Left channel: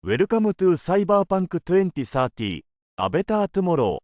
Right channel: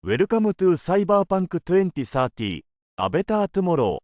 Welcome to Cyberpunk 2030 A Better Tomorrow.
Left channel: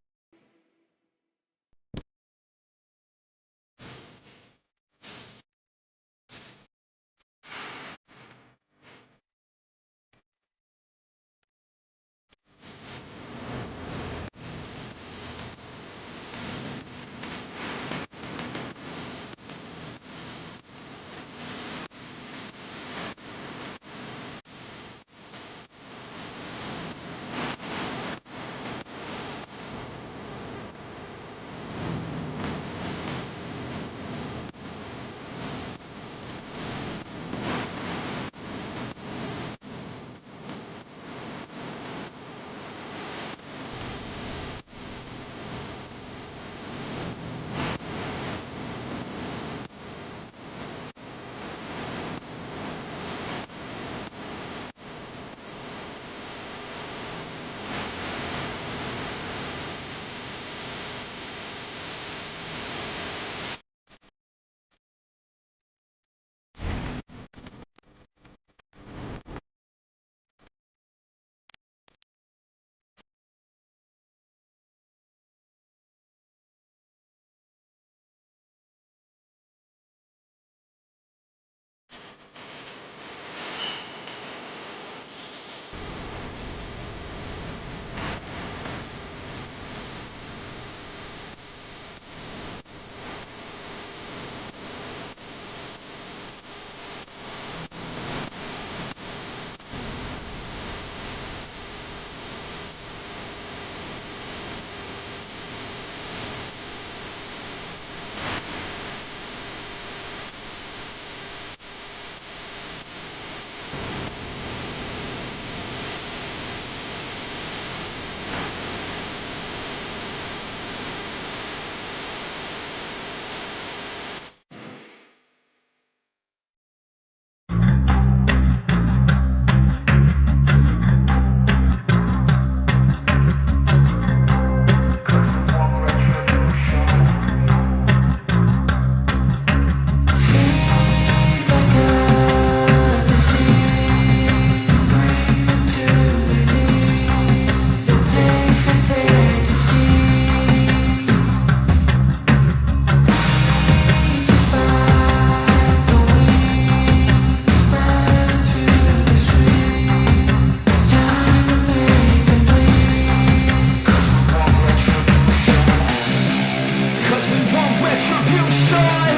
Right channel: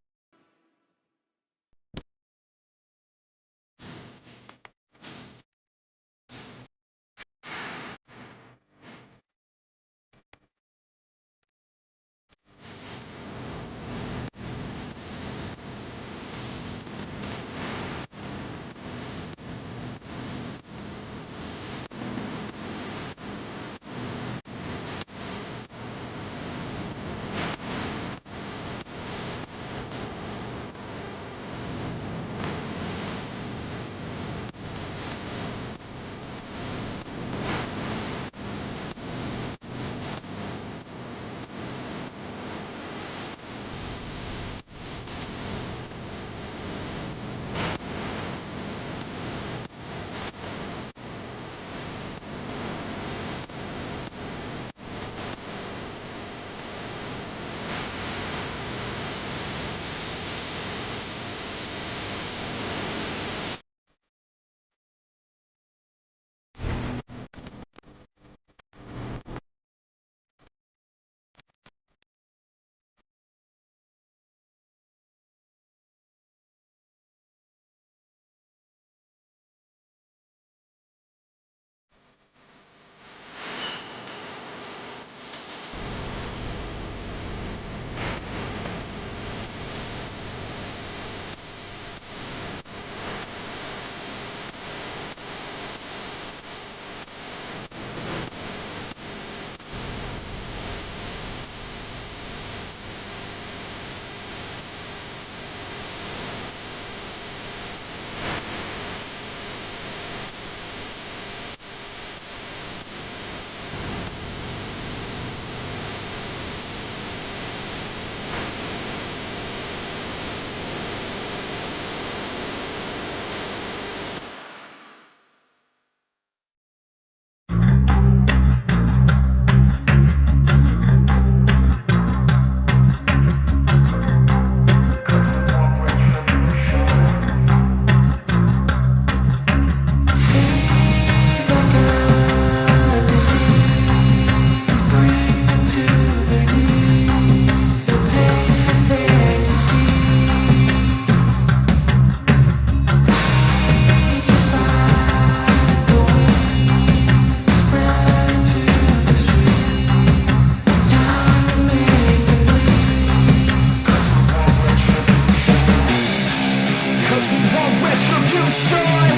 'Cause we want retribution.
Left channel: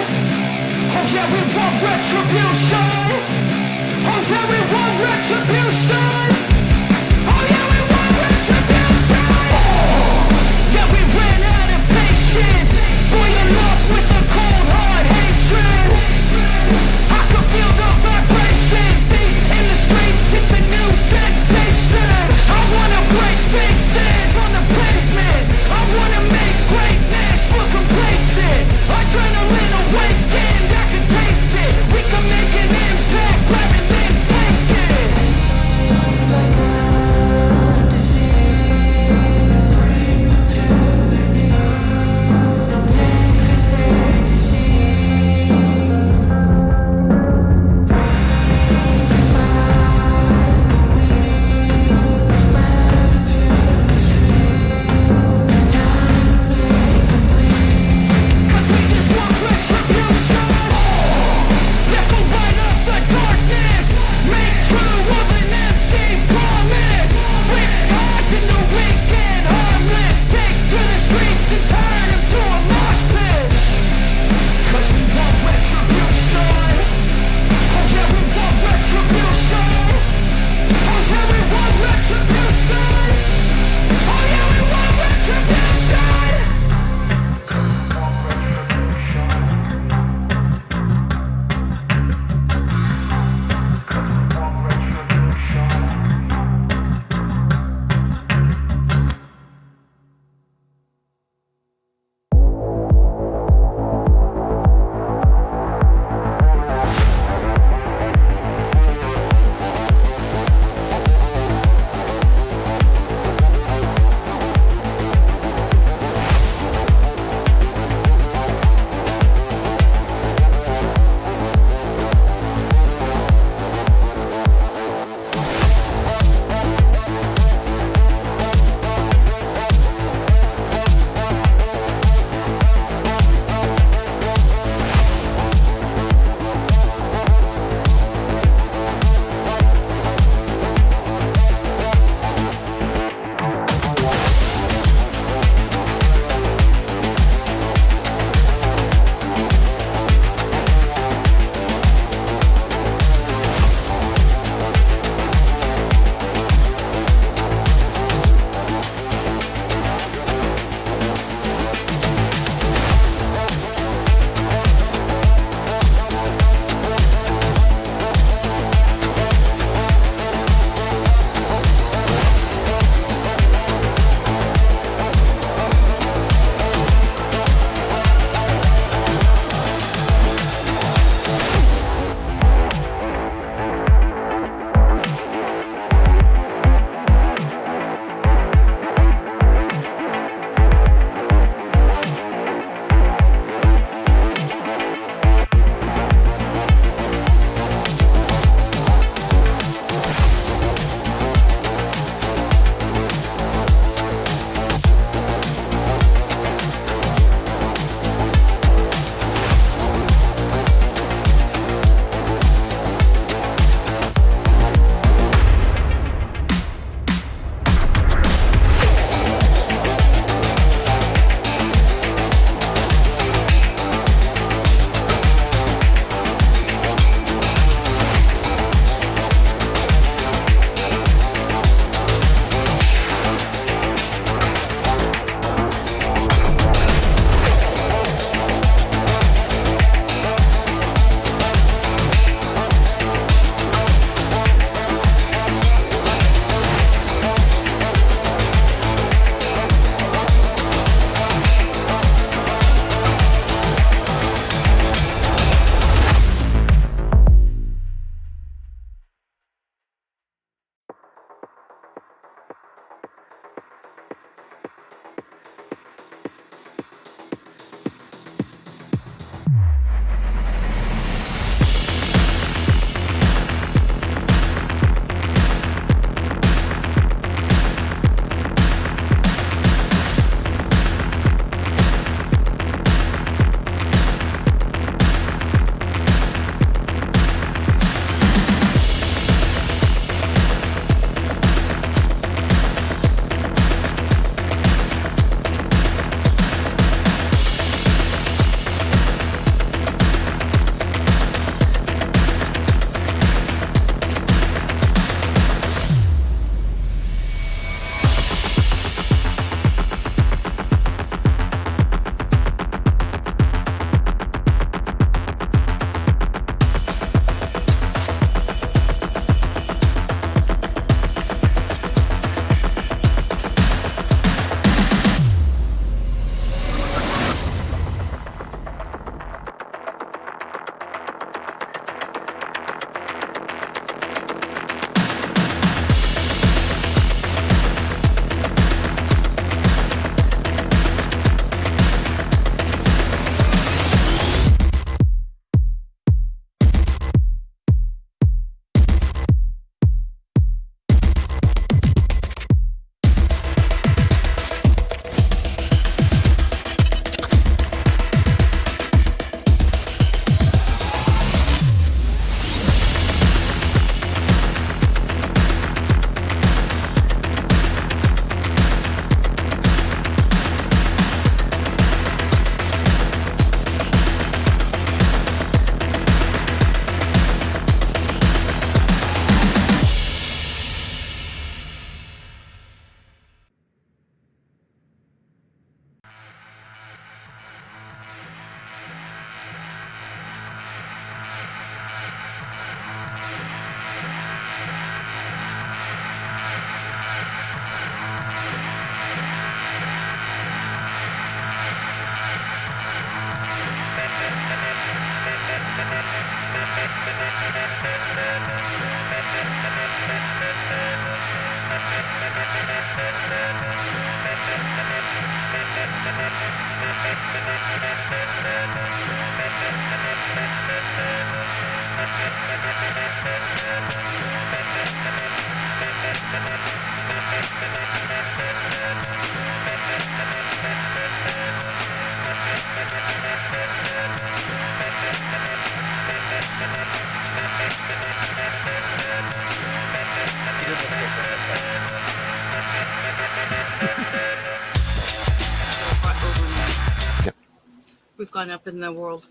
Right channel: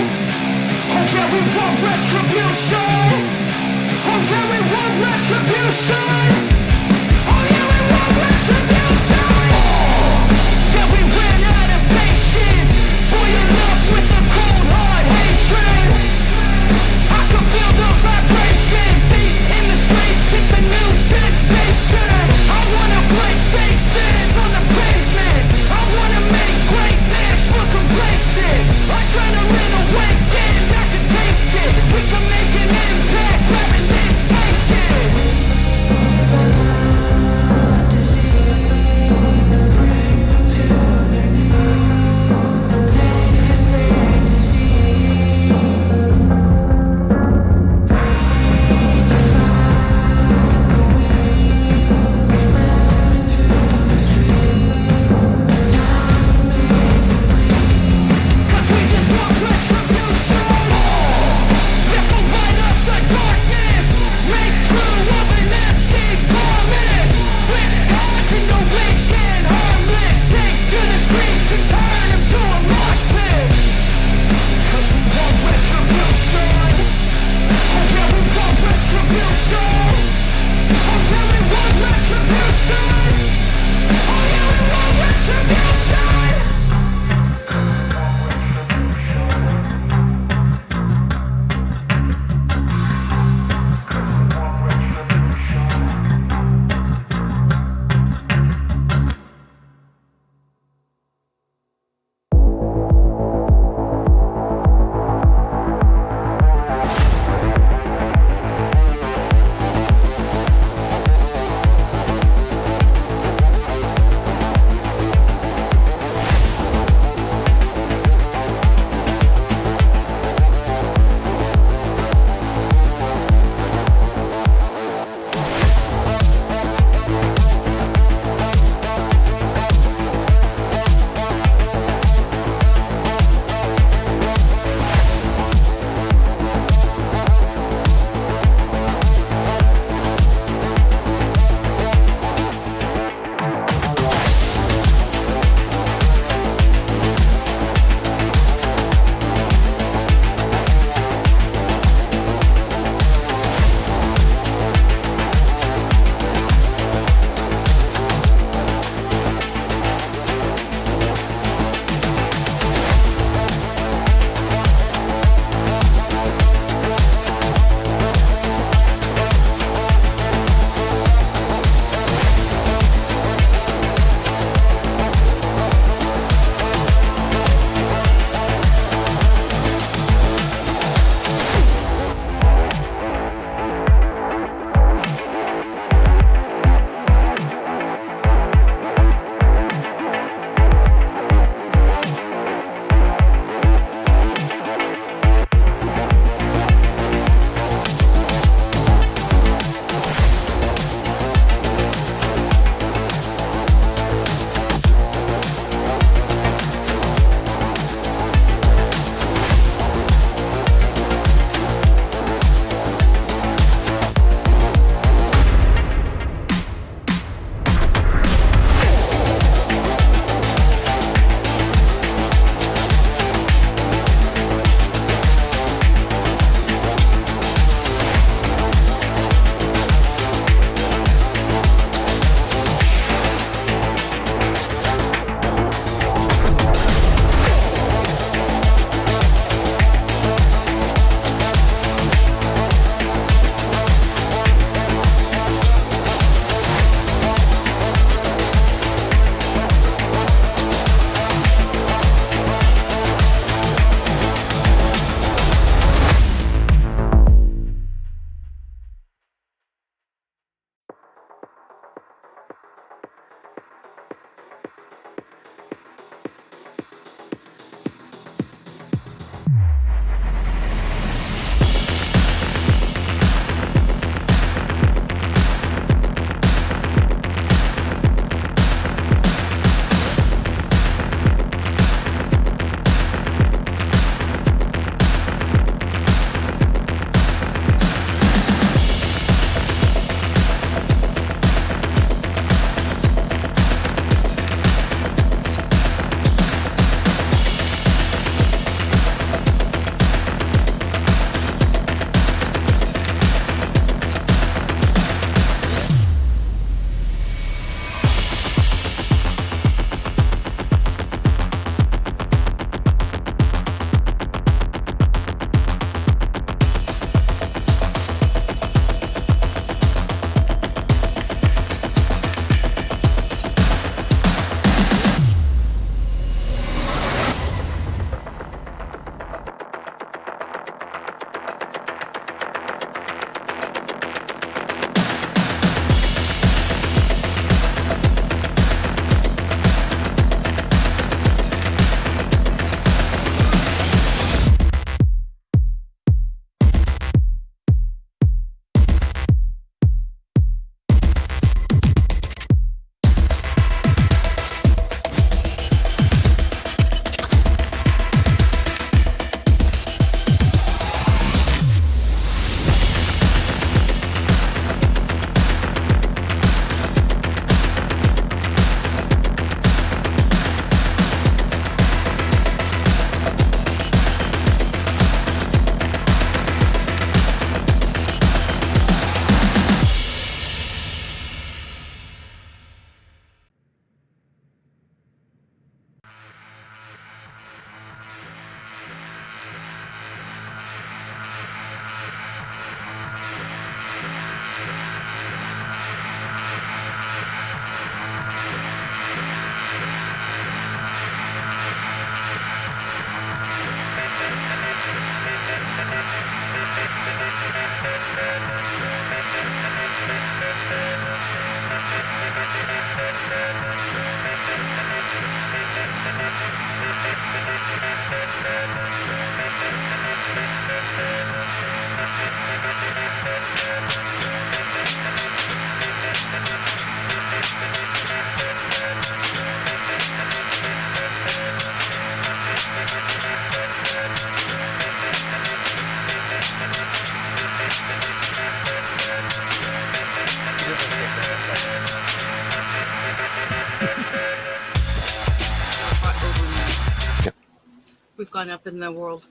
Oh yeah, we want retribution. Oh yeah, we want retribution. Oh yeah, we want retribution. Yeah, we ran out of patience. Boil up with the cold hard hatred. I can feel the vibration. Feet in the streets, it's a new sensation. I wanna break faces on the pavement. I wanna make greatness look complacent. Adrenaline awakened, I can taste it. We can make an impact, grab and then take it. in the world.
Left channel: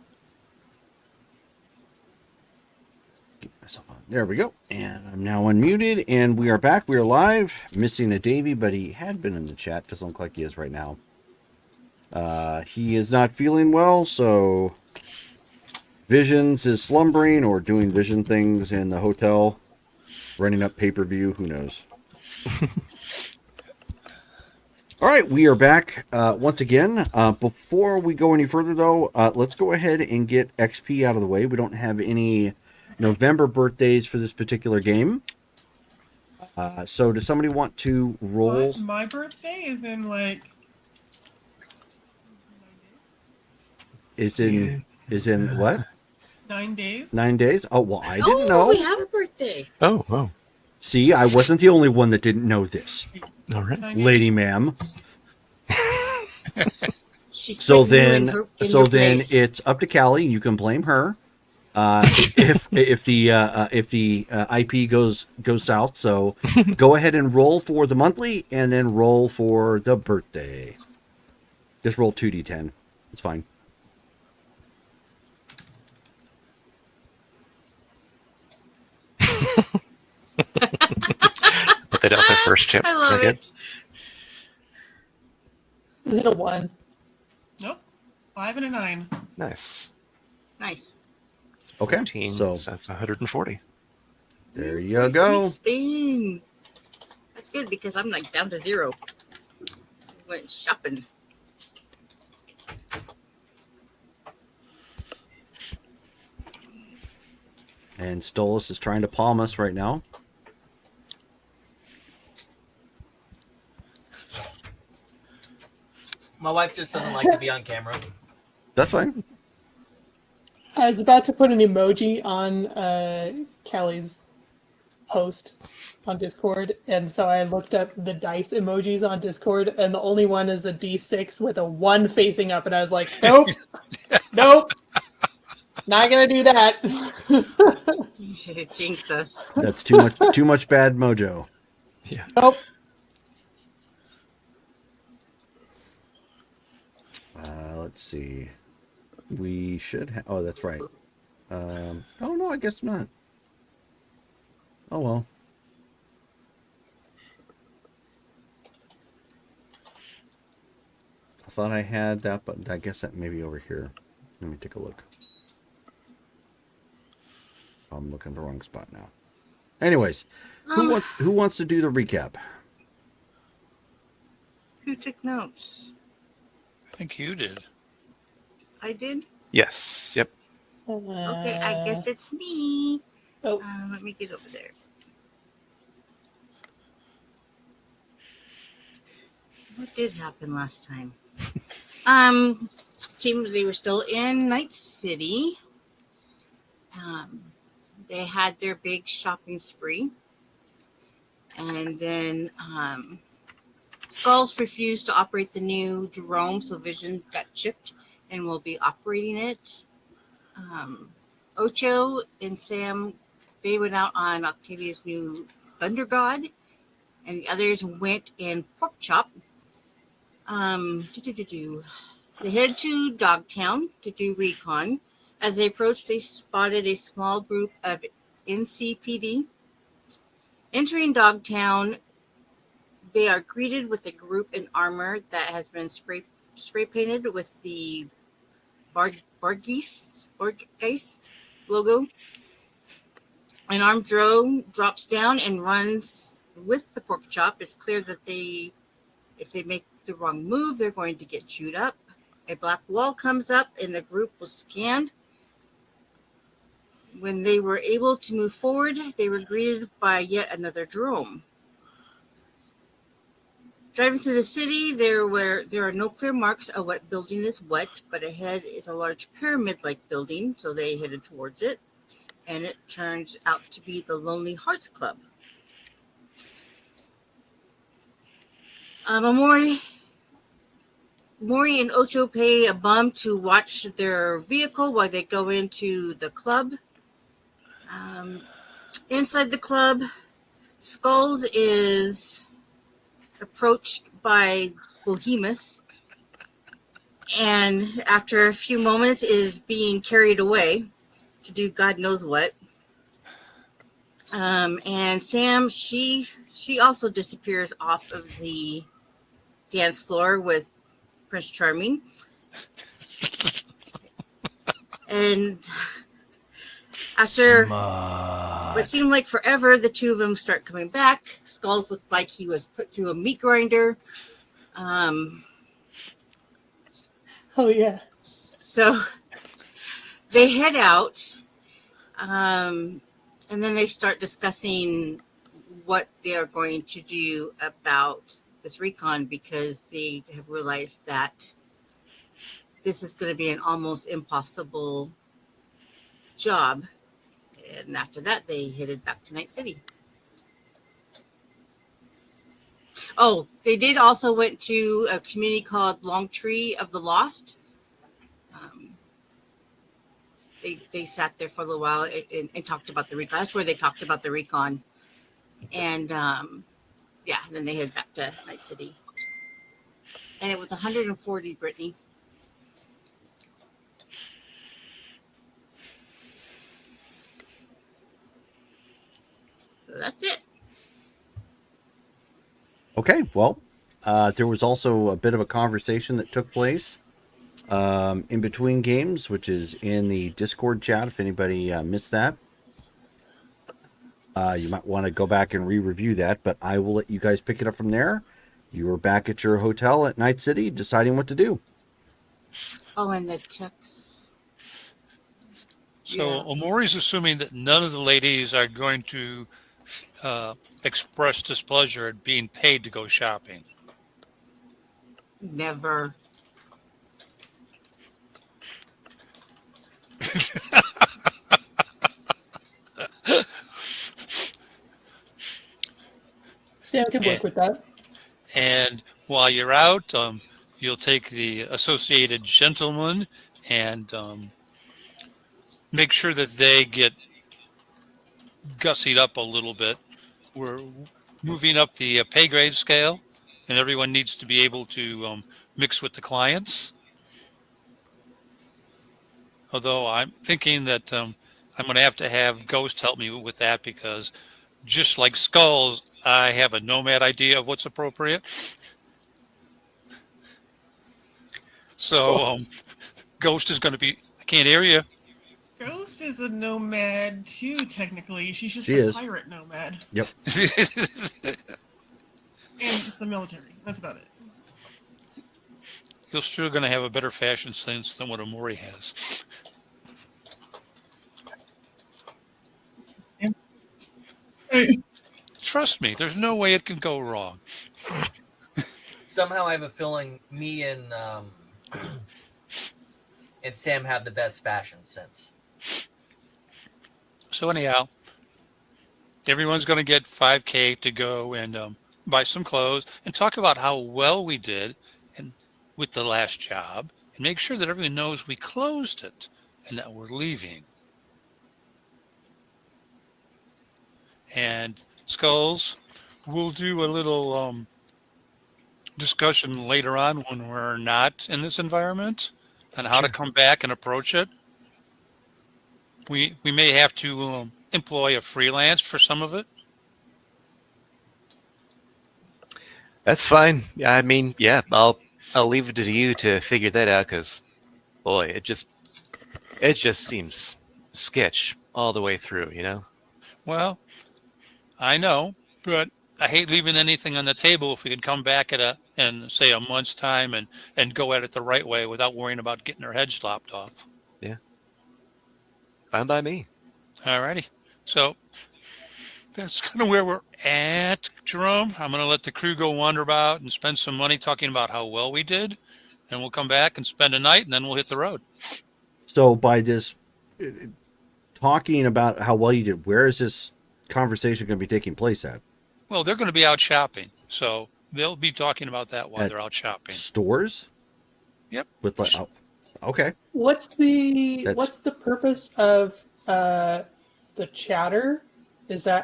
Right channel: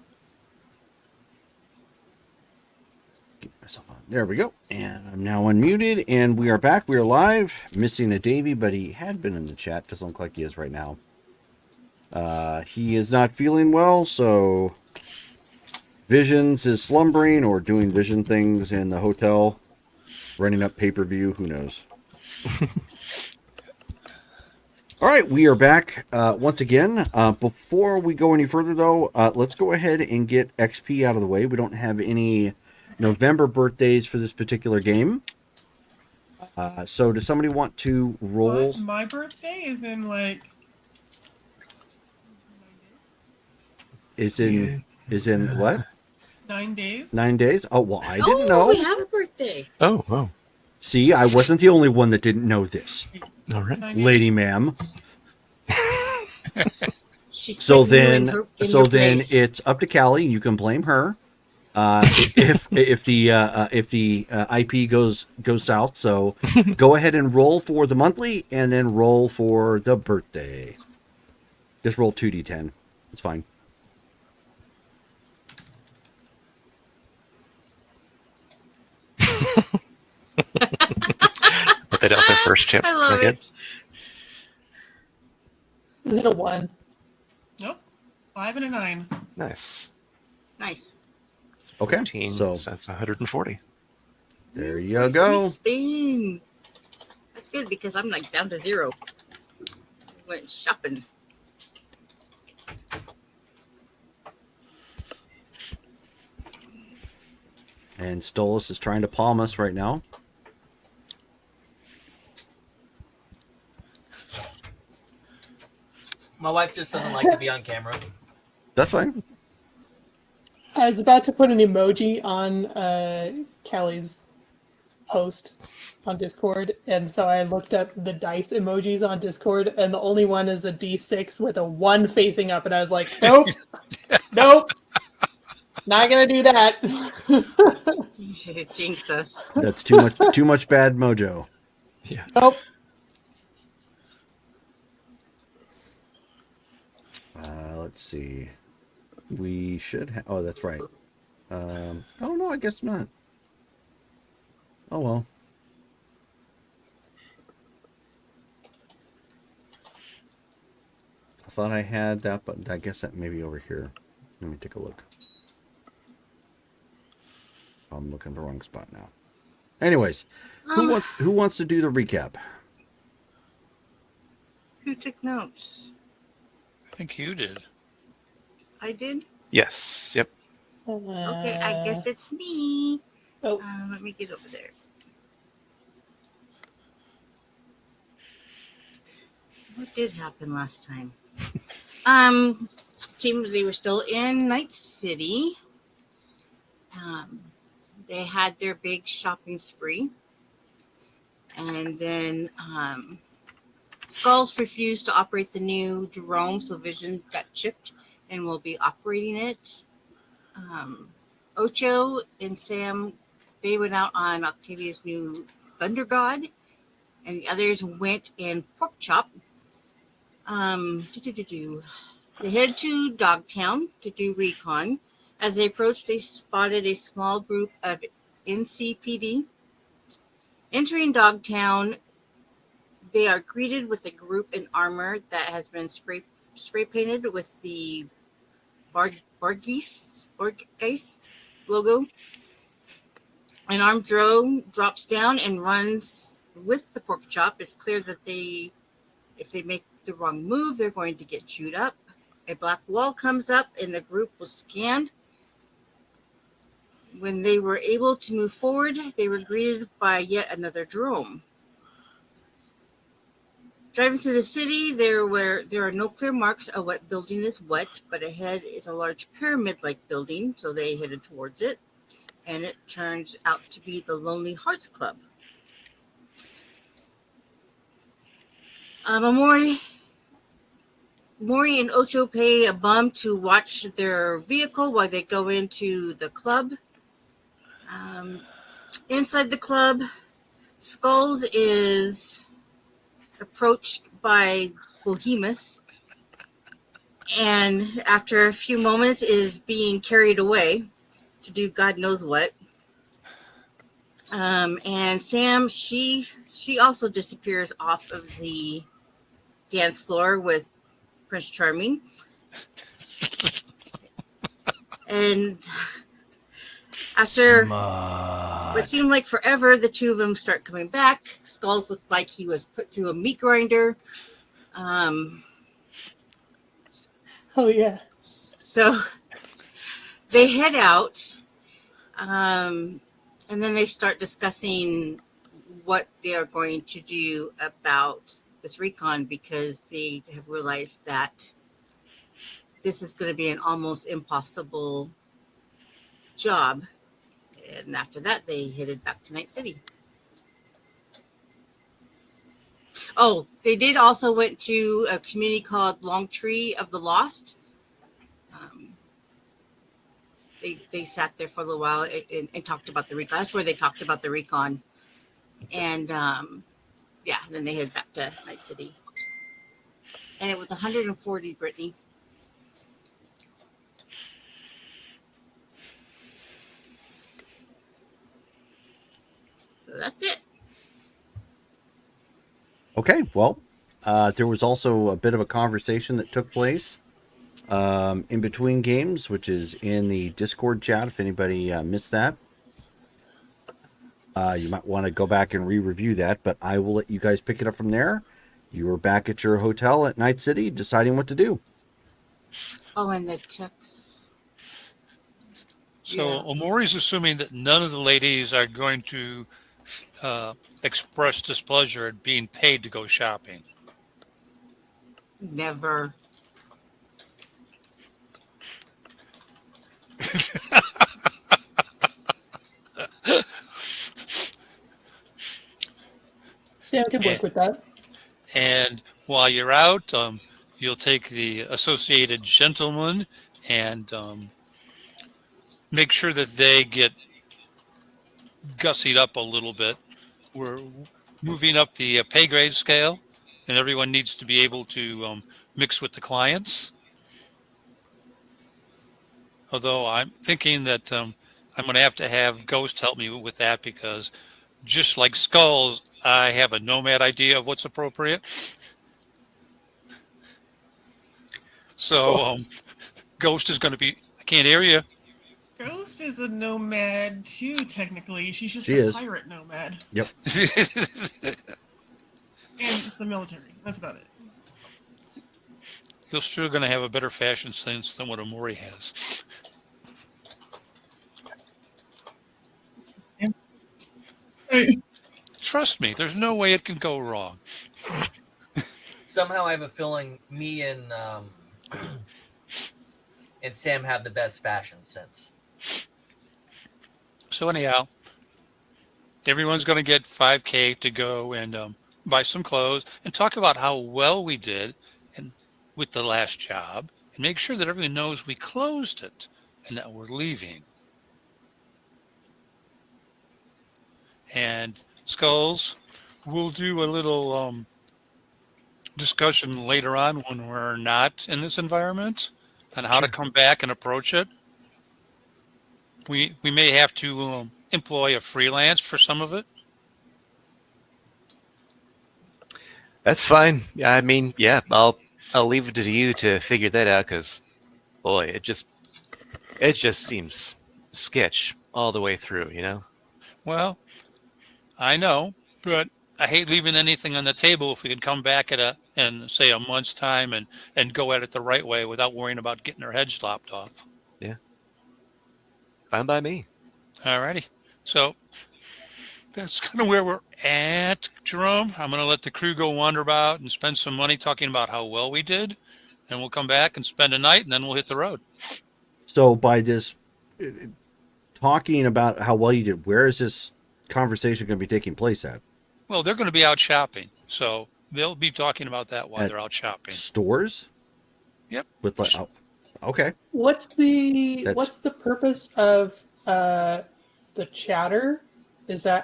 Get myself on. There we go. And I'm now unmuted, and we are back. We are live. Missing a Davey, but he had been in the chat. Doesn't look like he is right now. He is not feeling well, so Visions is slumbering or doing vision things in the hotel, running up pay-per-view. Who knows? All right, we are back once again. Before we go any further, though, let's go ahead and get XP out of the way. We don't have any November birthdays for this particular game. So does somebody want to roll? What? My birthday is in like Is in what? 9 days. 9 days? Oh, well, I didn't We know. have a birthday. Oh, wow. See, I wasn't the only one that didn't know this, All right. lady ma'am. She's So putting you then, in your place. it's up to Callie. You can blame her if the IP goes south. So go ahead and roll for the monthly, and then roll for the birthday. Just roll 2d10. It's fine. They don't think first chip. I love Okay. it. Is it a 1? Nope. 5 and a 9. Nice. Nice. Okay, 15, so that's 140. there you go. Spin. That's good because I'm like down to 0. Went shopping. And Stolas is trying to palm us right now. My wife just doesn't like to be on camera. That's fine. I was about to put an emoji on Callie's post on Discord, and so I looked up the dice emojis on Discord, and the only one is a D6 with a 1 facing up, and I was like, nope, nope, not gonna do that. You should have jinxed us. That's too much bad mojo. Nope. Let's see. We should have. Oh, that's right. Oh no, I guess not. Oh well. I thought I had that, but I guess that may be over here. Let me take a look. I'm looking at the wrong spot now. Anyways, who wants to do the recap? Who took notes? I think you did. I did? Yes. Yep. Okay, I guess it's me. Oh. Let me get over there. What did happen last time? They were still in Night City. They had their big shopping spree. And then Skulls refused to operate the new drone, so Vision got chipped and will be operating it. Ocho and Sam, they went out on Octavia's new Thunder God, and the others went in Pork Chop. They headed to Dogtown to do recon. As they approached, they spotted a small group of NCPD. Entering Dogtown, they are greeted with a group in armor that has been spray painted with the Borgeist logo. An armed drone drops down and runs with the pork chop. It's clear that if they make the wrong move, they're going to get chewed up. A black wall comes up and the group was scanned. When they were able to move forward, they were greeted by yet another drone. Driving through the city, there are no clear marks of what building is what, but ahead is a large pyramid-like building, so they headed towards it, and it turns out to be the Lonely Hearts Club. Mori and Ocho pay a bum to watch their vehicle while they go into the club. Inside the club, Skulls is approached by Behemoth. and after a few moments is being carried away to do God knows what. And Sam, she also disappears off of the dance floor with Prince Charming. And after what seemed like forever, the two of them start coming back. Skulls looked like he was put through a meat grinder. Oh yeah. So they head out, and then they start discussing what they are going to do about this recon, because they have realized that this is going to be an almost impossible job. And after that, they headed back to Night City. Oh, they did also went to a community called Long Tree of the Lost. They sat there for a little while and talked about the recon. That's where they talked about the recon. And yeah, then they headed back to Night City. And it was 140, Brittany. So that's it. Okay, well, there was also a bit of a conversation that took place in between games, which is in the Discord chat. If anybody missed that, you might want to go back and re-review that, but I will let you guys pick it up from there. You were back at your hotel at Night City deciding what to do. Oh, and the checks. So Yeah. Omori's assuming that none of the ladies are going to express displeasure at being paid to go shopping. Never. Sam can work with that. And while you're out, you'll take the Associated Gentlemen and make sure that they get gussied up a little bit. We're moving up the pay grade scale, and everyone needs to be able to mix with the clients. Although I'm thinking that I'm going to have Ghost help me with that, because just like Skulls, I have a nomad idea of what's appropriate. So Ghost is going to be, I can't hear you. Ghost is a nomad too, technically. She's just She a is. pirate nomad. Yep. And just the military. That's about it. You're still going to have a better fashion sense than what Omori has. Trust me, there's no way it can go wrong. Somehow I have a feeling me and Sam have the best fashion sense. So anyhow, everyone's going to get $5,000 to go and buy some clothes and talk about how well we did and with the last job, and make sure that everyone knows we closed it and that we're leaving. And Skulls, we'll do a little discussion later on when we're not in this environment on how to come back and approach it. We may have to employ a freelance for some of it. That's fine. I mean, yeah, I'll leave it to you to figure that out, because, boy, it just seems sketch all the way through, you know? Well, I know, but I hate leaving anything on the table if we could come back at in say a month's time and go at it the right way without worrying about getting our heads lopped off. Yeah. Fine by me. All righty. So that's kind of where we're at, Jerome. I'm going to let the crew go wander about and spend some money talking about how well we did. And we'll come back and spend a night, and then we'll hit the road. So by this talking about how well you did, where is this conversation going to be taking place at? Well, they're going to be out shopping. So they'll be talking about that while they're out shopping. Stores? Yep. With like, oh, okay. What's the purpose of the chatter?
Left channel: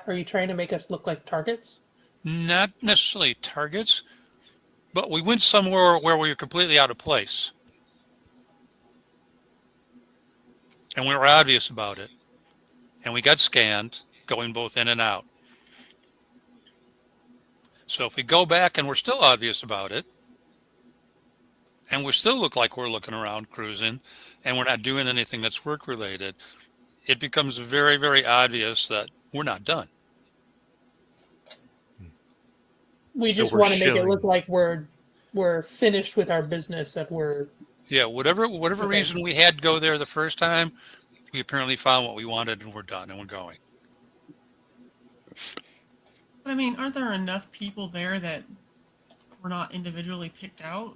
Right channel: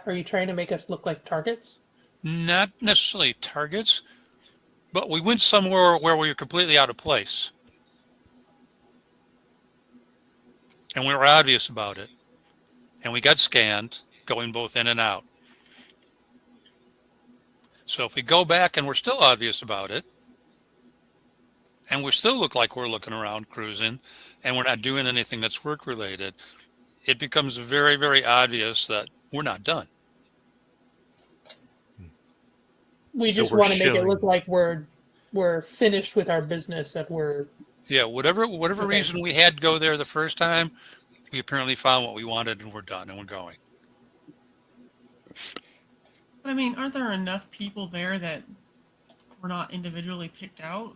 Are you trying to make us look like targets? Not necessarily targets, but we went somewhere where we were completely out of place. and we were obvious about it, and we got scanned going both in and out. So if we go back and we're still obvious about it, and we still look like we're looking around cruising, and we're not doing anything that's work related, it becomes very, very obvious that we're not done. We So just we're want to make it showing- look like we're finished with our business, that we're Yeah, whatever Okay. reason we had to go there the first time, we apparently found what we wanted and we're done and we're going. I mean, aren't there enough people there that were not individually picked out?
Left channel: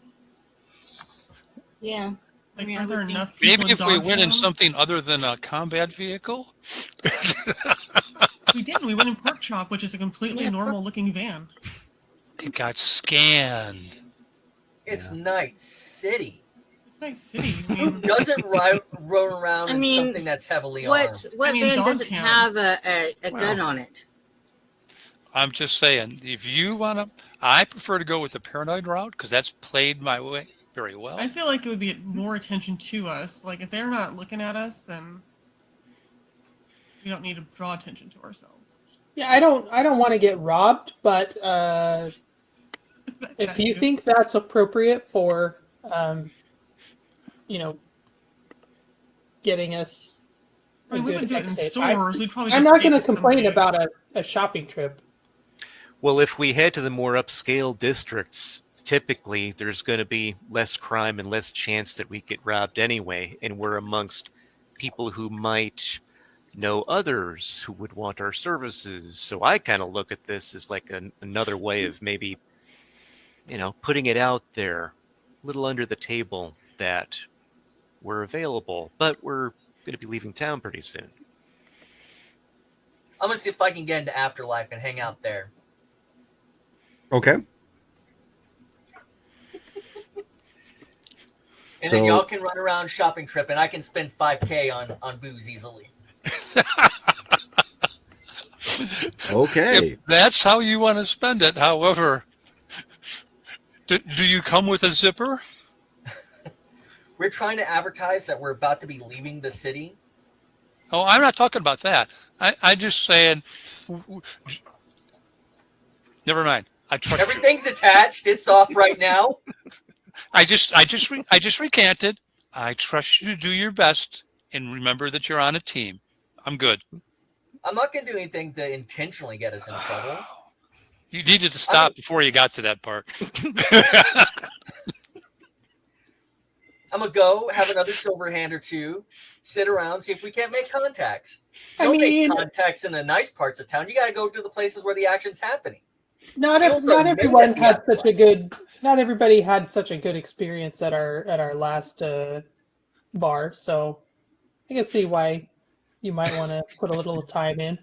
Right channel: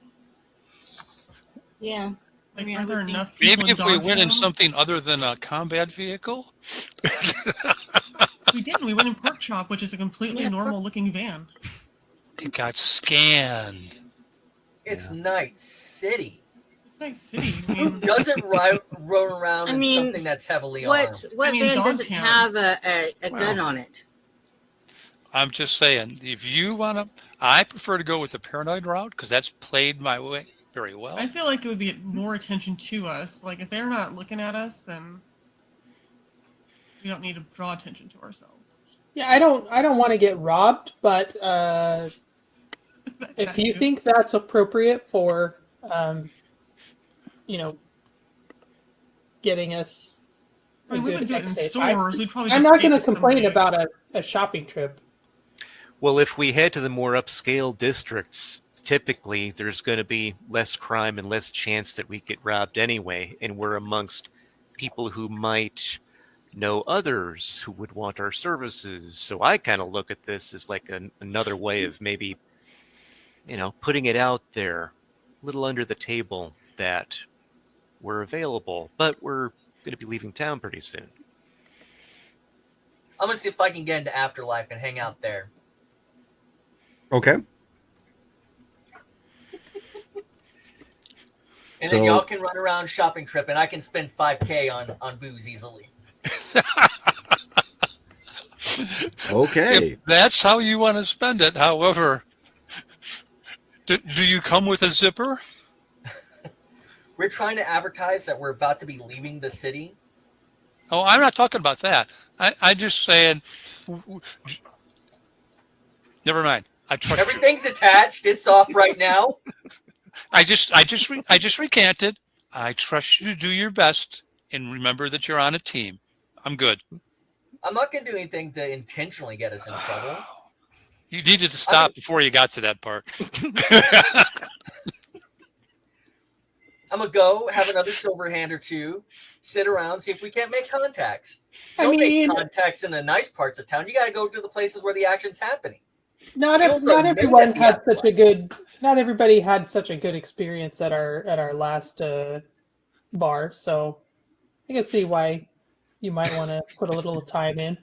Yeah. Like, Yeah, aren't there we think- enough people Maybe if we went in Dogtown? something other than a combat vehicle. We didn't. We went in Pork Chop, which is a completely Yeah, normal-looking van. It got scanned. It's Night City. It's nice city. I mean, Doesn't roll around I in mean, something that's heavily armed. What I mean, van doesn't Dogtown. have a gun on it? I'm just saying, if you want to, I prefer to go with the paranoid route because that's played my way very well. I feel like it would be more attention to us. Like, if they're not looking at us, then we don't need to draw attention to ourselves. yeah. I don't want to get robbed, but if you think that's appropriate for, getting us. I mean, we a would good do it in tech safe, stores. We'd probably I'm just not going to take some complain money. about a shopping trip. Well, if we head to the more upscale districts, typically there's going to be less crime and less chance that we get robbed anyway, and we're amongst people who might know others who would want our services. So I kind of look at this as like another way of maybe, putting it out there, a little under the table that we're available, but we're going to be leaving town pretty soon. I'm gonna see if I can get into Afterlife and hang out there. Okay. And So- then y'all can run around shopping trip, and I can spend $5K on booze easily. Okay. If that's how you want to spend it. However, do you come with a zipper? We're trying to advertise that we're about to be leaving the city. Oh, I'm not talking about that. I just saying. Never mind. I trust you. Everything's attached. It's off right now. I just recanted. I trust you to do your best and remember that you're on a team. I'm good. I'm not gonna do anything to intentionally get us in trouble. You needed to stop before you got to that part. I'm gonna go have another silver hand or two, sit around, see if we can't make contacts. I Don't mean, make contacts in the nice parts of town. You gotta go to the places where the action's happening. not Feels like everyone maybe had at the such a good. Not everybody had such a good experience at our last bar, so I can see why you might want to put a little time in.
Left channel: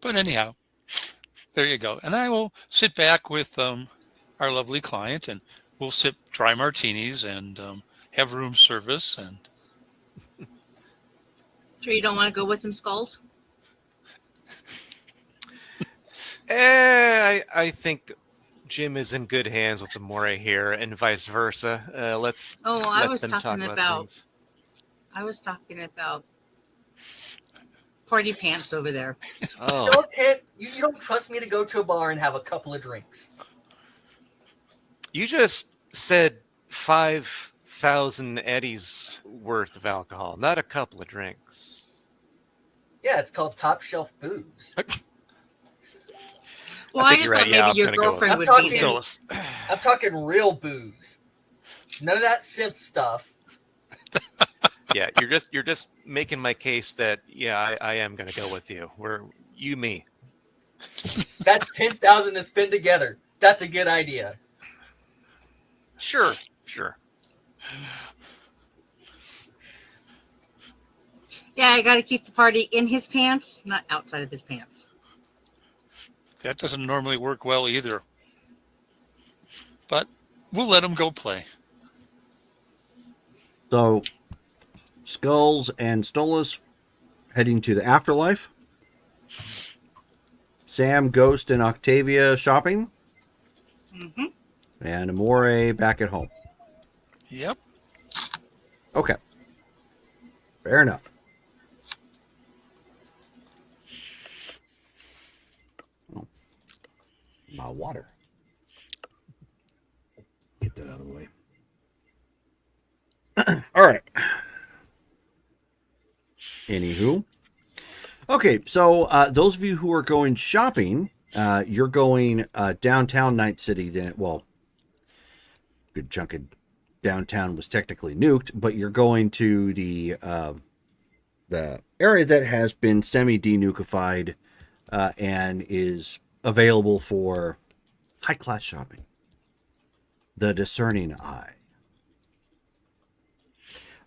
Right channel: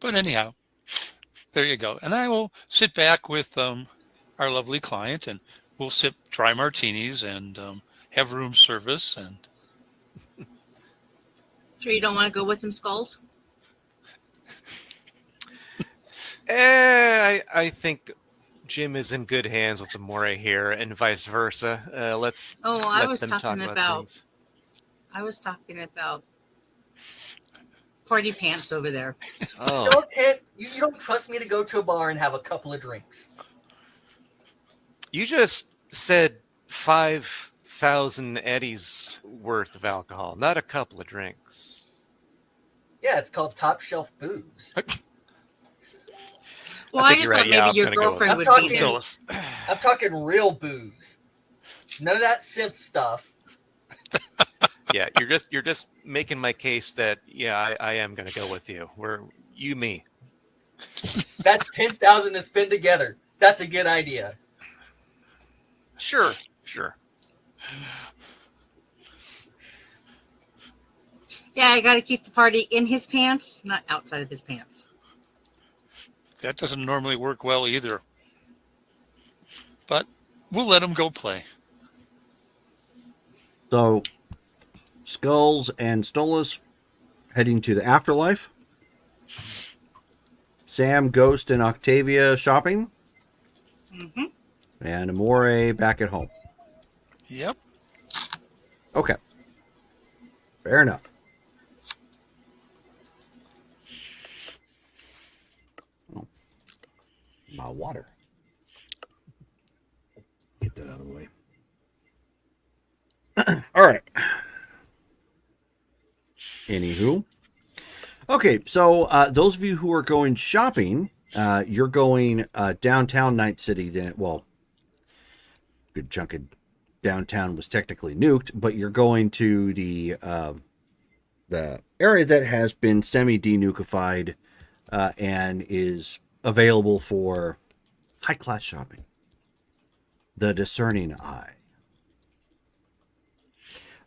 But anyhow, there you go. And I will sit back with our lovely client, and we'll sip dry martinis and have room service. And Sure you don't want to go with them, Skulls? I think Jim is in good hands with Amore here, and vice versa. Let's. Oh, I let was them talking talk about things. party pants over there. Oh, You don't trust me to go to a bar and have a couple of drinks. you just said 5,000 eddies worth of alcohol, not a couple of drinks. Yeah, it's called top shelf booze. Well, I I think just you're thought right. Yeah, maybe I'm your gonna go with girlfriend that. would be I'm there. talking- I'm talking real booze. None of that synth stuff. Yeah, you're just making my case that I am gonna go with you. Me. That's 10,000 to spend together. That's a good idea. Sure. Yeah, I got to keep the party in his pants, not outside of his pants. that doesn't normally work well either. But we'll let him go play. So, Skulls and Stolas heading to the afterlife. Sam, Ghost, and Octavia shopping. Mm-hmm. And Amore back at home. Yep. Okay. Fair enough. Oh, my water. Get that out of the way. All right. Anywho. Okay, so those of you who are going shopping, you're going downtown Night City. Then, well, good chunk of downtown was technically nuked, but you're going to the area that has been semi-denukified and is available for high-class shopping. The Discerning Eye.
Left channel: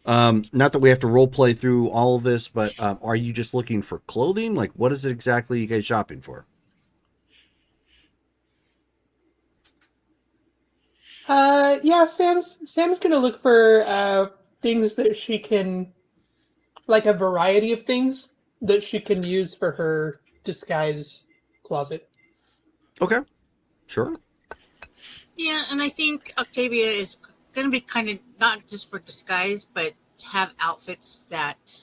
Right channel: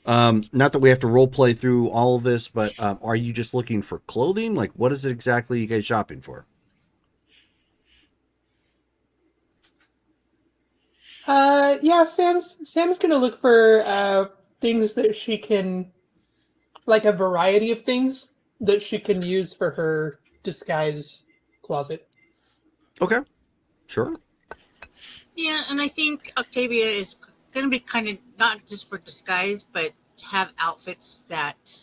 Not that we have to role play through all of this, but are you just looking for clothing? Like, what is it exactly you guys shopping for? Yeah, Sam's gonna look for things that she can, like a variety of things that she can use for her disguise closet. Okay, sure. Yeah, and I think Octavia is going to be kind of not just for disguise, but have outfits that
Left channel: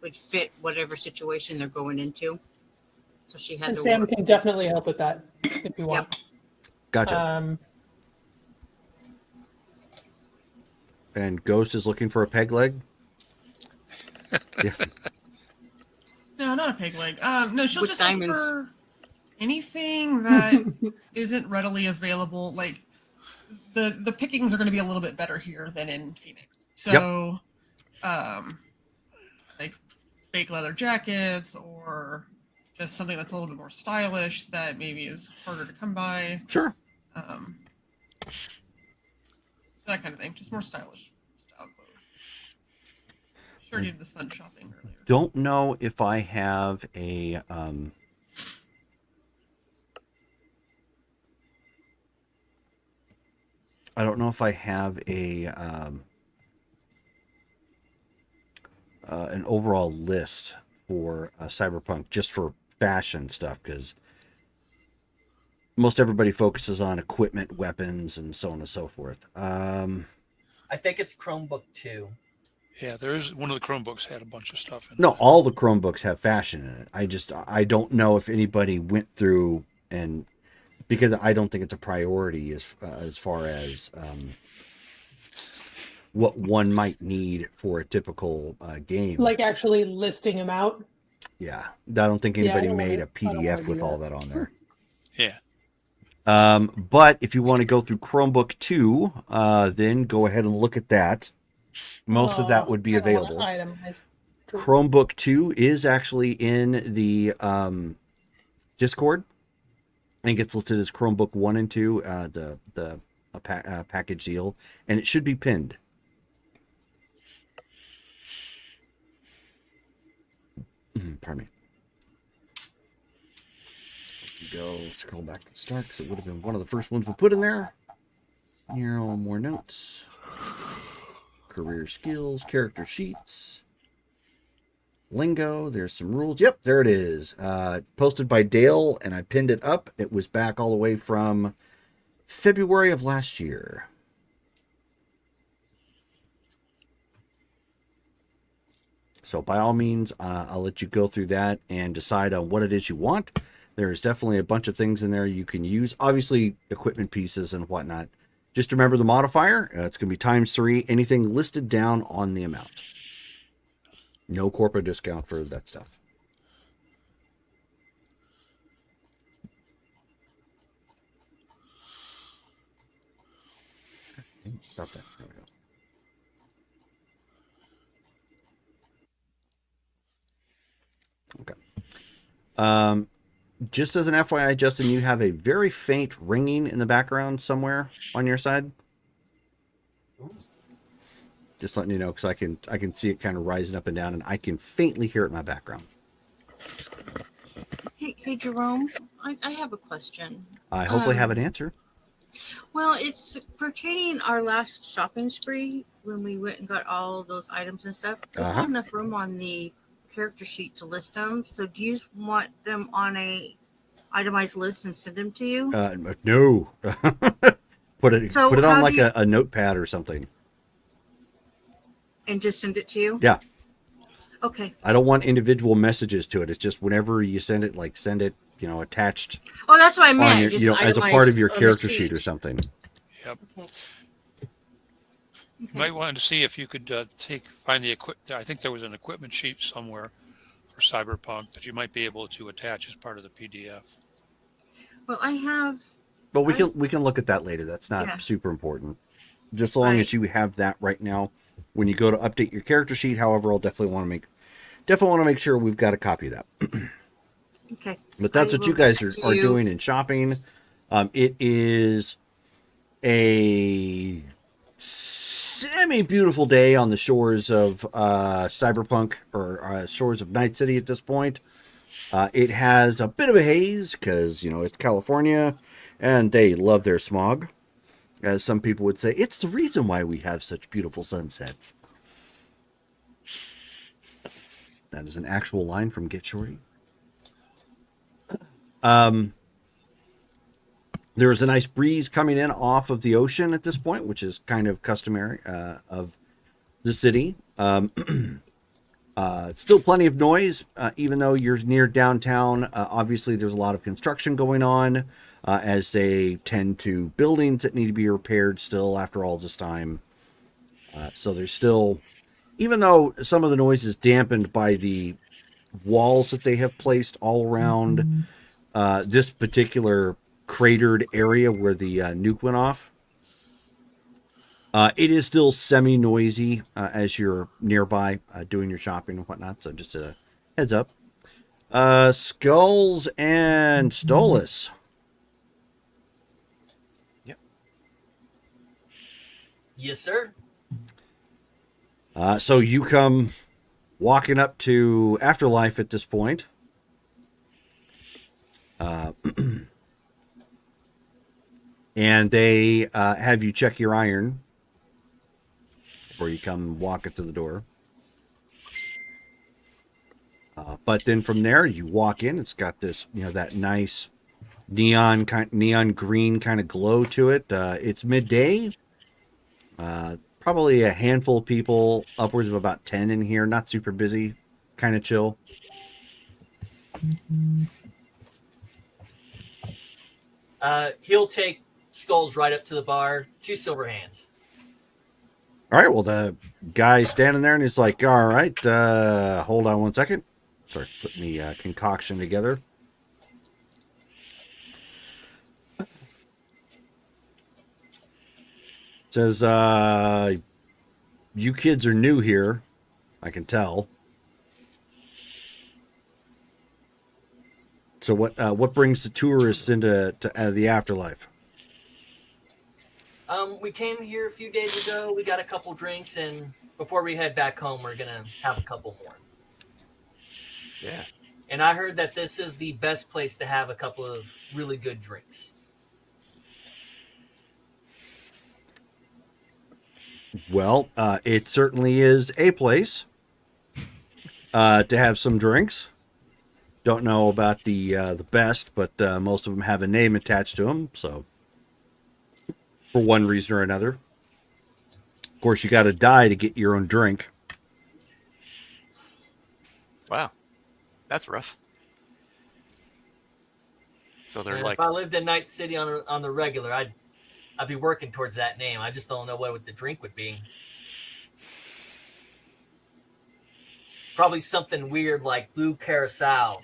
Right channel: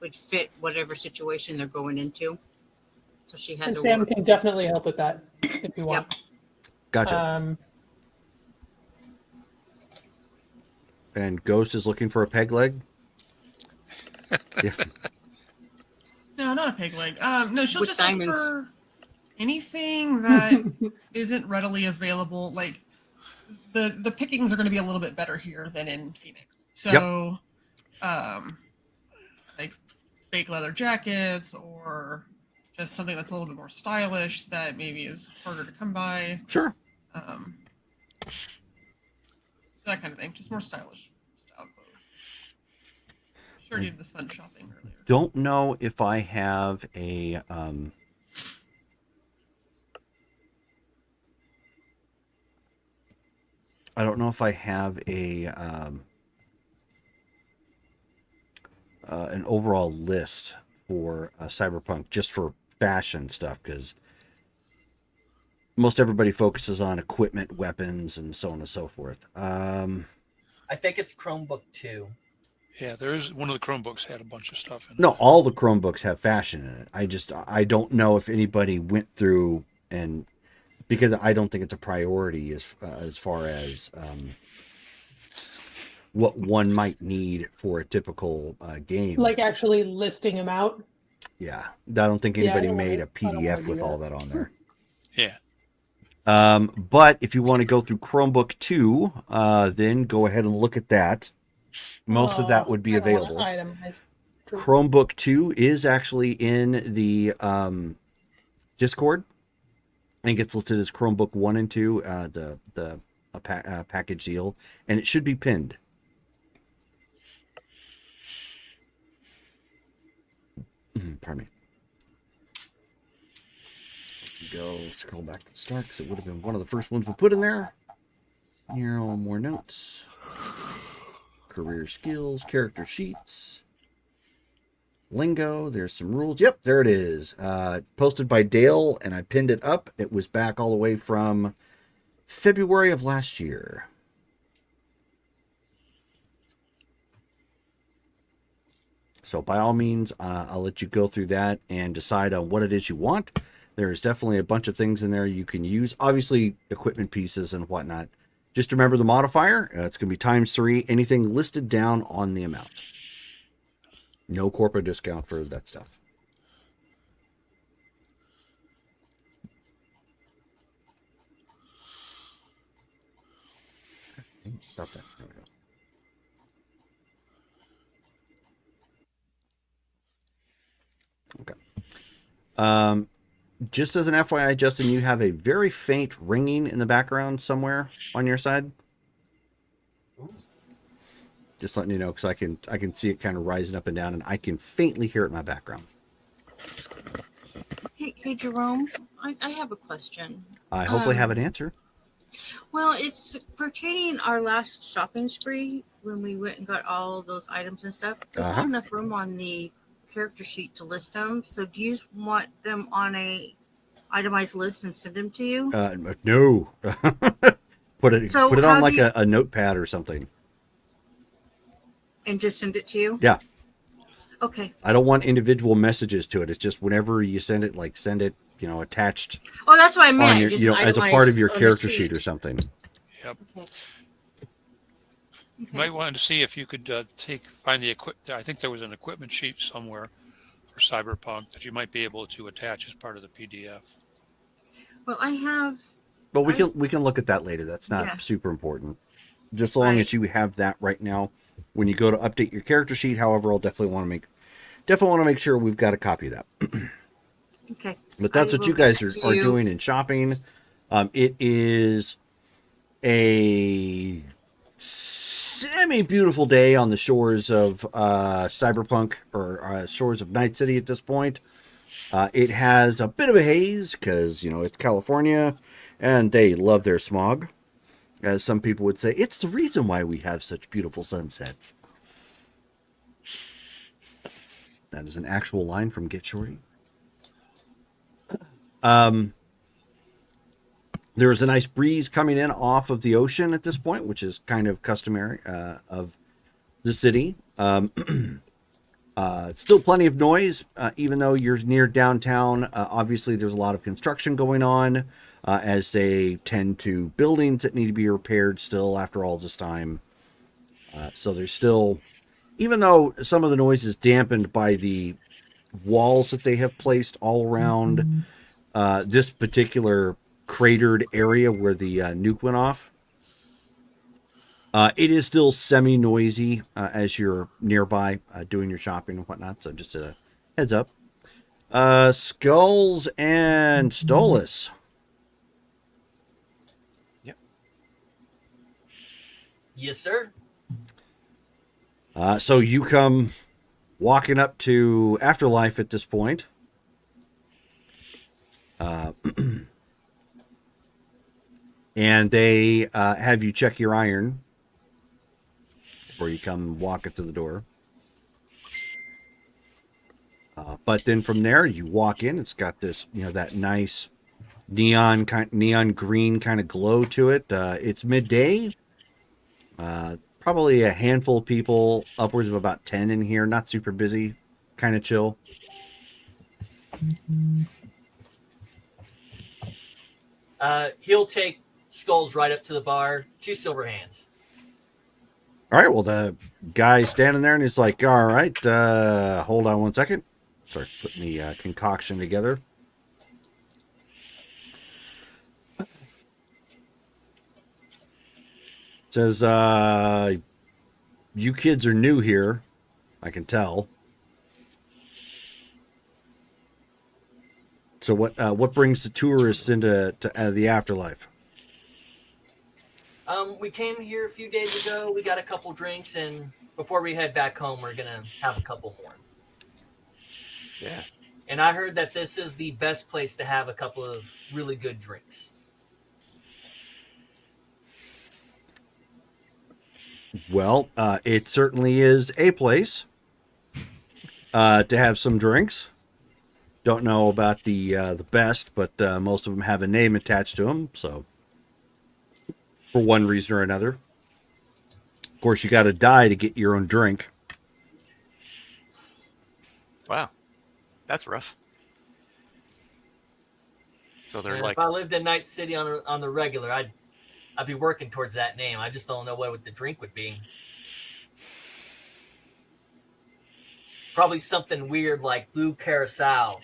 would fit whatever situation they're going into. So she has. And Sam can definitely help with that if you want. Gotcha. And Ghost is looking for a peg leg. Yeah. No, not a peg leg. No, she'll With just diamonds. look for anything that isn't readily available. Like the pickings are going to be a little bit better here than in Phoenix. So, like fake leather jackets or just something that's a little bit more stylish that maybe is harder to come by. Sure. So that kind of thing, just more stylish style clothes. Sure, did the fun shopping earlier. Don't know if I have a I don't know if I have a an overall list for Cyberpunk just for fashion stuff, because most everybody focuses on equipment, weapons, and so on and so forth. I think it's Chromebook 2. Yeah, there is one of the Chromebooks had a bunch of stuff in it. No, all the Chromebooks have fashion in it. I don't know if anybody went through, and because I don't think it's a priority as far as what one might need for a typical game. Like actually listing them out. Yeah, I don't think anybody don't made wanna- a I don't wanna PDF do with that. all that on there. Yeah. But if you want to go through Chromebook 2, then go ahead and look at that. Most of that would be I don't wanna available. itemize. True. Chromebook 2 is actually in the Discord. I think it's listed as Chromebook 1 and 2, the package deal, and it should be pinned. Pardon me. Go scroll back to the start because it would have been one of the first ones we put in there. Here are more notes. Career skills, character sheets, lingo. There's some rules. Yep, there it is. Posted by Dale, and I pinned it up. It was back all the way from February of last year. So by all means, I'll let you go through that and decide on what it is you want. There's definitely a bunch of things in there you can use. Obviously, equipment pieces and whatnot. Just remember the modifier. It's going to be ×3. Anything listed down on the amount. No corporate discount for that stuff. Stop that. There we go. Okay. Just as an FYI, Justin, you have a very faint ringing in the background somewhere on your side. Just letting you know, because I can see it kind of rising up and down, and I can faintly hear it in my background. Hey Jerome, I have a question. I hopefully have an answer. Well, it's pertaining our last shopping spree when we went and got all of those items and stuff. There's not enough room on the character sheet to list them. So do you just want them on a itemized list and send them to you? No. put it So on how like do you- a notepad or something. And just send it to you? Yeah. Okay. I don't want individual messages to it. It's just whenever you send it, like send it, attached Oh, that's what I meant. on your, just as a part of your itemized character overseas. sheet or something. Yep. Okay. You might want to see if you could find the I think there was an equipment sheet somewhere for Cyberpunk that you might be able to attach as part of the PDF. Well, I have. But we can look at that later. That's not Yeah. super important. Just as long Right. as you have that right now, when you go to update your character sheet. However, I'll definitely want to make sure we've got a copy of that. Okay. But that's I what you will guys get are, to are you. doing in shopping. It is a semi-beautiful day on the shores of Cyberpunk, or shores of Night City at this point. It has a bit of a haze because, it's California and they love their smog. As some people would say, it's the reason why we have such beautiful sunsets. That is an actual line from Get Shorty. There is a nice breeze coming in off of the ocean at this point, which is kind of customary of the city. Still plenty of noise, even though you're near downtown. Obviously, there's a lot of construction going on, as they tend to buildings that need to be repaired still after all this time. So there's still, even though some of the noise is dampened by the walls that they have placed all around this particular cratered area where the nuke went off. It is still semi-noisy as you're nearby doing your shopping and whatnot. So just a heads up. Skulls and Stolas. Yes, sir. So you come walking up to Afterlife at this point. And they have you check your iron before you come walk it to the door. But then from there, you walk in. It's got this, that nice neon green kind of glow to it. It's midday. Probably a handful of people, upwards of about 10 in here. Not super busy, kind of chill. He'll take Skulls right up to the bar. 2 silver hands. All right, well, the guy's standing there and he's like, all right, hold on one second. Start putting the concoction together. Says, you kids are new here. I can tell. So what brings the tourists into the afterlife? We came here a few days ago. We got a couple drinks, and before we head back home, we're gonna have a couple more. Yeah. And I heard that this is the best place to have a couple of really good drinks. Well, it certainly is a place to have some drinks. Don't know about the best, but most of them have a name attached to them. So, for one reason or another, of course, you got to die to get your own drink. Wow. That's rough. So they're And like, if I lived in Night City on the regular, I'd be working towards that name. I just don't know what the drink would be. Probably something weird like Blue Carousel,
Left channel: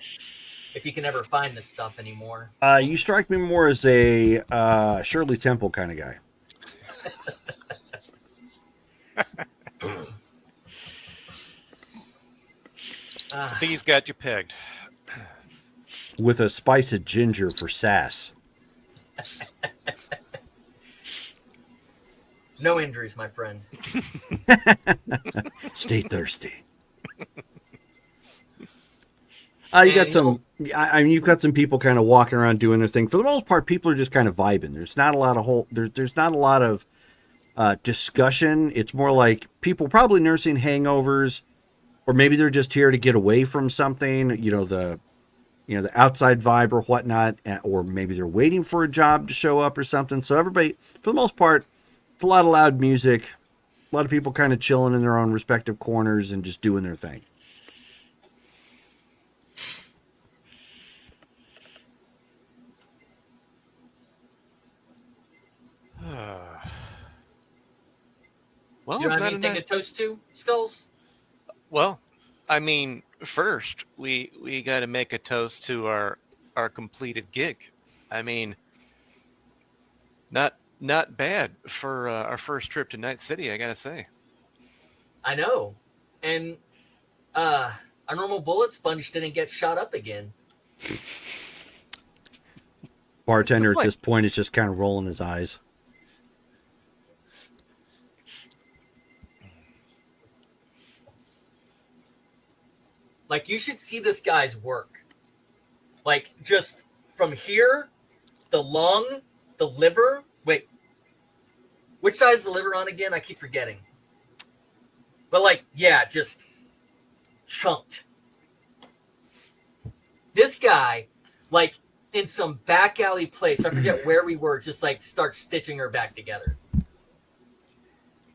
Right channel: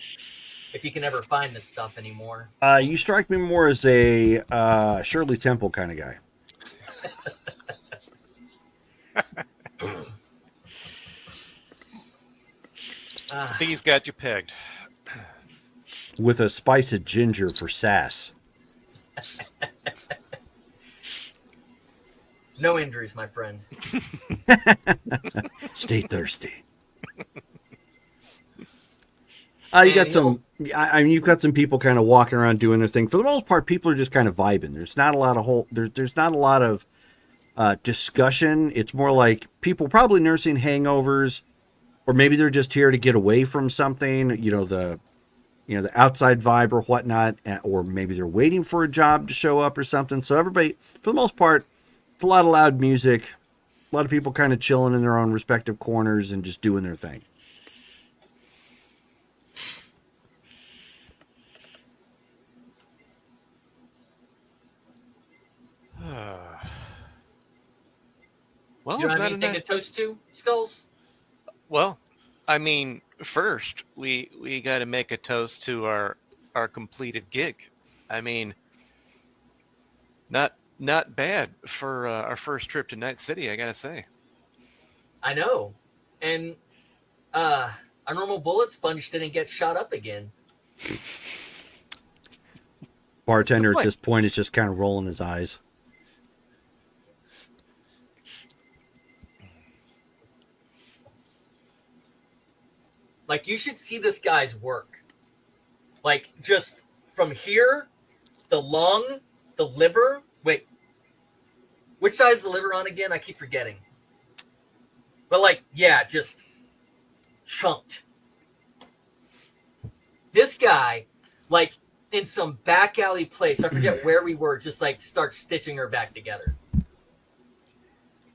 if you can ever find this stuff anymore. You strike me more as a Shirley Temple kind of guy. I think he's got you pegged. With a spice of ginger for sass. No injuries, my friend. Stay thirsty. You got some. I mean, you've got some people kind of walking around doing their thing. For the most part, people are just kind of vibing. There's not a lot of there's not a lot of discussion. It's more like people probably nursing hangovers, or maybe they're just here to get away from something. The outside vibe or whatnot, or maybe they're waiting for a job to show up or something. So everybody, for the most part, it's a lot of loud music. A lot of people kind of chilling in their own respective corners and just doing their thing. Well, You don't have then, anything to toast to, Skulls? well, I mean, first we got to make a toast to our completed gig. I mean, not bad for our first trip to Night City, I gotta say. I know. And our normal bullet sponge didn't get shot up again. Bartender at Good this point is just kind of rolling his eyes. Like, you should see this guy's work. Like, just from here, the lung, the liver. Wait, which side is the liver on again? I keep forgetting. But, like, yeah, just chunked. This guy, like, in some back alley place, I forget where we were, just, like, start stitching her back together.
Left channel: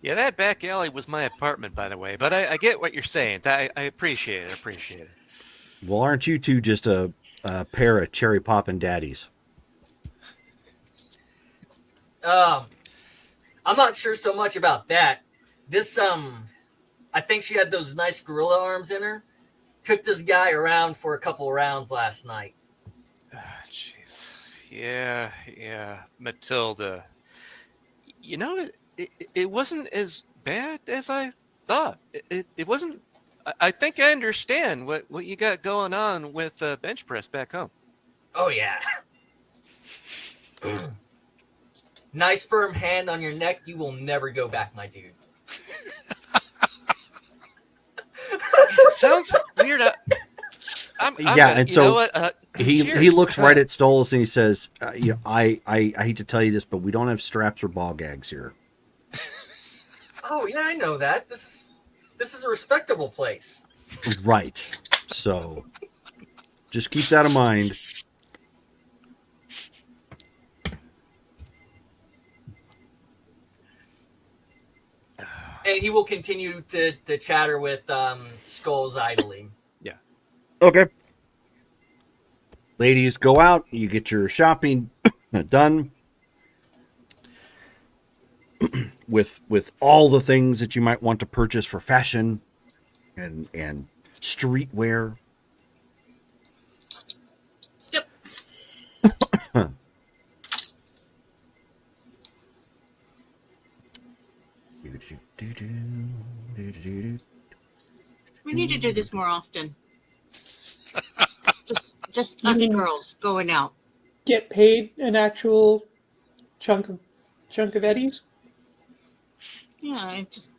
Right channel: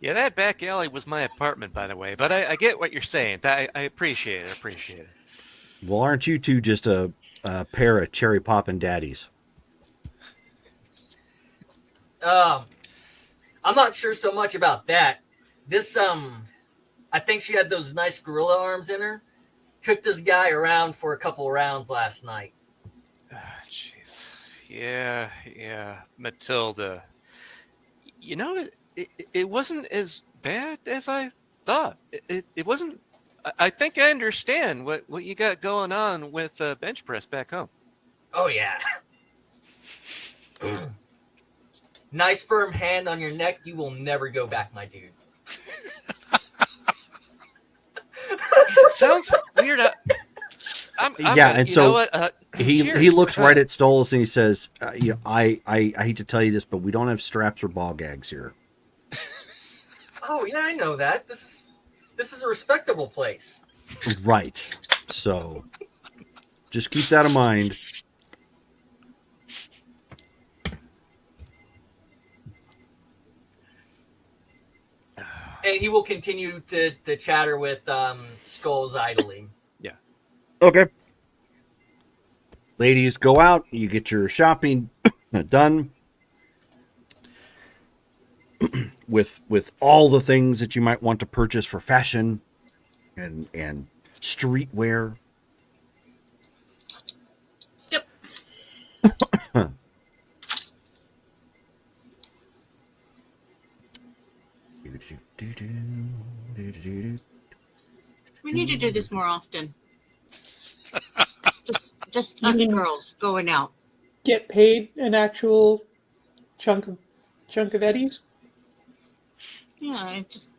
Yeah, that back alley was my apartment, by the way. But I get what you're saying. I appreciate it. Appreciate it. Well, aren't you two just a pair of cherry poppin' daddies? I'm not sure so much about that. This, I think she had those nice gorilla arms in her. Took this guy around for a couple rounds last night. Jeez. Yeah, Matilda. You know, it wasn't as bad as I thought. It wasn't. I think I understand what you got going on with bench press back home. Oh, yeah. Nice firm hand on your neck. You will never go back, my dude. Sounds weird. Yeah, and you so know what? he cheers. looks right at Stolas and he says, you know, I hate to tell you this, but we don't have straps or ball gags here. Oh, yeah, I know that. This is a respectable place. Right. So just keep that in mind. And he will continue to chatter with Skulls idly. Yeah. Okay. Ladies, go out. You get your shopping done with all the things that you might want to purchase for fashion and streetwear. Yep. We need to do this more often. Just us girls going out. Get paid an actual chunk of eddies. Yeah, just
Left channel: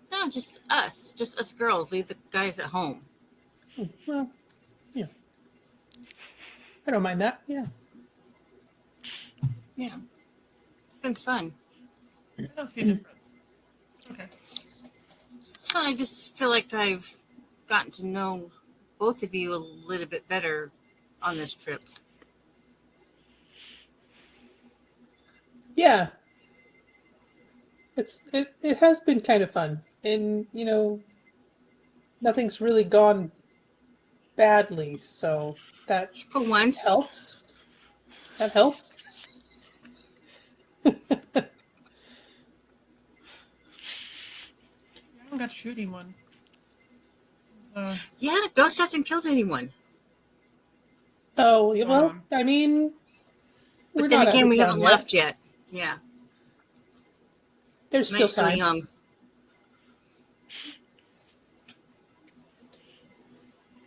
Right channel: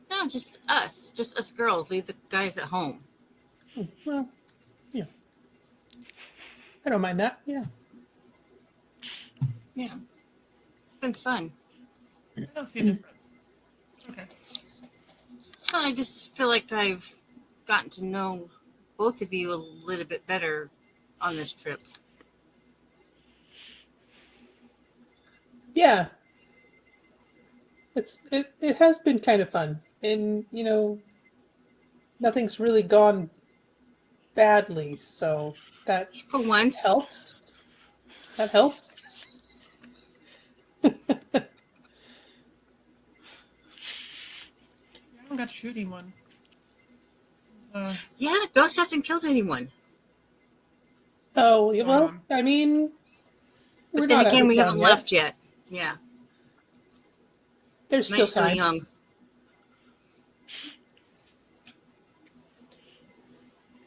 us girls. Leave the guys at home. Well, yeah. I don't mind that. Yeah. Yeah, it's been fun. I don't see a difference. Okay. I just feel like I've gotten to know both of you a little bit better on this trip. Yeah. It has been kind of fun. And, you know, nothing's really gone badly, so that For once, helps. That helps. I haven't got to shoot anyone. yeah, Ghost hasn't killed anyone. Oh, well, I mean, But we're then not again, ever we done haven't yet. left yet. Yeah, There's still nice still time. young.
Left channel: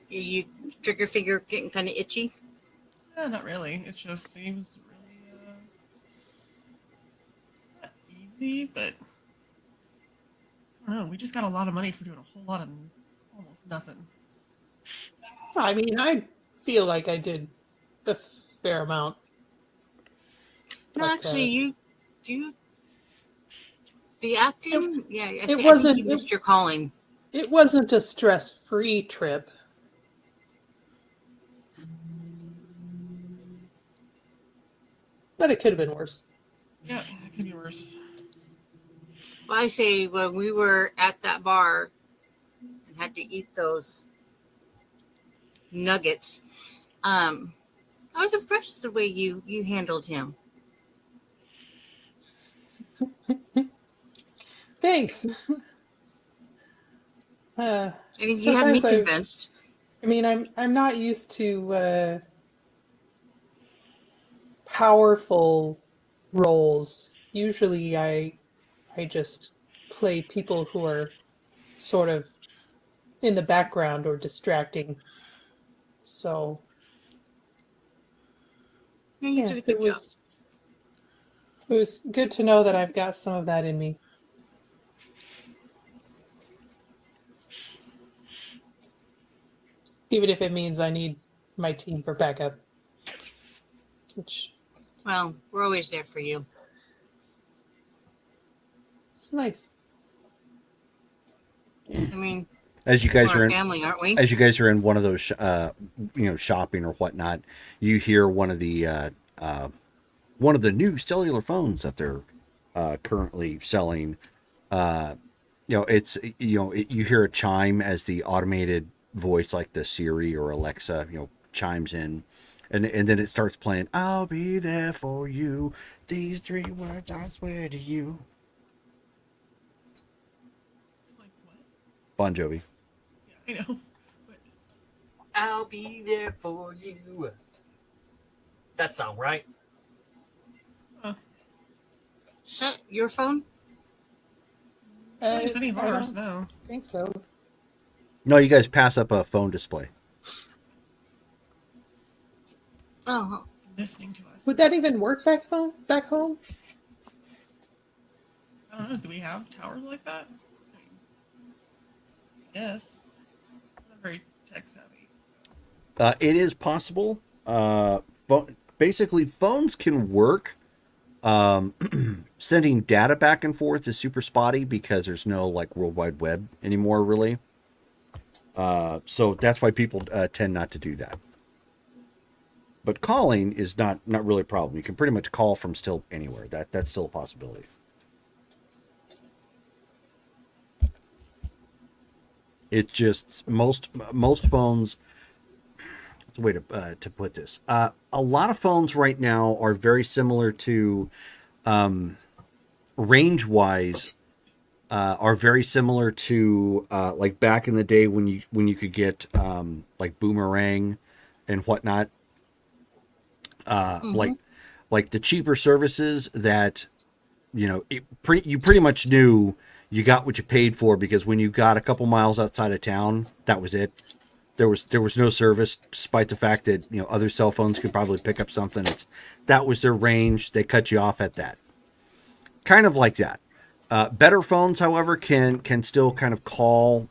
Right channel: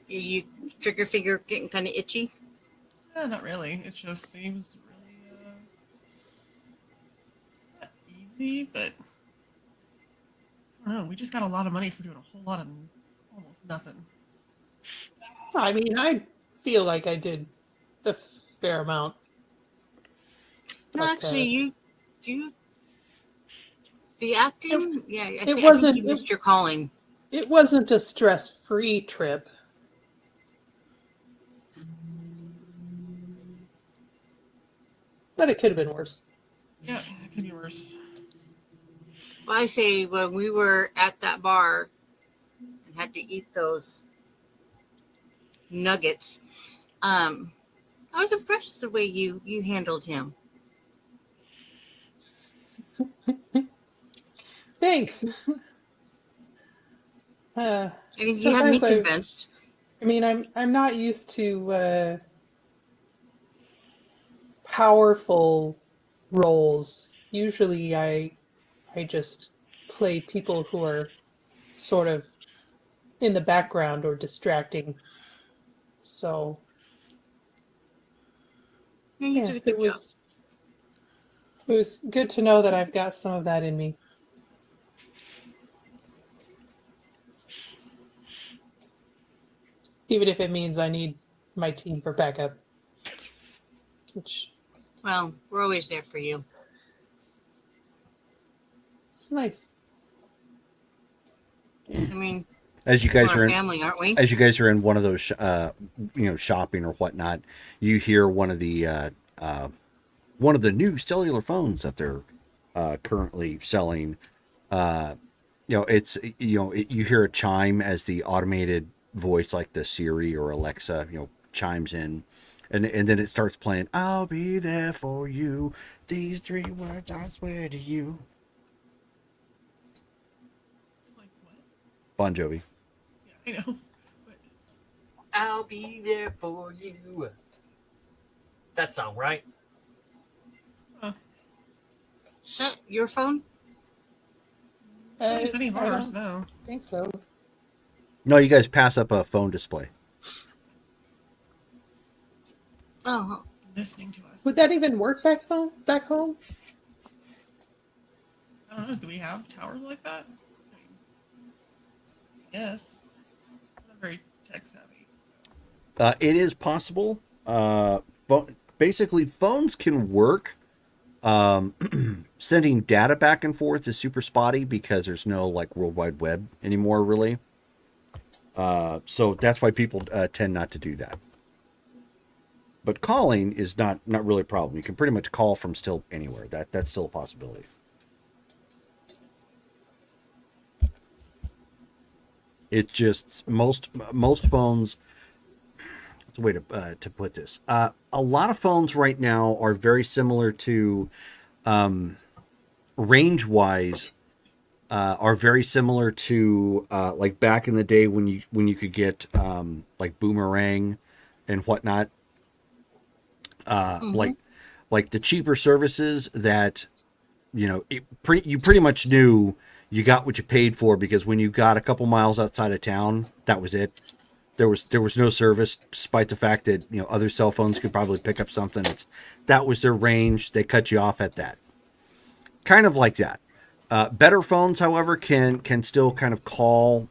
You trigger finger getting kind of itchy. Not really. It just seems really not easy, but I don't know. We just got a lot of money for doing a whole lot of almost nothing. I mean, I feel like I did a fair amount. No, But, actually, you do the acting. Yeah, I think wasn't- you missed your calling. It wasn't a stress-free trip. But it could have been worse. Yeah, it could be worse. Well, I say when we were at that bar and had to eat those nuggets, I was impressed the way you handled him. Thanks. I mean, you have me Sometimes convinced. I mean, I'm not used to powerful roles. Usually, I just play people who are sort of in the background or distracting. So Yeah, you yeah, did a good job. it was good to know that I've got some of that in me. Even if it means I need my team for backup. Which Well, we're always there for you. is nice. I mean, As you guys we're are a in, family, aren't we? as you guys are in one of those, shopping or whatnot, you hear one of the new cellular phones that they're currently selling. It's you hear a chime as the automated voice, like the Siri or Alexa, chimes in, and then it starts playing. I'll be there for you. These 3 words I swear to you. Bon Jovi. I know. I'll be there for you. That song, right? Is that your phone? I don't think it's any of I don't ours, no. think so. No, you guys pass up a phone display. Oh, Listening to us. Would that even work back home? I don't know. Do we have towers like that? Yes. I'm not very tech savvy. It is possible. Basically, phones can work. Sending data back and forth is super spotty because there's no like World Wide Web anymore, really. So that's why people tend not to do that. But calling is not really a problem. You can pretty much call from still anywhere. That's still a possibility. It's just most phones. That's a way to put this. A lot of phones right now are very similar to, range wise, are very similar to like back in the day when you could get like Boomerang and whatnot. Like the cheaper services that you pretty much knew you got what you paid for, because when you got a couple miles outside of town, that was it. There was no service, despite the fact that other cell phones could probably pick up something. That was their range. They cut you off at that. Kind of like that. Better phones, however, can still kind of call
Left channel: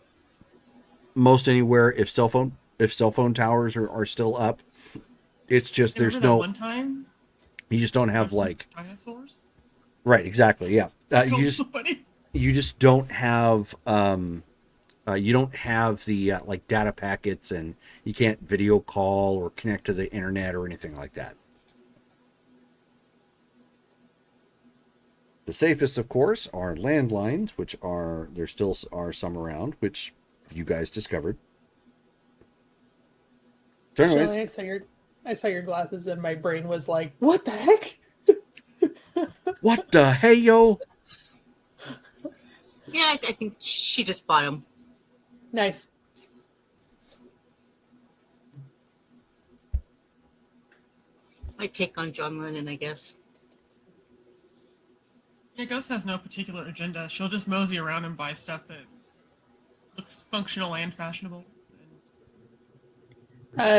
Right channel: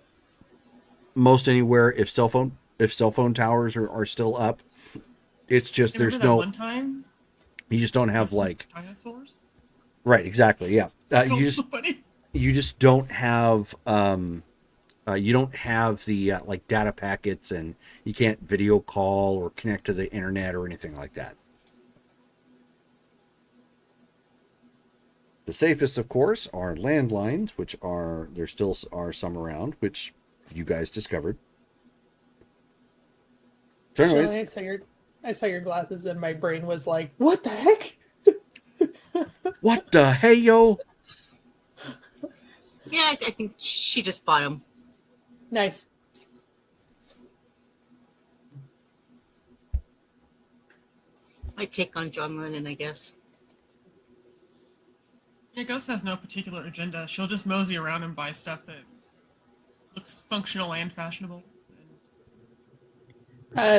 most anywhere if cell phone towers are still up. It's just there's Remember that no. one time? You just don't have Some like. dinosaurs? Right, exactly. Yeah. So funny. You just don't have you don't have the like data packets, and you can't video call or connect to the internet or anything like that. The safest, of course, are landlines, which there still are some around, which you guys discovered. So anyways, Shelley, I saw your glasses and my brain was like, what the heck? what the hey yo? yeah, I think she just bought them. Nice. My take on John Lennon, I guess. Yeah, Ghost has no particular agenda. She'll just mosey around and buy stuff that looks functional and fashionable.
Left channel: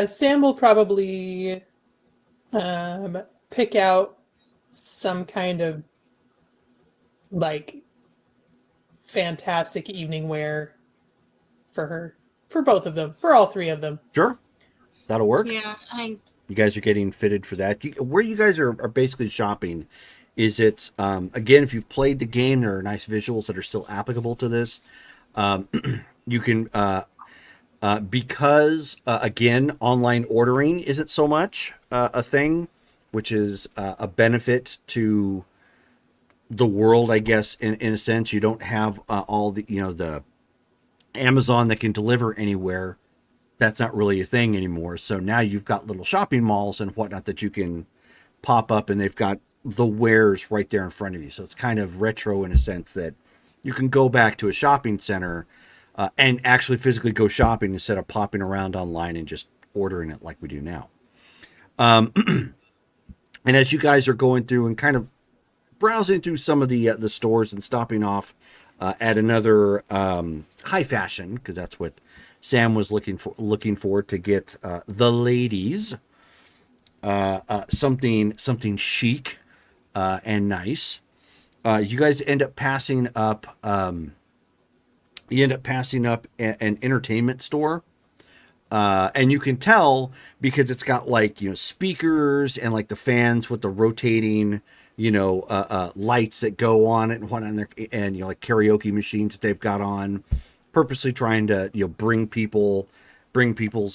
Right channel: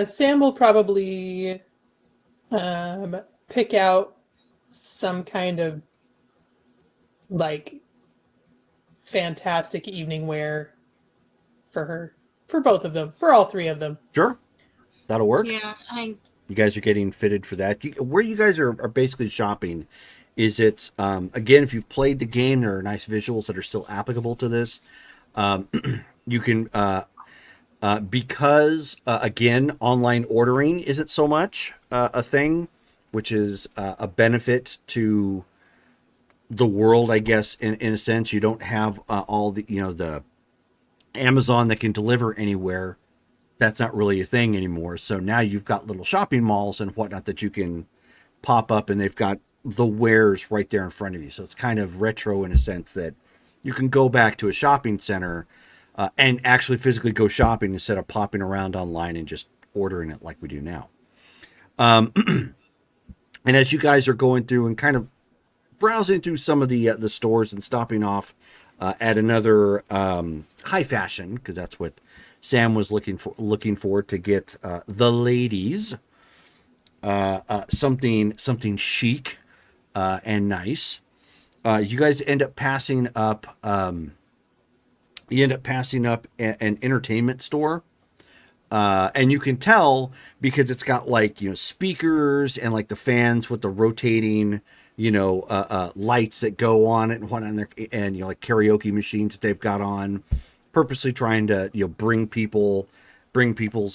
Sam will probably pick out some kind of like fantastic evening wear for both of them, for all 3 of them. Sure, that'll work. Yeah, You guys are getting fitted for that. Where you guys are basically shopping, is it, again, if you've played the game, there are nice visuals that are still applicable to this. You can, because, again, online ordering isn't so much a thing, which is a benefit to the world, I guess, in a sense. You don't have all the Amazon that can deliver anywhere. That's not really a thing anymore. So now you've got little shopping malls and whatnot that you can pop up, and they've got the wares right there in front of you. So it's kind of retro in a sense that you can go back to a shopping center and actually physically go shopping instead of popping around online and just ordering it like we do now. And as you guys are going through and kind of browsing through some of the stores and stopping off at another high fashion, because that's what Sam was looking for to get the ladies something chic and nice. You guys end up passing up. You end up passing up an entertainment store. And you can tell because it's got like, speakers and like the fans with the rotating, lights that go on it and whatnot, and like karaoke machines that they've got on, purposely trying to bring people's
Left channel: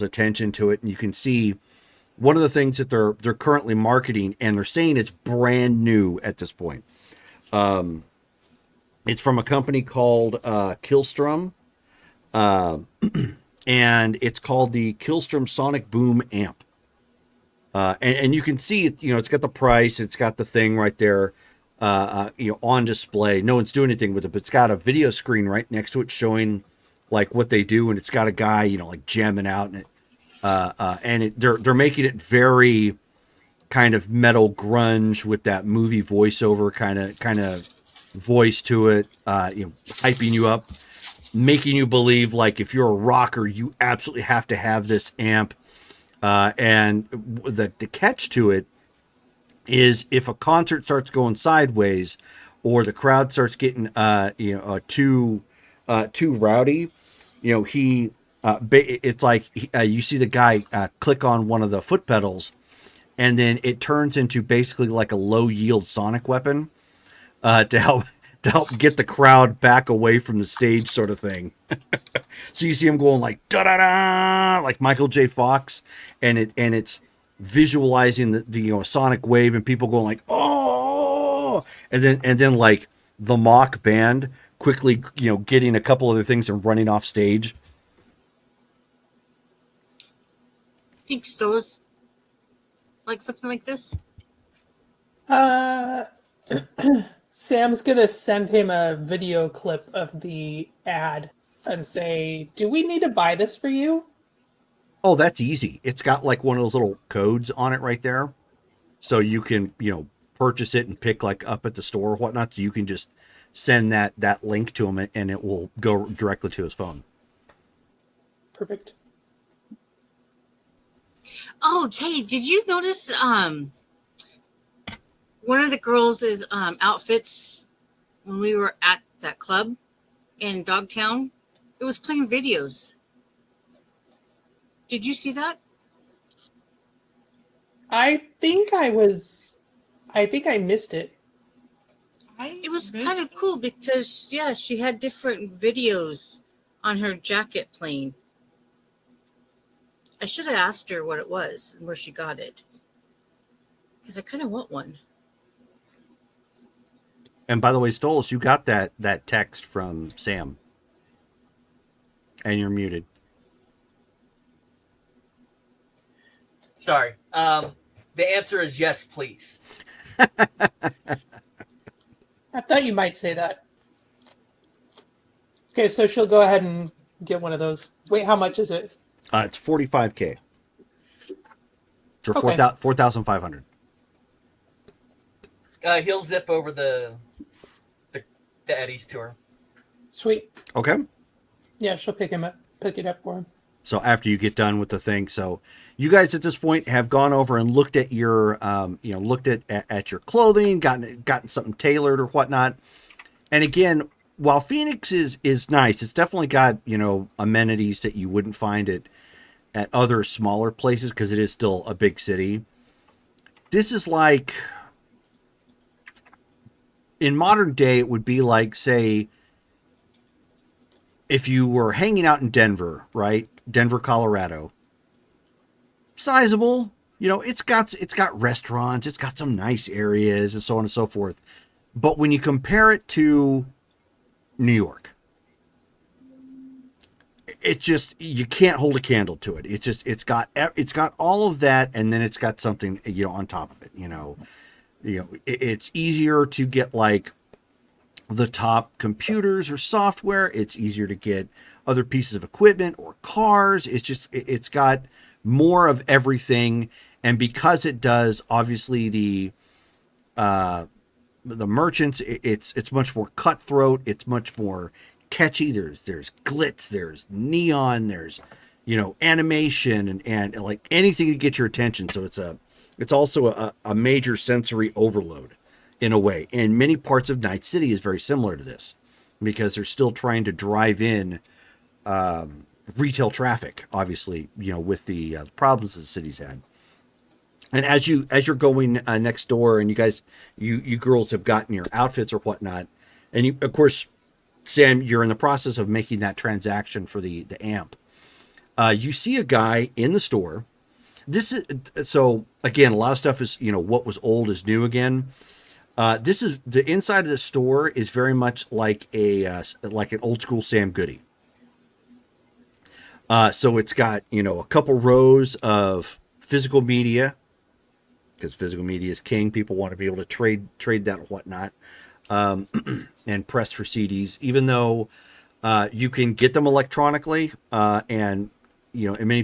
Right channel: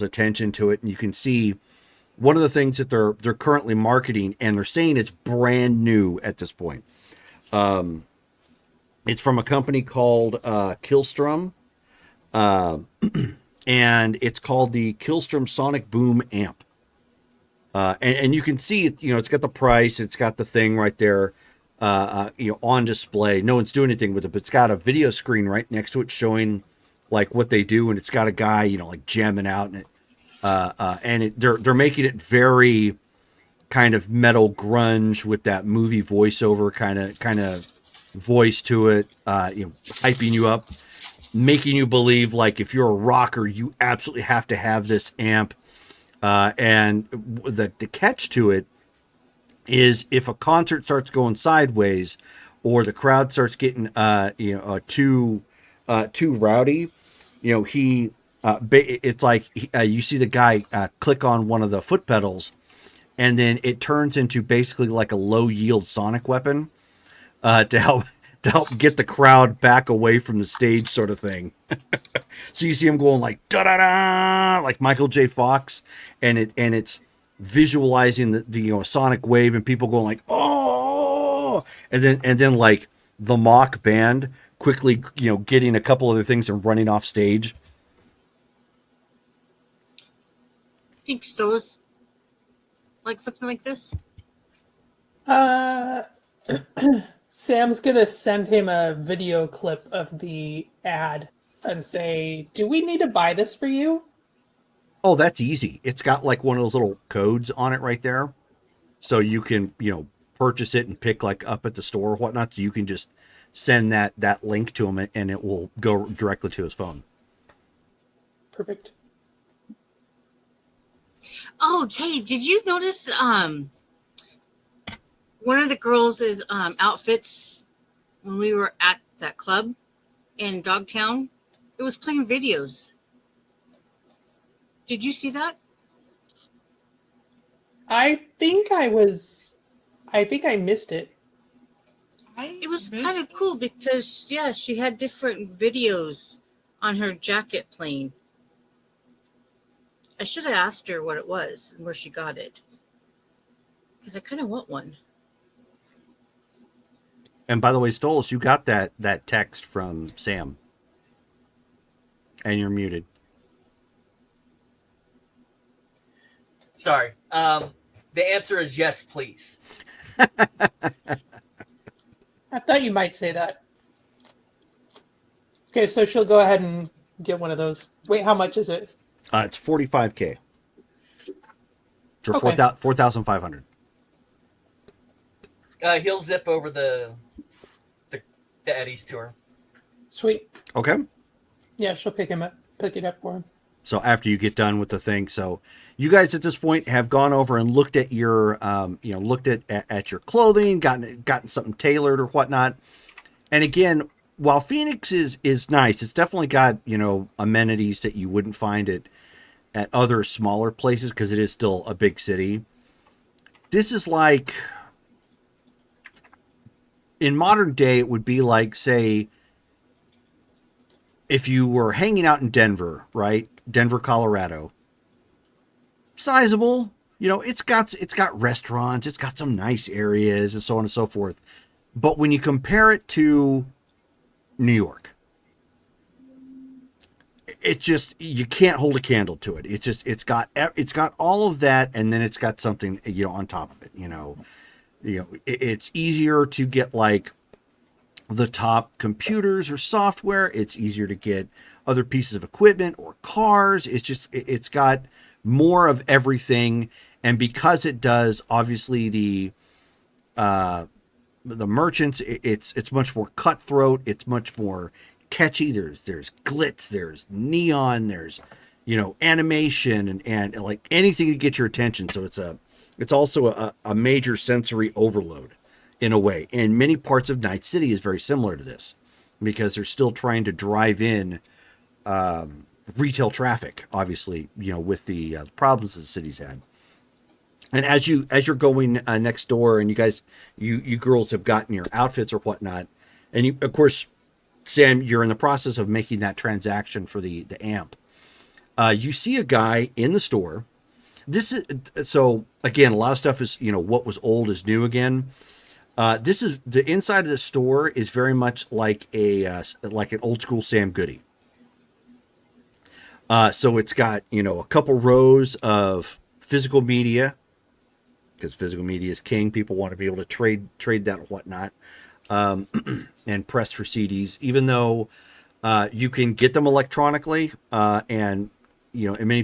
attention to it. And you can see one of the things that they're currently marketing, and they're saying it's brand new at this point. It's from a company called Killstrom. And it's called the Killstrom Sonic Boom Amp. And you can see it, it's got the price, it's got the thing right there, on display. No one's doing anything with it, but it's got a video screen right next to it showing like what they do, and it's got a guy, like jamming out in it. And they're making it very kind of metal grunge with that movie voiceover kind of voice to it, hyping you up, making you believe like if you're a rocker, you absolutely have to have this amp. And the catch to it is if a concert starts going sideways or the crowd starts getting too rowdy, it's like you see the guy click on one of the foot pedals, and then it turns into basically like a low yield sonic weapon to help get the crowd back away from the stage, sort of thing. So you see him going like da da da, like Michael J. Fox, and it's visualizing the sonic wave and people going like oh, and then like the mock band quickly getting a couple other things and running off stage. Think Stolas like something like this? Sam's gonna send him a video clip of the ad and say, "Do we need to buy this for you?" Oh, that's easy. It's got like one of those little codes on it right there. So you can, purchase it and pick like up at the store or whatnot. So you can just send that link to him and it will go directly to his phone. Perfect. Oh, hey, did you notice one of the girls' outfits when we were at that club in Dogtown? It was playing videos. Did you see that? I think I missed it. It was kind of cool because, yeah, she had different videos on her jacket playing. I should have asked her what it was and where she got it, because I kind of want one. And by the way, Stolas, you got that text from Sam. And you're muted. Sorry. The answer is yes, please. I thought you might say that. Okay, so she'll go ahead and get one of those. Wait, how much is it? It's $45K. For Okay. 4,500. He'll zip over the Eddie's tour. Sweet. Okay. Yeah, she'll pick it up for him. So after you get done with the thing, so you guys at this point have gone over and looked at your, looked at your clothing, gotten something tailored or whatnot. And again, while Phoenix is nice, it's definitely got, amenities that you wouldn't find at other smaller places because it is still a big city. This is like, in modern day, it would be like, say, if you were hanging out in Denver, right? Denver, Colorado. Sizable, it's got restaurants, it's got some nice areas and so on and so forth. But when you compare it to New York, it's just, you can't hold a candle to it. It's got all of that, and then it's got something, on top of it, it's easier to get like the top computers or software. It's easier to get other pieces of equipment or cars. It's just, it's got more of everything. And because it does, obviously the merchants, it's much more cutthroat. It's much more catchy. There's glitz, there's neon, there's, you know, animation and like anything to get your attention. So it's also a major sensory overload in a way. And many parts of Night City is very similar to this because they're still trying to drive in retail traffic, obviously, you know, with the problems the city's had. And as you're going next door, and you girls have gotten your outfits or whatnot, and you, of course, Sam, you're in the process of making that transaction for the amp. You see a guy in the store. This is, so again, a lot of stuff is, you know, what was old is new again. This is the inside of the store is very much like like an old school Sam Goody. So it's got, you know, a couple rows of physical media, because physical media is king. People want to be able to trade that and whatnot, and press for CDs, even though you can get them electronically, and, you know, in many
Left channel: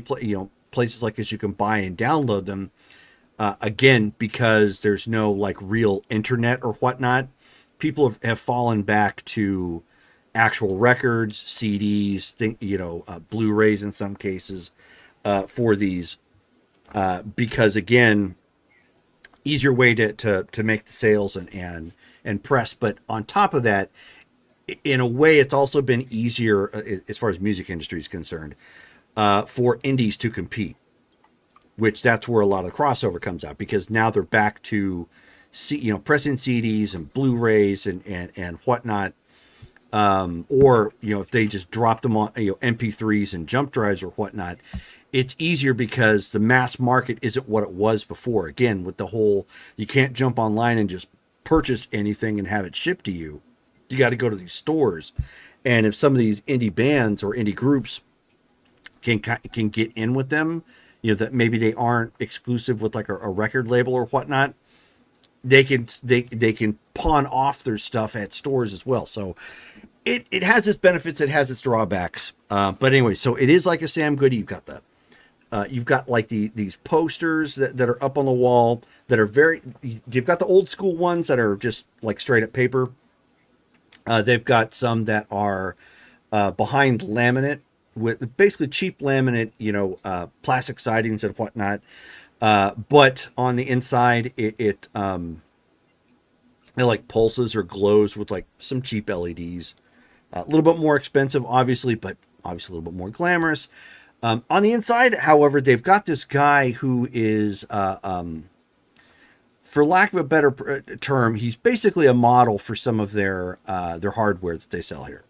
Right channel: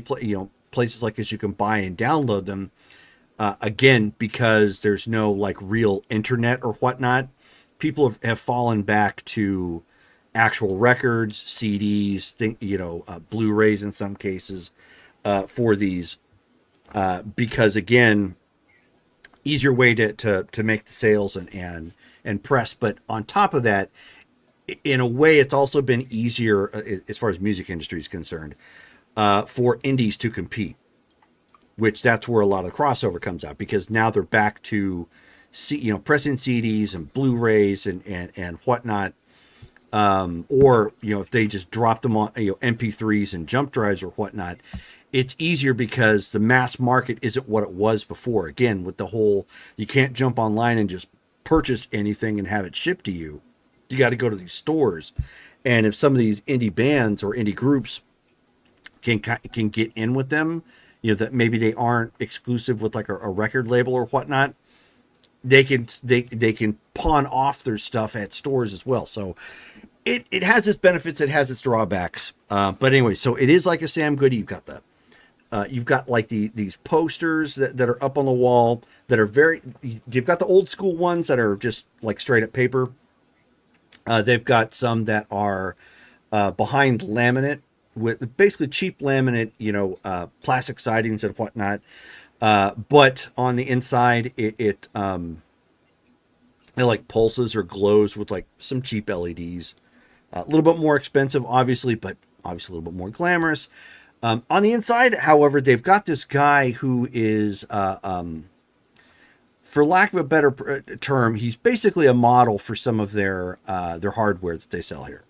places like this, you can buy and download them. Again, because there's no like real internet or whatnot, people have fallen back to actual records, CDs, Blu-rays in some cases, for these, because again, easier way to make the sales and press. But on top of that, in a way, it's also been easier as far as music industry is concerned, for indies to compete, which that's where a lot of the crossover comes out, because now they're back to pressing CDs and Blu-rays and whatnot. Or, you know, if they just drop them on, you know, MP3s and jump drives or whatnot, it's easier because the mass market isn't what it was before. Again, with the whole, you can't jump online and just purchase anything and have it shipped to you. You got to go to these stores. And if some of these indie bands or indie groups can get in with them, you know, that maybe they aren't exclusive with like a record label or whatnot, they can pawn off their stuff at stores as well. So it has its benefits, it has its drawbacks. But anyway, so it is like a Sam Goody. You've got like these posters that are up on the wall that are you've got the old school ones that are just like straight up paper. They've got some that are behind laminate, with basically cheap laminate, you know, plastic sidings and whatnot. But on the inside, it like pulses or glows with like some cheap LEDs. A little bit more expensive, obviously, but obviously a little bit more glamorous. On the inside, however, they've got this guy who is, for lack of a better term, he's basically a model for some of their hardware that they sell here.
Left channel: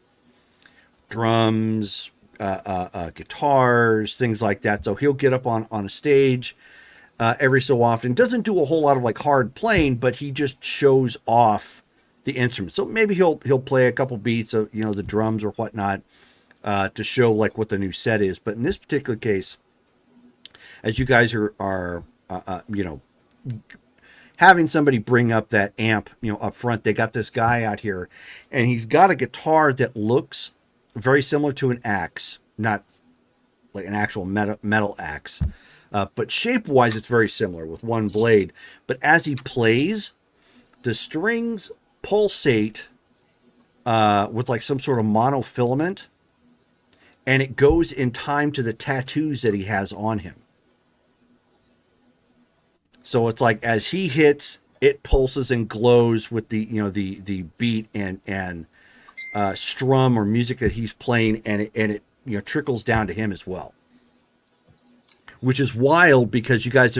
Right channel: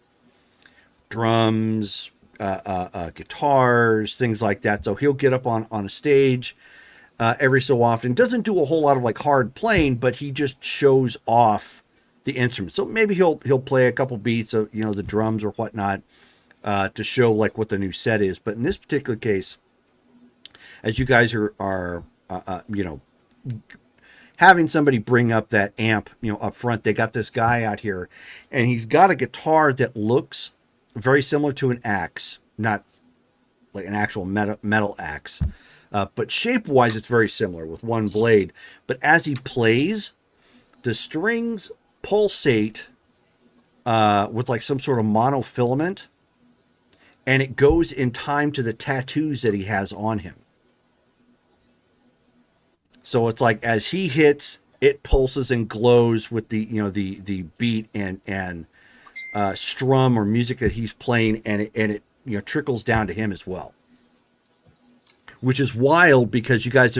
Drums, guitars, things like that. So he'll get up on a stage every so often. Doesn't do a whole lot of like hard playing, but he just shows off the instrument. So maybe he'll play a couple beats of, you know, the drums or whatnot, to show like what the new set is. But in this particular case, as you guys are you know, having somebody bring up that amp, you know, up front, they got this guy out here, and he's got a guitar that looks very similar to an axe, not like an actual metal axe, but shape-wise, it's very similar with one blade. But as he plays, the strings pulsate with like some sort of monofilament, and it goes in time to the tattoos that he has on him. So it's like as he hits, it pulses and glows with the, you know, the beat and strum or music that he's playing, and it you know, trickles down to him as well, which is wild because you guys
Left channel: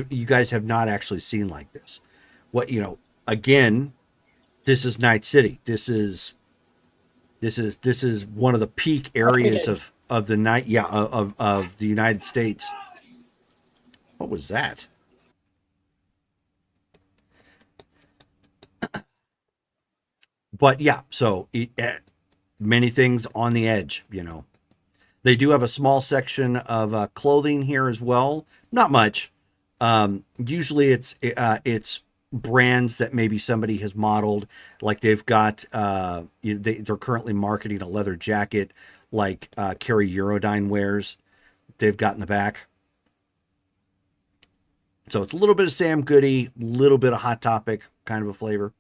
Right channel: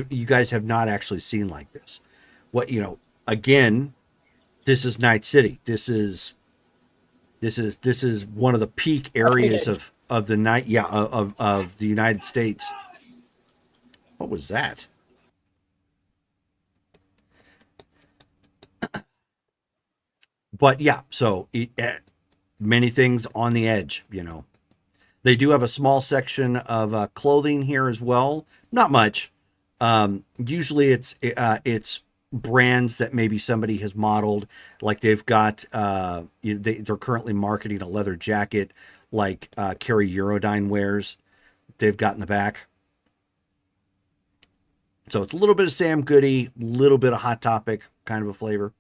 have not actually seen like this. What, you know, again, this is Night City. This is one of the peak areas of the night, of the United States. What was that? But yeah, so many things on the edge, you know. They do have a small section of clothing here as well. Not much. Usually it's brands that maybe somebody has modeled. Like they've got, they're currently marketing a leather jacket like Carrie Eurodyne wears. They've got in the back. So it's a little bit of Sam Goody, a little bit of Hot Topic kind of a flavor.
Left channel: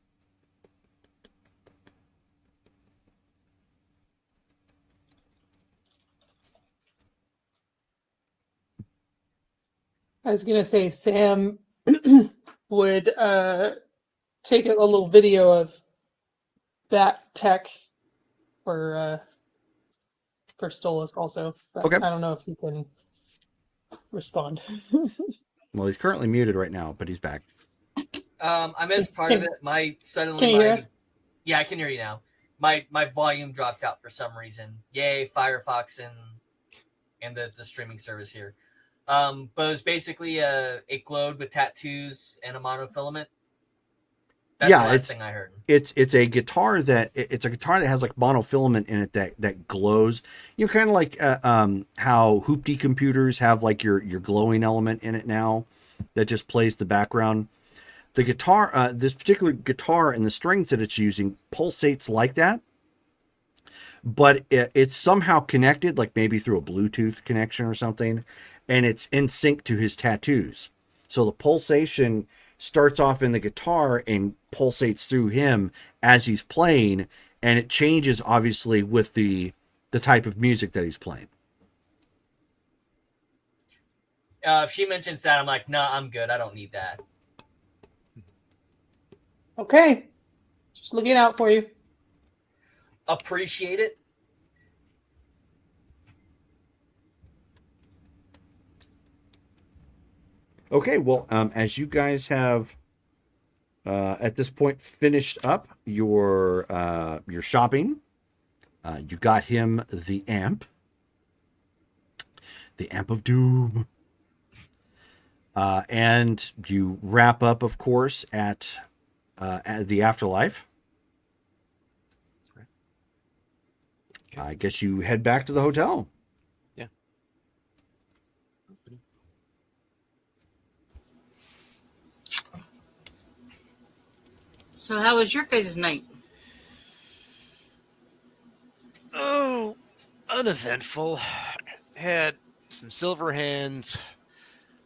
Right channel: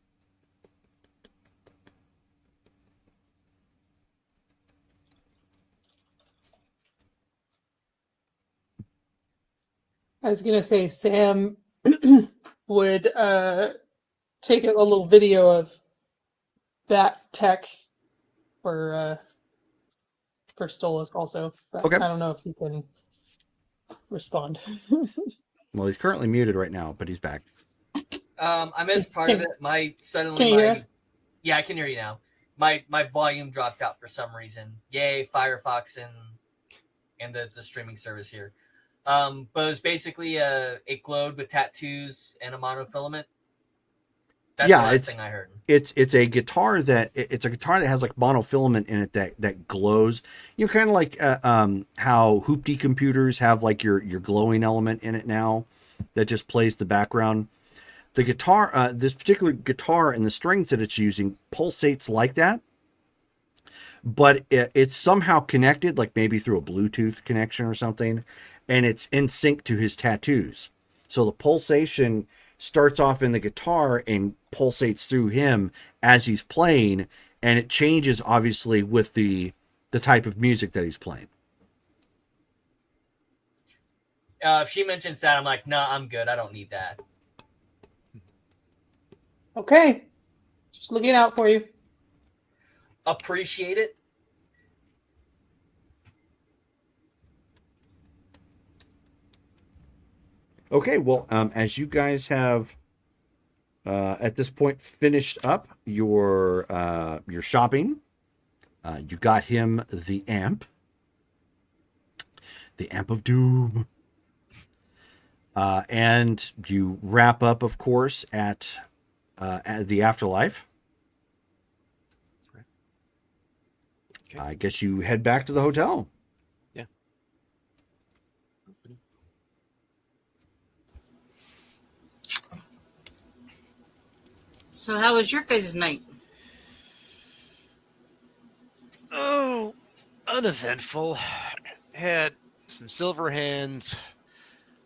I was gonna say Sam would take a little video of that tech for Stolas also. But Okay. I don't know if he can respond. Well, he's currently muted right now, but he's back. I missed part of it. Can you hear us? Yeah, I can hear you now. My volume dropped out for some reason. Yay, Firefox and the streaming service here. But it was basically a globe with tattoos and a monofilament. That's Yeah, the last thing I heard. It's a guitar that has like monofilament in it that glows. You know, kind of like how Hoopty computers have like your glowing element in it now that just plays the background. The guitar, this particular guitar and the strings that it's using pulsates like that, but it's somehow connected, like maybe through a Bluetooth connection or something, and it's in sync to his tattoos. So the pulsation starts off in the guitar and pulsates through him as he's playing, and it changes obviously with the type of music that he's playing. If she mentions that, I'm like, no, I'm good. I don't need that. Okay. Just looking out for you. Appreciate it. Okay, well, as you guys have at this point finished up your shopping, you got him the amp of doom, and you wrap up, of course, at the afterlife. Okay. I guess you head back to the hotel. Yeah. So how was your guys' night? Oh, uneventful. Had some silver hands.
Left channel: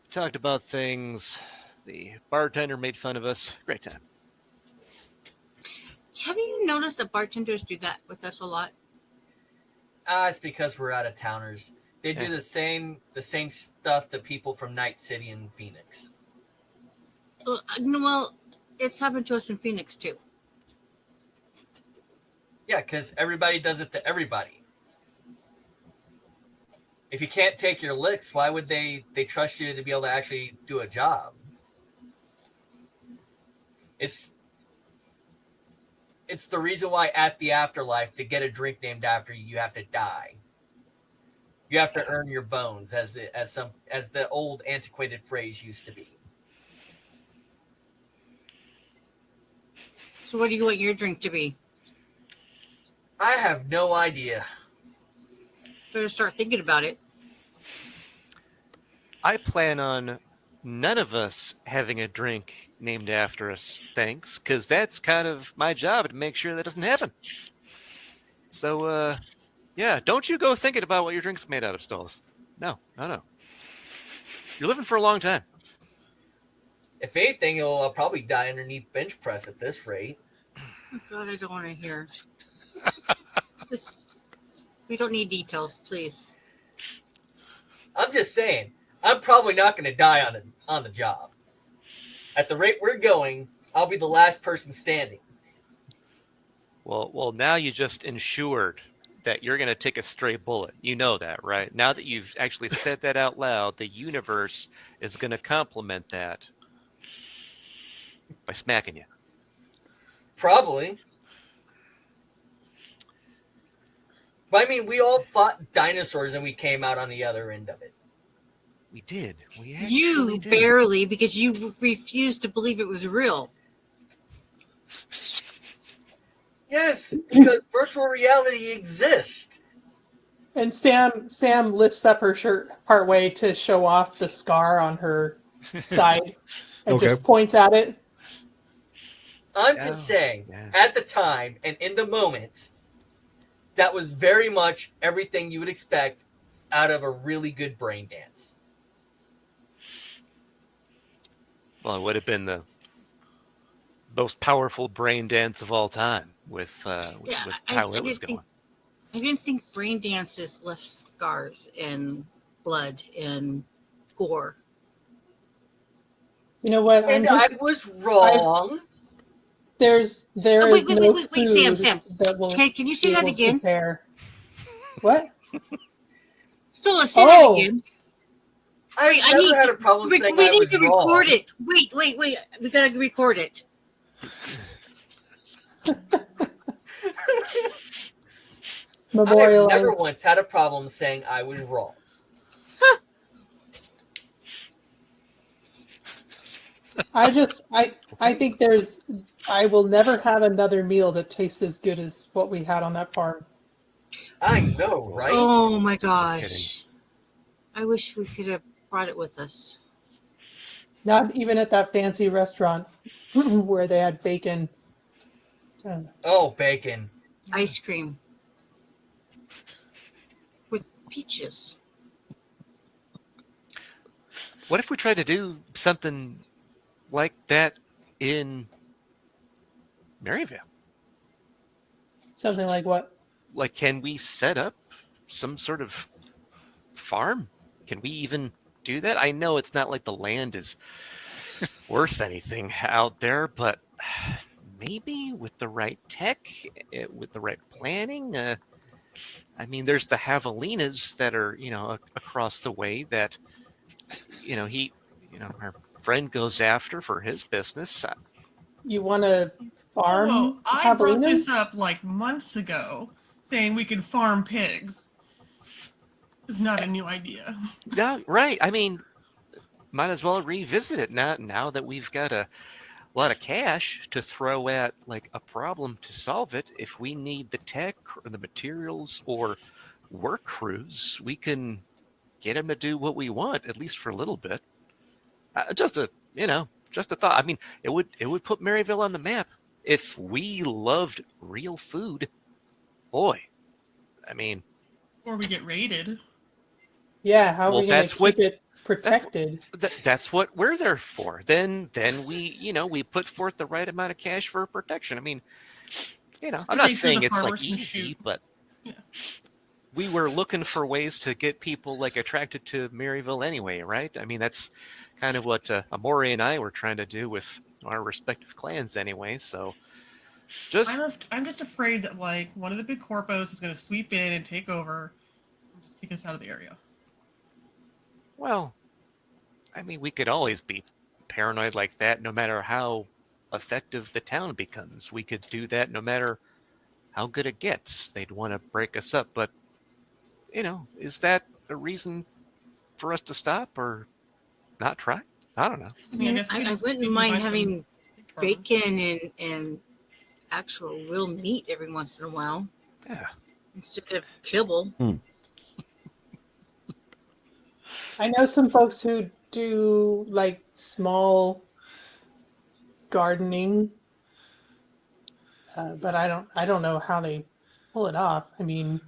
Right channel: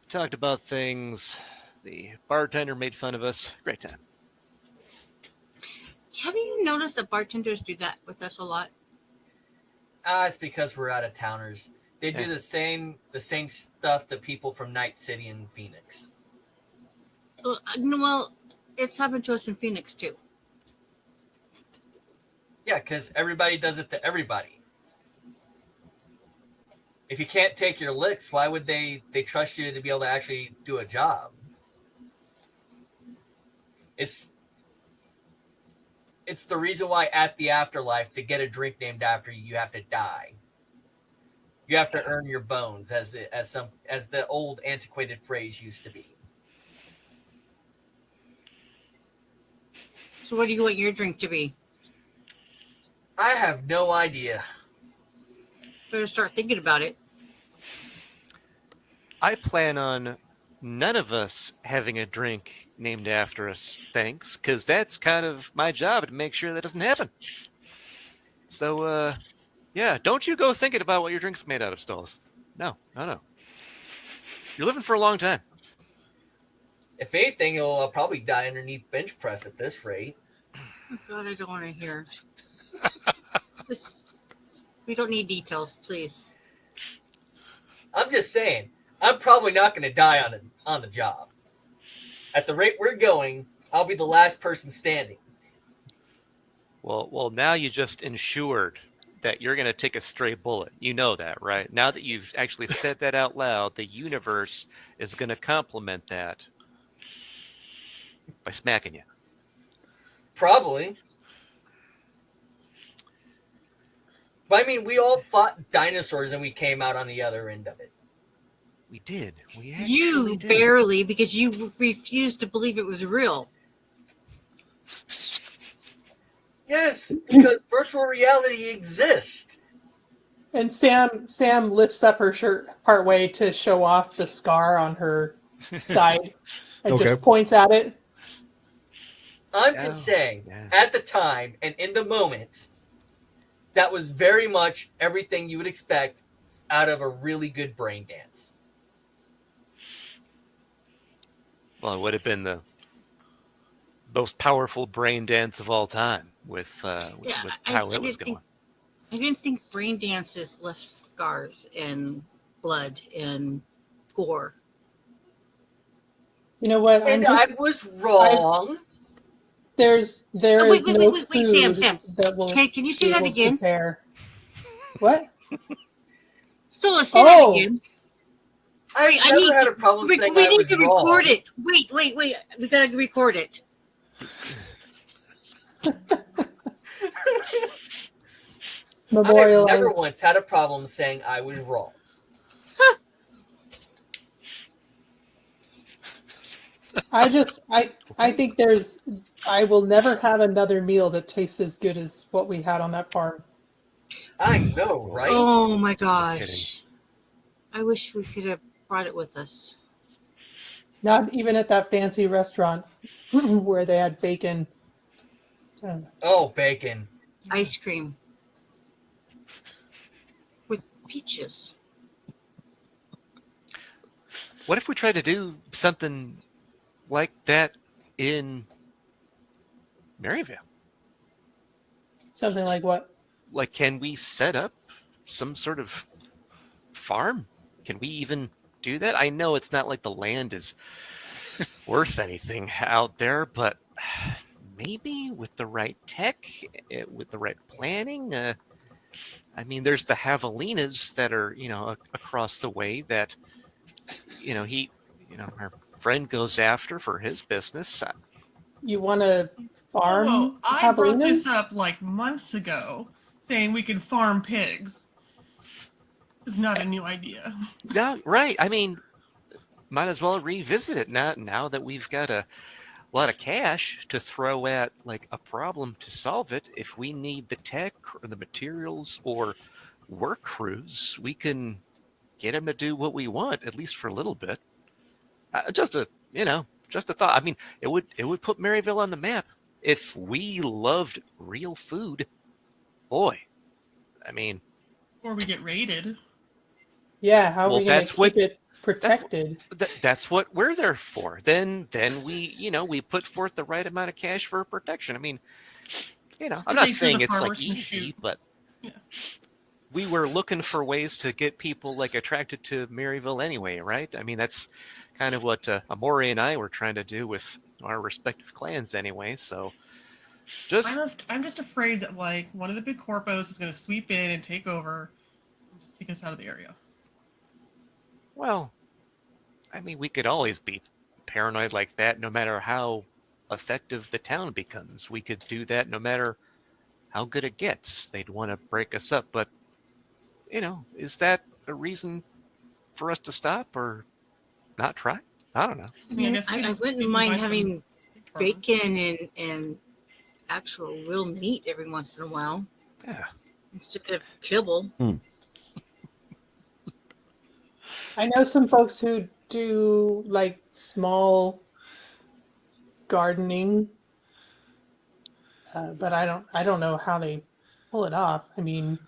Talked about things. The bartender made fun of us. Great time. Have you noticed that bartenders do that with us a lot? It's because we're out of towners. They do the same stuff to people from Night City and Phoenix. Well, it's happened to us in Phoenix too. Yeah, because everybody does it to everybody. If you can't take your licks, why would they trust you to be able to actually do a job? It's the reason why at the afterlife, to get a drink named after you, you have to die. You have to earn your bones, as the old antiquated phrase used to be. So what do you want your drink to be? I have no idea. Better start thinking about it. I plan on none of us having a drink named after us, thanks, because that's kind of my job to make sure that doesn't happen. So, yeah, don't you go thinking about what your drink's made out of, Stolas. No. You're living for a long time. If anything, you'll probably die underneath bench press at this rate. Oh God, I don't want to hear. We don't need details, please. I'm just saying, I'm probably not going to die on the job. At the rate we're going, I'll be the last person standing. Well, now you just ensured that you're going to take a stray bullet. You know that, right? Now that you've actually said that out loud, the universe is going to compliment that by smacking you. Probably. But I mean, we all fought dinosaurs and we came out on the other end of it. We did. You barely, because you refused to believe it was real. Yes, because virtual reality exists. And Sam lifts up her shirt partway to show off the scar on her side and just points at it. I'm just saying, at the time and in the moment, that was very much everything you would expect out of a really good brain dance. Well, it would have been the most powerful brain dance of all time with, Yeah, with I how it was didn't going. think I didn't think brain dances left scars and blood and gore. You know what? And I was wrong. There Oh, is wait, no wait, food Sam. that will Can you say be that able to again? compare. What? Still, say that Oh, again. I Wait, I never need had to. a problem We saying I need was to wrong. record it. Wait. We gotta record it. I've never memorialize. once had a problem saying I was wrong. I think I will never have another meal that tastes as good as what we had on that farm. I know, right? Oh my gosh! I wish we could have brought it with us. Not even at that fancy restaurant where they had bacon. Oh, bacon. Ice cream with peaches. What if we try to do something like that in Maryville? Something like what? Like, can we set up some sort of farm? Can we even do that? I know it's not like the land is worth anything out there, but maybe with the right tech, with the right planning. I mean, there's the javelinas that are, across the way that, our friend goes after for his business. You want to farm Oh, I brought this javelinas? up like months ago, saying we could farm pigs. This is not a new idea. No, right. I mean, might as well revisit it now that we've got a lot of cash to throw at like a problem to solve it. If we need the tech or the materials or work crews, we can get them to do what we want, at least for a little bit. Just a thought. I mean, it would put Maryville on the map if we loved real food. Boy, I mean, Or we get raided. Yeah, how are we going to that's keep it protected? that's what we're there for. Then we put forth the right amount of cash for protection. I mean, I'm not Make sure saying the it's like farmers can easy, shoot. but Yeah. we were looking for ways to get people like attracted to Maryville anyway, right? I mean, that's kind of what Amori and I were trying to do with our respective clans anyway. So just I'm just afraid that like one of the big corpos is going to sweep in and take over, and just take us out of the area. well, I mean, we could always be paranoid like that, no matter how effective the town becomes. We could do that no matter how good it gets. They'd want to break us up, but is that a reason for us to stop or not try? I don't know. I mean, guess we I just wouldn't didn't mind buy some having farmers. bacon and actual real meat every once in a while Yeah. instead of kibble. I know some folks who do like small gardening, but I don't know how they pull it off. I mean,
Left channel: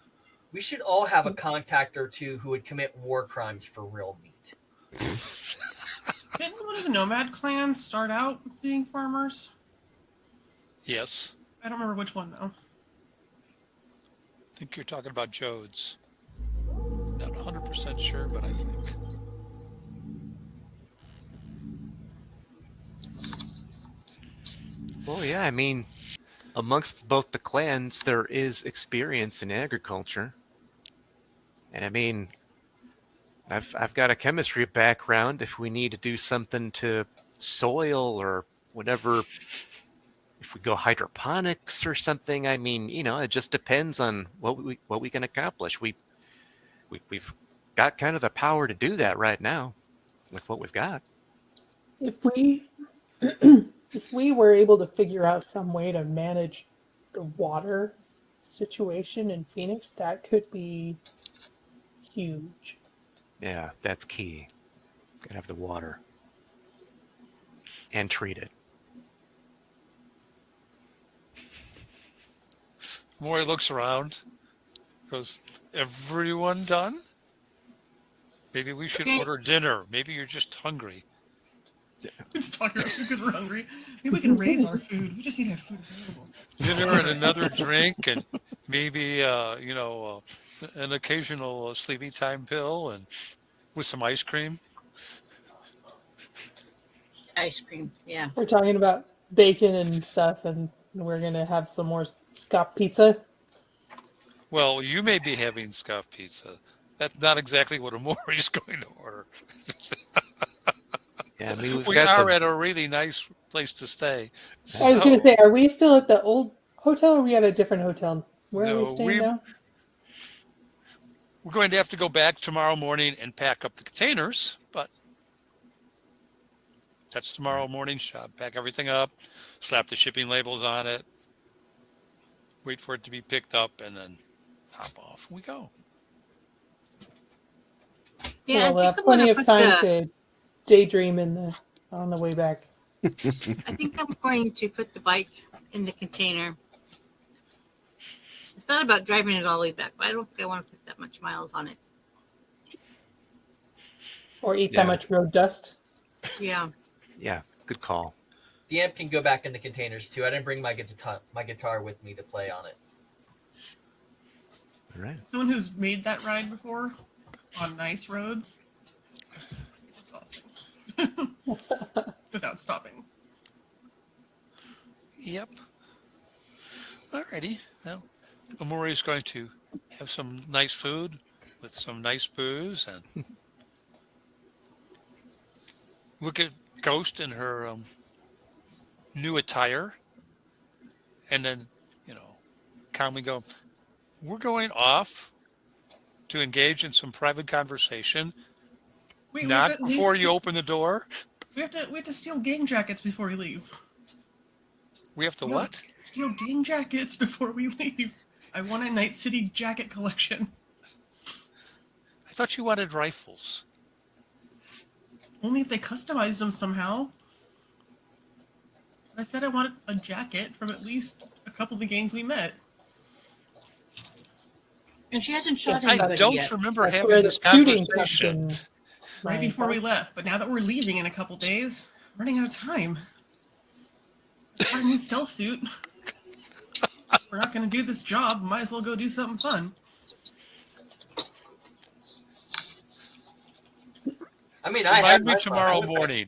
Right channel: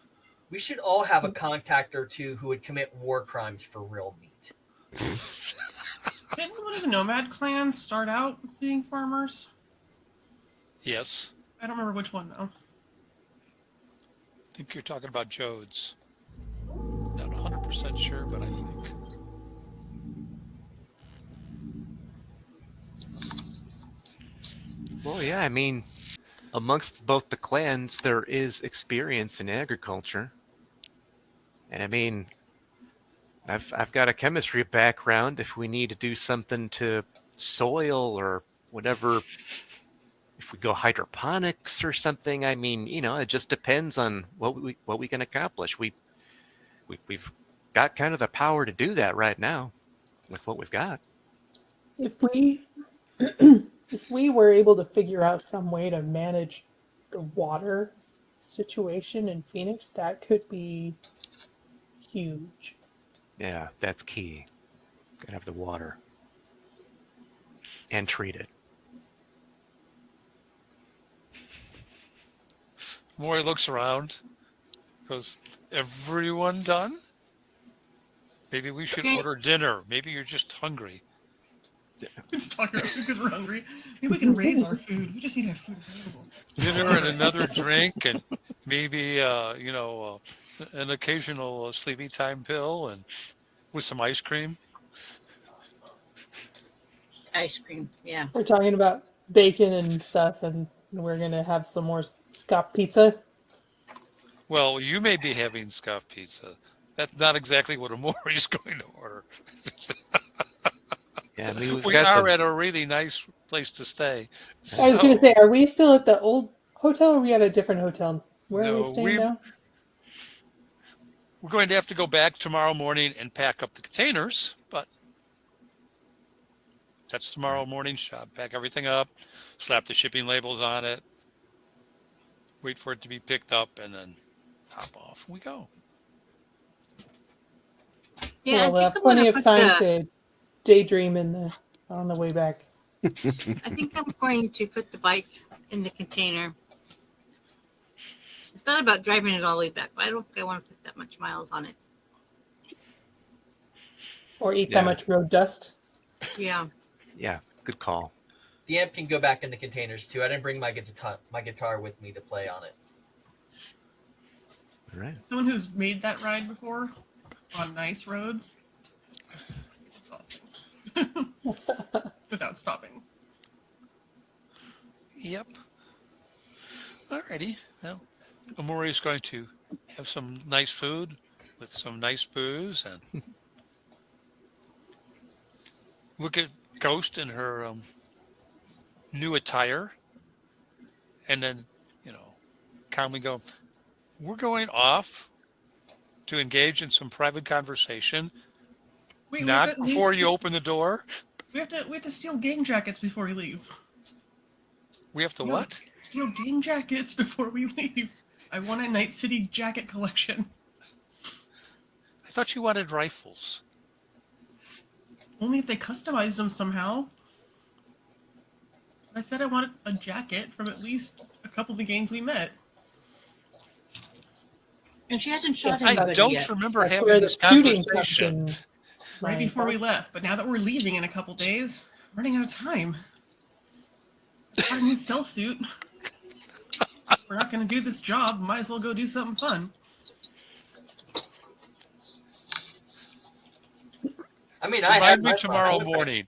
We should all have a contact or two who would commit war crimes for real meat. Didn't one of the nomad clans start out being farmers? Yes. I don't remember which one though. I think you're talking about Jodes. Not 100% sure, but I think. Well, yeah, I mean, amongst both the clans, there is experience in agriculture. And I mean, I've got a chemistry background. If we need to do something to soil or whatever, if we go hydroponics or something, I mean, it just depends on what we can accomplish. We've got kind of the power to do that right now with what we've got. if we if we were able to figure out some way to manage the water situation in Phoenix, that could be huge. Yeah, that's key. Gotta have the water and treat it. Maury looks around Goes, everyone done? Maybe we should Okay. order dinner. Maybe you're just hungry. Just talking about because we're hungry. Maybe we can raise our food. We just need to have food available. Dinner and another drink, and maybe an occasional sleepy time pill, and with some ice cream. Ice cream. Yeah. We're talking about bacon and stuff, and we're gonna have some more Scott pizza. Well, you may be having scoff pizza. That's not exactly what Amori's going to order. Yeah, I mean, We are at a really nice place to stay. I was gonna say, are we still at the old hotel, or are we at a different hotel? Where are we No, staying now? We're going to have to go back tomorrow morning and pack up the containers, but that's tomorrow morning's job. Pack everything up, slap the shipping labels on it, wait for it to be picked up, and then hop off and we go. Yeah, We'll I have think I'm plenty gonna of put time the, to daydream on the way back. I think I'm going to put the bike in the container. I thought about driving it all the way back, but I don't think I want to put that much miles on it. Or eat Yeah. that much road dust. Yeah. Yeah, good call. The amp can go back in the containers too. I didn't bring my guitar with me to play on it. All right. Someone who's made that ride before on nice roads. It's awesome. Without stopping. Yep. Alrighty. Well, Amori's going to have some nice food with some nice booze and look at Ghost in her new attire, and then, calmly go, we're going off to engage in some private conversation, Wait, not at before least- you open the door. We have to steal gang jackets before we leave. We have to what? Steal gang jackets before we leave. I want a Night City jacket collection. I thought you wanted rifles. Only if they customized them somehow. I said I want a jacket from at least a couple of the gangs we met. And she hasn't shot I anybody don't yet. remember That's having where the this shooting conversation. comes in. Right before we left, but now that we're leaving in a couple days, we're running out of time. Got a new stealth suit. We're not gonna do this job. Might as well go do something fun. I mean, I Find have me my tomorrow phone. morning.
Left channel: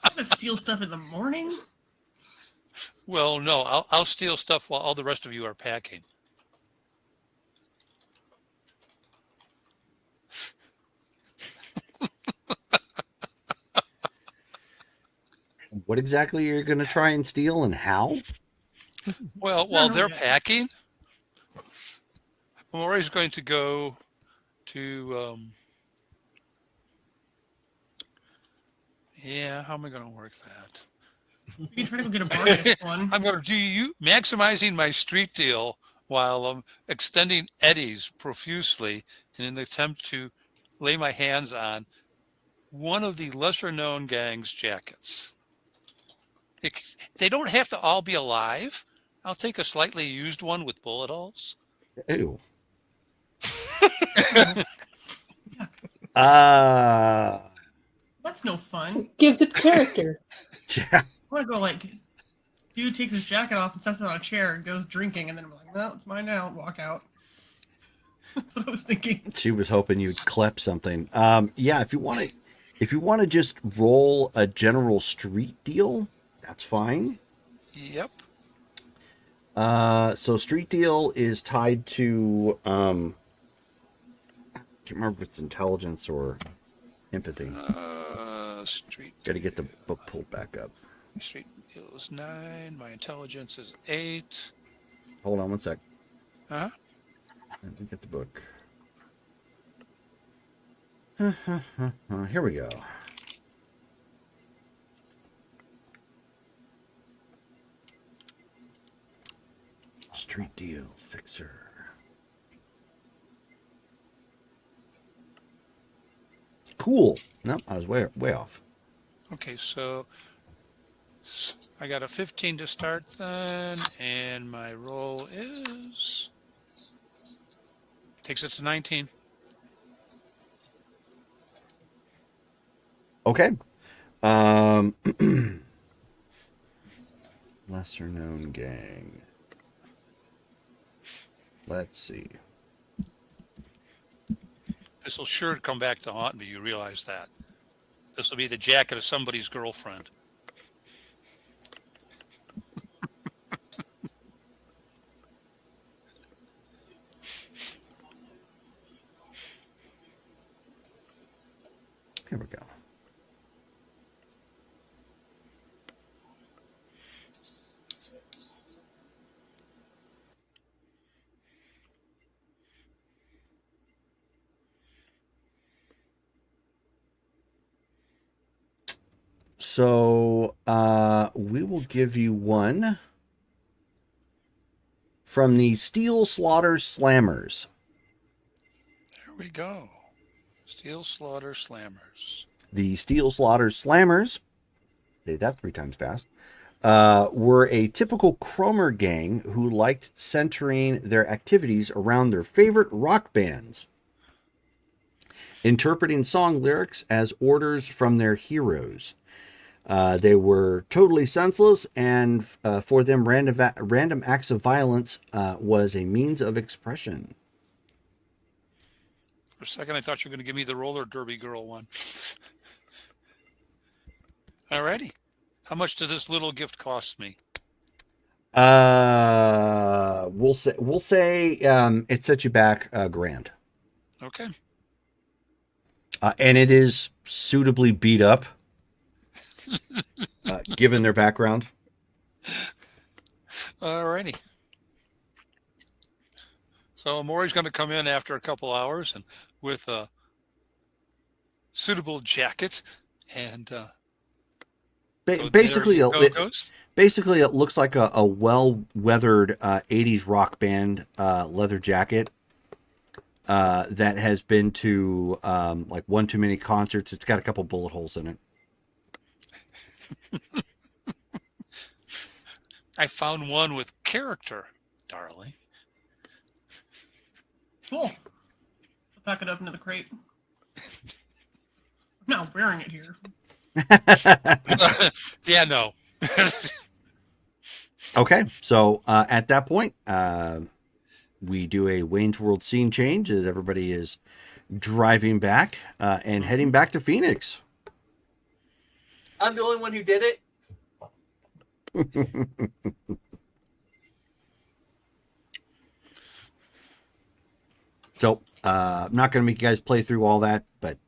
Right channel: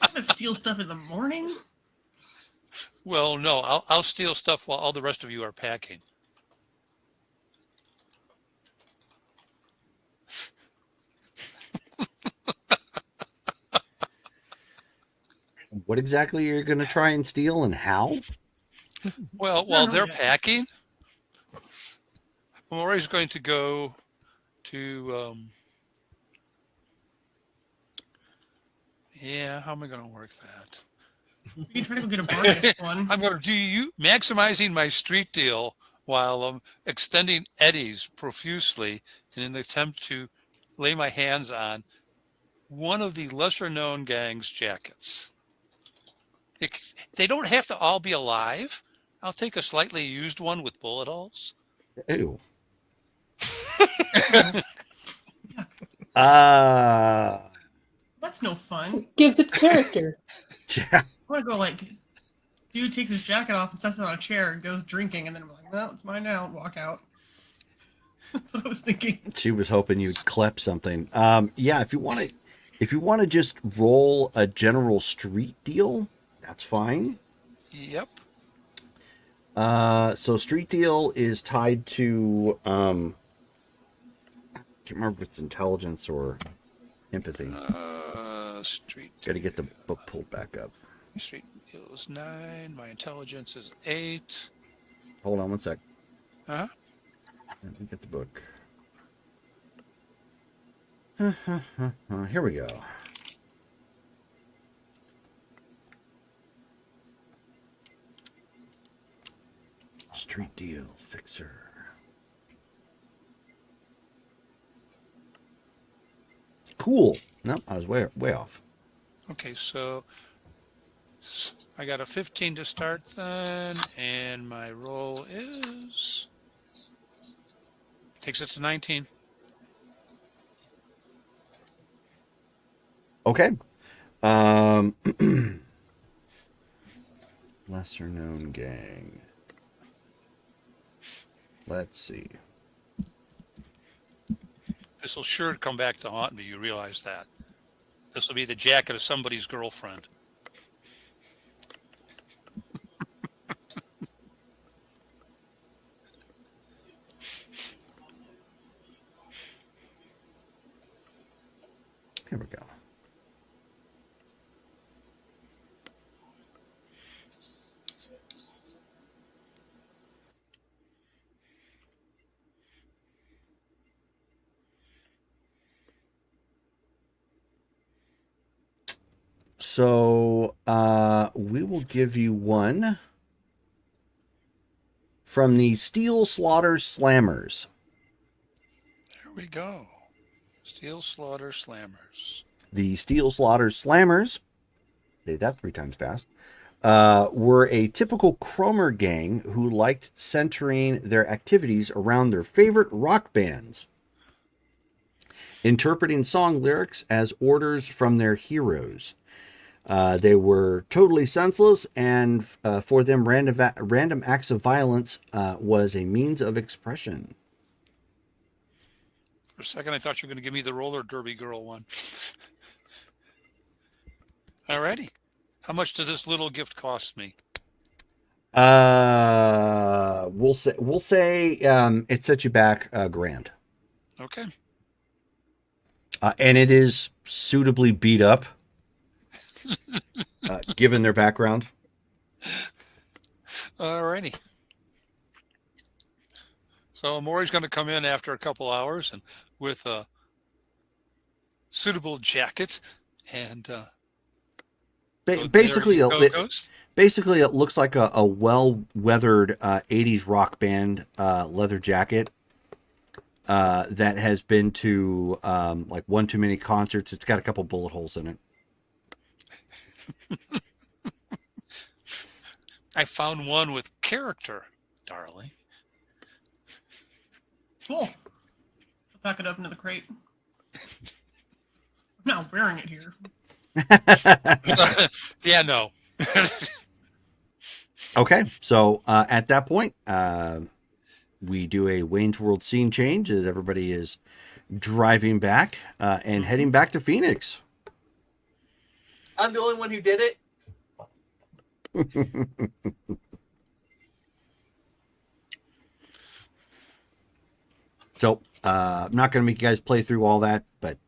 I'm gonna steal stuff in the morning. Well, no, I'll steal stuff while all the rest of you are packing. What exactly you're going to try and steal and how? Well, while they're packing, Amori's going to go to, how am I going to work that? You can try to get a bargain one. I'm going to maximizing my street deal while extending eddies profusely in an attempt to lay my hands on one of the lesser known gang's jackets. They don't have to all be alive. I'll take a slightly used one with bullet holes. Ew. That's no fun. Gives it character. Yeah. I want to go like, dude takes his jacket off and sets it on a chair and goes drinking, and then I'm like, well, it's mine now. Walk out. That's what I was thinking. She was hoping you'd clip something. Yeah, if you want to just roll a general street deal, that's fine. Yep. So street deal is tied to I can't remember if it's intelligence or empathy. Street. Got to get the book pulled back up. Street deal is 9. My intelligence is 8. Hold on one sec. Huh? Let me get the book. Here we go. Street deal fixer. Cool. No, I was way off. Okay, so I got a 15 to start then, and my roll is Thinks it's 19. Okay. Lesser known gang. Let's see. This will sure come back to haunt me. You realize that. This will be the jacket of somebody's girlfriend. Here we go. So we will give you one from the Steel Slaughter Slammers. There we go. Steel Slaughter Slammers. The Steel Slaughter Slammers, say that 3 times fast, were a typical Cromer gang who liked centering their activities around their favorite rock bands, interpreting song lyrics as orders from their heroes. They were totally senseless, and for them, random acts of violence was a means of expression. For a second, I thought you were going to give me the roller derby girl one. Alrighty. How much does this little gift cost me? We'll say it sets you back $1,000. Okay. And it is suitably beat up, given their background. Alrighty. So Maury's going to come in after a couple hours and with a suitable jacket and Basically, it looks like a well-weathered 80s rock band leather jacket that has been to like one too many concerts. It's got a couple bullet holes in it. I found one with character, darling. Cool. I'll pack it up into the crate. I'm not wearing it here. Yeah, no. Okay, so at that point, we do a Wayne's World scene change as everybody is driving back and heading back to Phoenix. I'm the only one who did it. So I'm not going to make you guys play through all that, but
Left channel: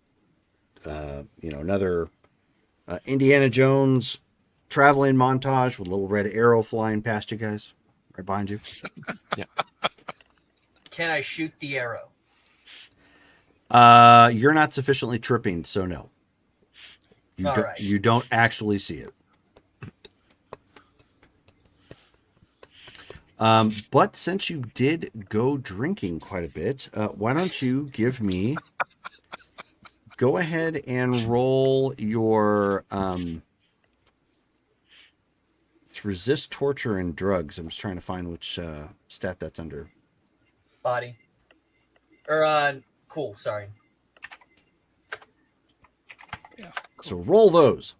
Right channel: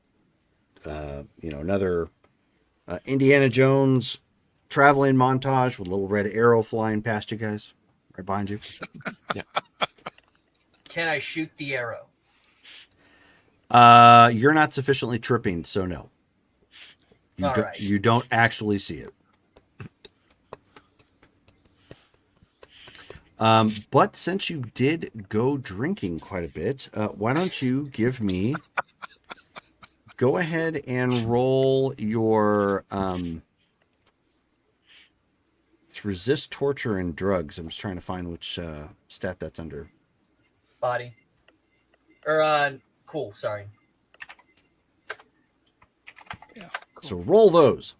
another Indiana Jones traveling montage with a little red arrow flying past you guys, right behind you. Can I shoot the arrow? You're not sufficiently tripping, so no. You don't actually see it. But since you did go drinking quite a bit, why don't you go ahead and roll your it's resist torture and drugs. I'm just trying to find which stat that's under. Body. Cool, sorry. Yeah. Cool. So roll those.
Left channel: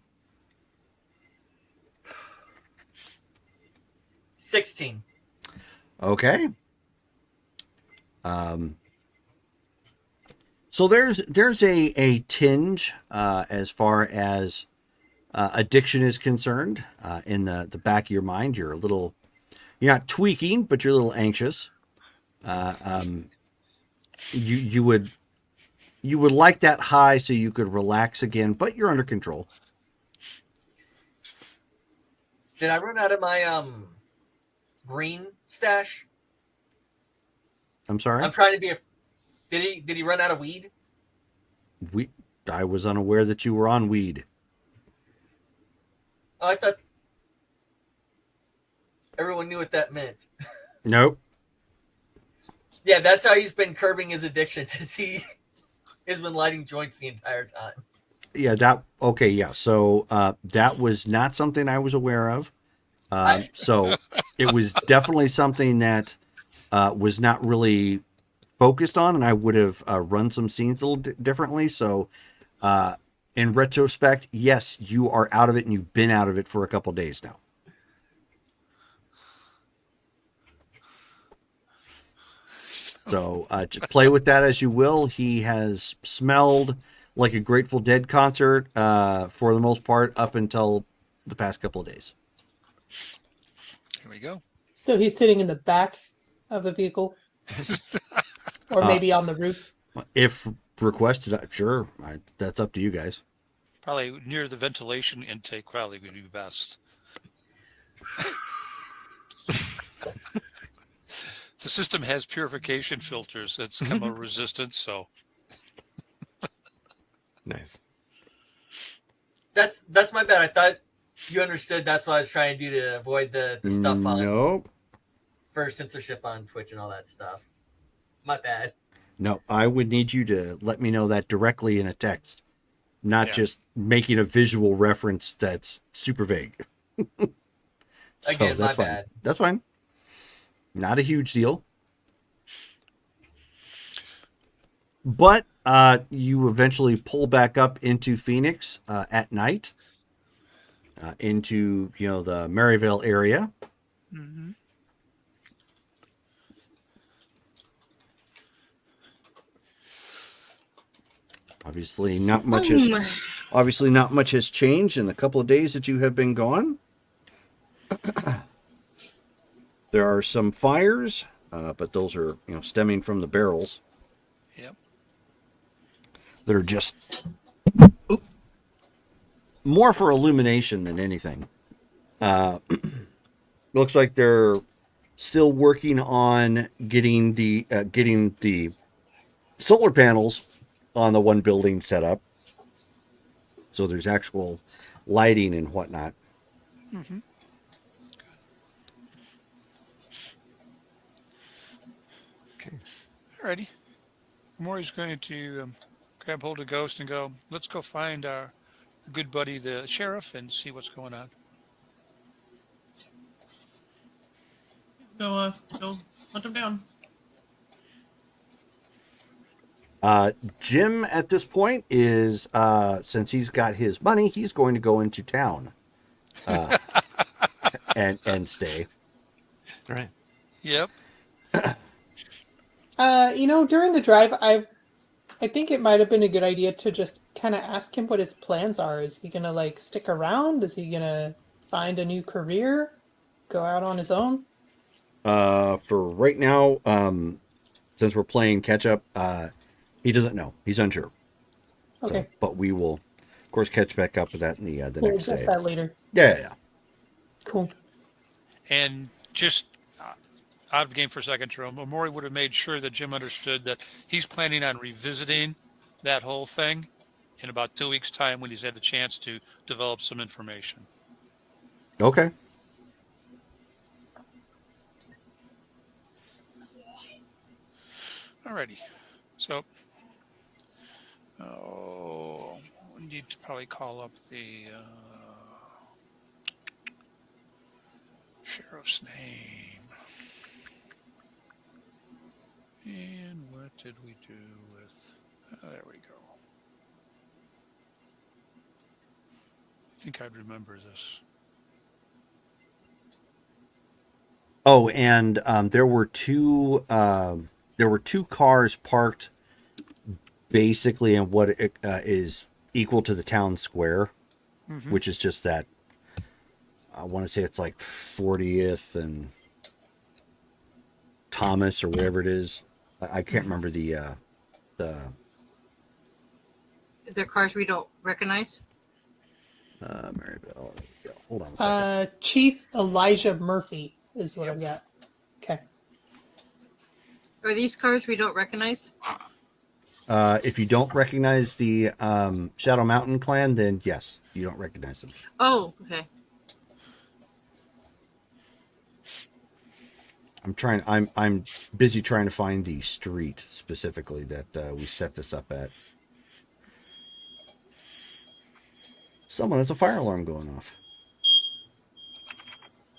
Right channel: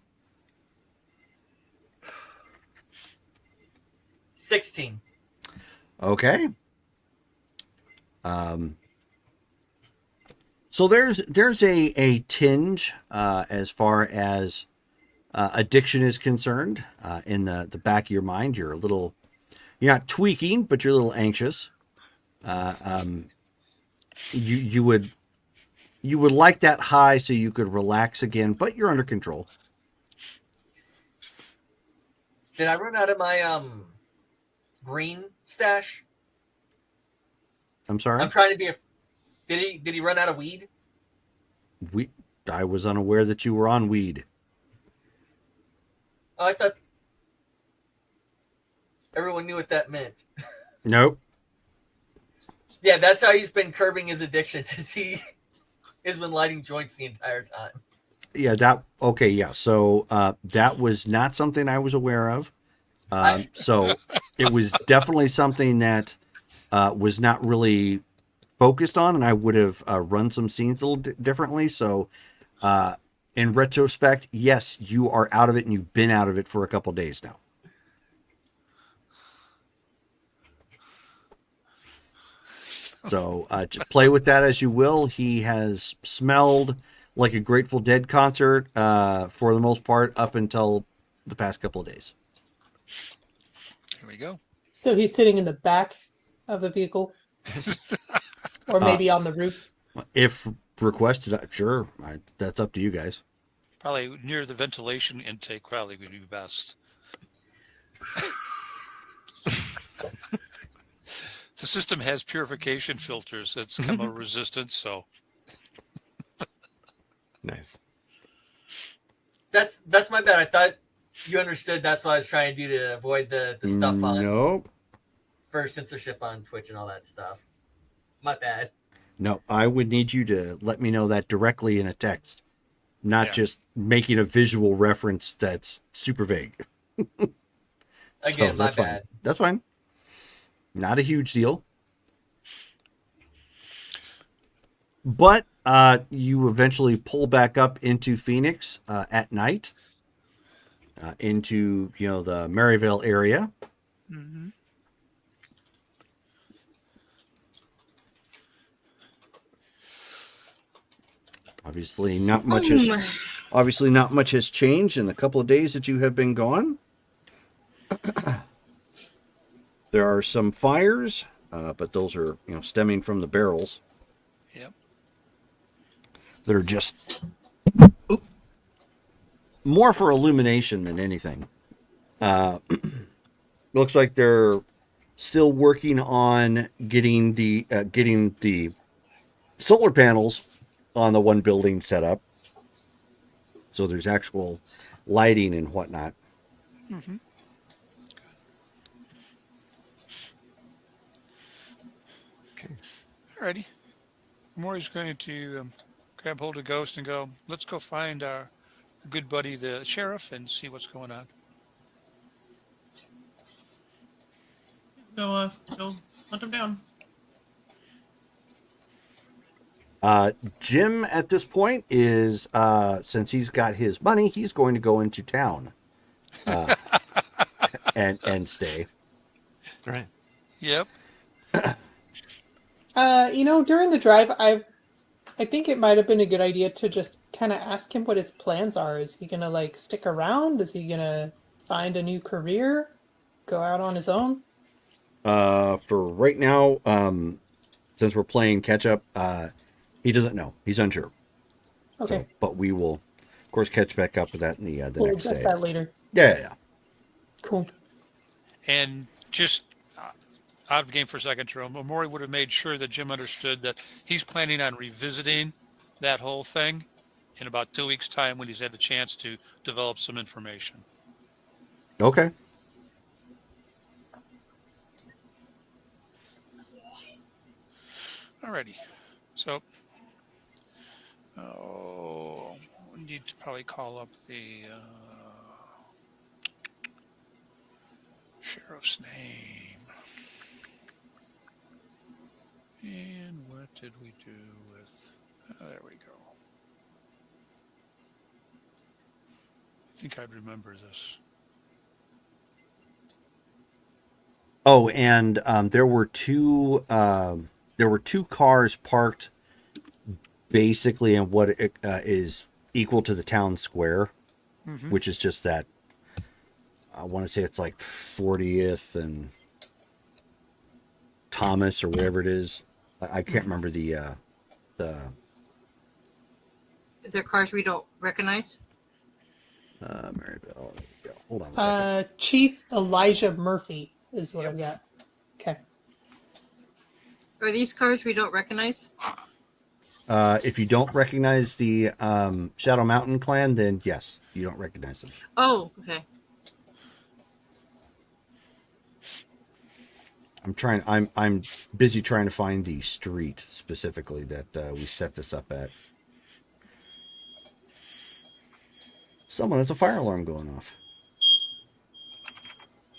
16. Okay. So there's a tinge as far as addiction is concerned in the back of your mind. You're not tweaking, but you're a little anxious. You would like that high so you could relax again, but you're under control. Did I run out of my green stash? I'm sorry? I'm trying to be a... Did he run out of weed? I was unaware that you were on weed. Oh, I thought everyone knew what that meant. Nope. Yeah, that's how he's been curbing his addictions. He has been lighting joints the entire time. Yeah, okay, yeah. So that was not something I was aware of. So it was definitely something that was not really focused on, and I would have run some scenes a little differently. So, in retrospect, yes, you are out of it, and you've been out of it for a couple days now. So, just play with that as you will. He has smelled like a Grateful Dead concert for the most part up until the past couple of days. There we go. So he's sitting in the back of the vehicle, or maybe on the roof. If requested, sure, that's up to you guys. Probably near the ventilation intake probably would be best. The system has purification filters. It's chemo resistant, so Nice. That's my bad. I thought you understood. That's what I was trying to do to avoid the stuff on Nope. for censorship on Twitch and all that stuff. My bad. No, I would need you to let me know that directly in a text, not Yeah. just making a visual reference that's super vague. So Again, that's my fine. bad. That's fine. Not a huge deal. But you eventually pull back up into Phoenix at night, into the Maryvale area. Mhm. Obviously, not much has changed in the couple of days that you have been gone. There are some fires, but those are stemming from the barrels Yep. that are just more for illumination than anything. Looks like they're still working on getting the solar panels on the one building set up, so there's actual lighting and whatnot. Mm-hmm. Alrighty. Maury's going to grab hold of Ghost and go, let's go find our good buddy, the sheriff, and see what's going on. Go hunt him down. Jim at this point is, since he's got his money, he's going to go into town and stay. Right. Yep. During the drive, I think it might have been a good idea to just kind of ask him what his plans are. Is he gonna stick around? Is he gonna find a new career? Go out on his own? For right now, since we're playing catch up, he doesn't know. He's unsure. Okay. So, but we will, of course, catch back up with that in the We'll next address day. that later. Yeah. Cool. And just out of game for a second, Jerome, but Maury would have made sure that Jim understood that he's planning on revisiting that whole thing in about 2 weeks' time when he's had a chance to develop some information. Okay. Alrighty. So, we need to probably call up the sheriff's name. And what did we do with? There we go. I think I remember this. Oh, and there were two cars parked basically in what is equal to the town square, which is just that. I want to say it's like 40th and Thomas or whatever it is. I can't remember the. They're cars we don't recognize. Maryville. There we go. Hold on a second. Chief Elijah Murphy is what I've got. Okay. Are these cars we don't recognize? If you don't recognize the Shadow Mountain clan, then yes, you don't recognize them. Oh, okay. I'm busy trying to find the street specifically that we set this up at. Someone has a fire alarm going off.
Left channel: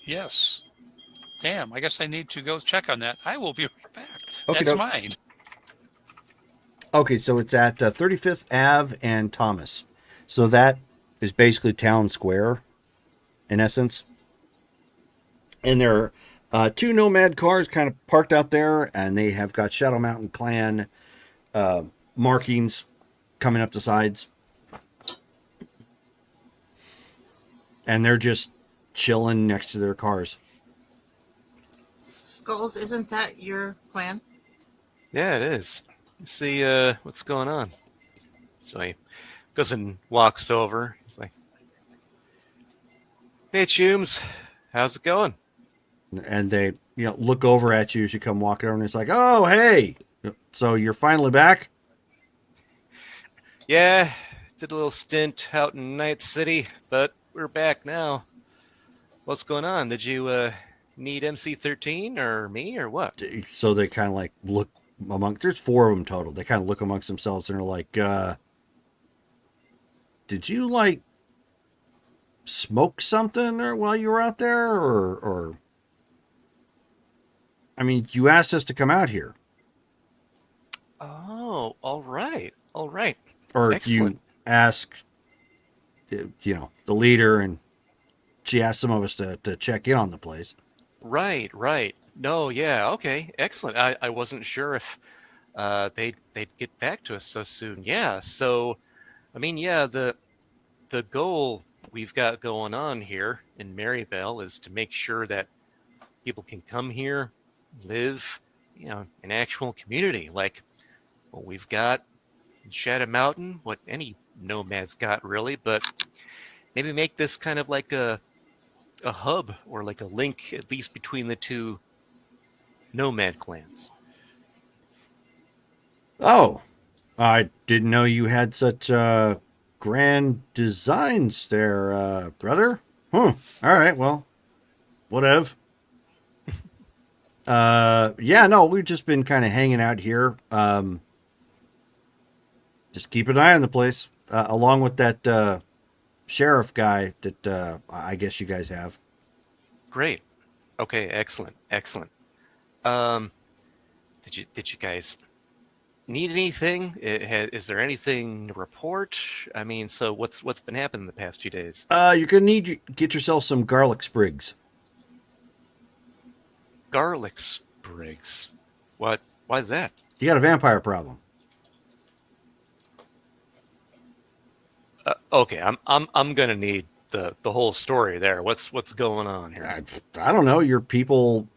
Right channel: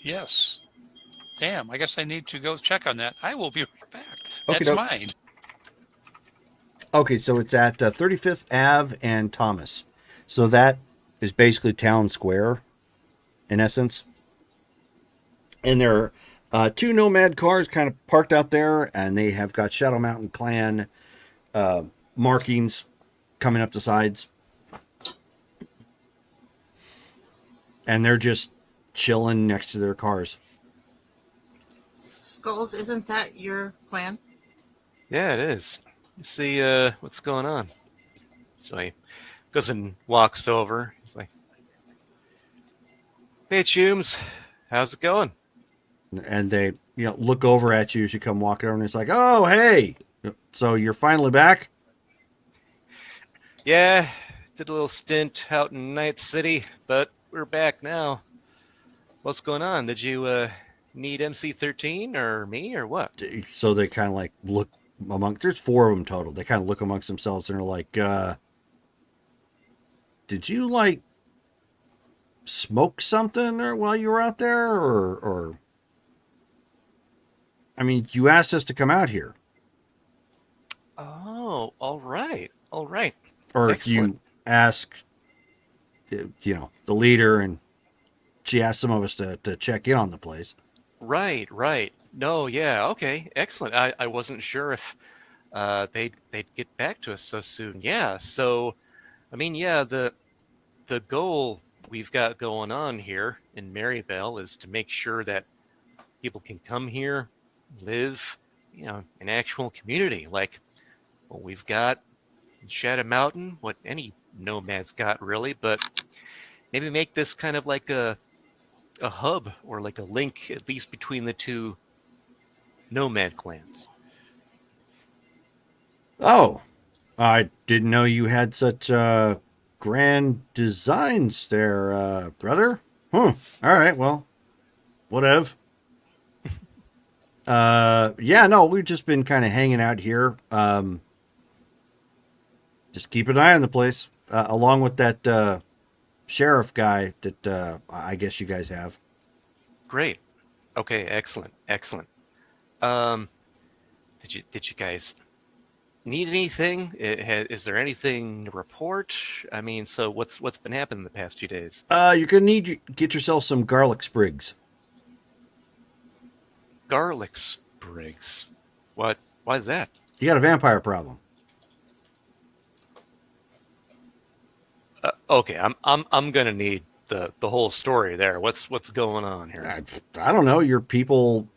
Yes. Damn, I guess I need to go check on that. I will be right back. Okey That's doke. mine. Okay, so it's at 35th Ave and Thomas. So that is basically town square, in essence. And there are 2 Nomad cars kind of parked out there, and they have got Shadow Mountain Clan markings coming up the sides. And they're just chilling next to their cars. Skulls, isn't that your plan? Yeah, it is. Let's see what's going on. So he goes and walks over. He's like, "Hey, Chooms, how's it going?" And they, look over at you as you come walking over, and it's like, "Oh, hey, so you're finally back?" Yeah, did a little stint out in Night City, but we're back now. What's going on? Did you need MC-13 or me or what? So they kind of like look there's 4 of them total. They kind of look amongst themselves and are like, did you like smoke something or while you were out there, or I mean, you asked us to come out here. Oh, all right. Or Excellent. you ask, the leader, and she asked some of us to check in on the place. Right. No, yeah, okay, excellent. I wasn't sure if they'd get back to us so soon. Yeah, so I mean, yeah, the goal we've got going on here in Maryvale is to make sure that people can come here, live, an actual community like what we've got in Shadow Mountain, what any nomad's got really, but maybe make this kind of like a hub or like a link at least between the 2 nomad clans. Oh, I didn't know you had such grand designs there, brother. All right, well, whatever. Yeah, no, we've just been kind of hanging out here. Just keep an eye on the place, along with that sheriff guy that I guess you guys have. Great. Okay, excellent. Did you guys need anything? Is there anything to report? I mean, so what's been happening the past few days? You're gonna need to get yourself some garlic sprigs. Garlic sprigs. What? Why is that? You got a vampire problem. Okay, I'm gonna need the whole story there. What's going on here? I don't know. Your people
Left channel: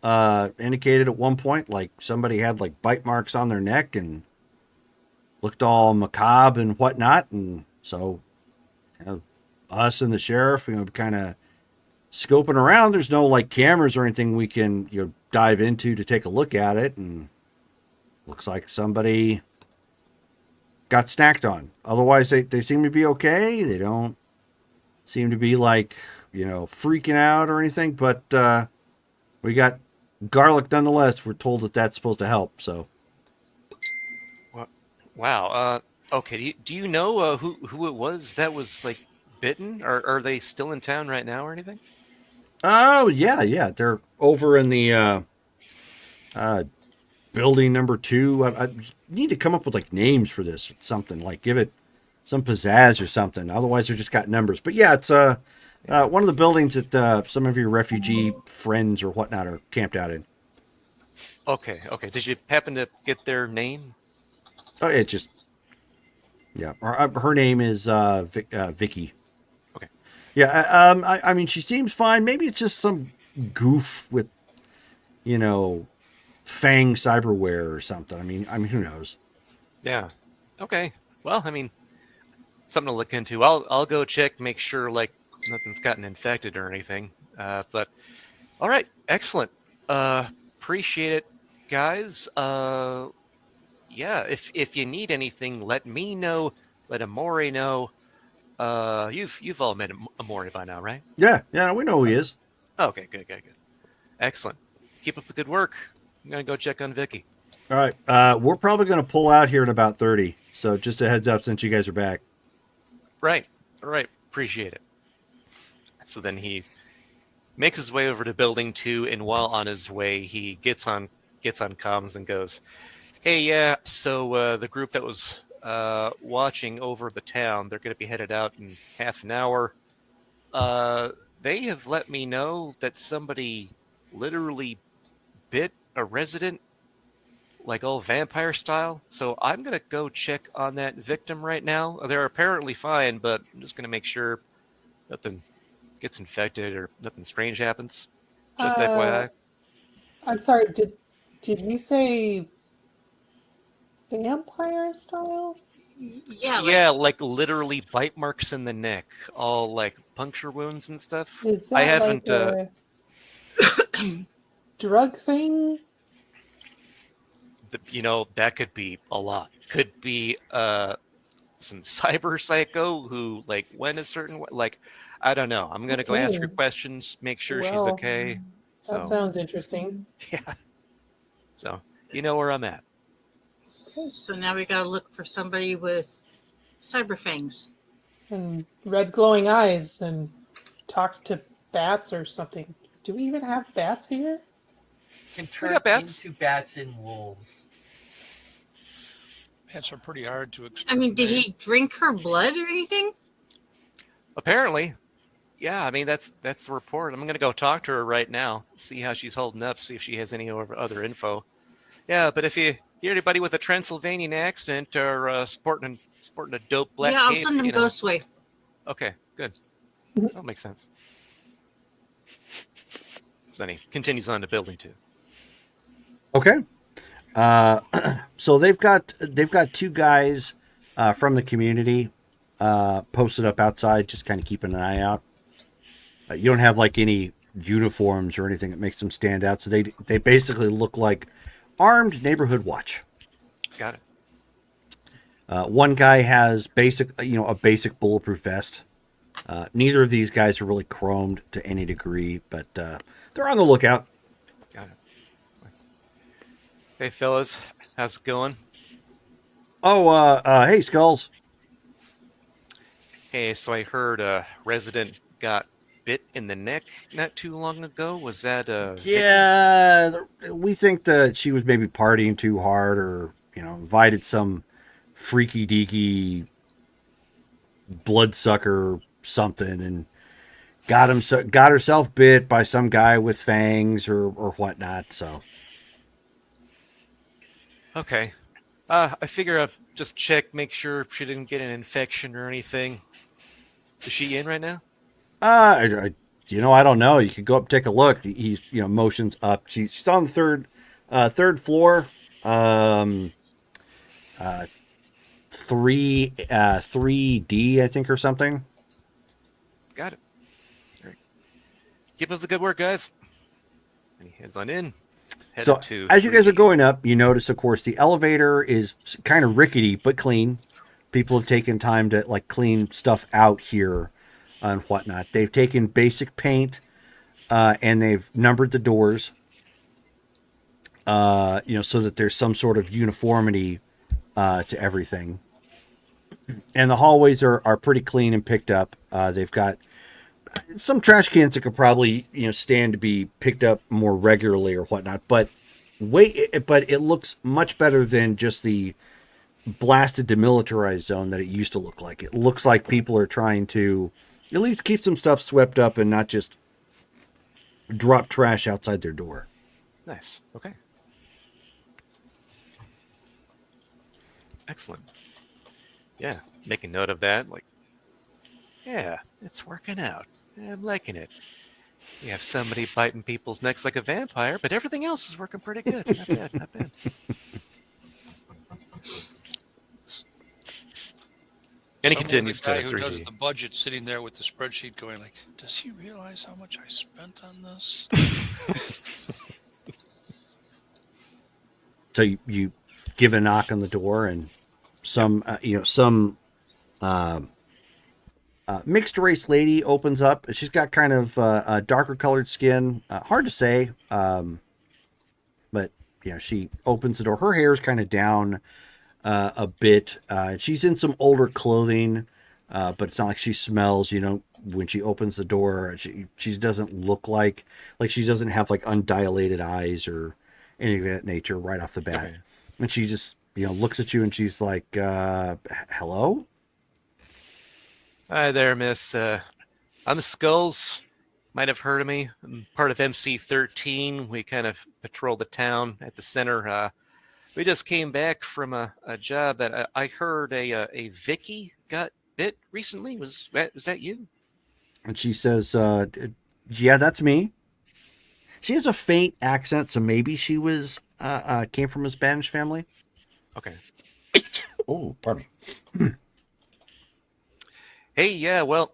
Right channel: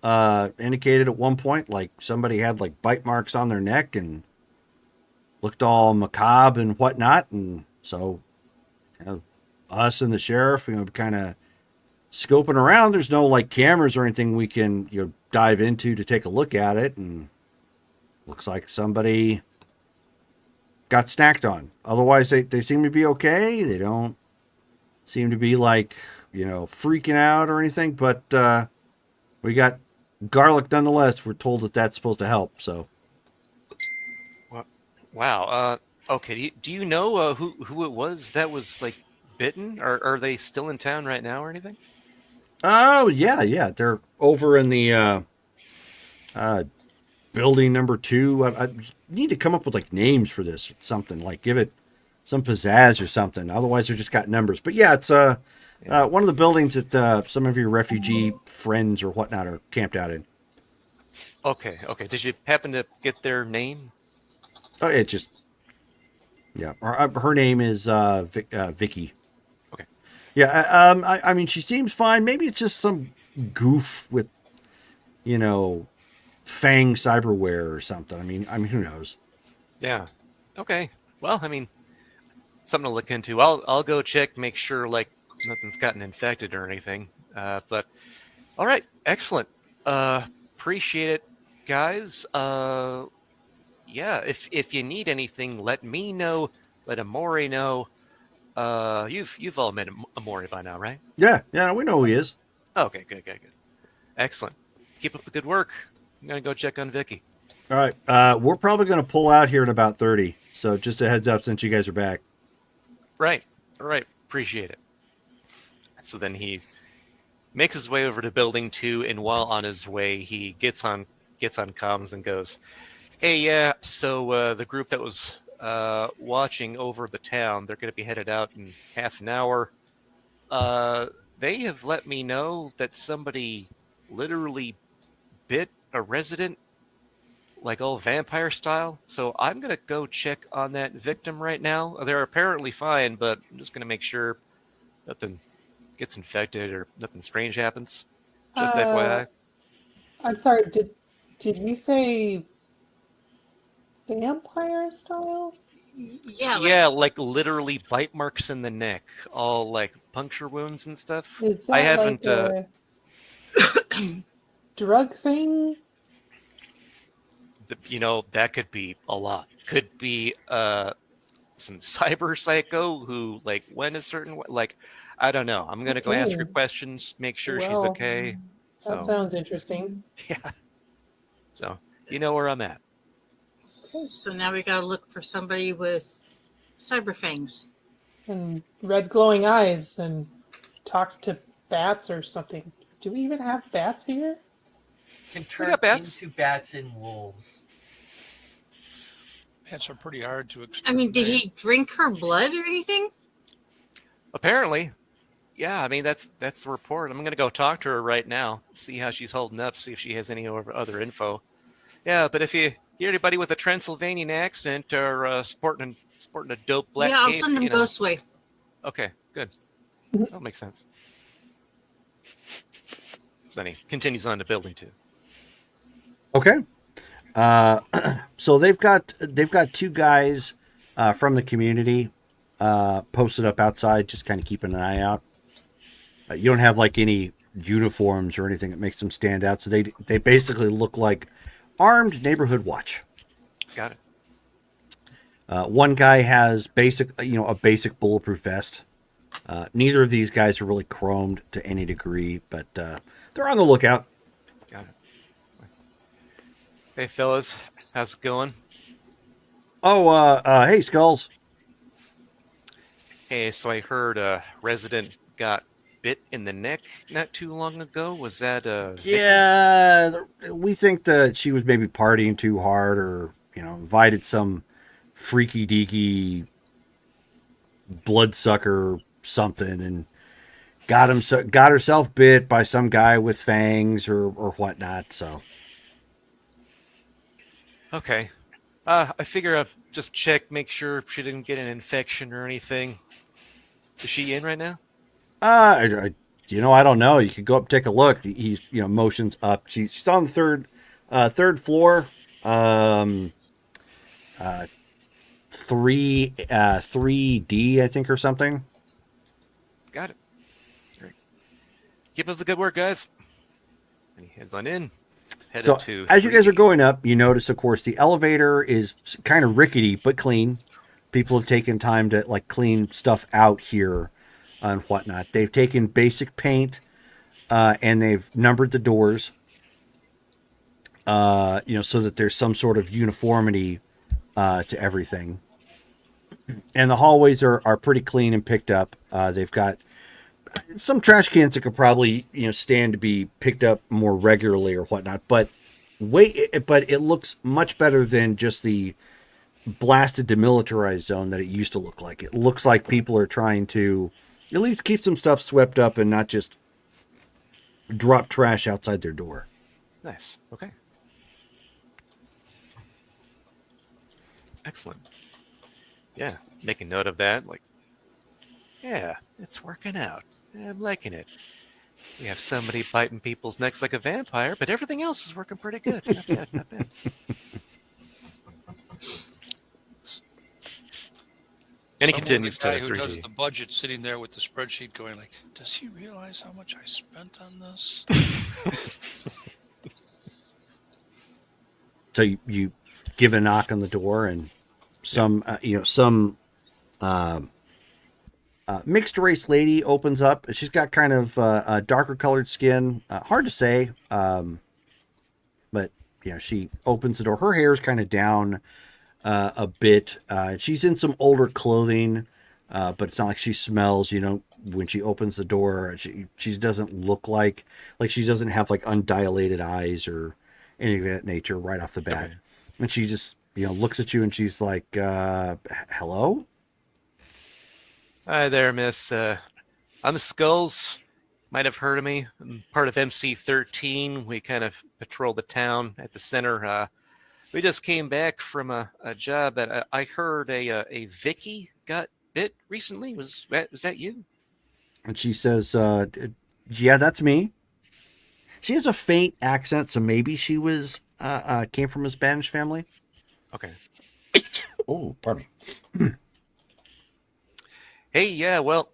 indicated at one point like somebody had like bite marks on their neck and looked all macabre and whatnot, and so us and the sheriff, kind of scoping around. There's no like cameras or anything we can dive into to take a look at it, and looks like somebody got snacked on. Otherwise, they seem to be okay. They don't seem to be like, freaking out or anything, but we got garlic nonetheless. We're told that that's supposed to help, so. Wow. Okay. Do you know who it was that was like bitten? Are they still in town right now or anything? Oh, yeah. They're over in the building number 2. I need to come up with like names for this, something like give it some pizzazz or something. Otherwise, they're just got numbers. But yeah, it's one of the buildings that some of your refugee friends or whatnot are camped out in. Okay. Did you happen to get their name? Oh, it just, yeah. Her name is Vicky. Okay. Yeah. I mean, she seems fine. Maybe it's just some goof with, Fang cyberware or something. I mean, who knows? Yeah. Okay. Well, I mean, something to look into. I'll go check, make sure like nothing's gotten infected or anything. But all right, excellent. Appreciate it, guys. Yeah, if you need anything, let me know. Let Amori know. You've all met Amori by now, right? Yeah, we know who he is. Okay, good. Excellent. Keep up the good work. I'm gonna go check on Vicky. All right, we're probably going to pull out here in about 30. So just a heads up since you guys are back. Right. All right. Appreciate it. So then he makes his way over to building 2, and while on his way, he gets on comms and goes, Hey, yeah. So the group that was watching over the town, they're going to be headed out in half an hour. Uh, they have let me know that somebody literally bit a resident, like old vampire style. So I'm going to go check on that victim right now. They're apparently fine, but I'm just going to make sure nothing gets infected or nothing strange happens. Just FYI. I'm sorry, did you say vampire style? Yeah, Yeah, like literally bite marks in the neck, all like puncture wounds and stuff. Is I that like haven't. a drug thing? That could be a lot. Could be some cyber psycho who like went a certain way. Like, I don't know. I'm gonna go ask her Okay. questions, make sure she's Well, okay. that So sounds interesting. yeah. So you know where I'm at. so now we gotta look for somebody with cyber fangs. And red glowing eyes and talks to bats or something. Do we even have bats here? Can We got turn bats. into bats and wolves. Bats are pretty hard to explain. I mean, did he drink her blood or anything? Apparently, yeah. I mean, that's the report. I'm gonna go talk to her right now, see how she's holding up, see if she has any other info. Yeah, but if you hear anybody with a Transylvanian accent or sporting a dope black Yeah, I'll cape, send him Ghostway. Okay, good. That makes sense. So he continues on to building 2. Okay. So they've got two guys from the community posted up outside, just kind of keeping an eye out. You don't have like any uniforms or anything that makes them stand out, so they basically look like armed neighborhood watch. Got it. One guy has a basic bulletproof vest. Neither of these guys are really chromed to any degree, but they're on the lookout. Got it. Hey, fellas, how's it going? Oh, hey, Skulls. Hey, so I heard a resident got bit in the neck not too long ago. Was that Yeah, we think that she was maybe partying too hard, or invited some freaky deaky bloodsucker something, and got herself bit by some guy with fangs or whatnot. So Okay. I figure I'll just check, make sure she didn't get an infection or anything. Is she in right now? I don't know. You could go up, take a look. He's motions up. She's on the third floor. 3D, I think, or something. Got it. Great. Keep up the good work, guys. He heads on in. So as you guys are going up, you notice, of course, the elevator is kind of rickety but clean. People have taken time to like clean stuff out here and whatnot. They've taken basic paint and they've numbered the doors, so that there's some sort of uniformity to everything. And the hallways are pretty clean and picked up. They've got some trash cans that could probably stand to be picked up more regularly or whatnot, but it looks much better than just the blasted demilitarized zone that it used to look like. It looks like people are trying to at least keep some stuff swept up and not just drop trash outside their door. Nice. Okay. Excellent. Yeah, making note of that. Like, yeah, it's working out. Yeah, I'm liking it. We have somebody biting people's necks like a vampire, but everything else is working pretty good. Not bad, not bad. And he continues the guy to who does 3D. the budget sitting there with the spreadsheet going like, does he realize how much I spent on this? So you give a knock on the door, and some mixed race lady opens up. She's got kind of a darker colored skin. Hard to say, but she opens the door. Her hair is kind of down a bit. She's in some older clothing, but it's not like she smells. When she opens the door, she doesn't look like she doesn't have like undilated eyes or anything of that nature right off the bat. And she just, looks at you and she's like, hello? Hi there, miss. I'm Skulls. Might have heard of me. I'm part of MC-13. We kind of patrol the town at the center. We just came back from a job. I heard a Vicky got bit recently. Was that you? And she says, yeah, that's me. She has a faint accent, so maybe she was came from a Spanish family. Okay. Oh, pardon me. Hey, yeah, well,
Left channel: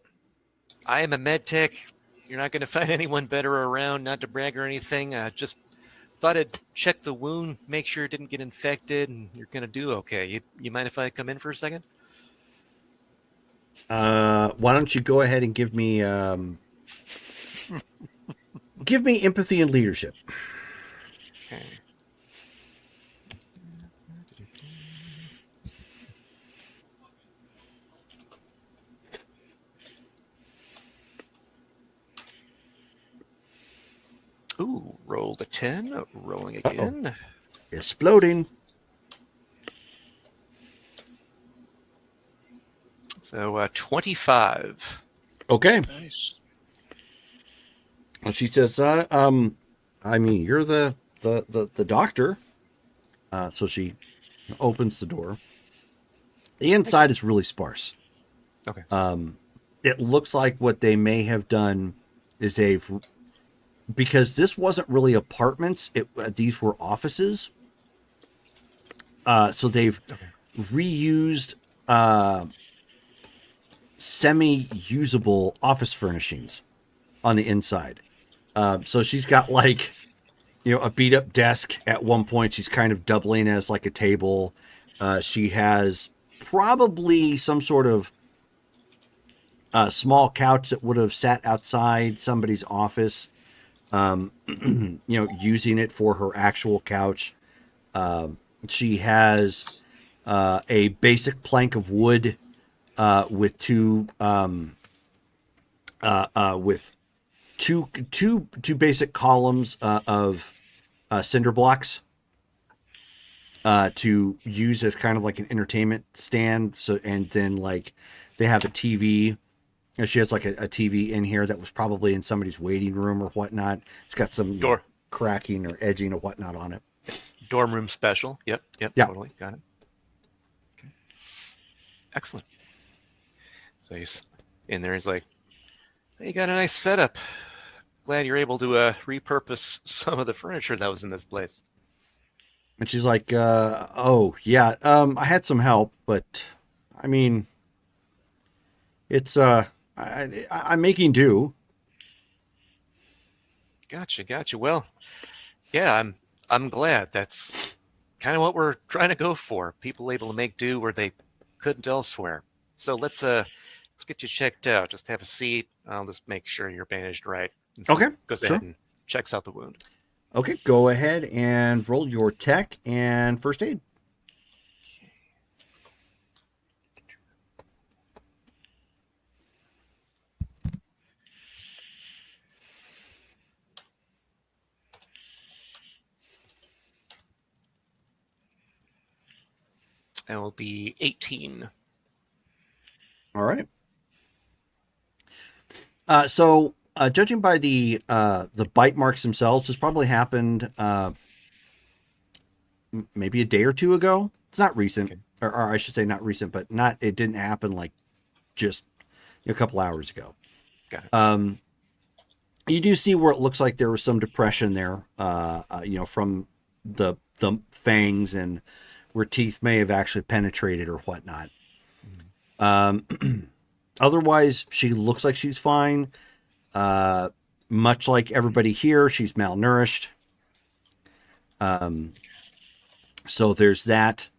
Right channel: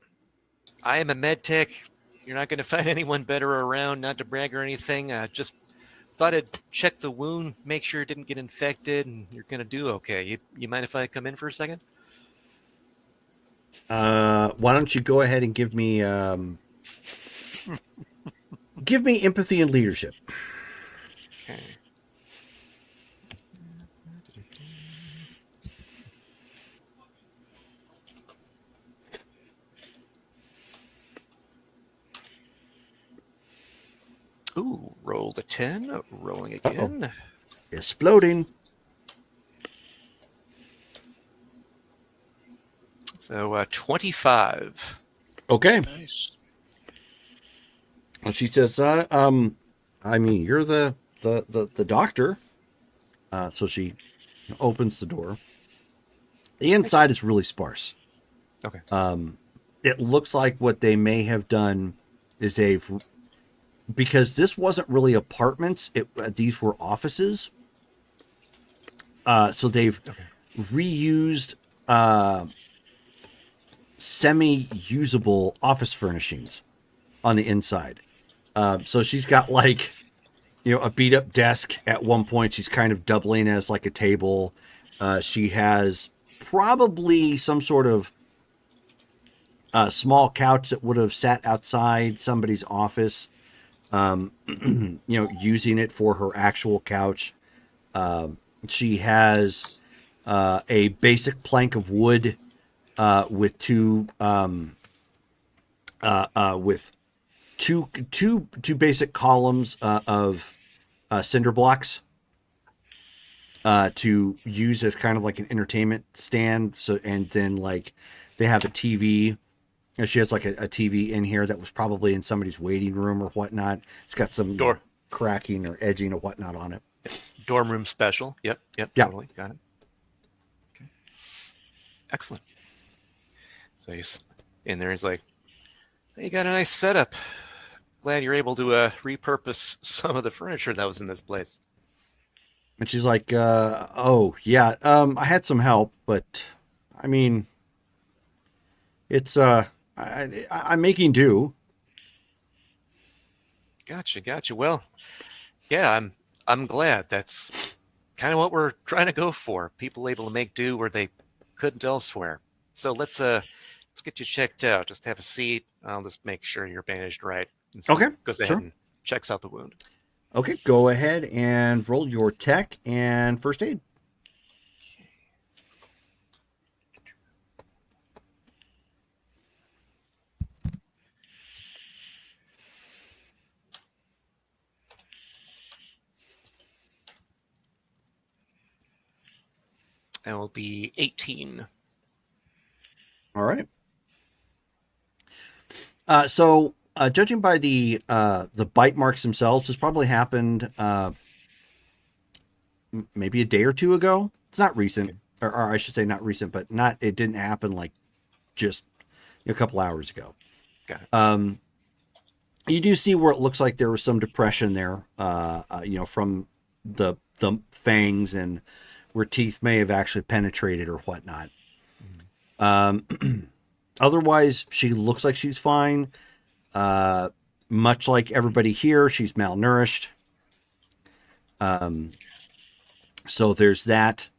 I am a med tech. You're not going to find anyone better around, not to brag or anything. Just thought I'd check the wound, make sure it didn't get infected, and you're going to do okay. You mind if I come in for a second? Why don't you go ahead and give me empathy and leadership. Okay. Ooh, rolled a 10. Rolling again. Exploding. So 25. Okay. Nice. And she says, I mean, you're the doctor. So she opens the door. The inside is really sparse. Okay. It looks like what they may have done is because this wasn't really apartments, these were offices. So they've reused semi-usable office furnishings on the inside. So she's got like, a beat up desk at one point. She's kind of doubling as like a table. She has probably some sort of small couch that would have sat outside somebody's office, using it for her actual couch. She has a basic plank of wood with two basic columns of cinder blocks to use as kind of like an entertainment stand. So, and then like they have a TV. She has like a TV in here that was probably in somebody's waiting room or whatnot. It's got some Door. cracking or edging or whatnot on it. Dorm room special. Yep. Yeah. Totally. Got it. Okay. Excellent. So he's in there. He's like, hey, you got a nice setup. Glad you're able to repurpose some of the furniture that was in this place. And she's like, oh yeah, I had some help, but I mean, it's, I'm making do. Gotcha. Well, yeah, I'm glad. That's kind of what we're trying to go for. People able to make do where they couldn't elsewhere. So let's get you checked out. Just have a seat. I'll just make sure you're bandaged right. So Okay, goes sure. ahead and checks out the wound. Okay, go ahead and roll your tech and first aid. That will be 18. All right. So judging by the bite marks themselves, this probably happened maybe a day or two ago. It's not recent, or I should say not recent, but it didn't happen like just a couple hours ago. Got it. You do see where it looks like there was some depression there, from the fangs and where teeth may have actually penetrated or whatnot. Otherwise, she looks like she's fine. Much like everybody here, she's malnourished. So there's that.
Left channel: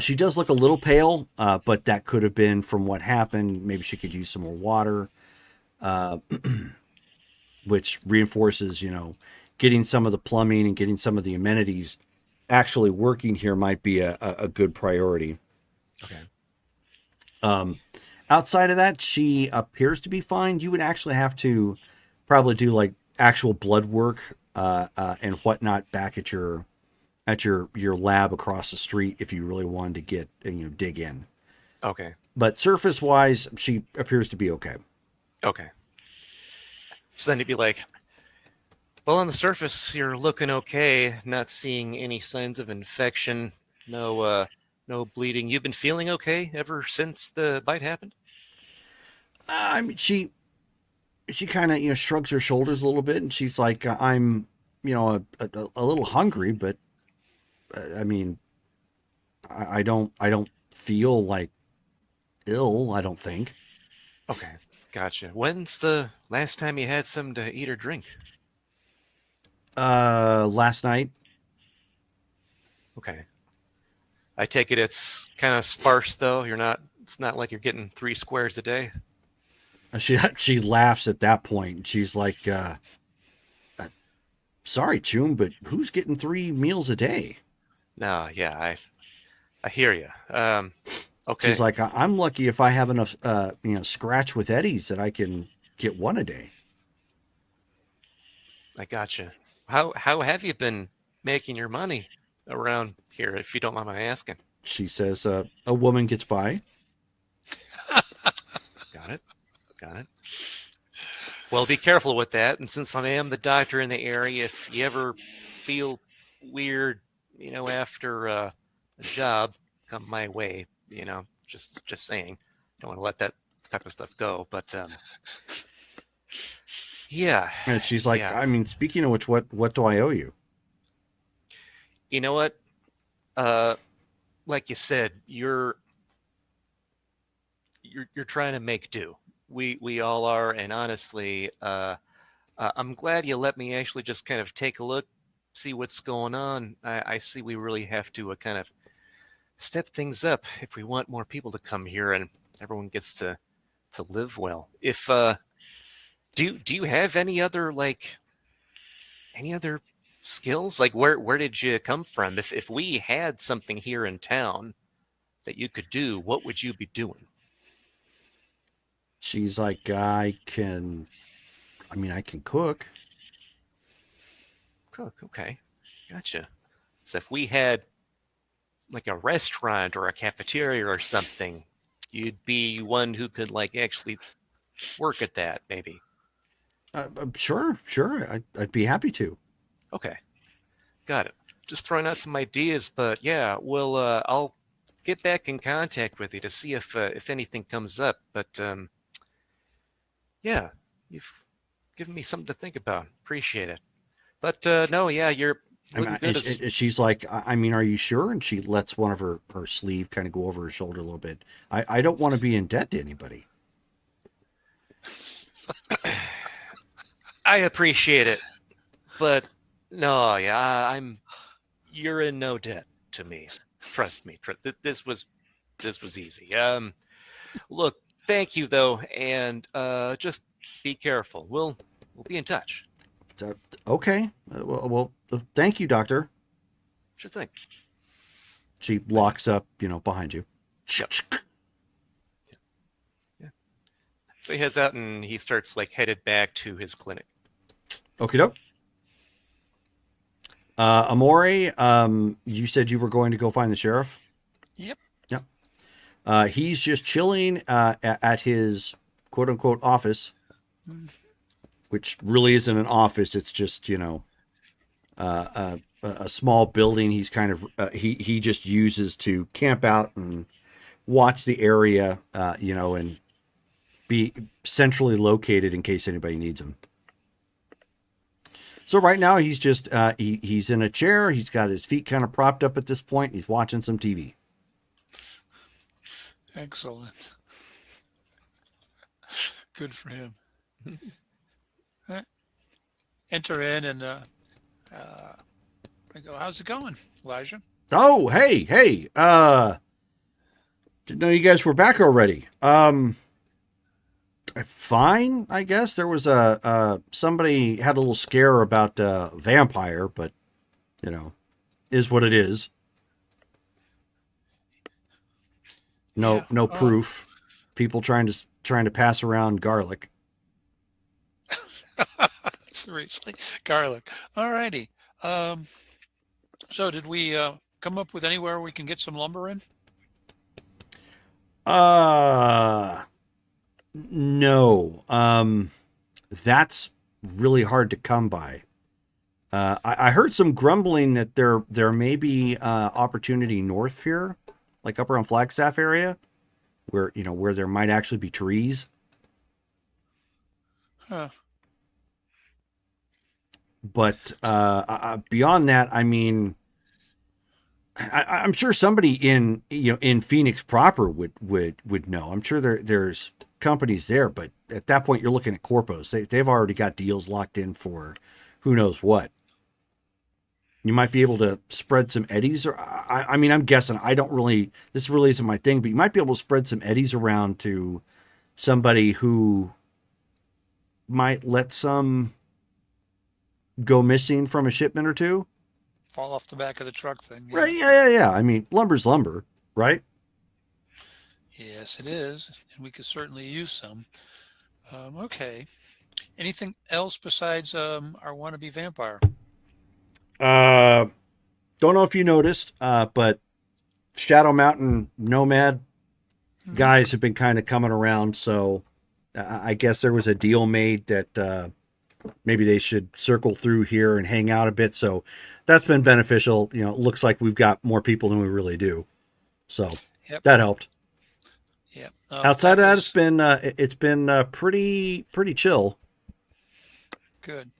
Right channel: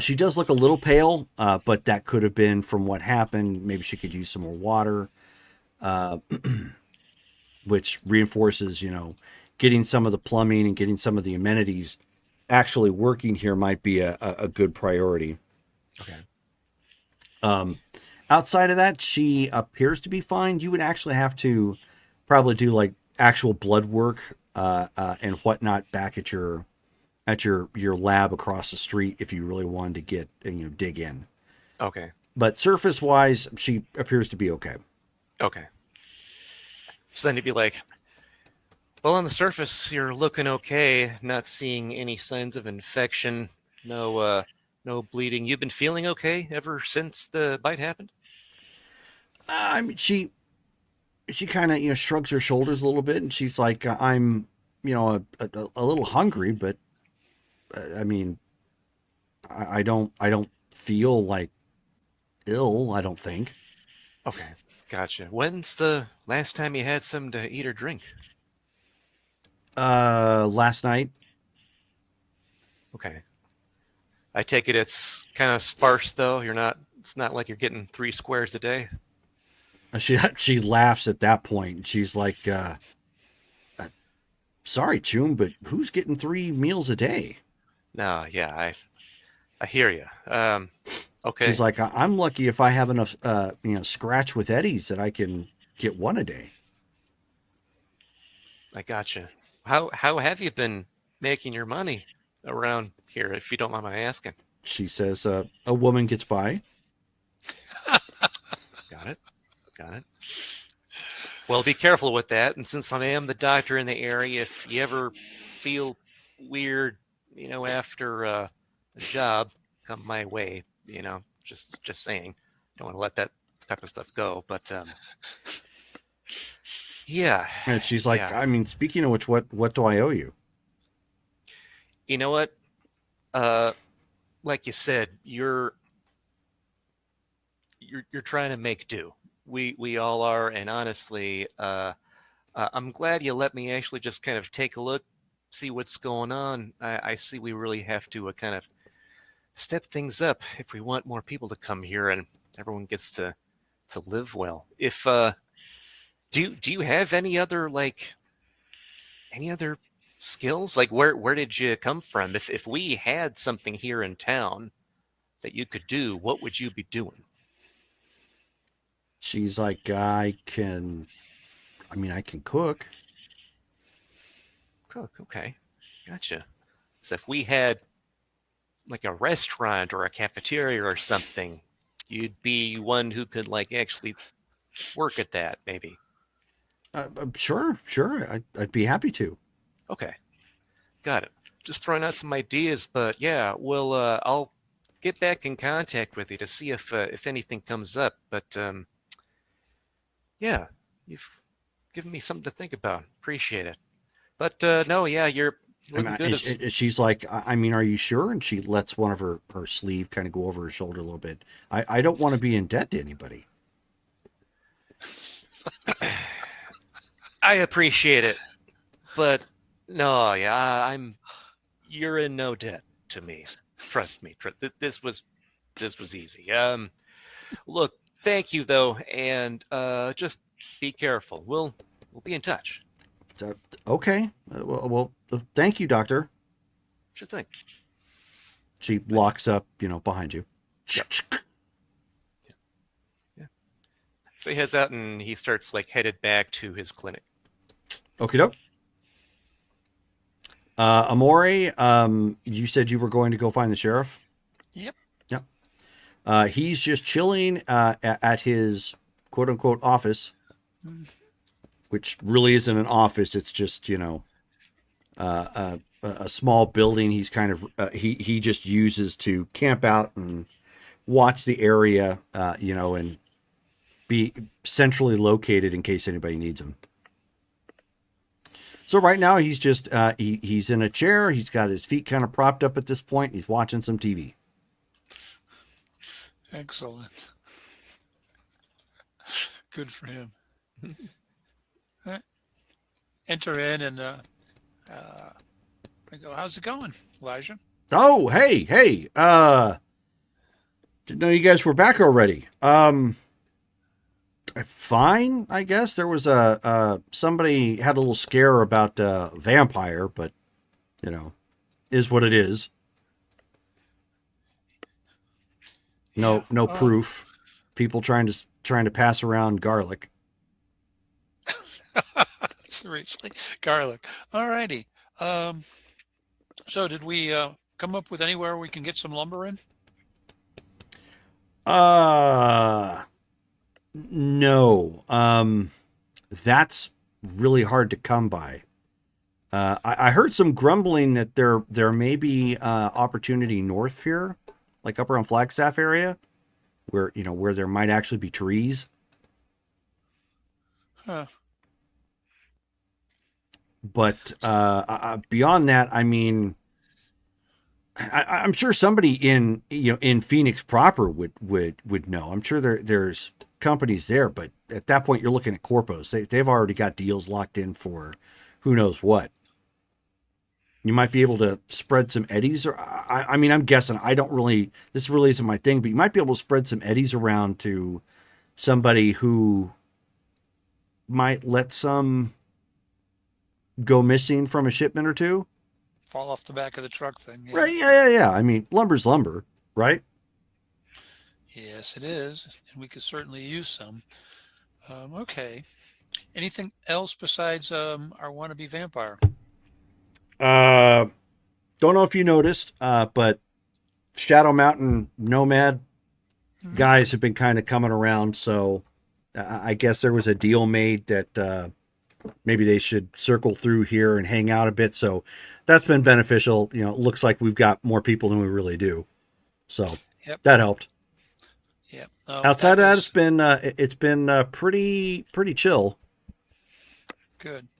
She does look a little pale, but that could have been from what happened. Maybe she could use some more water, which reinforces, getting some of the plumbing and getting some of the amenities actually working here might be a good priority. Okay. Outside of that, she appears to be fine. You would actually have to probably do like actual blood work and whatnot back at your at your lab across the street if you really wanted to get dig in. Okay. But surface wise, she appears to be okay. Okay. So then you'd be like, well, on the surface, you're looking okay, not seeing any signs of infection, no bleeding. You've been feeling okay ever since the bite happened? I mean, she kind of shrugs her shoulders a little bit, and she's like, I'm a little hungry, but I mean, I don't feel like ill. I don't think. Okay, gotcha. When's the last time you had something to eat or drink? Last night. Okay. I take it it's kind of sparse though. It's not like you're getting 3 squares a day. She laughs at that point. She's like, sorry, Chum, but who's getting 3 meals a day? No, yeah, I hear you. Okay. She's like, I'm lucky if I have enough, scratch with Eddies that I can get 1 a day. I gotcha. How have you been making your money around here, if you don't mind my asking? She says, a woman gets by. Got it. Well, be careful with that. And since I am the doctor in the area, if you ever feel weird, after the job, come my way. Just saying. Don't want to let that type of stuff go. But yeah. And she's like, yeah. I mean, speaking of which, what do I owe you? You know what? Like you said, you're trying to make do. We all are, and honestly, I'm glad you let me actually just kind of take a look, see what's going on. I see we really have to kind of step things up if we want more people to come here and everyone gets to live well. If do you have any other skills? Like where did you come from? If we had something here in town that you could do, what would you be doing? She's like, I can cook. Cook, okay. Gotcha. So if we had like a restaurant or a cafeteria or something, you'd be one who could actually work at that, maybe. Sure. I'd be happy to. Okay. Got it. Just throwing out some ideas, but yeah, I'll get back in contact with you to see if anything comes up. But yeah, you've given me something to think about. Appreciate it. But no, yeah, you're. She's like, I mean, are you sure? And she lets one of her sleeve kind of go over her shoulder a little bit. I don't want to be in debt to anybody. I appreciate it, but no, yeah, you're in no debt to me. Trust me. This was easy. Look, thank you though, and just be careful. We'll be in touch. Okay. Well, thank you, Doctor. Sure thing. She locks up, behind you. Yep. Yeah. So he heads out and he starts headed back to his clinic. Okie doke. Amore, you said you were going to go find the sheriff? Yep. He's just chilling at his quote unquote office, which really isn't an office. It's just, a small building. He's kind of, he just uses to camp out and watch the area, and be centrally located in case anybody needs him. So right now he's just, he's in a chair. He's got his feet kind of propped up at this point. He's watching some TV. Excellent. Good for him. Enter in and I go, how's it going, Elijah? Oh, hey. Didn't know you guys were back already. Fine, I guess. There was somebody had a little scare about vampire, but is what it is. No proof. People trying to pass around garlic. Seriously, garlic. Alrighty. So did we come up with anywhere we can get some lumber in? No. That's really hard to come by. I heard some grumbling that there may be opportunity north here, like up around Flagstaff area, where where there might actually be trees. Huh. But beyond that, I mean, I'm sure somebody in in Phoenix proper would know. I'm sure there's companies there, but at that point, you're looking at corpos. They've already got deals locked in for who knows what. You might be able to spread some eddies, or I mean, I'm guessing. I don't really. This really isn't my thing, but you might be able to spread some eddies around to somebody who might let some go missing from a shipment or two. Fall off the back of the truck thing. Yeah. Right? Yeah. I mean, lumber's lumber, right? Yes, it is. And we could certainly use some. Okay. Anything else besides our wannabe vampire? Don't know if you noticed, but Shadow Mountain Nomad guys have been kind of coming around. So I guess there was a deal made that maybe they should circle through here and hang out a bit. So that's been beneficial. It looks like we've got more people than we really do. So Yep. that helped. Yeah. Outside of that, it's been pretty chill. Good.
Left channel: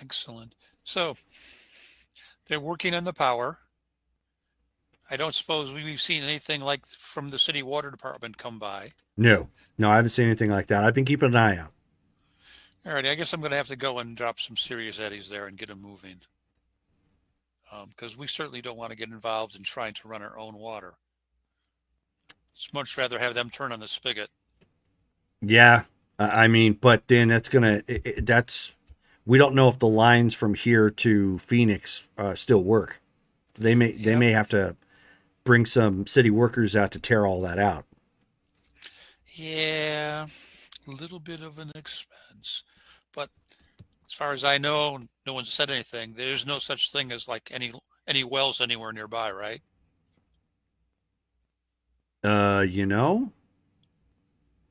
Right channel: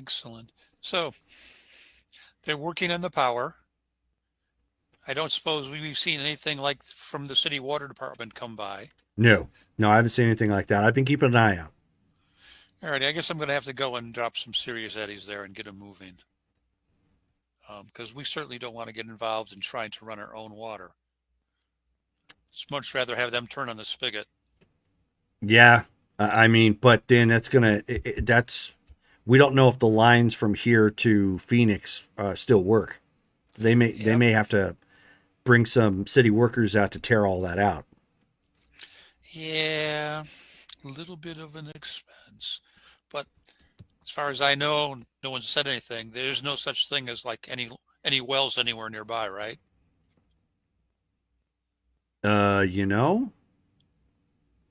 Excellent. So they're working on the power. I don't suppose we've seen anything like from the city water department come by. No, I haven't seen anything like that. I've been keeping an eye out. All right, I guess I'm going to have to go and drop some serious eddies there and get them moving. Because we certainly don't want to get involved in trying to run our own water. It's much rather have them turn on the spigot. Yeah, I mean, but then that's we don't know if the lines from here to Phoenix still work. They may have to bring some city workers out to tear all that out. Yeah, a little bit of an expense, but as far as I know, no one said anything. There's no such thing as like any wells anywhere nearby, right? I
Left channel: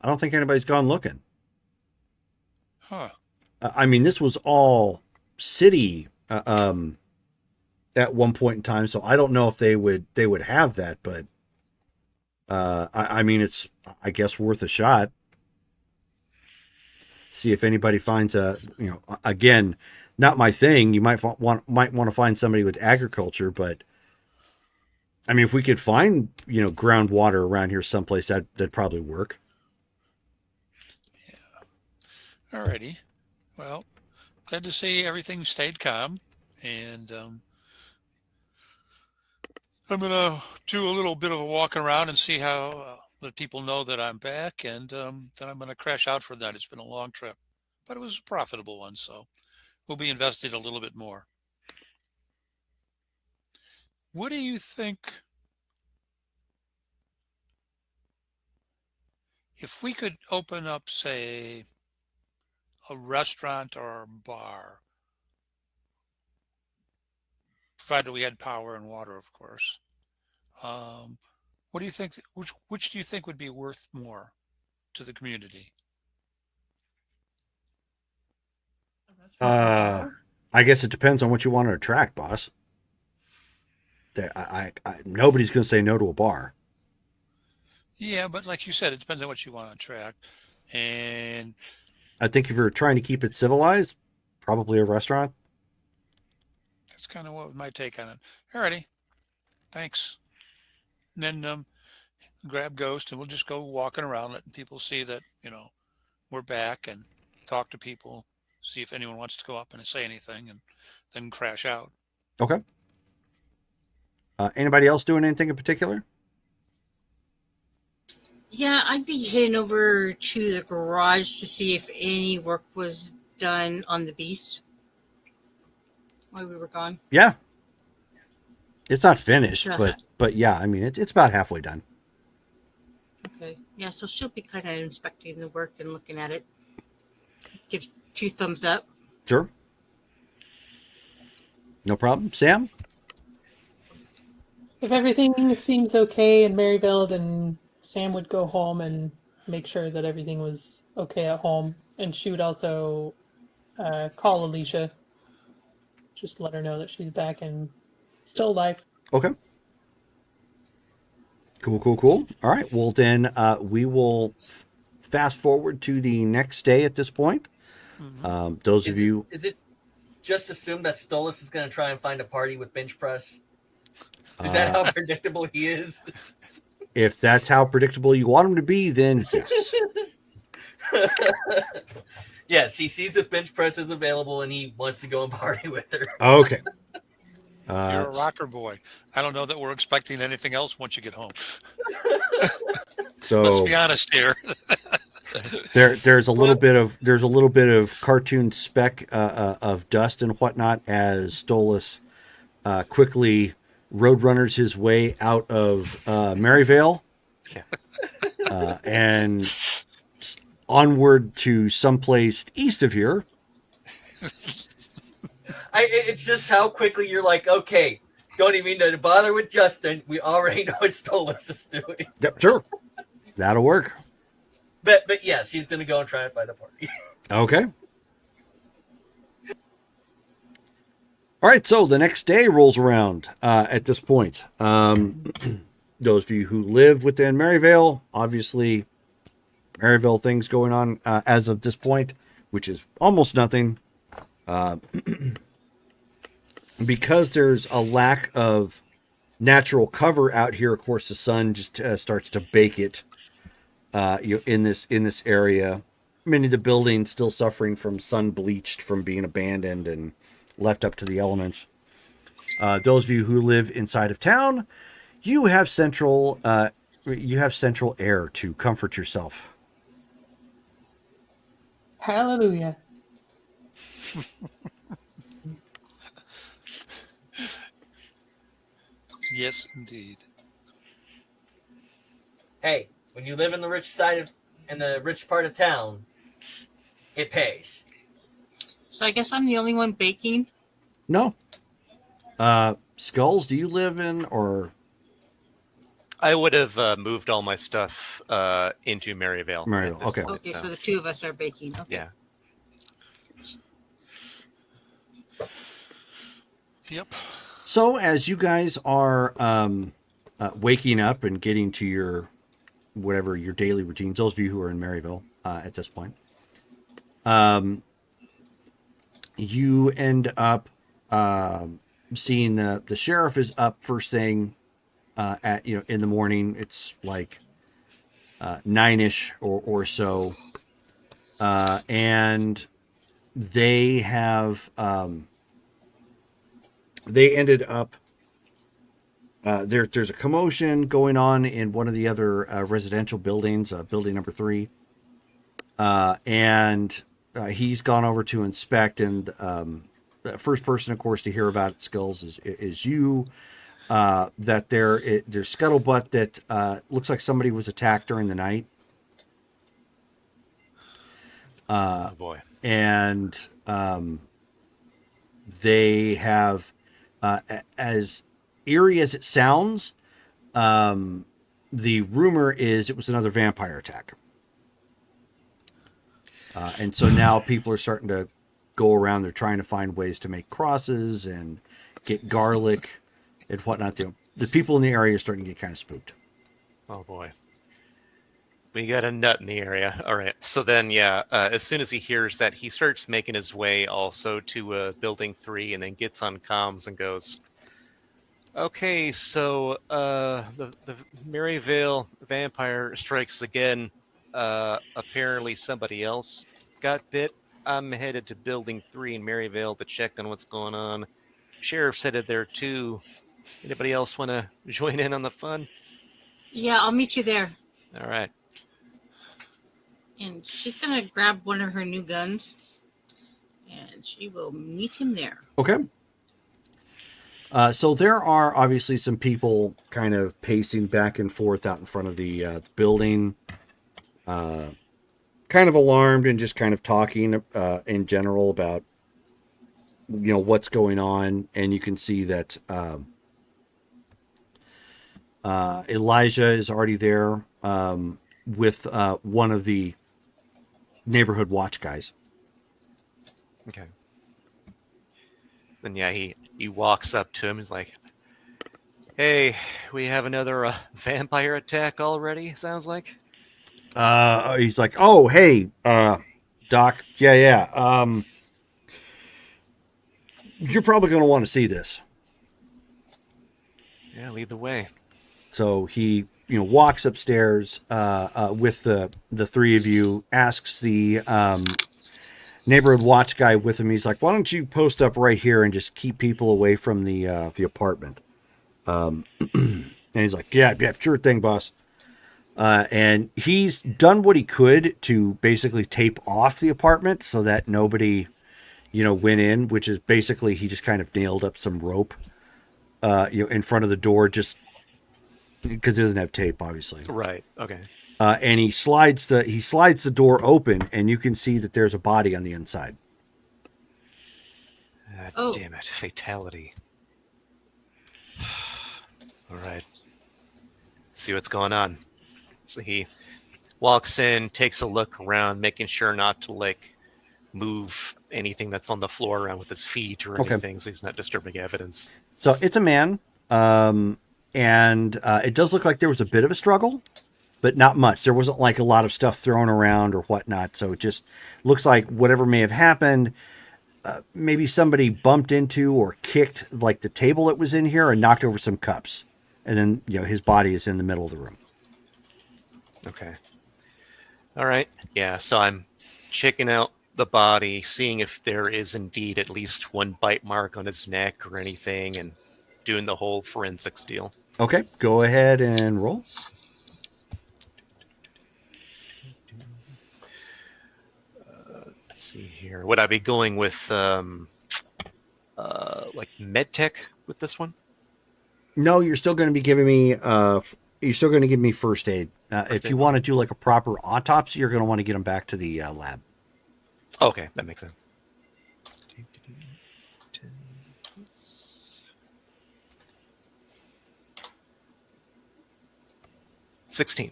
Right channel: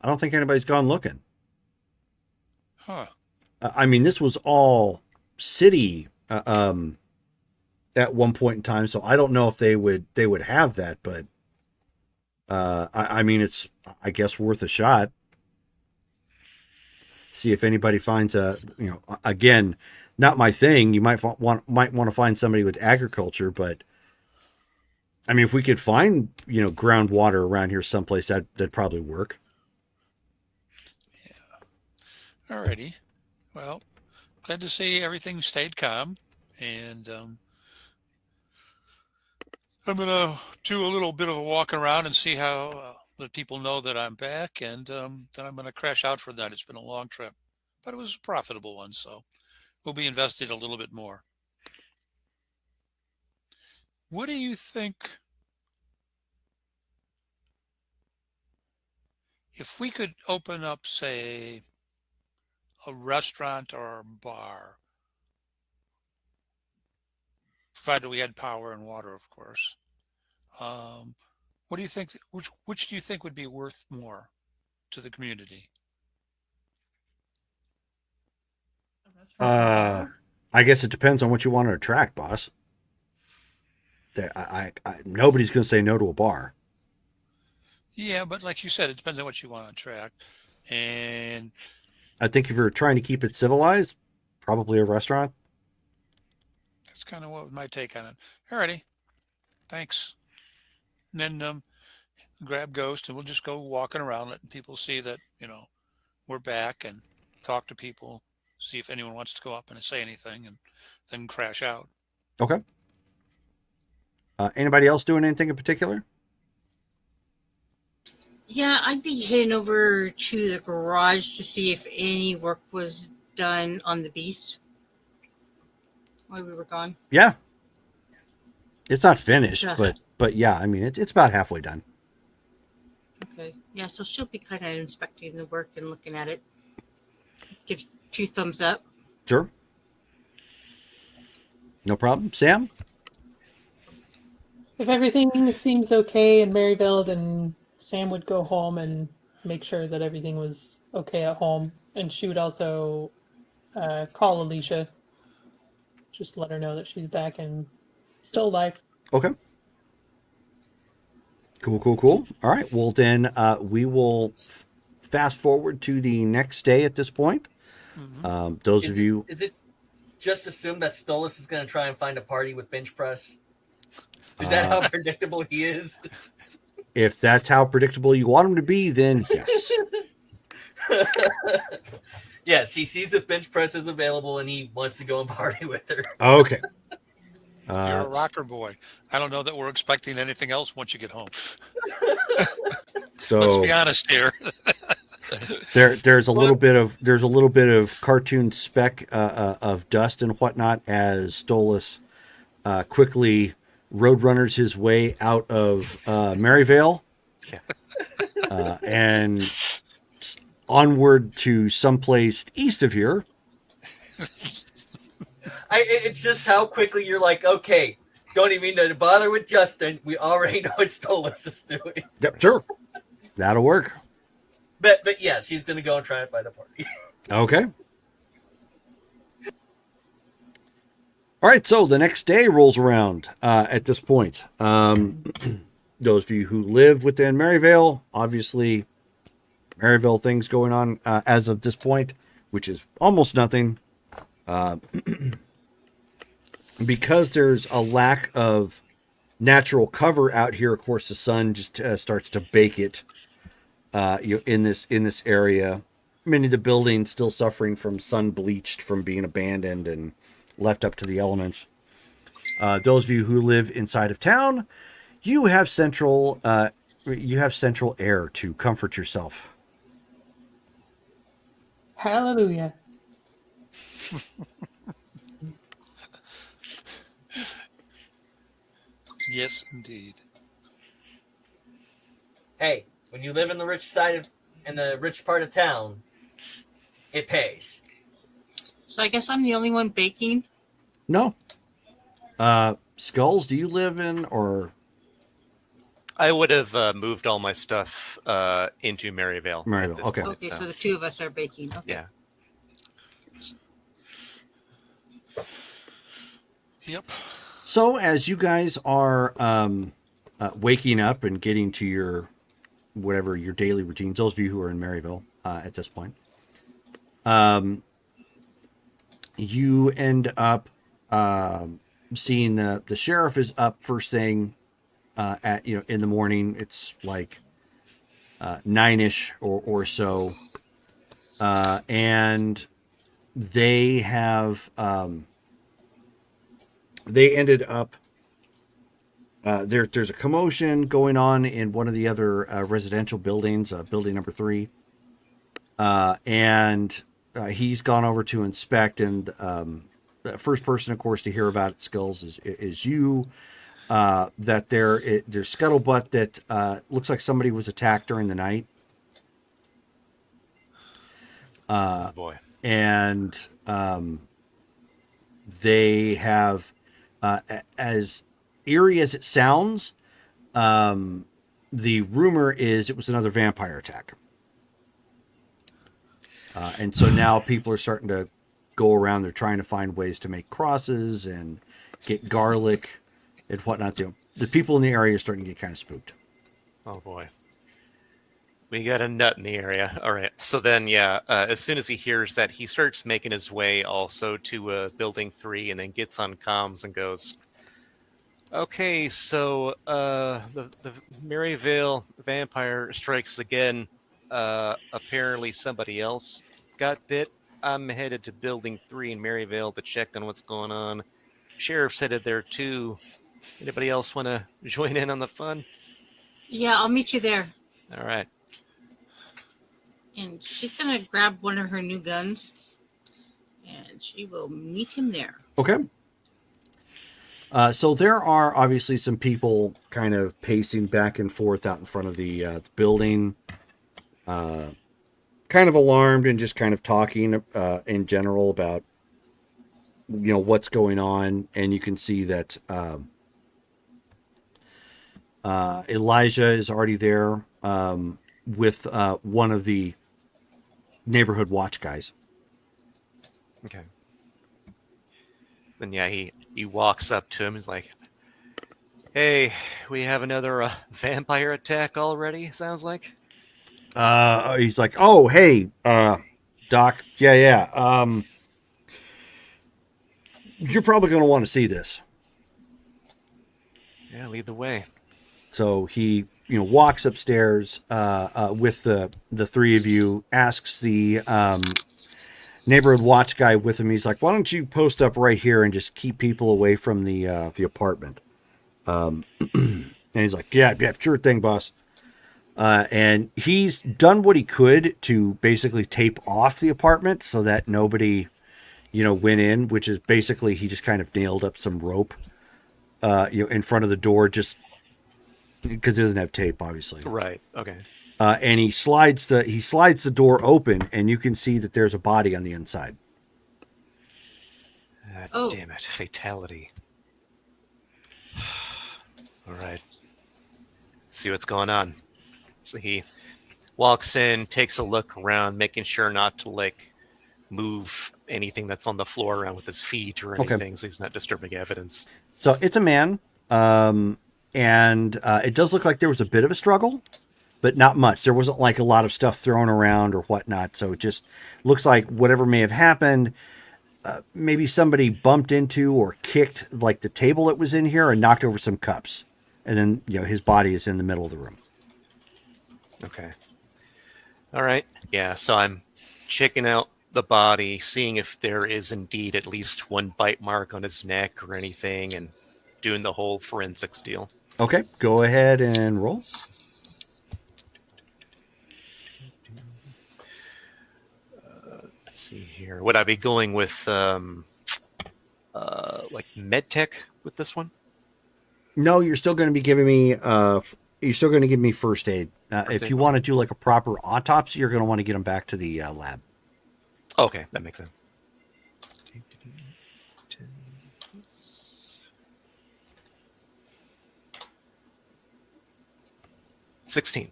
don't think anybody's gone looking. Huh. I mean, this was all city at one point in time, so I don't know if they would have that, but I mean, it's I guess worth a shot. See if anybody finds again, not my thing. You might want to find somebody with agriculture, but I mean, if we could find groundwater around here someplace, that'd probably work. Yeah. Alrighty. Well, glad to see everything stayed calm, and I'm gonna do a little bit of a walk around and see how the people know that I'm back, and then I'm gonna crash out for that. It's been a long trip, but it was a profitable one, so we'll be investing a little bit more. What do you think if we could open up, say, a restaurant or a bar, provided we had power and water, of course? What do you think? Which do you think would be worth more to the community? I guess it depends on what you want to attract, boss. Nobody's going to say no to a bar. Yeah, but like you said, it depends on what you want to attract. And I think if you're trying to keep it civilized, probably a restaurant. that's kind of what my take on it. Alrighty, thanks. And then grab Ghost, and we'll just go walking around, letting people see that we're back, and talk to people, see if anyone wants to go up and say anything, and then crash out. Okay. Anybody else doing anything in particular? Yeah, I'd be heading over to the garage to see if any work was done on the beast while we were gone. Yeah. It's not finished, Sure. but yeah, I mean it's about halfway done. Okay. Yeah, so she'll be kind of inspecting the work and looking at it. Give 2 thumbs up. Sure. No problem. Sam? If everything seems okay in Maryville, then Sam would go home and make sure that everything was okay at home. And she would also call Alicia, just let her know that she's back and still alive. Okay. Cool. All right. Well, then we will fast forward to the next day at this point. Those of you. Is it just assume that Stolas is going to try and find a party with bench press? Is that how predictable he is? If that's how predictable you want him to be, then yes. Yes, he sees if bench press is available and he wants to go and party with her. Okay. You're a rocker boy. I don't know that we're expecting anything else once you get home. So Let's be honest here. there's a little bit of cartoon speck of dust and whatnot as Stolas quickly roadrunners his way out of Maryvale and onward to someplace east of here. It's just how quickly you're like, okay, don't even need to bother with Justin. We already know what Stolas is doing. Yep, sure. That'll work. But yes, he's going to go and try and find a party. Okay. All right, so the next day rolls around at this point. Those of you who live within Maryvale, obviously, Maryvale things going on as of this point, which is almost nothing. Because there's a lack of natural cover out here, of course, the sun just starts to bake it in this area. Many of the buildings still suffering from sun bleached from being abandoned and left up to the elements. Those of you who live inside of town, you have central air to comfort yourself. Hallelujah. Yes, indeed. Hey, when you live in the rich part of town, it pays. So I guess I'm the only one baking. No. Skulls, do you live in or? I would have moved all my stuff into Maryvale. Maryvale, okay. Okay, so the two of us are baking. Okay. Yeah. Yep. So as you guys are waking up and getting to your daily routines, those of you who are in Maryville at this point, you end up seeing the sheriff is up first thing in the morning. It's like 9-ish or so, and they have they ended up there's a commotion going on in one of the other residential buildings, building number 3, and he's gone over to inspect, and the first person, of course, to hear about it, Skulls, is you. That there's scuttlebutt that looks like somebody was attacked during the night. Boy. And they have, as eerie as it sounds, the rumor is it was another vampire attack. And so now people are starting to go around. They're trying to find ways to make crosses and get garlic and whatnot. The people in the area are starting to get kind of spooked. Oh boy. We got a nut in the area. All right. So then, as soon as he hears that, he starts making his way also to Building 3 and then gets on comms and goes, okay, so the Maryvale vampire strikes again. Apparently somebody else got bit. I'm headed to Building 3 in Maryvale to check on what's going on. Sheriff's headed there too. Anybody else want to join in on the fun? Yeah, I'll meet you there. All right. And she's gonna grab one of her new guns, and she will meet him there. Okay. So there are obviously some people kind of pacing back and forth out in front of the building, kind of alarmed and just kind of talking in general about what's going on. And you can see that Elijah is already there with one of the neighborhood watch guys. Okay. Then yeah, he walks up to him. He's like, "Hey, we have another vampire attack already. Sounds like." He's like, "Oh, hey, Doc. Yeah. You're probably going to want to see this." Yeah, lead the way. So he, walks upstairs with the three of you, asks the neighborhood watch guy with him. He's like, "Why don't you post up right here and just keep people away from the apartment?" And he's like, "Yeah, sure thing, boss." And he's done what he could to basically tape off the apartment so that nobody, went in, which is basically he just kind of nailed up some rope, in front of the door just because it doesn't have tape, obviously. Right. Okay. And he slides the door open, and you can see that there's a body on the inside. Oh. Damn it! Fatality. All right. See what's going on. So he walks in, takes a look around, making sure not to move anything that's on the floor around with his feet or anything, so he's not disturbing evidence. So it's a man, and it does look like there was a bit of a struggle, but not much. There wasn't a lot of stuff thrown around or whatnot. So it just looks like whatever may have happened, maybe somebody bumped into or kicked the table that was in here and knocked over some cups. And then, his body is in the middle of the room. Okay. All right. Yeah, so I'm checking out the body, seeing if there is indeed at least one bite mark on his neck or anything, and doing the whole forensics deal. Okay, go ahead and roll. Let's see here. Would I be going with medtech with this one? No, you're still going to be giving me you're still going to give me first aid. If you want to do a proper autopsy, you're going to want to get them back to the lab. Okay, that makes sense. $16.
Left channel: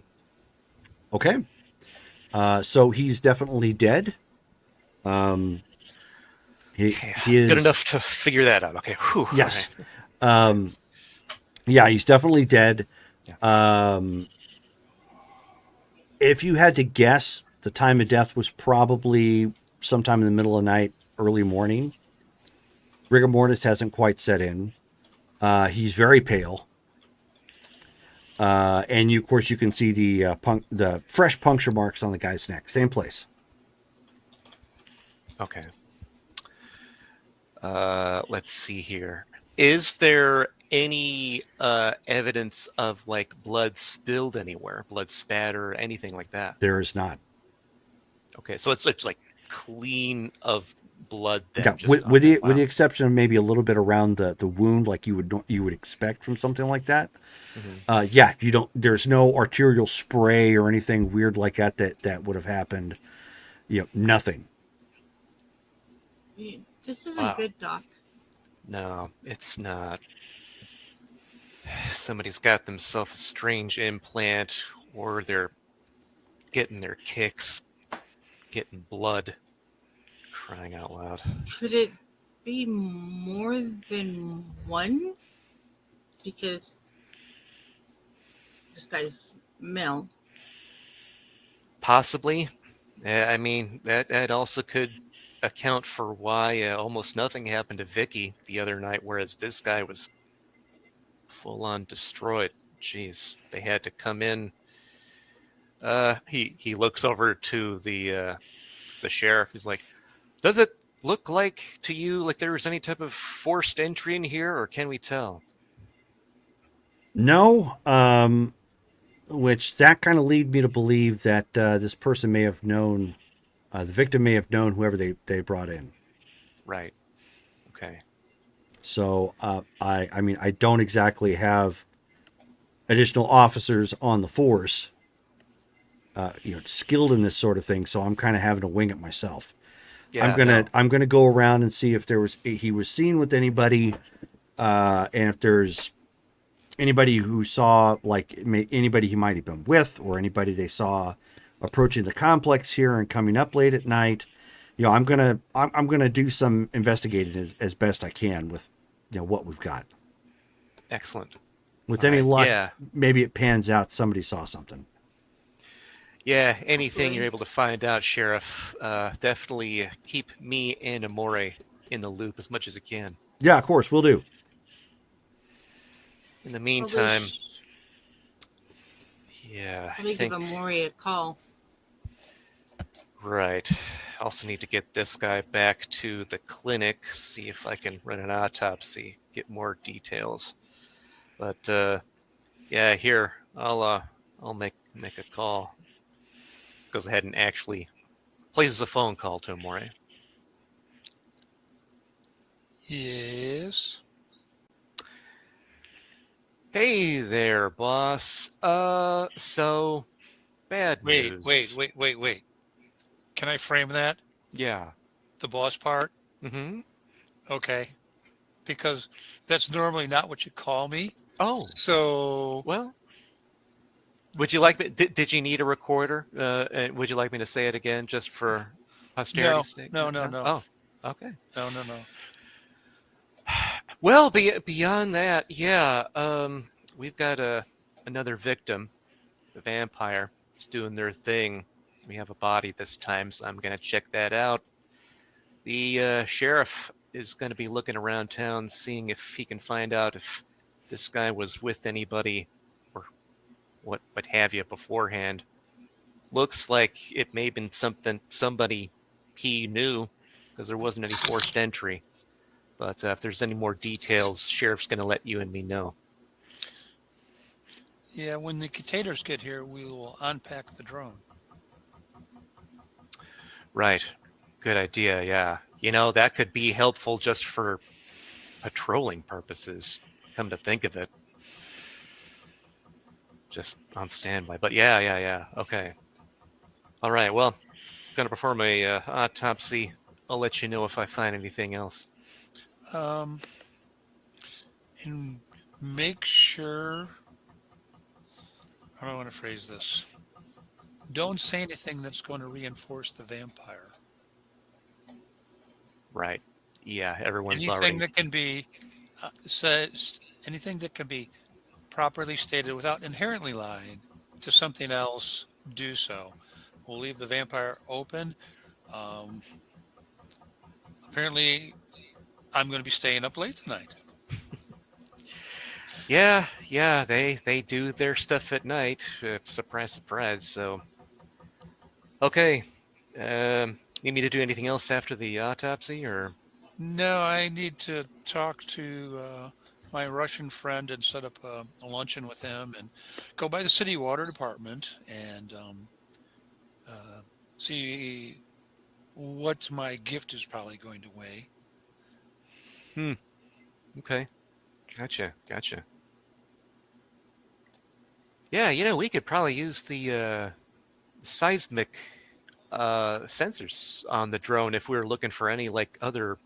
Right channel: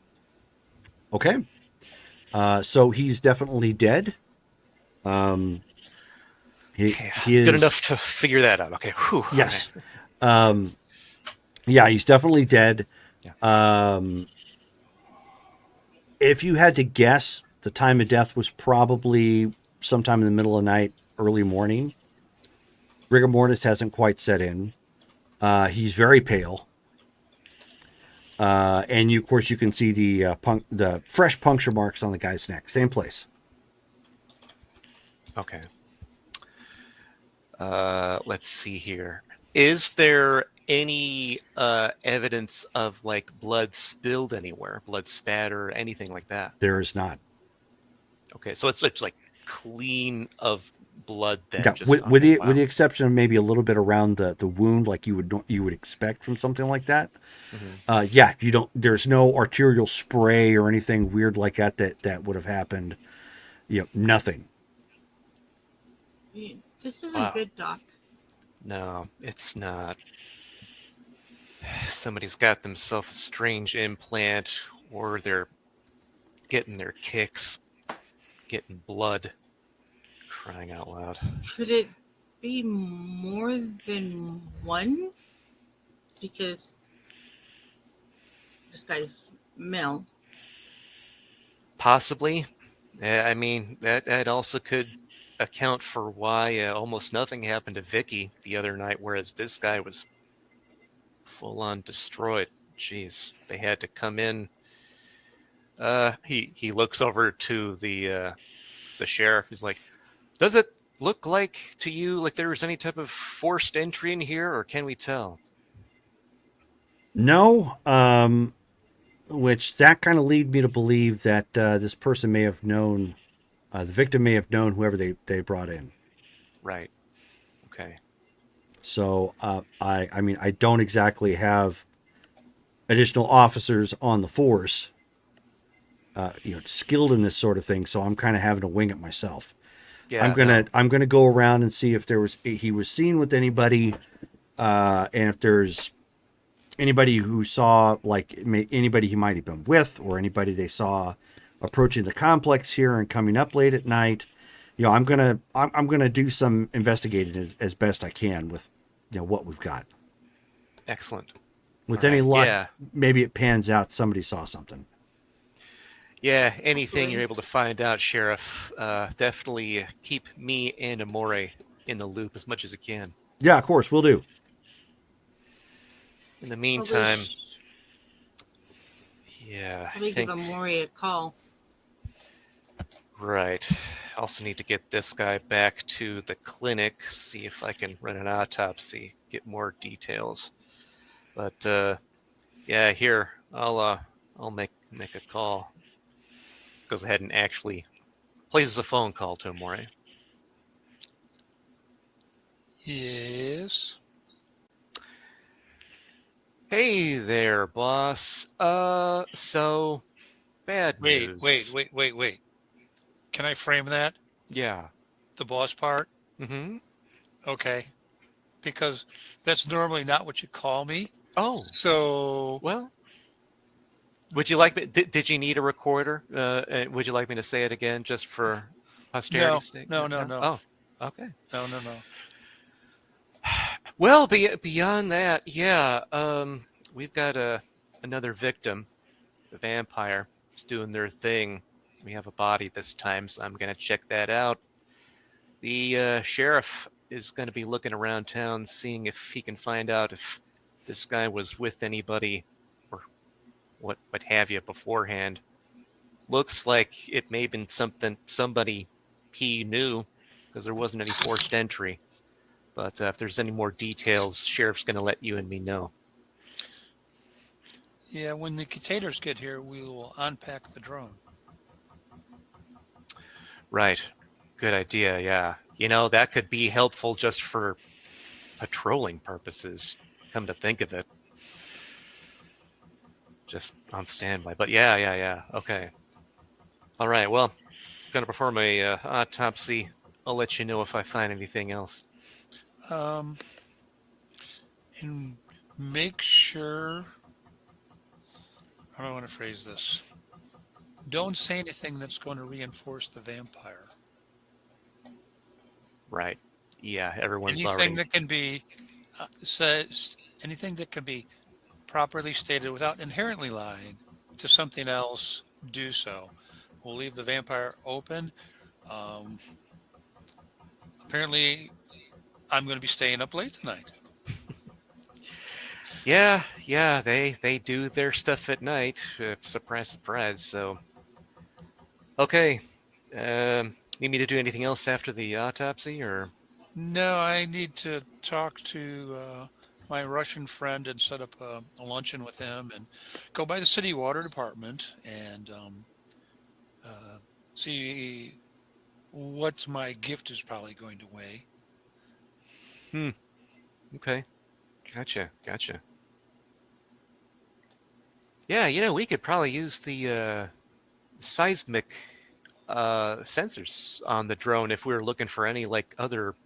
Okay. So he's definitely dead. He is good enough to figure that out. Okay. Whew. Yes. Okay. Yeah, he's definitely dead. If you had to guess, the time of death was probably sometime in the middle of the night, early morning. Rigor mortis hasn't quite set in. He's very pale. And of course, you can see the fresh puncture marks on the guy's neck. Same place. Okay. Let's see here. Is there any evidence of blood spilled anywhere, blood spatter, anything like that? There is not. Okay, so it's clean of blood. Then, Yeah, just with the exception of maybe a little bit around the wound, like you would expect from something like that. Mm-hmm. Yeah, you don't. There's no arterial spray or anything weird like that would have happened. Nothing. This isn't good, Doc. No, it's not. Somebody's got themselves a strange implant, or they're getting their kicks, getting blood. Crying out loud. Could it be more than one? Because this guy's male. Possibly. I mean, that also could account for why almost nothing happened to Vicky the other night, whereas this guy was full-on destroyed. Jeez, they had to come in. He looks over to the sheriff. He's like, "Does it look like to you like there was any type of forced entry in here, or can we tell?" No. Which that kind of lead me to believe that this person may have known, the victim may have known whoever they brought in. Right. Okay. So I mean, I don't exactly have additional officers on the force, skilled in this sort of thing. So I'm kind of having to wing it myself. Yeah, I'm gonna go around and see if he was seen with anybody, and if there's anybody who saw, like, anybody he might have been with, or anybody they saw approaching the complex here and coming up late at night. I'm gonna do some investigating as best I can with what we've got. Excellent. With All any right, luck, yeah. maybe it pans out somebody saw something. Yeah, anything you're able to find out, Sheriff, definitely keep me and Amore in the loop as much as you can. Yeah, of course, we'll do. In the meantime, We'll yeah, I give think... Amori a call. Right. I also need to get this guy back to the clinic, see if I can run an autopsy, get more details. But yeah, here I'll make a call. Goes ahead and actually places a phone call to him, right? Yes. Hey there, boss. So bad Wait, news. wait. Can I frame that? Yeah. The boss part? Mm-hmm. Okay. Because that's normally not what you call me. Oh, So, well. Would you like me? Did you need a recorder? And would you like me to say it again, just for posterity's sake? no. Oh, okay. No. Well, beyond that, yeah. We've got another victim. The vampire is doing their thing. We have a body this time, so I'm gonna check that out. The sheriff is gonna be looking around town, seeing if he can find out if this guy was with anybody or what have you beforehand. Looks like it may have been somebody he knew, because there wasn't any forced entry. But if there's any more details, sheriff's gonna let you and me know. Yeah, when the containers get here, we will unpack the drone. Right. Good idea, yeah. That could be helpful just for patrolling purposes, come to think of it. Just on standby. But yeah. Okay. All right, well, gonna perform a autopsy. I'll let you know if I find anything else. And make sure. How do I want to phrase this? Don't say anything that's going to reinforce the vampire. Right. Yeah, everyone's Anything already... that can be anything that can be properly stated without inherently lying to something else, do so. We'll leave the vampire open. Apparently, I'm going to be staying up late tonight. Yeah, they do their stuff at night. Surprise, surprise. So, okay. You need to do anything else after the autopsy, or? No, I need to talk to my Russian friend and set up a luncheon with him and go by the city water department and see what my gift is probably going to weigh. Okay. Gotcha. Yeah, we could probably use the seismic sensors on the drone if we were looking for any, like, other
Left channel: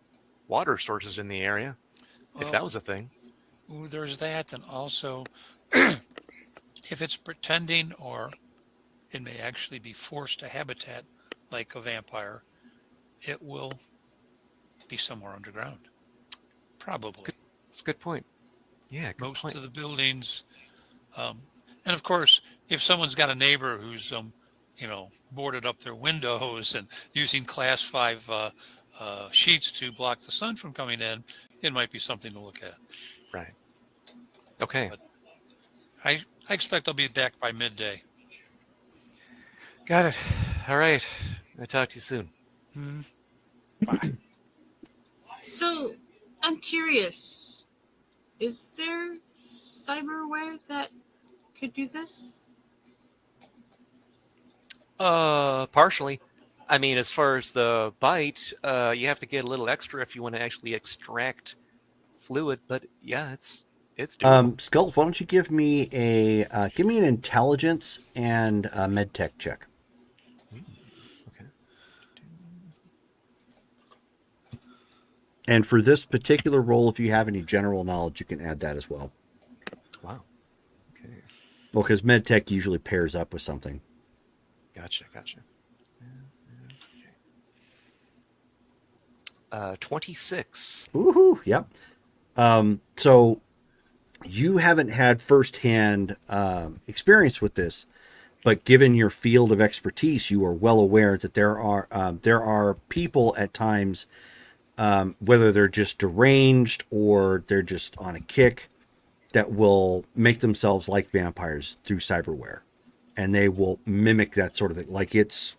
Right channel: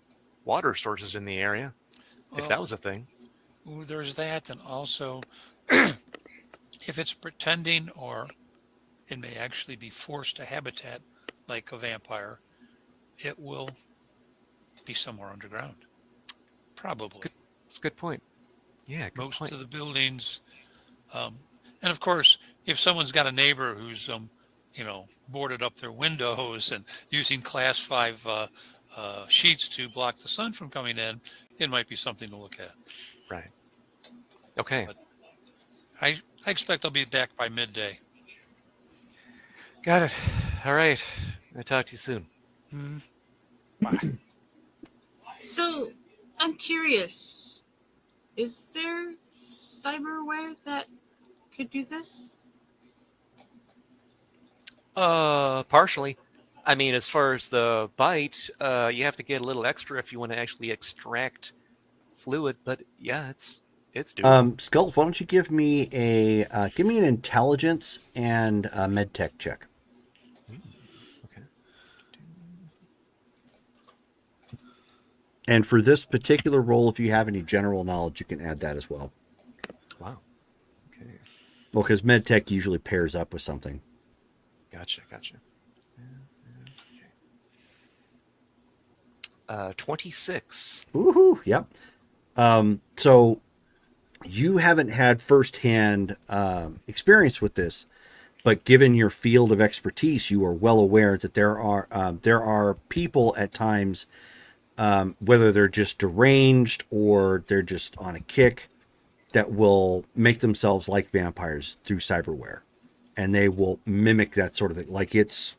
water sources in the area, if that was a thing. Well, there's that, and also, if it's pretending or it may actually be forced to habitat like a vampire, it will be somewhere underground. Probably. That's a good point. Yeah, good Most point. of the buildings, and of course, if someone's got a neighbor who's, boarded up their windows and using class 5 sheets to block the sun from coming in, it might be something to look at. Right. Okay. But I expect I'll be back by midday. Got it. All right. I'll talk to you soon. So, I'm curious. Is there cyberware that could do this? Partially. I mean, as far as the bite, you have to get a little extra if you want to actually extract fluid. But yeah, it's doable. Skulls, why don't you give me an intelligence and a med tech check? Okay. And for this particular role, if you have any general knowledge, you can add that as well. Wow. Well, because MedTech usually pairs up with something. Gotcha. 26. Woohoo! Yep. So you haven't had firsthand experience with this, but given your field of expertise, you are well aware that there are people at times, whether they're just deranged or they're just on a kick, that will make themselves like vampires through cyberware, and they will mimic that sort of thing. Like it's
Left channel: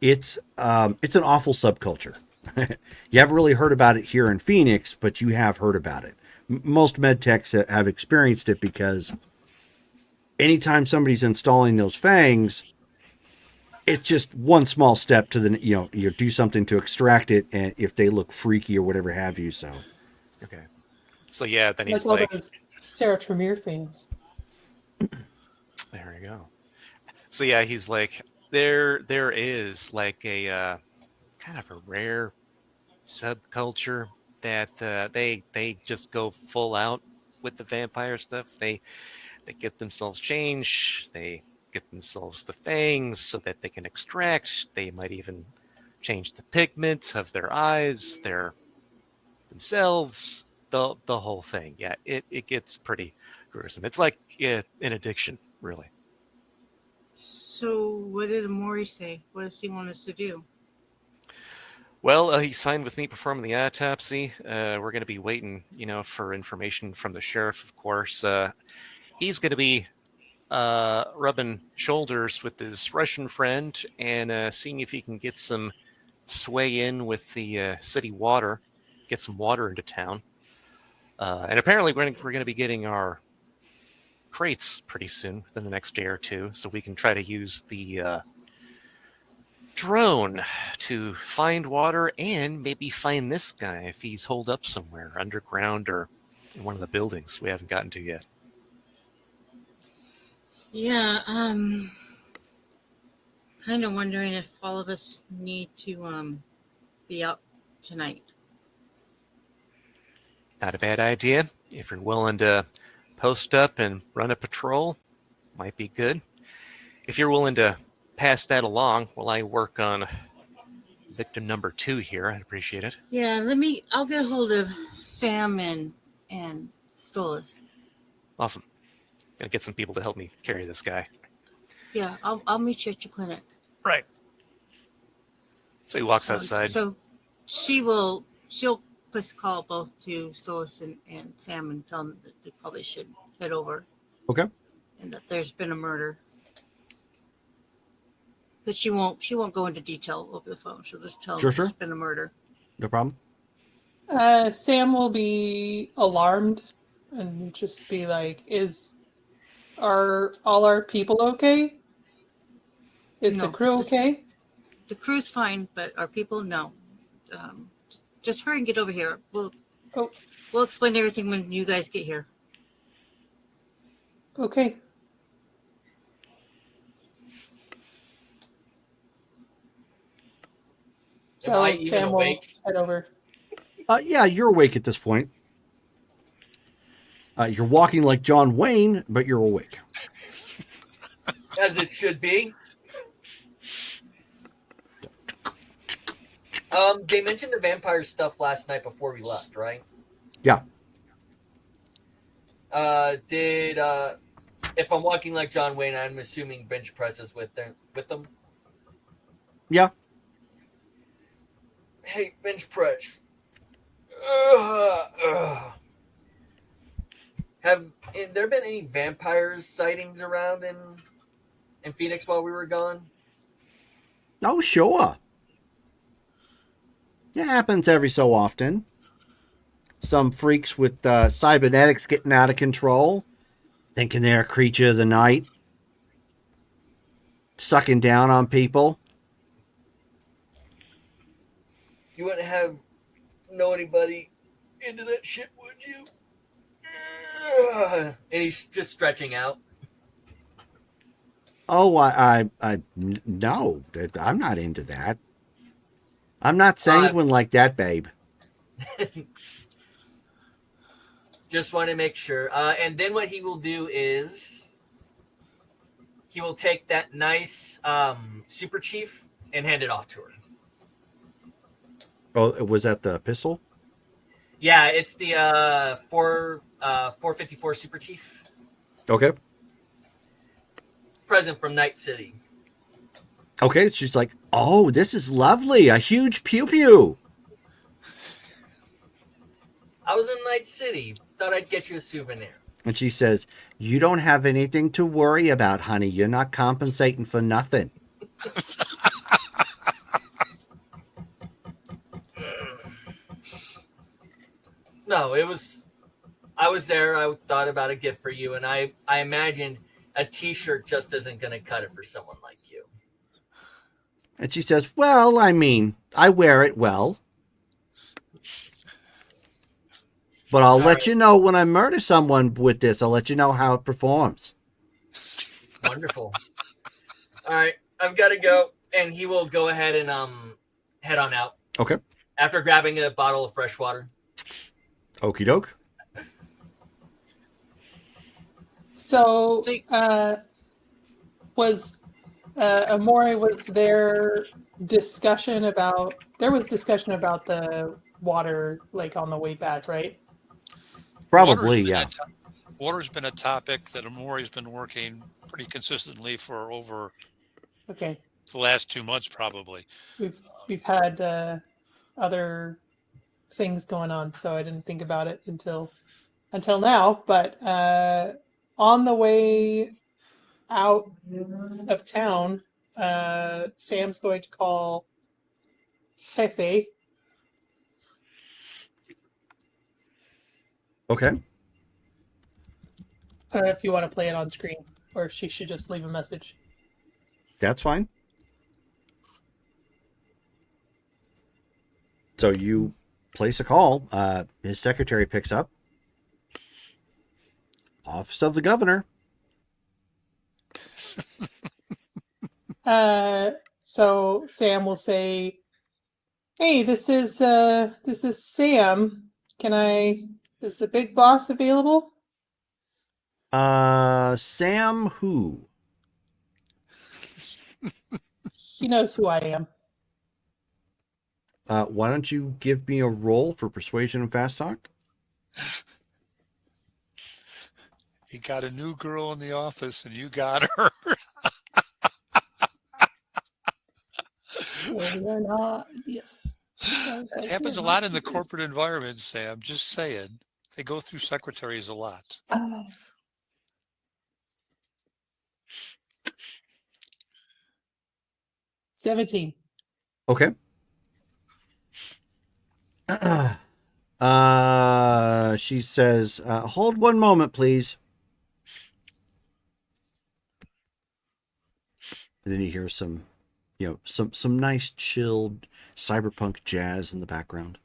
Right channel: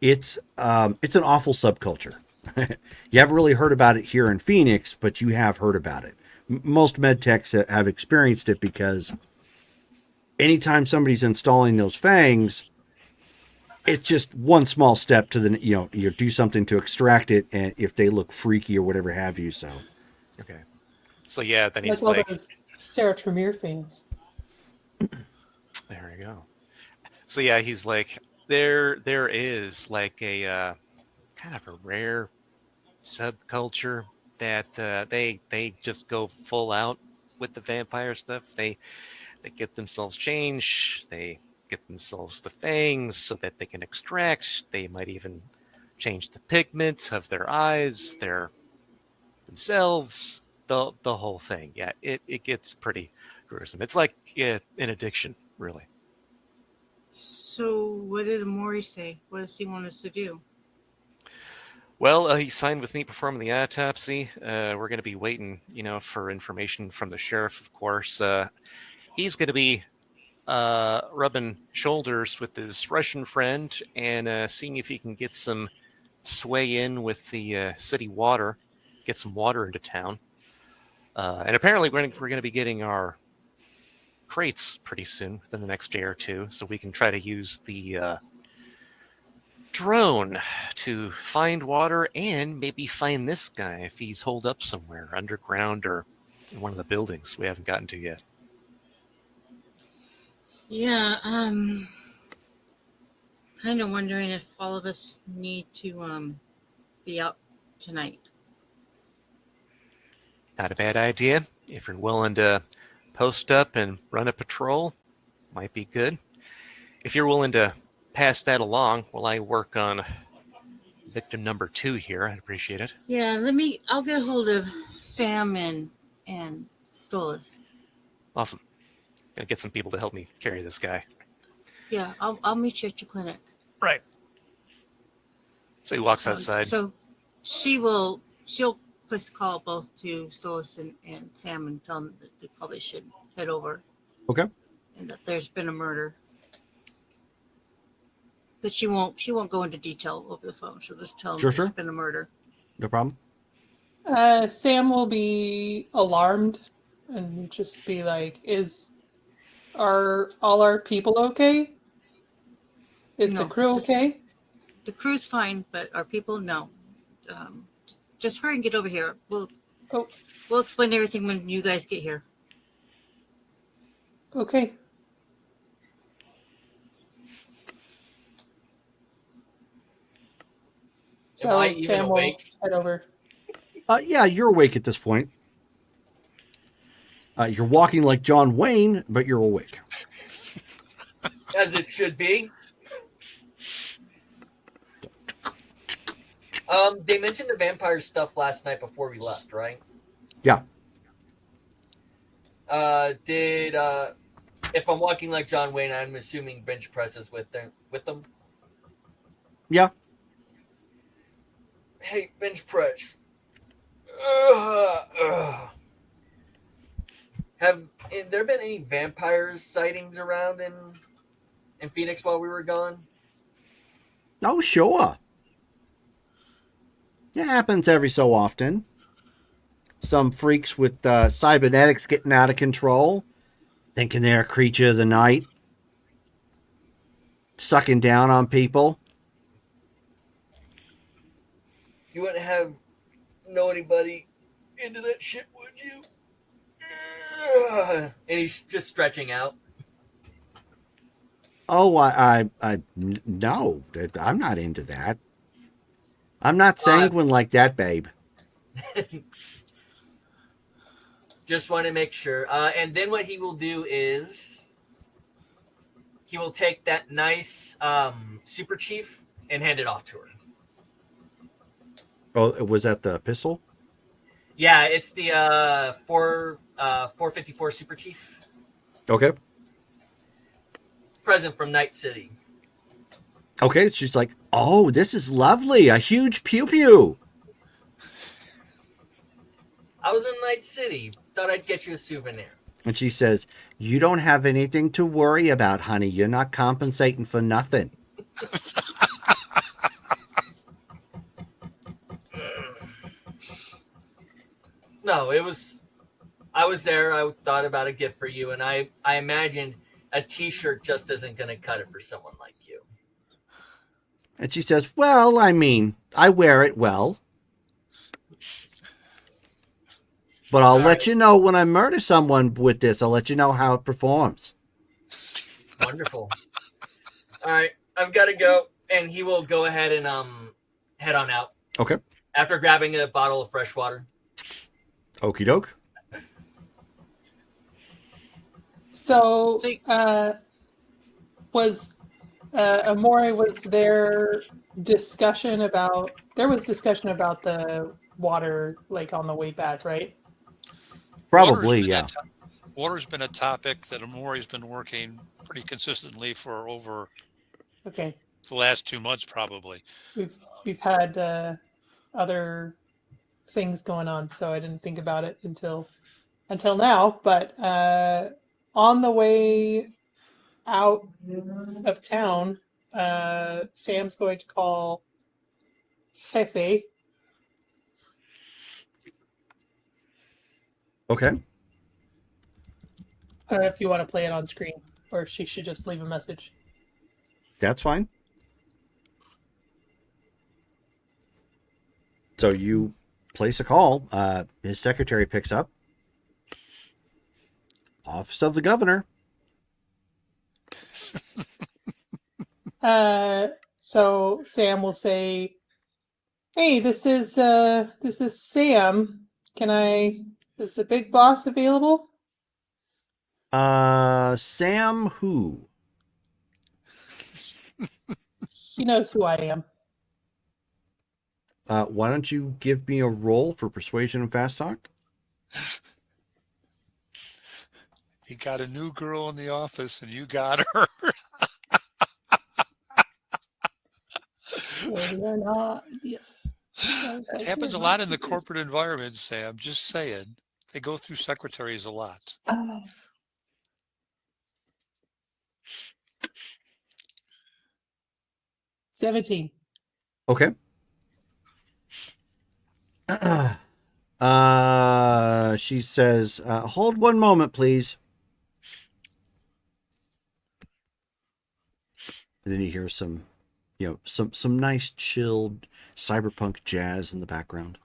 an awful subculture. You haven't really heard about it here in Phoenix, but you have heard about it. Most med techs have experienced it because anytime somebody's installing those fangs, it's just one small step to the, you do something to extract it, and if they look freaky or whatever have you. So Okay. So yeah, then That's he's one like, of those Sarah Tremere things. there we go. So yeah, he's like, there is like a kind of a rare subculture that they just go full out with the vampire stuff. They get themselves changed. They get themselves the fangs so that they can extract. They might even change the pigment of their eyes, themselves, the whole thing. Yeah, it gets pretty gruesome. It's like an addiction, really. So, what did Maury say? What does he want us to do? Well, he signed with me performing the autopsy. We're going to be waiting, for information from the sheriff, of course. He's going to be rubbing shoulders with his Russian friend and seeing if he can get some sway in with the city water, get some water into town. And apparently we're going to be getting our crates pretty soon, within the next day or two, so we can try to use the drone to find water and maybe find this guy if he's holed up somewhere underground or in one of the buildings we haven't gotten to yet. Yeah, kind of wondering if all of us need to be out tonight. Not a bad idea. If you're willing to post up and run a patrol, might be good. If you're willing to pass that along while I work on victim number 2 here, I'd appreciate it. Yeah, I'll get hold of Sam and Stolas. Awesome. Gonna get some people to help me carry this guy. Yeah, I'll meet you at your clinic. Right. So he walks outside. So she'll place a call both to Stolas and Sam and tell them that they probably should head over. Okay. And that there's been a murder. But she won't go into detail over the phone. She'll just tell them Sure. there's been a murder. No problem. Sam will be alarmed and just be like, are all our people okay? Is the No, crew okay? The crew's fine, but our people, no. Just hurry and get over here. We'll explain everything when you guys get here. Okay. So Am I even Sam will awake? head over. Yeah, you're awake at this point. You're walking like John Wayne, but you're awake. As it should be. They mentioned the vampire stuff last night before we left, right? Yeah. If I'm walking like John Wayne, I'm assuming bench presses with them. Yeah. Hey, bench press. Have there been any vampires sightings around in Phoenix while we were gone? Oh, sure. It happens every so often. Some freaks with cybernetics getting out of control, thinking they're a creature of the night, sucking down on people. You wouldn't have know anybody into that shit, would you? And he's just stretching out. Oh, no, I'm not into that. I'm not sanguine like that, babe. Just want to make sure. And then what he will do is he will take that nice Super Chief and hand it off to her. Oh, was that the pistol? Yeah, it's the 454 Super Chief. Okay. Present from Night City. Okay, she's like, oh, this is lovely. A huge pew pew. I was in Night City. Thought I'd get you a souvenir. And she says, you don't have anything to worry about, honey. You're not compensating for nothing. No, it was. I was there. I thought about a gift for you, and I imagined a T-shirt just isn't going to cut it for someone like you. And she says, well, I mean, I wear it well. But I'll let you know when I murder someone with this. I'll let you know how it performs. Wonderful. All right, I've got to go, and he will go ahead and head on out. Okay. After grabbing a bottle of fresh water. Okie doke. So, was Amore, was there discussion about the water, like, on the way back, right? Probably, yeah. Water's been a topic that Amori's been working pretty consistently for over Okay. the last 2 months, probably. We've had other things going on, so I didn't think about it until now. But on the way out of town, Sam's going to call Jefe. Okay. I don't know if you want to play it on screen, or she should just leave a message. That's fine. So you place a call. His secretary picks up. Office of the Governor. So Sam will say, "Hey, this is Sam. Is the big boss available?" Sam who? He knows who I am. Why don't you give me a roll for persuasion and fast talk? He got a new girl in the office, and you got her. Yes. It happens a lot in the corporate environment, Sam. Just saying. They go through secretaries a lot. 17. Okay. She says, hold one moment, please. And then you hear some nice chilled cyberpunk jazz in the background.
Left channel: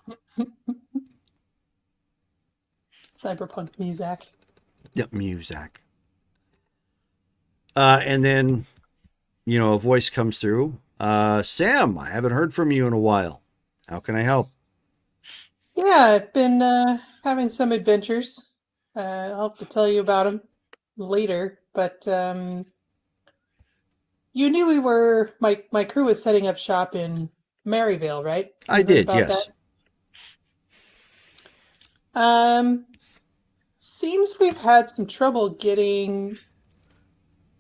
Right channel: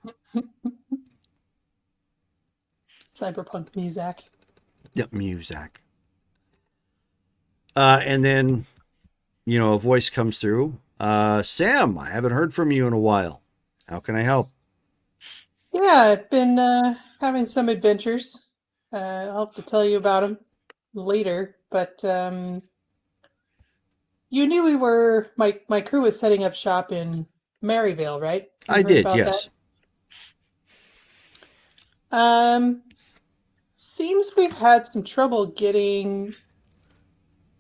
Cyberpunk music. Yep, music. And then, a voice comes through. Sam, I haven't heard from you in a while. How can I help? Yeah, I've been having some adventures. I'll have to tell you about them later. But you knew we were my crew was setting up shop in Maryville, right? You I heard did, about yes. that? Seems we've had some trouble getting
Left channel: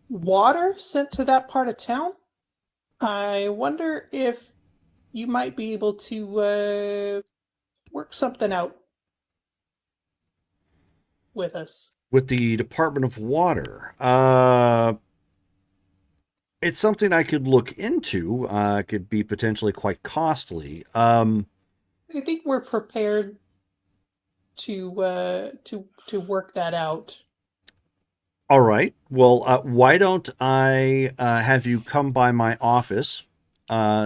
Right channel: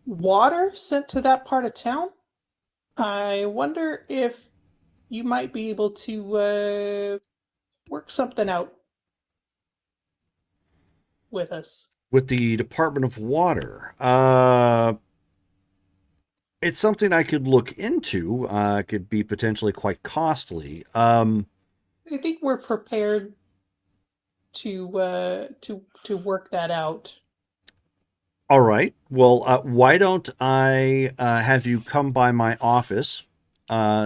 water sent to that part of town. I wonder if you might be able to work something out with us. With the Department of Water. It's something I could look into. Could be potentially quite costly. I think we're prepared to work that out. All right. Well, why don't I have you come by my office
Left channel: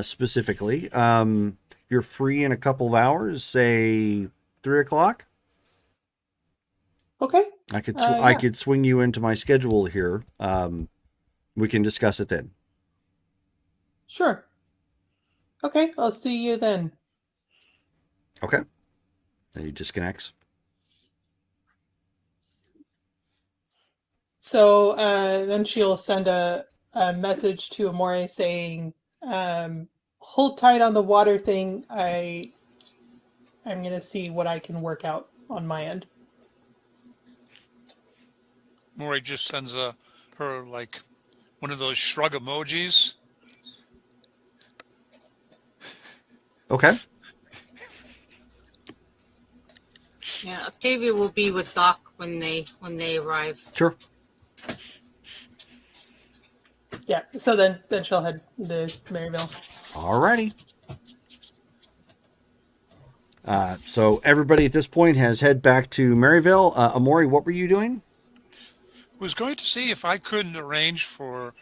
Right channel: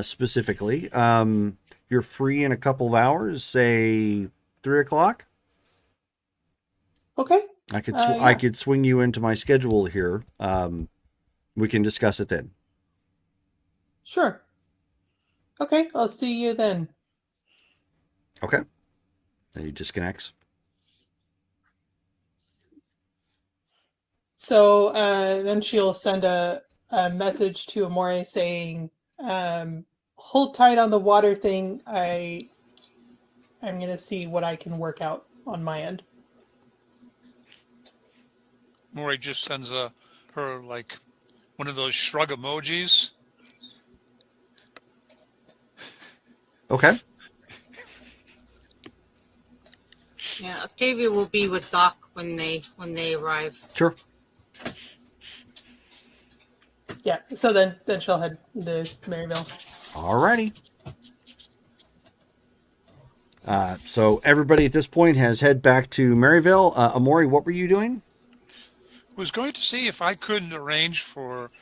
specifically? You're free in a couple of hours, say 3:00. Okay. I could swing you into my schedule here. We can discuss it then. Sure. Okay, I'll see you then. Okay. And he disconnects. So then she'll send a message to Amore saying, hold tight on the water thing. I'm going to see what I can work out on my end. Maury just sends her like one of those shrug emojis. Okay. Yeah, Octavia will be with Doc when they arrive. Sure. Yeah, so then she'll head to Maryville. Alrighty. So everybody at this point has head back to Maryville. Amori, what were you doing? Was going to see if I couldn't arrange for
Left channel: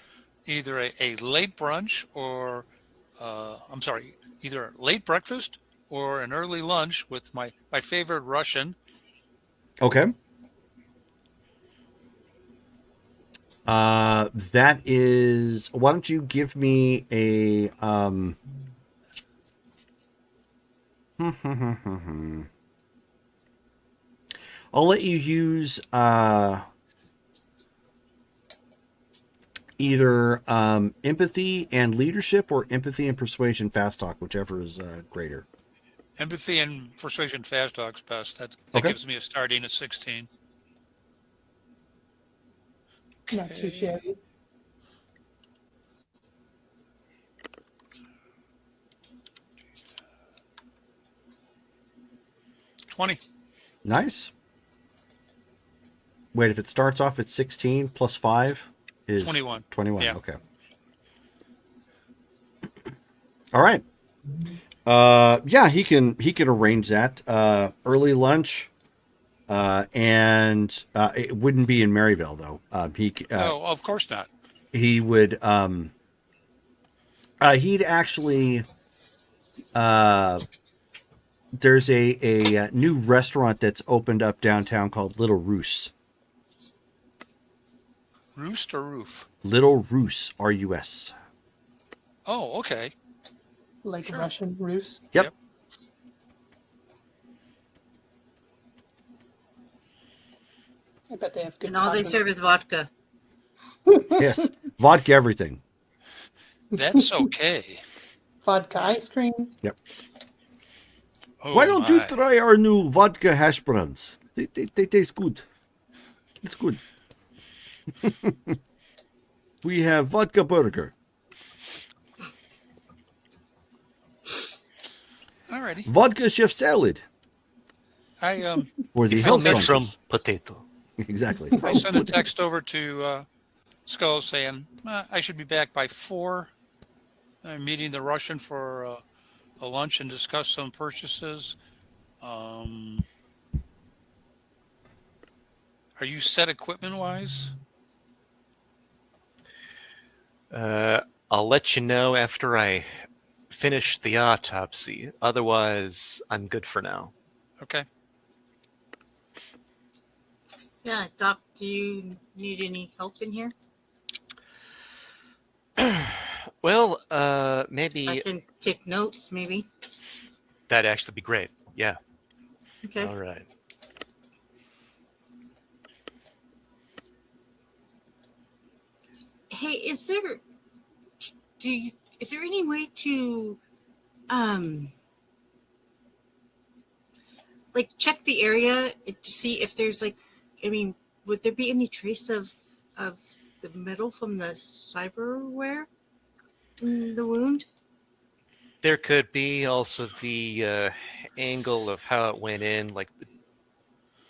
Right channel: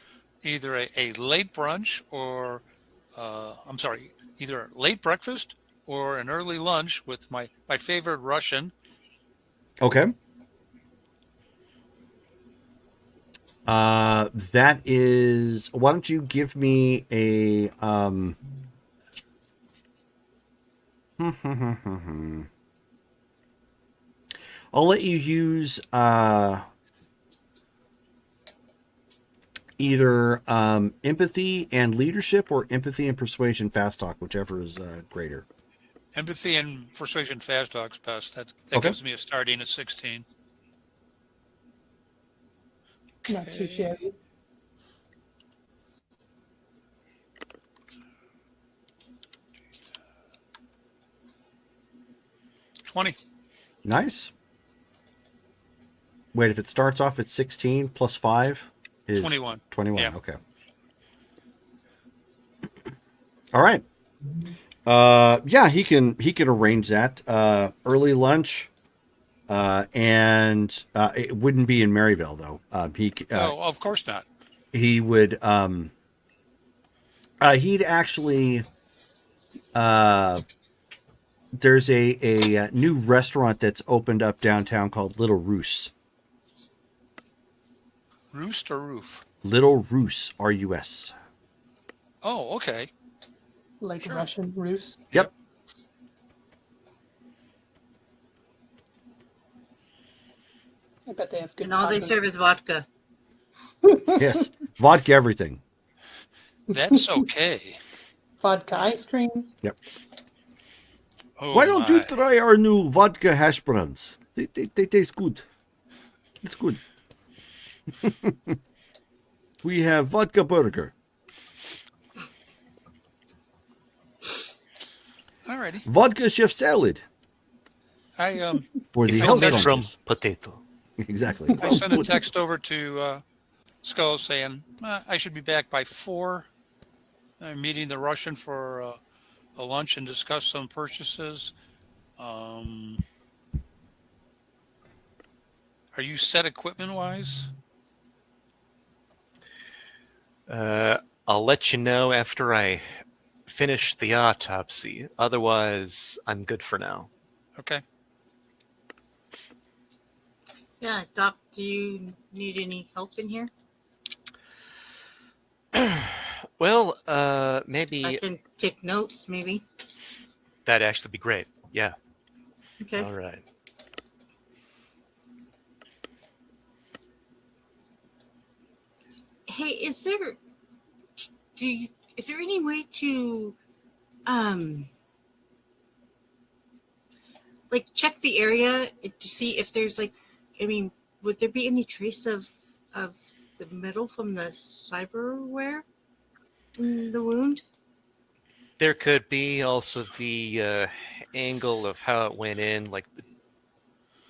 either a late brunch or, either late breakfast or an early lunch with my favorite Russian. Okay. That is. Why don't you give me a I'll let you use either empathy and leadership or empathy and persuasion fast talk, whichever is greater. Empathy and persuasion fast talks best. That Okay. gives me a starting at 16. Not too shabby. Nice. Wait, if it starts off at 16 plus 5 is 21. 21. Yeah. Okay. All right. Yeah, he can arrange that. Early lunch. And it wouldn't be in Maryville though. Oh, of course not. He would he'd actually there's a new restaurant that's opened up downtown called Little Roos. Roost or roof? Little Roos, R-U-S. Oh, okay. Like Sure. Russian Rus. Yep. I bet they have good And all they tacos. serve is vodka. Yes. Vodka everything. That's okay. Vodka ice cream. Oh, Why don't you my. try our new vodka hash browns? They taste good. It's good. We have vodka burger. Alrighty. Vodka chef salad I for the You health found that From conscious. potato. Exactly. I sent a text over to Skull saying I should be back by 4. I'm meeting the Russian for a lunch and discuss some purchases. Are you set equipment wise? I'll let you know after I finish the autopsy. Otherwise, I'm good for now. Okay. Yeah, Doc, do you need any help in here? Well, I maybe can take notes, maybe. that'd actually be great. Yeah. Okay. All right. Hey, is there any way to like check the area to see if there's would there be any trace of the metal from the cyberware in the wound? There could be also the angle of how it went in, like the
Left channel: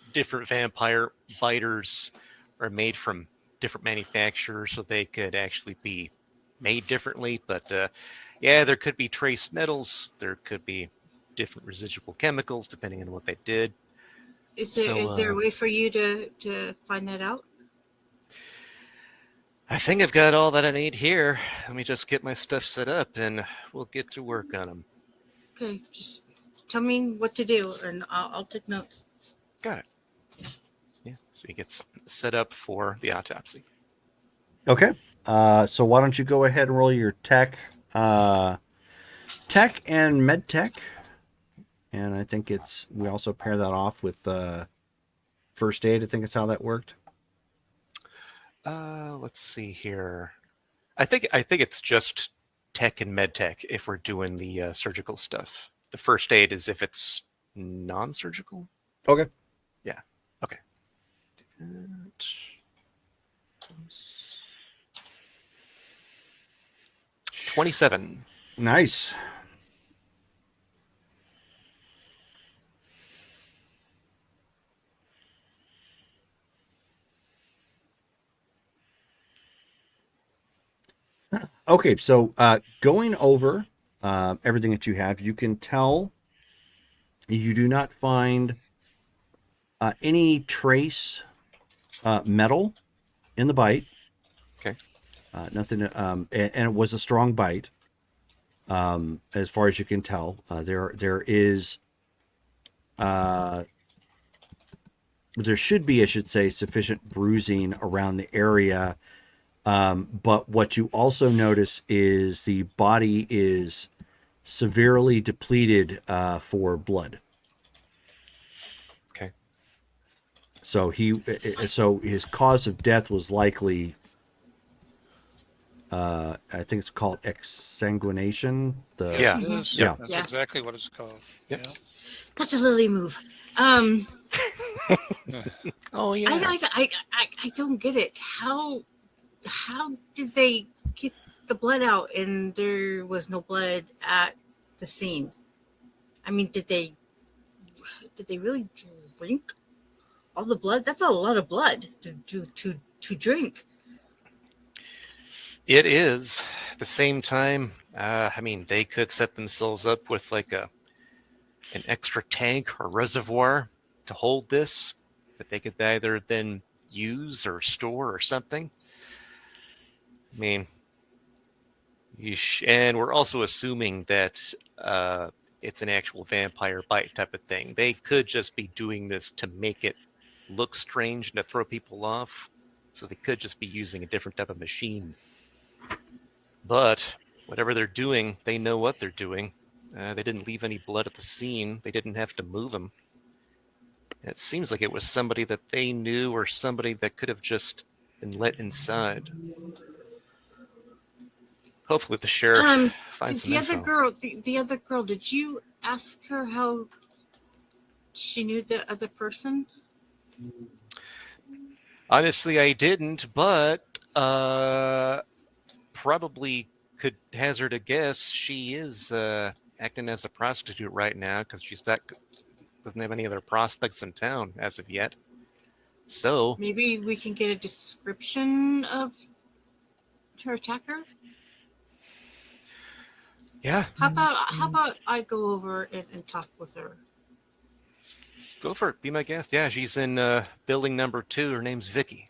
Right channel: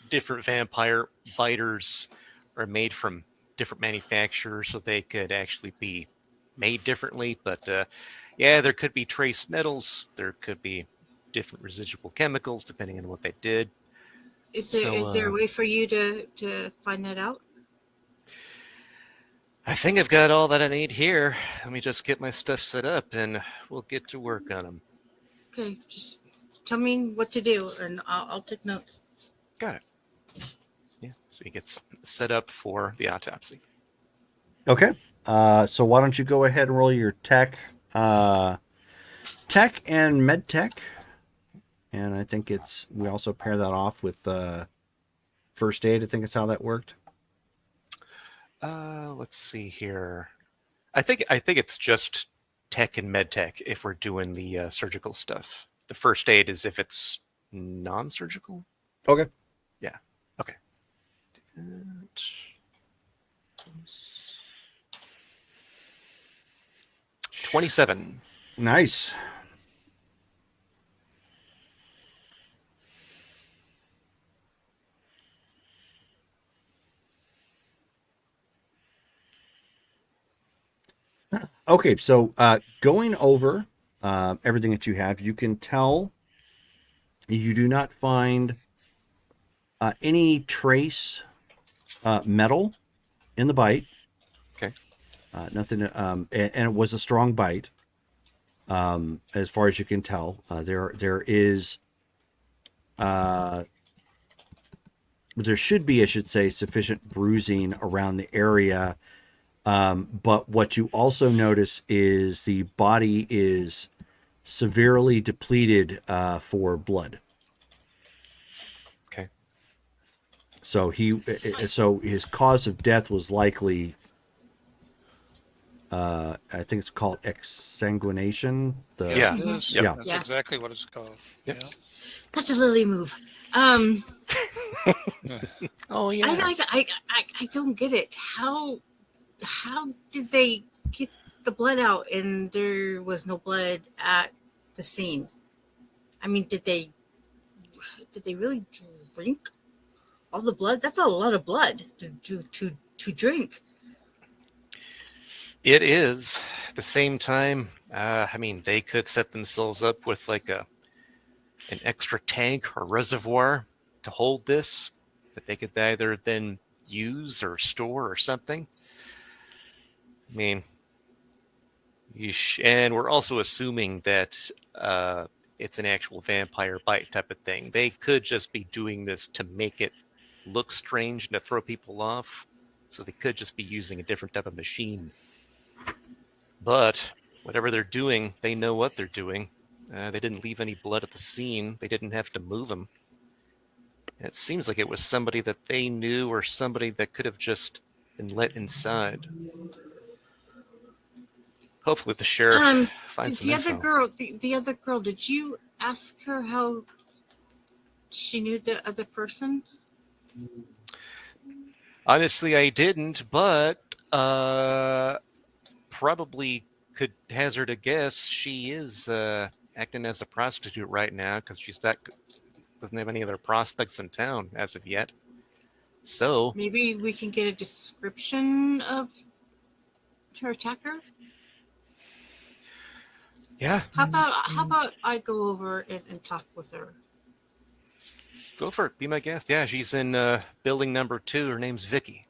different vampire biters are made from different manufacturers, so they could actually be made differently. But yeah, there could be trace metals. There could be different residual chemicals, depending on what they did. Is there So, a way for you to find that out? I think I've got all that I need here. Let me just get my stuff set up, and we'll get to work on them. Okay, just tell me what to do, and I'll take notes. Got it. Yeah, so he gets set up for the autopsy. Okay. So why don't you go ahead and roll your tech and med tech. And I think we also pair that off with first aid. I think it's how that worked. Let's see here. I think it's just tech and med tech if we're doing the surgical stuff. The first aid is if it's non-surgical. Okay. Yeah. Okay. 27. Nice. Okay, so going over everything that you have, you can tell you do not find any trace metal in the bite. Okay. Nothing, and it was a strong bite. As far as you can tell, there is there should be, I should say, sufficient bruising around the area. But what you also notice is the body is severely depleted for blood. Okay. So so his cause of death was likely, I think it's called exsanguination. Yeah. Yeah. That's Yeah. exactly what it's called. Yeah. That's a Lily move. Oh yeah. I don't get it. How did they get the blood out and there was no blood at the scene? I mean, did they really drink all the blood? That's a lot of blood to drink. It is. At the same time, I mean, they could set themselves up with like an extra tank or reservoir to hold this that they could either then use or store or something. I mean, and we're also assuming that it's an actual vampire bite type of thing. They could just be doing this to make it look strange and to throw people off. So they could just be using a different type of machine. But whatever they're doing, they know what they're doing. They didn't leave any blood at the scene. They didn't have to move them. And it seems like it was somebody that they knew or somebody that could have just been let inside. Hopefully the sheriff finds The some other info. girl, the other girl, did you ask her how she knew the other person? Honestly, I didn't, but probably could hazard a guess. She is acting as a prostitute right now because doesn't have any other prospects in town as of yet. So Maybe we can get a description of her attacker. yeah, How about I go over and talk with her? go for it. Be my guest. Yeah, she's in building number 2. Her name's Vicky.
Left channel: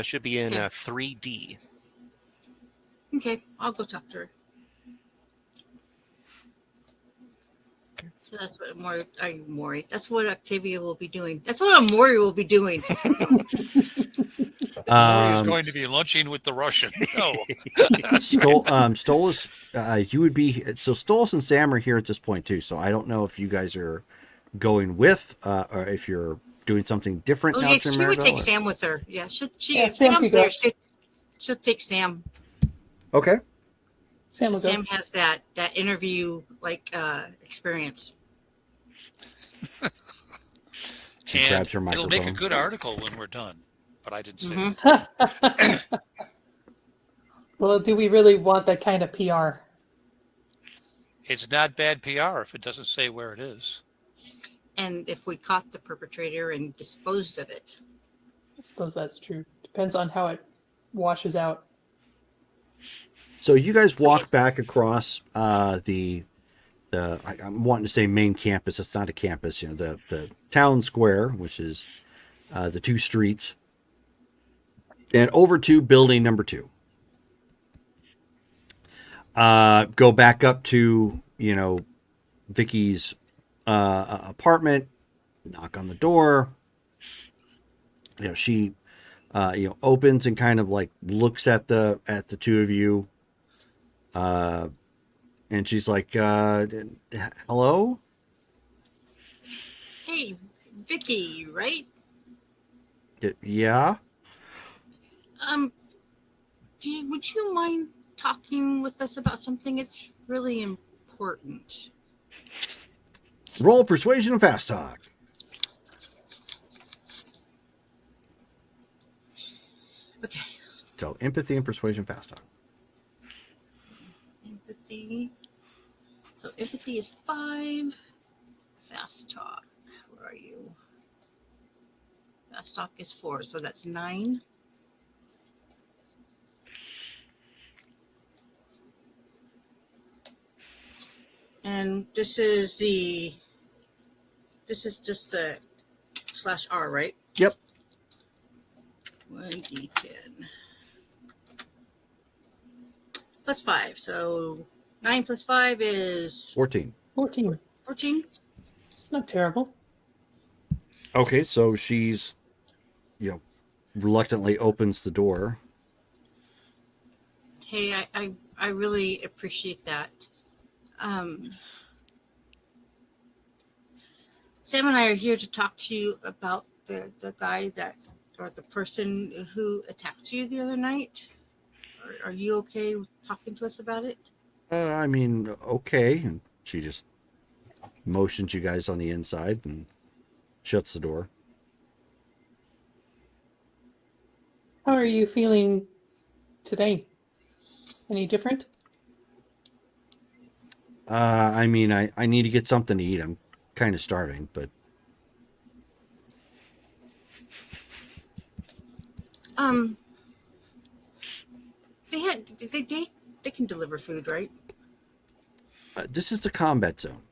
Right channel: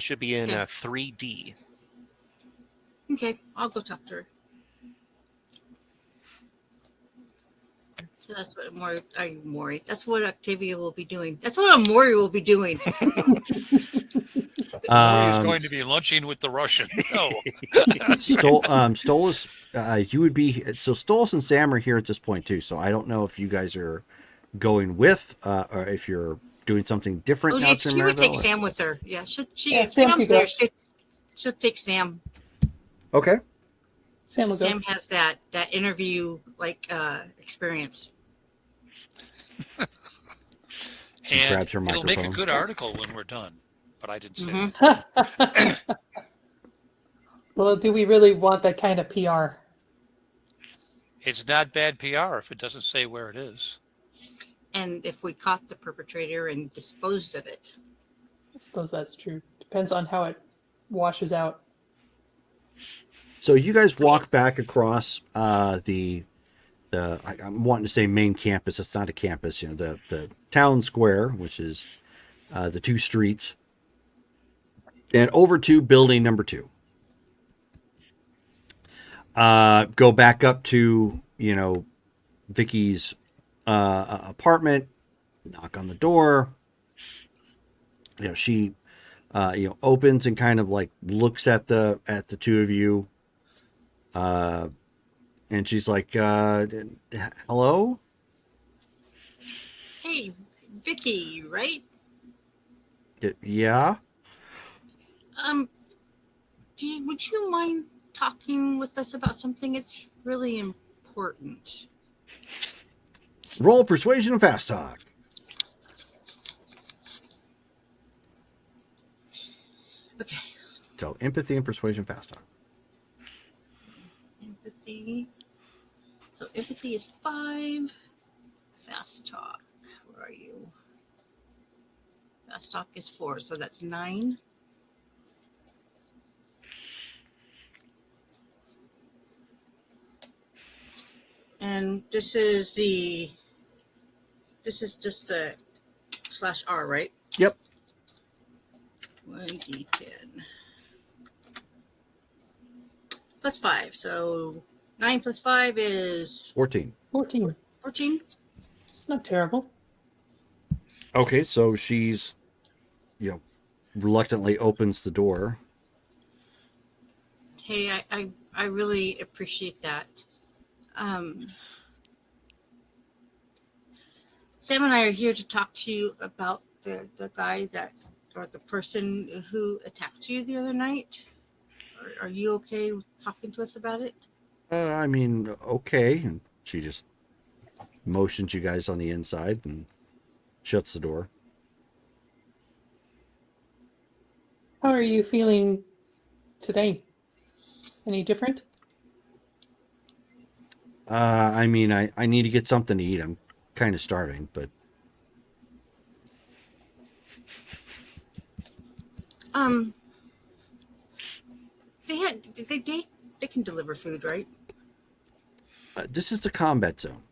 Should be in 3D. Okay, I'll go talk to her. So that's what Maury. That's what Octavia will be doing. That's what Maury will be doing. He's going to be lunching with the Russian. No. Stolas, you would be, so Stolas and Sam are here at this point too. So I don't know if you guys are going with, or if you're doing something different now to She would take Maribel. Sam with her. Yeah, Sam Sam's can there. go. She'll take Sam. Okay. Sam will go. Sam has that interview experience. She And grabs her it'll make microphone. a good article when we're done. But I didn't say Mhm. Well, do we really want that kind of PR? it's not bad PR if it doesn't say where it is. And if we caught the perpetrator and disposed of it. I suppose that's true. Depends on how it washes out. So you guys walk back across I'm wanting to say main campus. It's not a campus, the town square, which is the 2 streets, and over to building number 2. Go back up to Vicky's apartment. Knock on the door. She opens and kind of like looks at the 2 of you. And she's like, hello? Hey, Vicky, right? Yeah? Would you mind talking with us about something? It's really important. Roll persuasion and fast talk. Okay. So empathy and persuasion, fast talk. Empathy. So empathy is 5. Fast talk. Where are you? Fast talk is 4, so that's 9. And this is just the /R, right? Yep. 1d10 plus 5, so 9 plus 5 is 14. 14. 14. It's not terrible. Okay, so she's, reluctantly opens the door. Hey, I really appreciate that. Sam and I are here to talk to you about the guy or the person who attacked you the other night. Are you okay with talking to us about it? Okay. And she just motions you guys on the inside and shuts the door. How are you feeling today? Any different? I need to get something to eat. I'm kind of starving, but They can deliver food, right? this is the combat zone.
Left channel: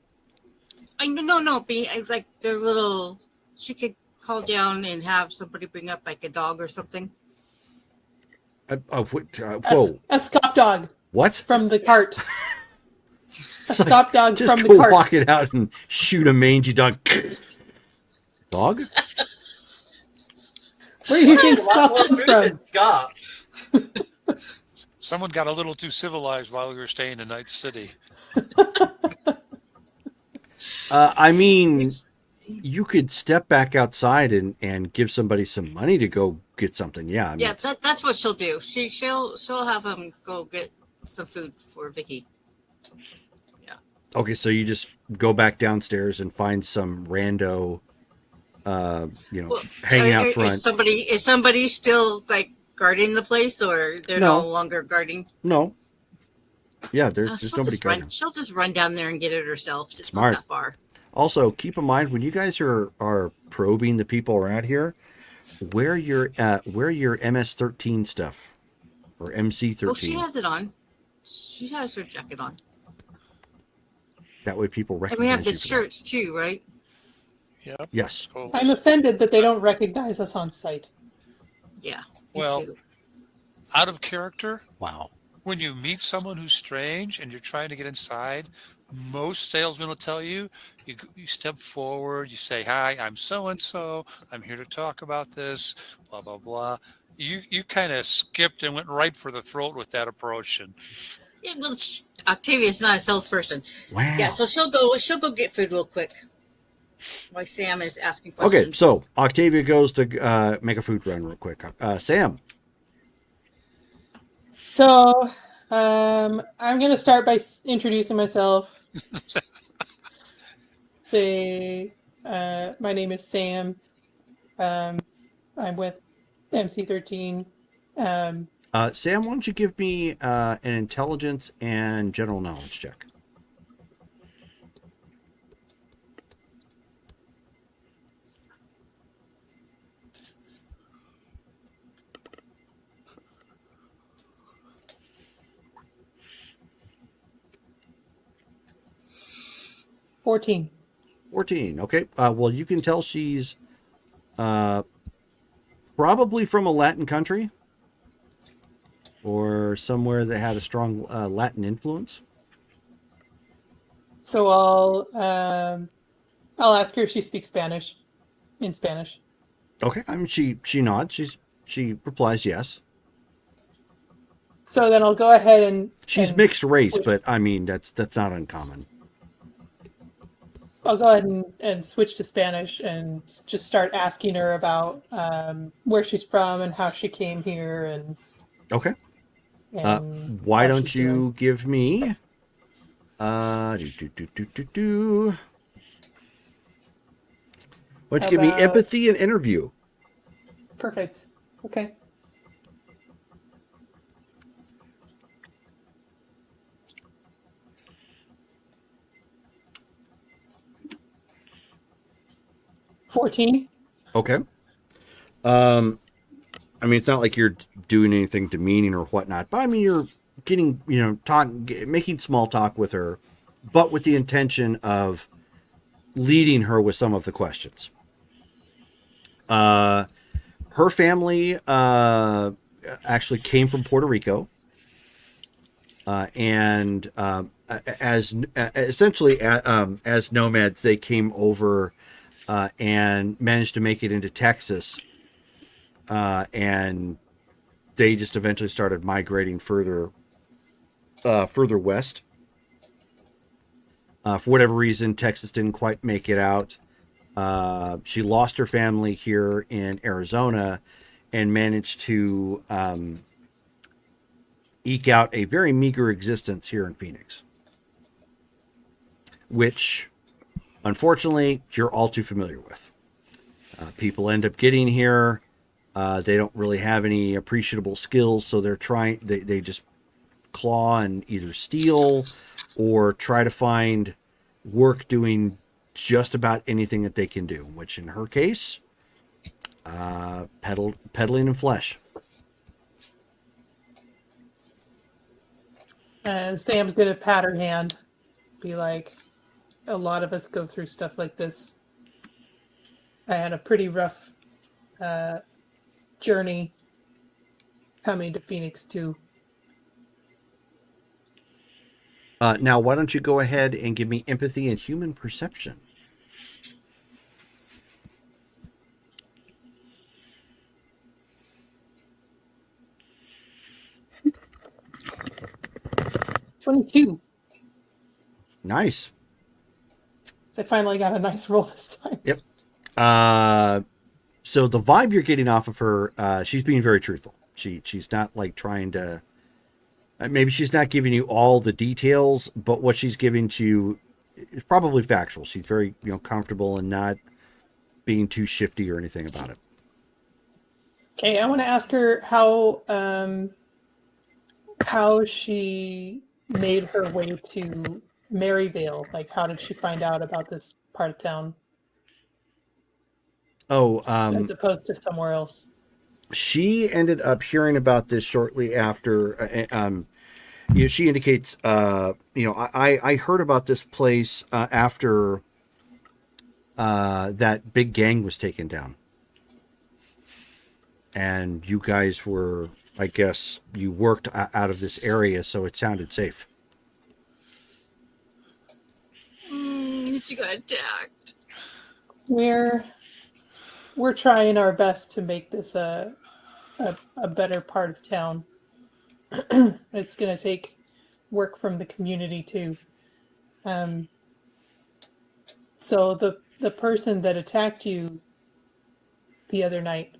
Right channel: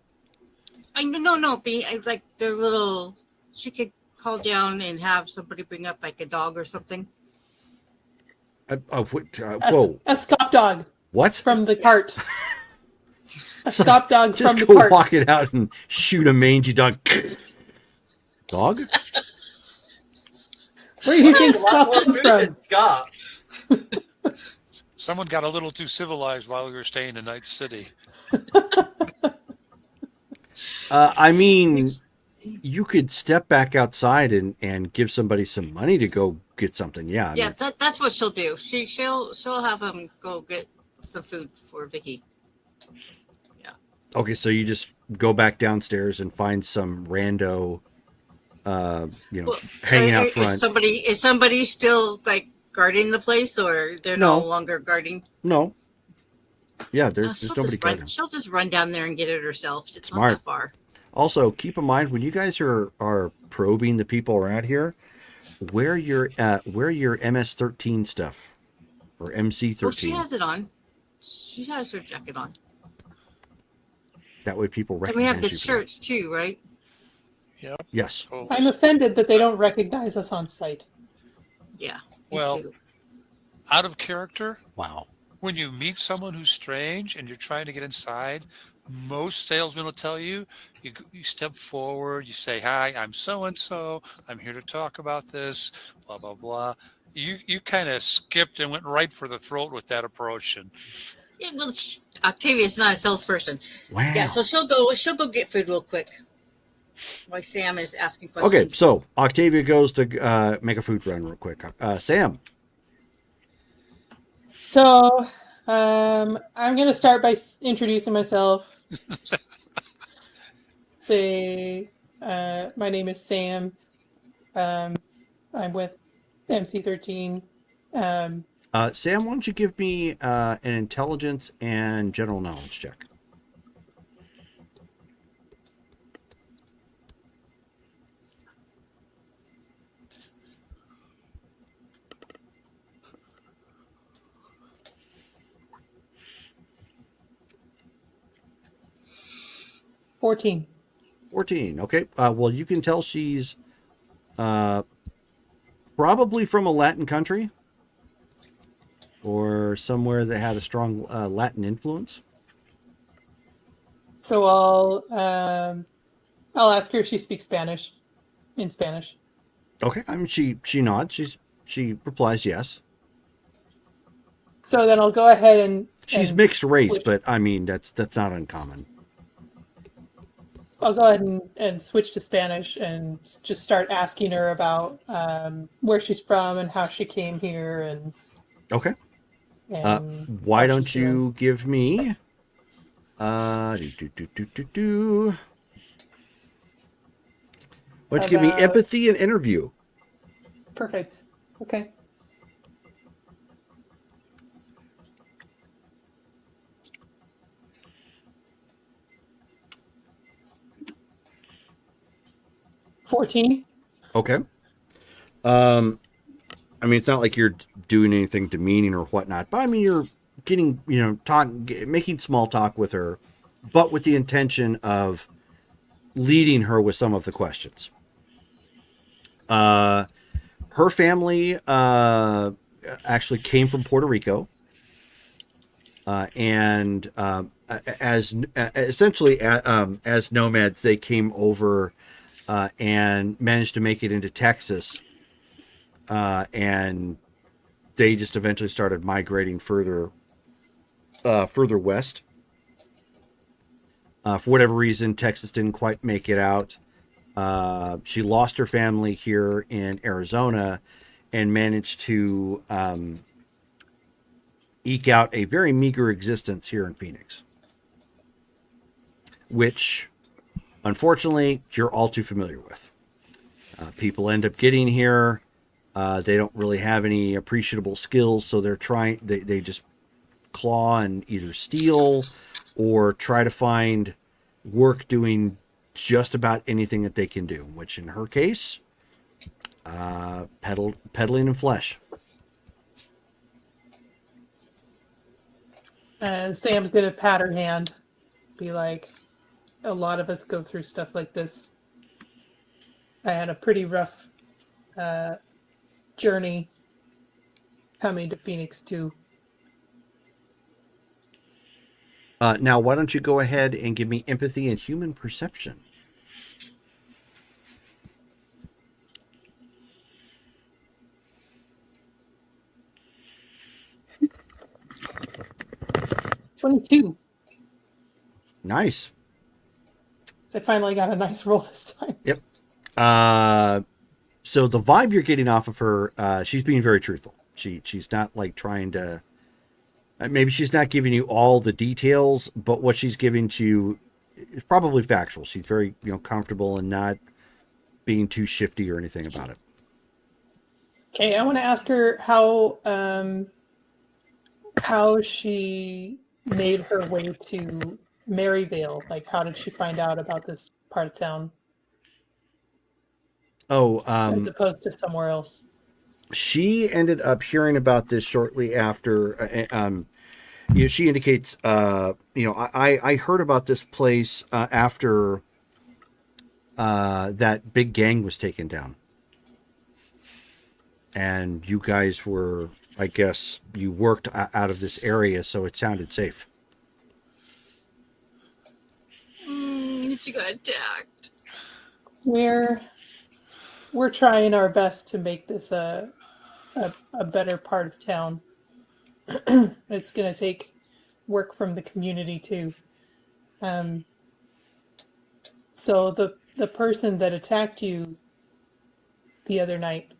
No, like they're little. She could call down and have somebody bring up like a dog or something. Whoa. A stop dog What? from the cart. A stop dog Just from go the cart. walk it out and shoot a mangy dog. Dog? Where do you think stop Well, comes from? Scott. Someone got a little too civilized while we were staying in Night City. You could step back outside and give somebody some money to go get something. Yeah. That's what she'll do. She'll have him go get some food for Vicky. Okay, so you just go back downstairs and find some rando, hanging out front. Is somebody still like guarding the place, or they're No. no longer guarding? No. Yeah, there's nobody guarding. She'll just run down there and get it herself. It's Smart. not that far. Also, keep in mind when you guys are probing the people around here, wear your MS-13 stuff or MC-13. Well, she has it on. She has her jacket on. That way people And we recognize have the you. shirts too, right? Yeah. Yes. Oh, I'm offended that they don't recognize us on sight. Yeah. Me Well, too. out of character, Wow. when you meet someone who's strange and you're trying to get inside, most salesmen will tell you, you step forward, you say, "Hi, I'm so-and-so. I'm here to talk about this, blah, blah, blah." You kind of skipped and went right for the throat with that approach. And Yeah, well, Octavia's not a salesperson. Wow. Yeah, so she'll go get food real quick. While Sam is asking questions. Okay, so Octavia goes to make a food run real quick. Sam. So, I'm going to start by introducing myself. Say, my name is Sam. I'm with MC-13. Sam, why don't you give me an intelligence and general knowledge check? $14. 14. Okay. Well, you can tell she's probably from a Latin country or somewhere that had a strong Latin influence. So I'll ask her if she speaks Spanish. In Spanish. Okay. I mean, she nods. She replies yes. So then I'll go ahead and. She's mixed race, but I mean that's not uncommon. I'll go ahead and switch to Spanish and just start asking her about where she's from and how she came here and Okay. and Why how don't she's you doing. give me why don't you give me empathy and interview? Perfect. Okay. $14. Okay. I mean, it's not like you're doing anything demeaning or whatnot, but I mean, you're getting, making small talk with her, but with the intention of leading her with some of the questions. Her family actually came from Puerto Rico, and as essentially as nomads, they came over and managed to make it into Texas, and they just eventually started migrating further west. For whatever reason, Texas didn't quite make it out. She lost her family here in Arizona and managed to eke out a very meager existence here in Phoenix, which unfortunately you're all too familiar with. People end up getting here. They don't really have any appreciable skills, so they just claw and either steal or try to find work doing just about anything that they can do, which in her case, peddling in flesh. Sam's gonna pat her hand, be like, a lot of us go through stuff like this. I had a pretty rough journey coming to Phoenix too. Now, why don't you go ahead and give me empathy and human perception? $22. Nice. So I finally got a nice roll this time. Yep. So the vibe you're getting off of her, she's being very truthful. She's not like trying to. Maybe she's not giving you all the details, but what she's giving to you is probably factual. She's very comfortable and not being too shifty or anything about it. Okay, I want to ask her how she made her way to Maryvale. Like, how did she find out about this part of town Oh, as opposed to somewhere else? she ended up hearing about this shortly after. She indicates, I heard about this place after that big gang was taken down, and you guys were, I guess, you worked out of this area, so it sounded safe. She got attacked. We're trying our best to make this a better part of town. It's gonna take work from the community too. So the person that attacked you the other night,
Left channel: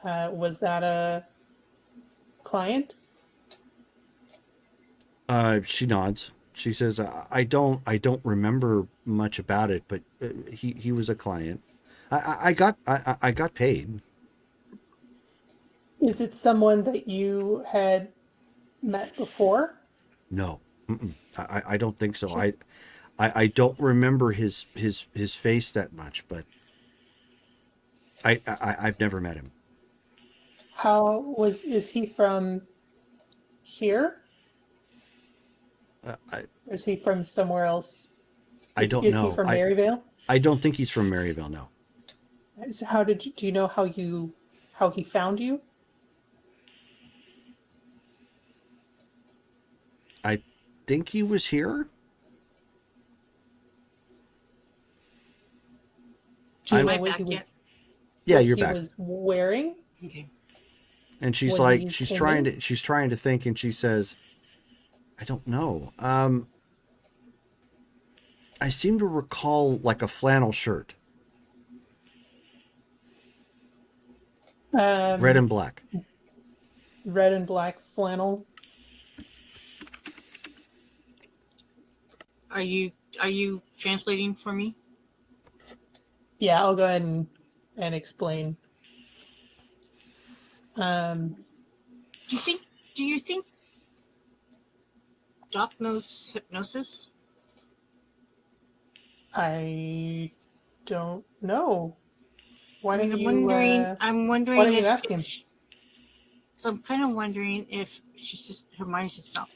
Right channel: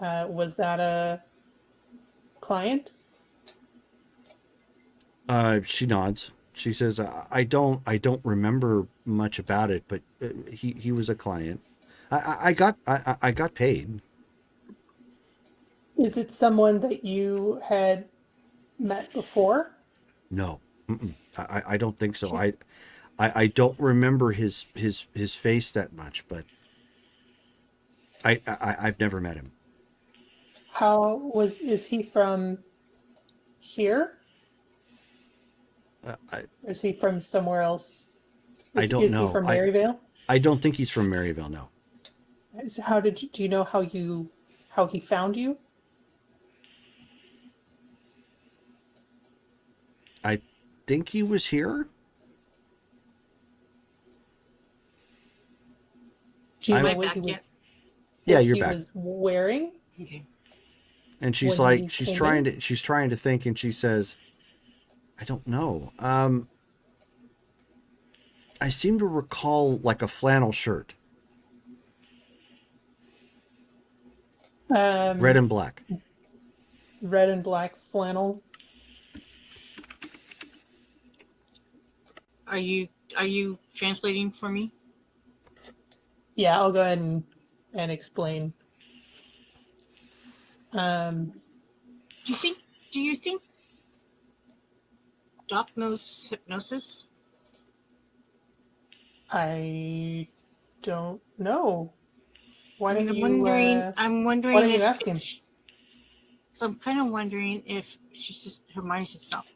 was that a client? She nods. She says, I don't remember much about it, but he was a client. I got paid. Is it someone that you had met before? No, I don't think so. I don't remember his face that much, but I've never met him. Is he from here? Or is he from somewhere else? I don't is know. He from Maryvale? I don't think he's from Maryvale. No. So do you know how he found you? I think he was here. Do you Am know I what back he was- yet? Yeah, what you're he back. was wearing? Okay. And she's when like, he she's came trying in? to, she's trying to think, and she says, I don't know. I seem to recall like a flannel shirt, red and black. Red and black flannel. Are you translating for me? Yeah, I'll go ahead and explain. Do you think Doc knows hypnosis? I don't know. Why I'm don't you? wondering. I'm wondering why don't you if. ask him? So I'm kind of wondering if her mind's just not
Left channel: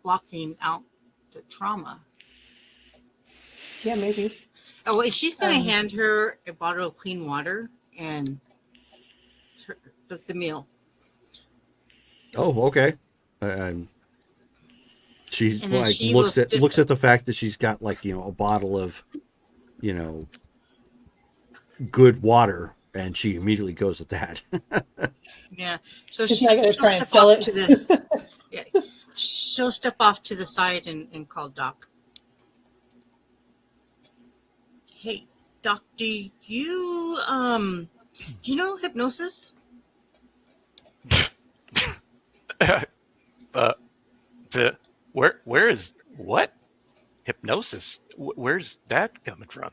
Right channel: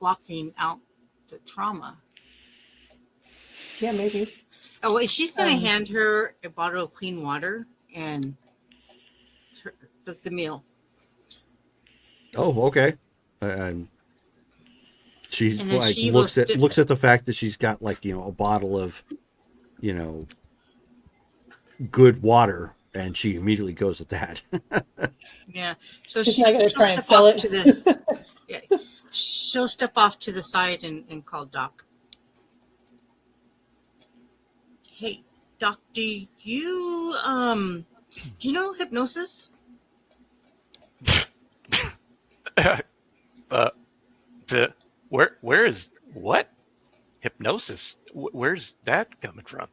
blocking out the trauma. Yeah, maybe. Oh wait, she's gonna hand her a bottle of clean water and the meal. Oh, okay. She's And then like she looks will at the fact that she's got like, a bottle of, good water, and she immediately goes at that. Yeah. So She's she'll not gonna try and step sell off it. to the. Yeah, she'll step off to the side and call Doc. Hey, Doc, do you know hypnosis? Where is what? Hypnosis? Where's that coming from?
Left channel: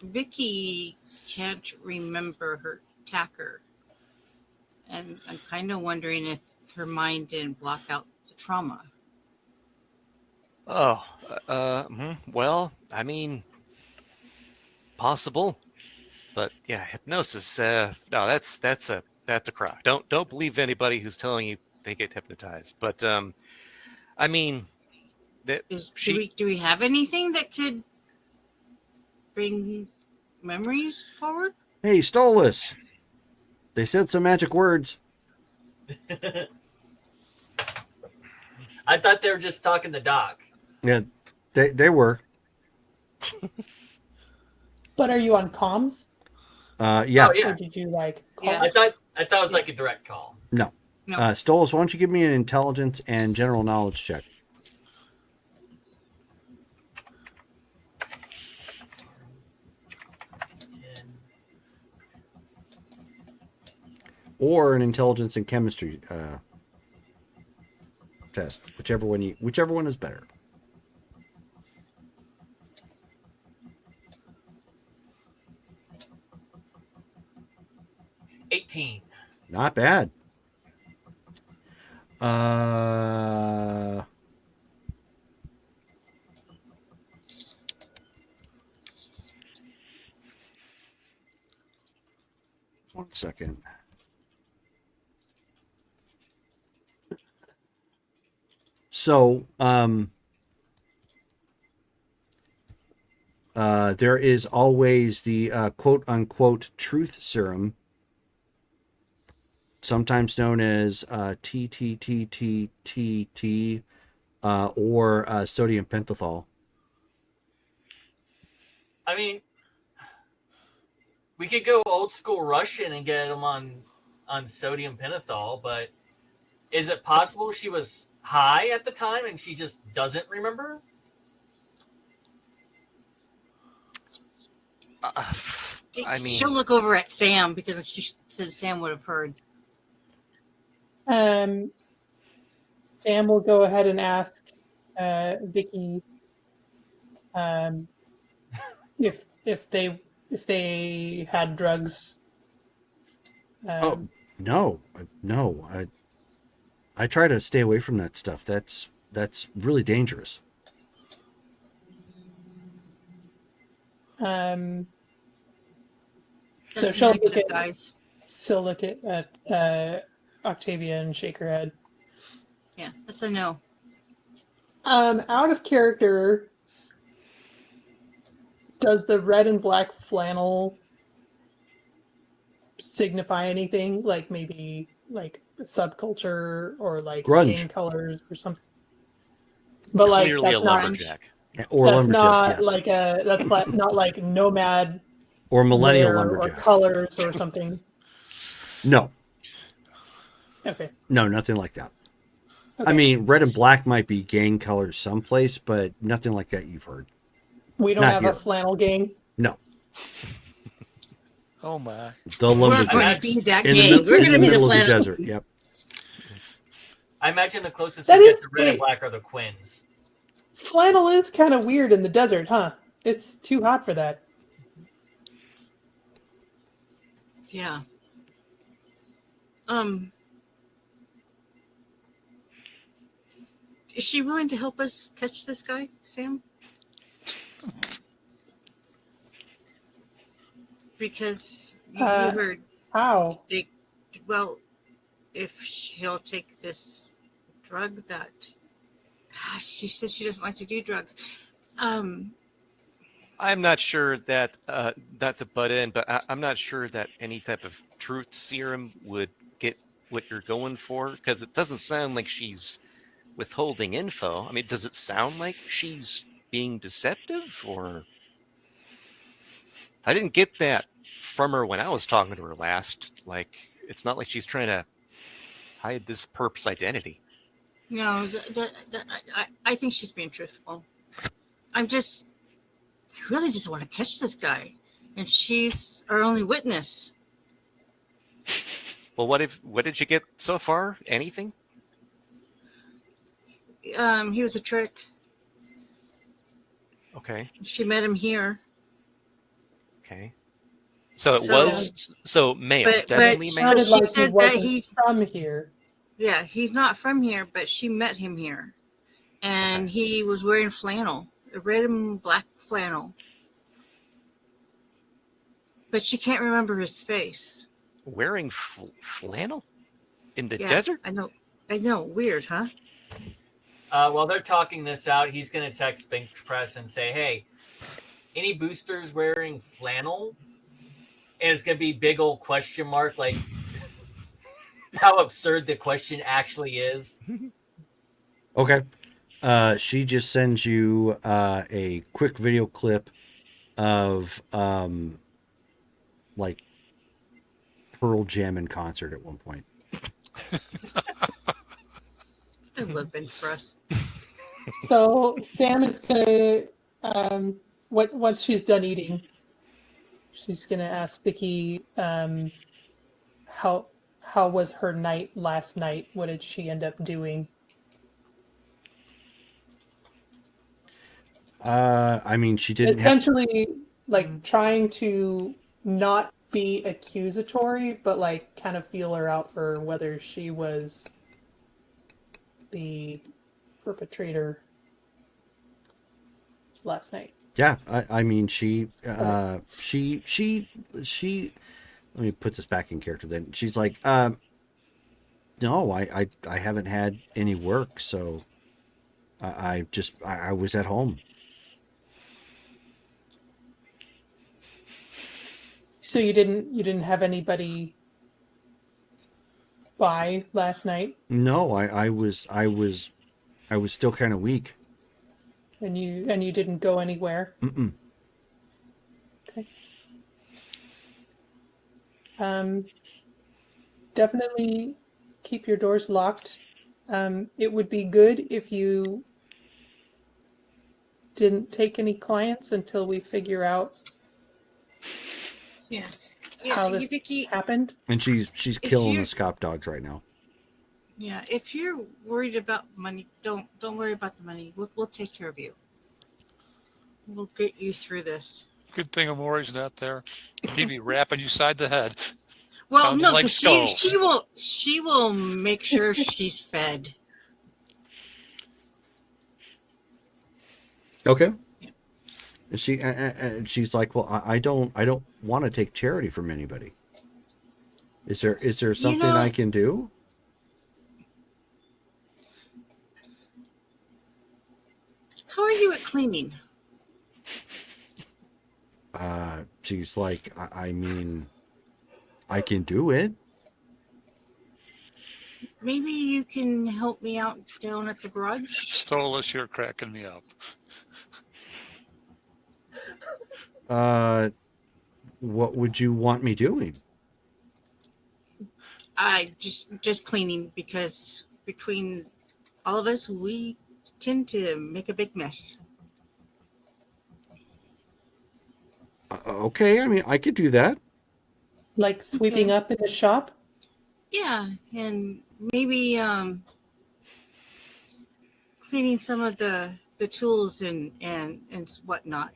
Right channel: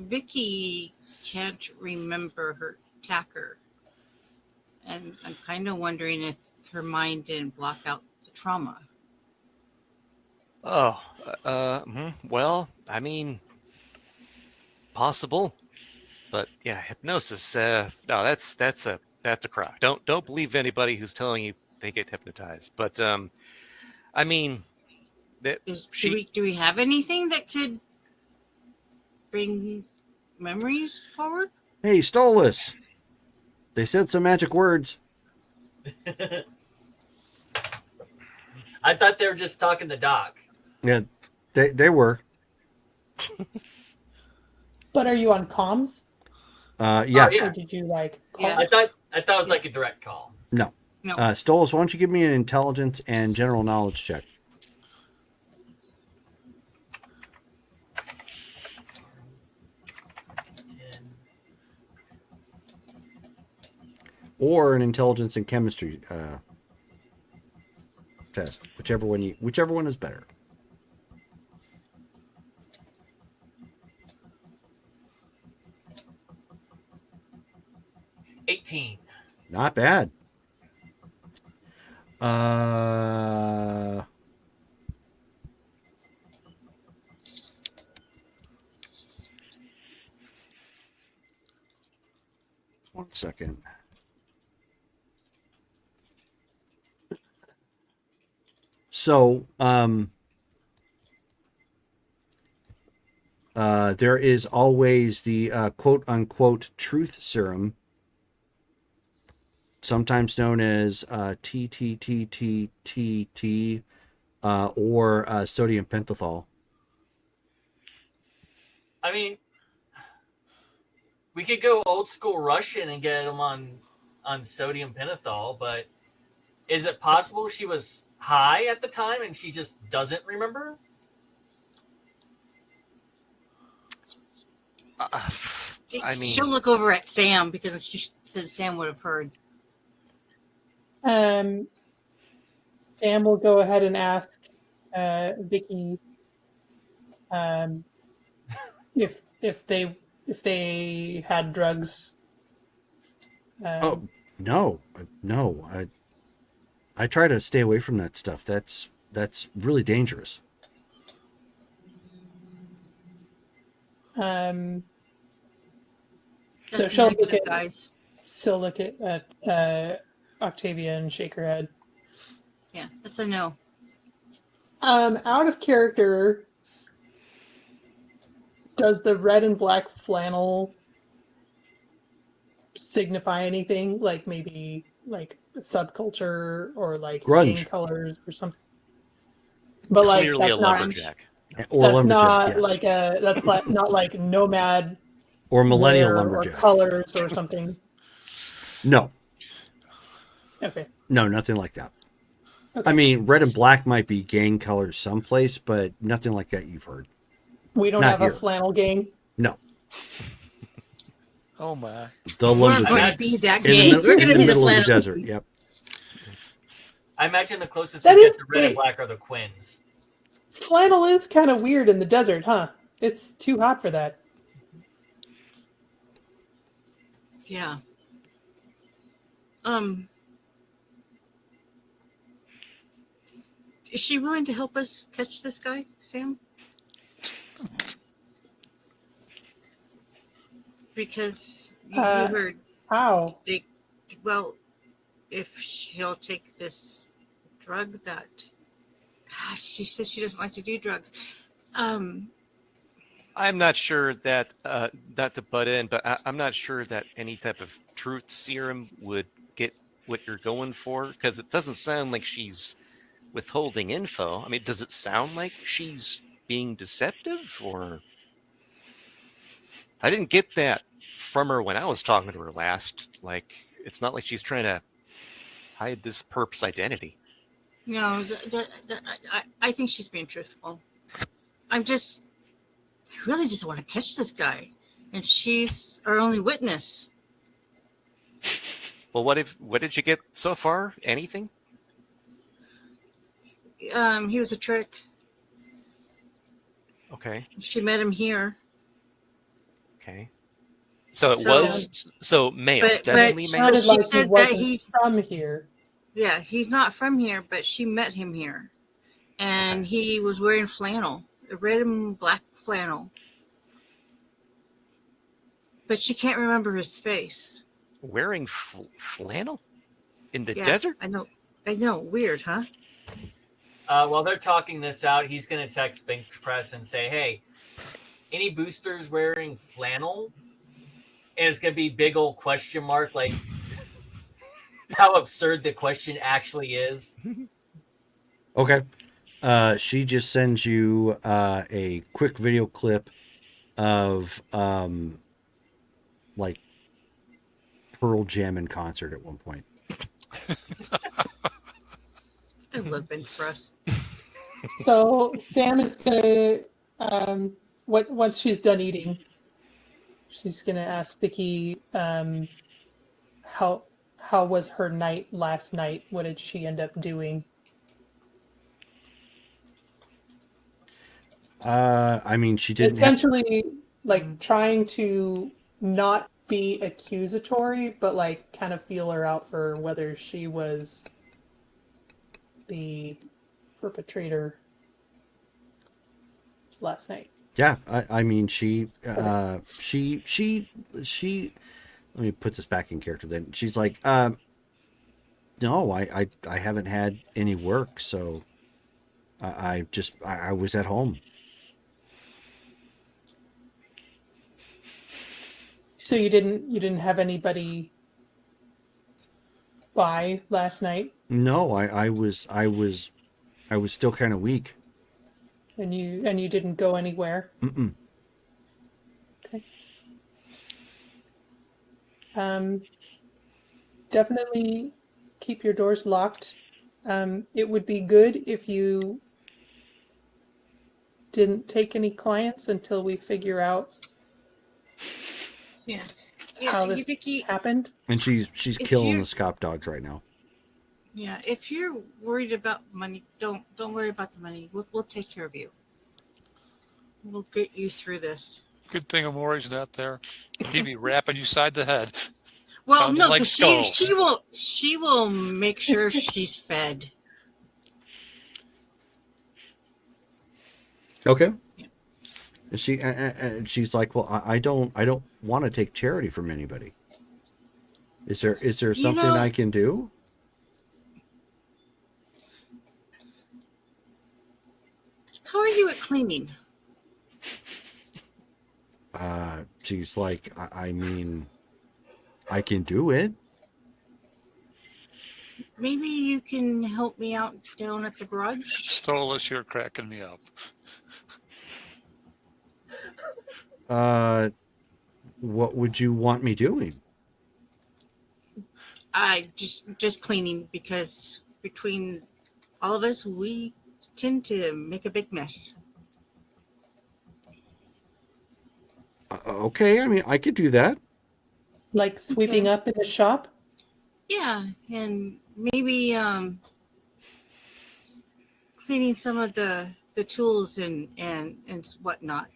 Vicky can't remember her attacker, and I'm kind of wondering if her mind didn't block out the trauma. Oh, well, I mean, possible, but yeah, hypnosis. No, that's a crock. Don't believe anybody who's telling you they get hypnotized. But I mean, that Do we have anything that could bring memories forward? Hey, Stolas. They said some magic words. I thought they were just talking to Doc. Yeah, they were. But are you on comms? Yeah. Oh, yeah. Or did you like call? Yeah. I thought it was like a direct call. No. No. Stolas, why don't you give me an intelligence and general knowledge check? Or an intelligence and chemistry test, whichever one is better. $18. Not bad. One second. So, there is always the quote unquote truth serum, sometimes known as TTTTTT, or sodium pentothal. I mean, we could go old school Russian and get them on sodium pentothal, but is it possible she was high at the time and she just doesn't remember? I mean, She'll look over at Sam because she says Sam would have heard. Sam will go ahead and ask Vicky if they had drugs. No. I try to stay away from that stuff. That's really dangerous. So Doesn't she'll matter, look at guys. she'll look at Octavia and shake her head. Yeah, that's a no. Out of character, does the red and black flannel signify anything? Like maybe like subculture or like Grunge. game colors or something? But like clearly that's a not lumberjack. Or that's lumberjack, not yes. like that's like not like nomad Or millennial wear lumberjack. or colors or something. No, Okay. nothing like that. I mean, red and black might be gang colors someplace, but nothing like that you've heard. We don't Not have here. a flannel gang. No, Oh my. the We're not lumberjack going to be that in the, gang. mil- We're in gonna the be middle of the flannel- desert. Yep. I imagine the closest That we get is- to red and black are the Quins. Flannel is kind of weird in the desert, huh? It's too hot for that. Yeah. Is she willing to help us catch this guy, Sam? Because you heard How? well, if she'll take this drug that she says she doesn't like to do drugs. I'm not sure that, not to butt in, but I'm not sure that any type of truth serum would get what you're going for, because it doesn't sound like she's withholding info. I mean, does it sound like she's being deceptive, or... I didn't get that from her when I was talking to her last. Like, it's not like she's trying to hide this perp's identity. No, I think she's being truthful. I really just want to catch this guy, and she's our only witness. Well, what did you get so far? Anything? He was a trick. Okay. She met him here. Okay. So it So- was male, but definitely she- male. Sounded she like said that he wasn't he's- from here. Yeah, he's not from here, but she met him here, and he was wearing flannel, a red and black flannel. But she can't remember his face. Wearing flannel in the Yeah, desert? I know, weird, huh? While they're talking this out, he's going to text Bench Press and say, hey, any boosters wearing flannel? And it's going to be big old question mark, like how absurd the question actually is. Okay. She just sends you a quick video clip of like Pearl Jam in concert at one point. I love it for us. So Sam is gonna, once she's done eating, she's gonna ask Vicky, how was her night last night? What did she end up doing? I mean, she didn't have. Essentially, like trying to not be accusatory, but like kind of feel her out for whether she was the perpetrator last night. Yeah, I mean, she. Let me put this back in character. Then she's like, no, I haven't had any work, so I was at home. So you didn't have anybody by last night, No, I was still kind of weak. and you didn't go anywhere. Mm-mm. Okay. Definitely keep your doors locked. It would be good if you didn't take any clients until we figure out Yeah. how Yeah, this Vicky, happened. And she's If killing you- the Scop dogs right now. yeah, if you're worried about money, don't worry about the money. We'll take care of you. We'll get you through this. Good thing Amori's not there. He'd be rapping you side the head. Well, Sound no, like 'cause skulls. she will make sure she's fed. Okay. Yeah. And she's like, well, I don't want to take charity from anybody. Is there something know- I can do? How are you at cleaning? She's like, I mean, I can do it. Maybe you can help me out down at the garage? Stolas, you're cracking me up. What would you want me doing? I just cleaning, because between all of us, we tend to make a big mess. Okay, I mean, I could do that. Like sweeping up in the shop. Yeah, and maybe cleaning some of the tools and whatnot.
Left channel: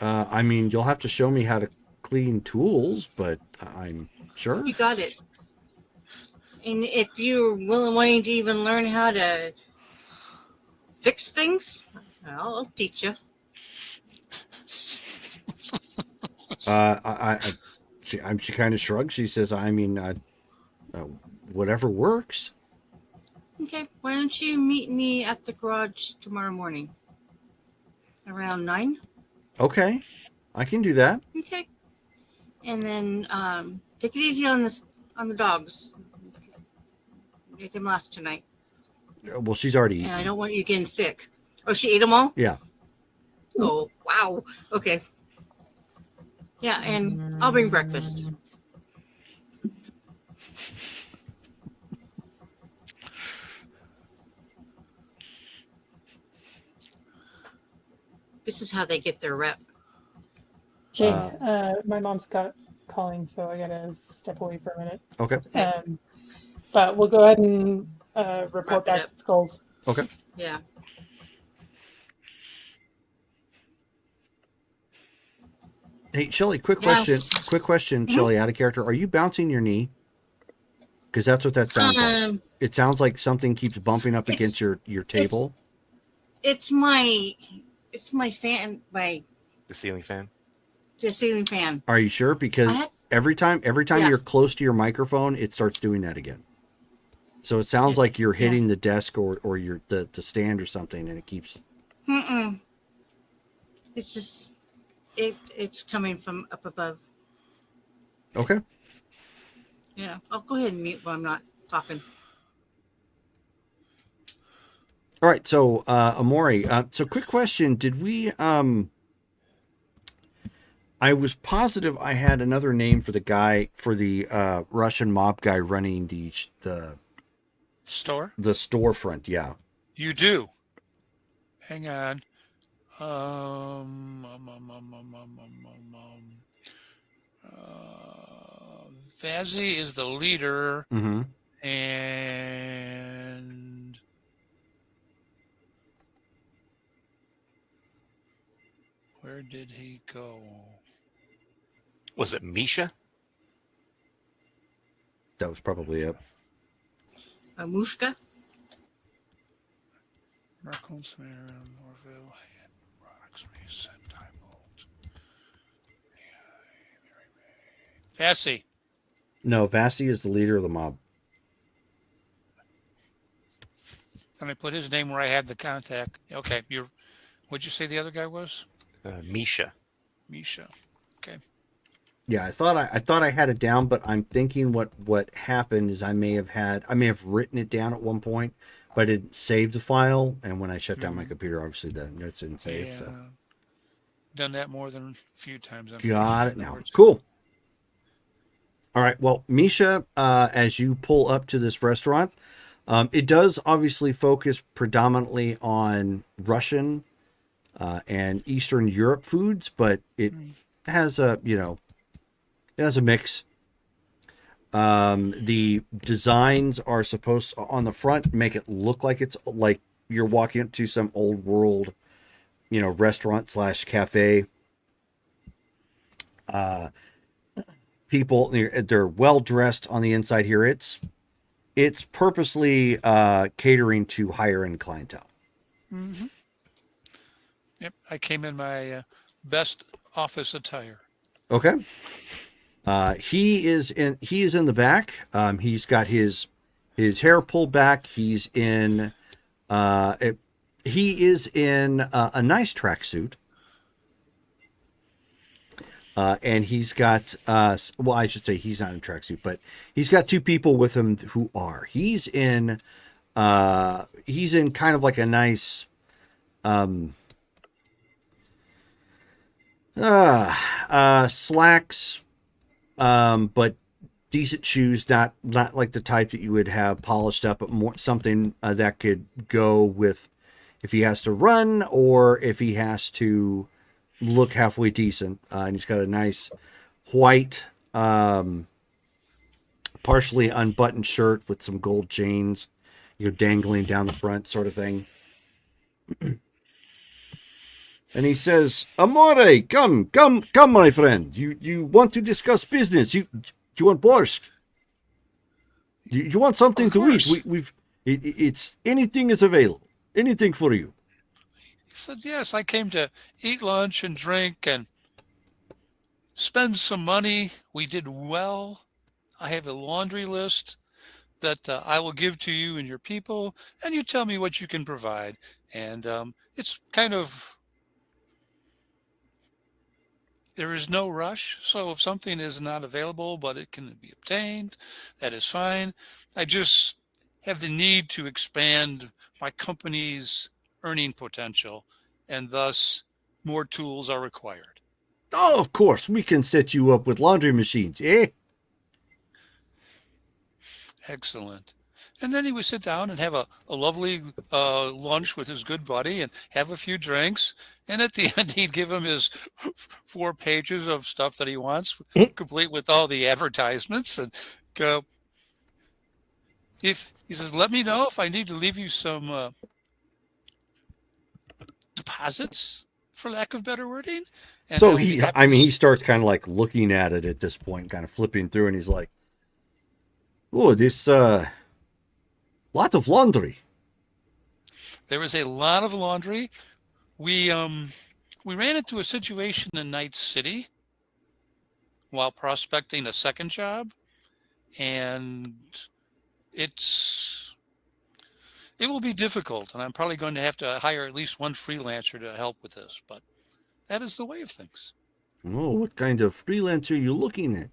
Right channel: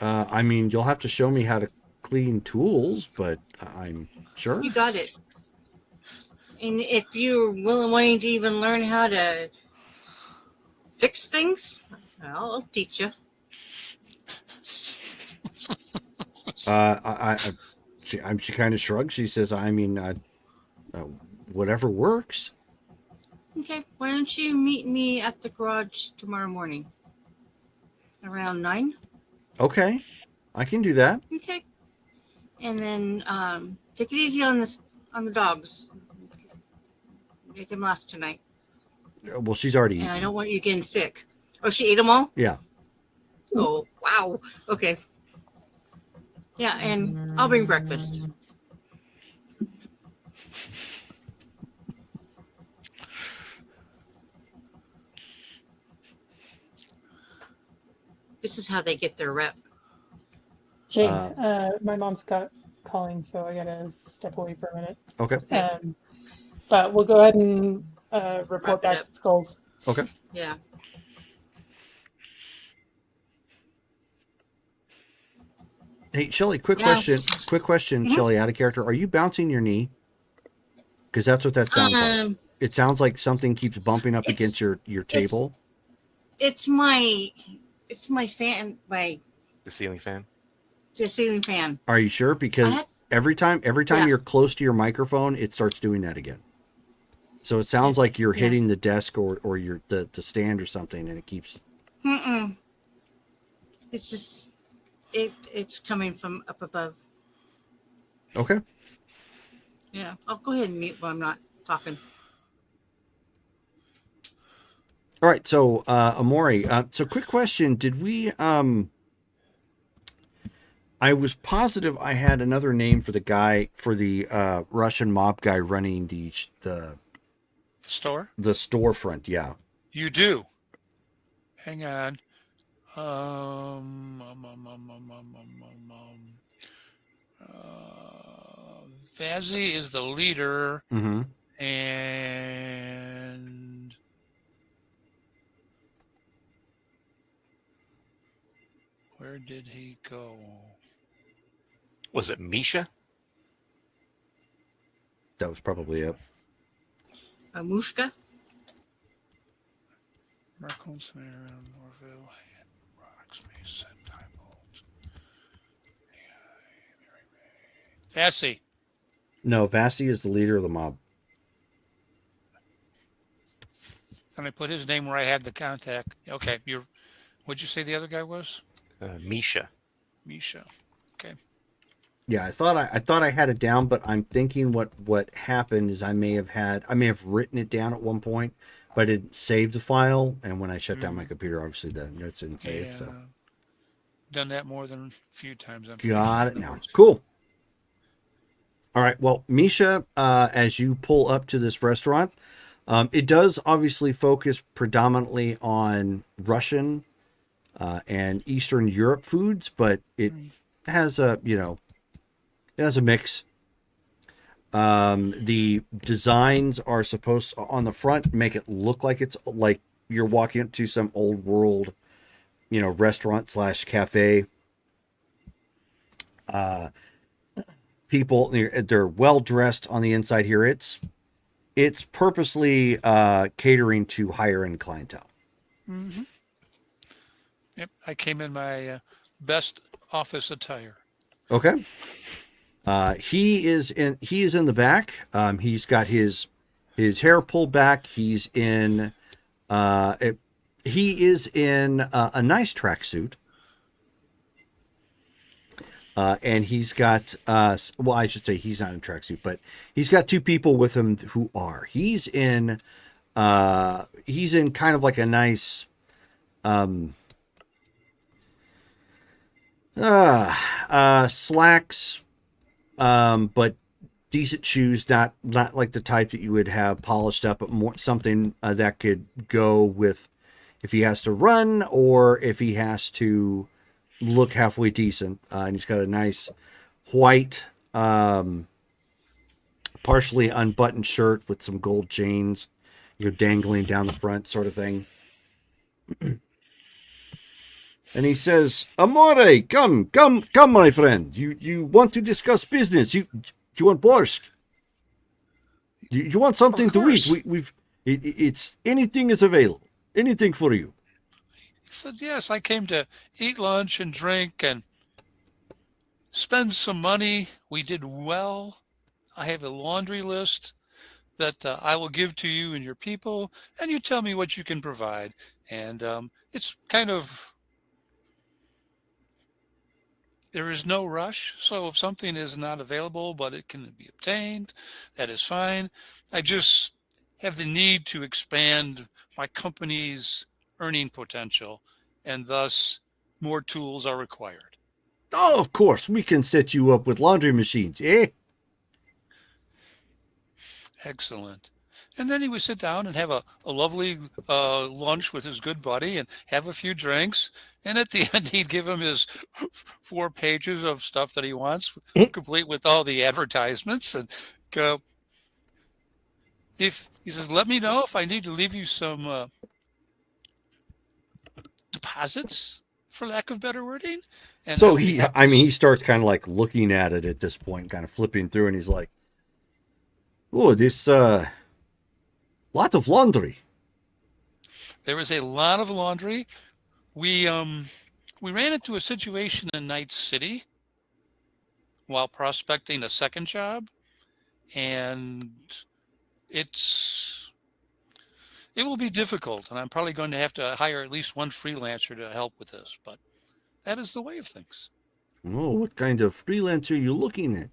I mean, you'll have to show me how to clean tools, but I'm sure. You got it. And if you're willing to even learn how to fix things, I'll teach you. She kind of shrugs. She says, I mean, whatever works. Okay, why don't you meet me at the garage tomorrow morning? Around 9? Okay, I can do that. Okay. And then take it easy on the dogs. Make them last tonight. Well, she's already And I eaten. don't want you getting sick. Oh, she ate them all? Yeah. Oh, wow. Okay. Yeah, and I'll bring breakfast. This is how they get their rep. Okay, my mom's got calling, so I gotta step away for a minute. Okay. But we'll go ahead and report Wrap it back up. to Skulls. Okay. Yeah. Hey, Shelly, quick Yes. question, Mhm. Shelly, out of character. Are you bouncing your knee? Because that's what that sounds like. It sounds like something keeps bumping up against your table. It's my fan, my The ceiling fan. the ceiling fan. Are you sure? Because I- every time Yeah. you're close to your microphone, it starts doing that again. So it sounds like you're Yeah. hitting the desk or your the stand or something, and it keeps. Mm-mm. It's just it's coming from up above. Okay. Yeah. I'll go ahead and mute while I'm not talking. All right. So, Amori. So, quick question: did we? I was positive I had another name for the guy for the Russian mob guy running the Store? storefront. Yeah. You do. Hang on. Um, um, um, um, um, um, um, um, Vazzy is the leader, Mm-hmm. and where did he go? Was it Misha? That was probably it. Mushka. Merkel, Sarah, Morville, Rocks, Mason, Tybolts. Vassy. No, Vasi is the leader of the mob. I'm gonna put his name where I have the contact. Okay, what'd you say the other guy was? Misha. Misha. Okay. Yeah, I thought I had it down, but I'm thinking what happened is I may have written it down at one point, but I didn't save the file, and when I shut down my computer, obviously the notes didn't save. So Done that more than a few times. got it now. Cool. All right. Well, Misha, as you pull up to this restaurant, it does obviously focus predominantly on Russian and Eastern Europe foods, but it has a mix. The designs are supposed on the front make it look like it's like you're walking into some old world, restaurant / cafe. People, they're well dressed on the inside here. It's purposely catering to higher end clientele. Mm-hmm. Yep, I came in my best office attire. Okay. He is in the back. He's got his hair pulled back. He is in a nice tracksuit. And he's got well, I should say he's not in a tracksuit, but he's got two people with him who are. He's in kind of like a nice slacks, but decent shoes, not like the type that you would have polished up, but more something that could go with if he has to run or if he has to look halfway decent. And he's got a nice white, partially unbuttoned shirt with some gold chains, dangling down the front, sort of thing. And he says, "Amore, come, my friend. You want to discuss business? You want borscht? You want something to eat? It's anything is available. Anything for you." He said, yes, I came to eat lunch and drink and spend some money. We did well. I have a laundry list that I will give to you and your people, and you tell me what you can provide. And it's kind of, there is no rush. So if something is not available, but it can be obtained, that is fine. I just have the need to expand my company's earning potential, and thus more tools are required. Oh, of course, we can set you up with laundry machines, eh? Excellent. And then he would sit down and have a lovely lunch with his good buddy and have a few drinks. And at the end, he'd give him his 4 pages of stuff that he wants, complete with all the advertisements. And go, if he says, let me know if I need to leave you some deposits, for lack of better wording. And So he he starts kind of like looking at it at this point, kind of flipping through, and he's like, "Oh, this lot of laundry." There was a lot of laundry. We ran into a situation in Night City while prospecting a second job, and it will be difficult, and I'm probably going to have to hire at least one freelancer to help with this, but that is the way of things. Oh, what kind of freelancer are you looking at?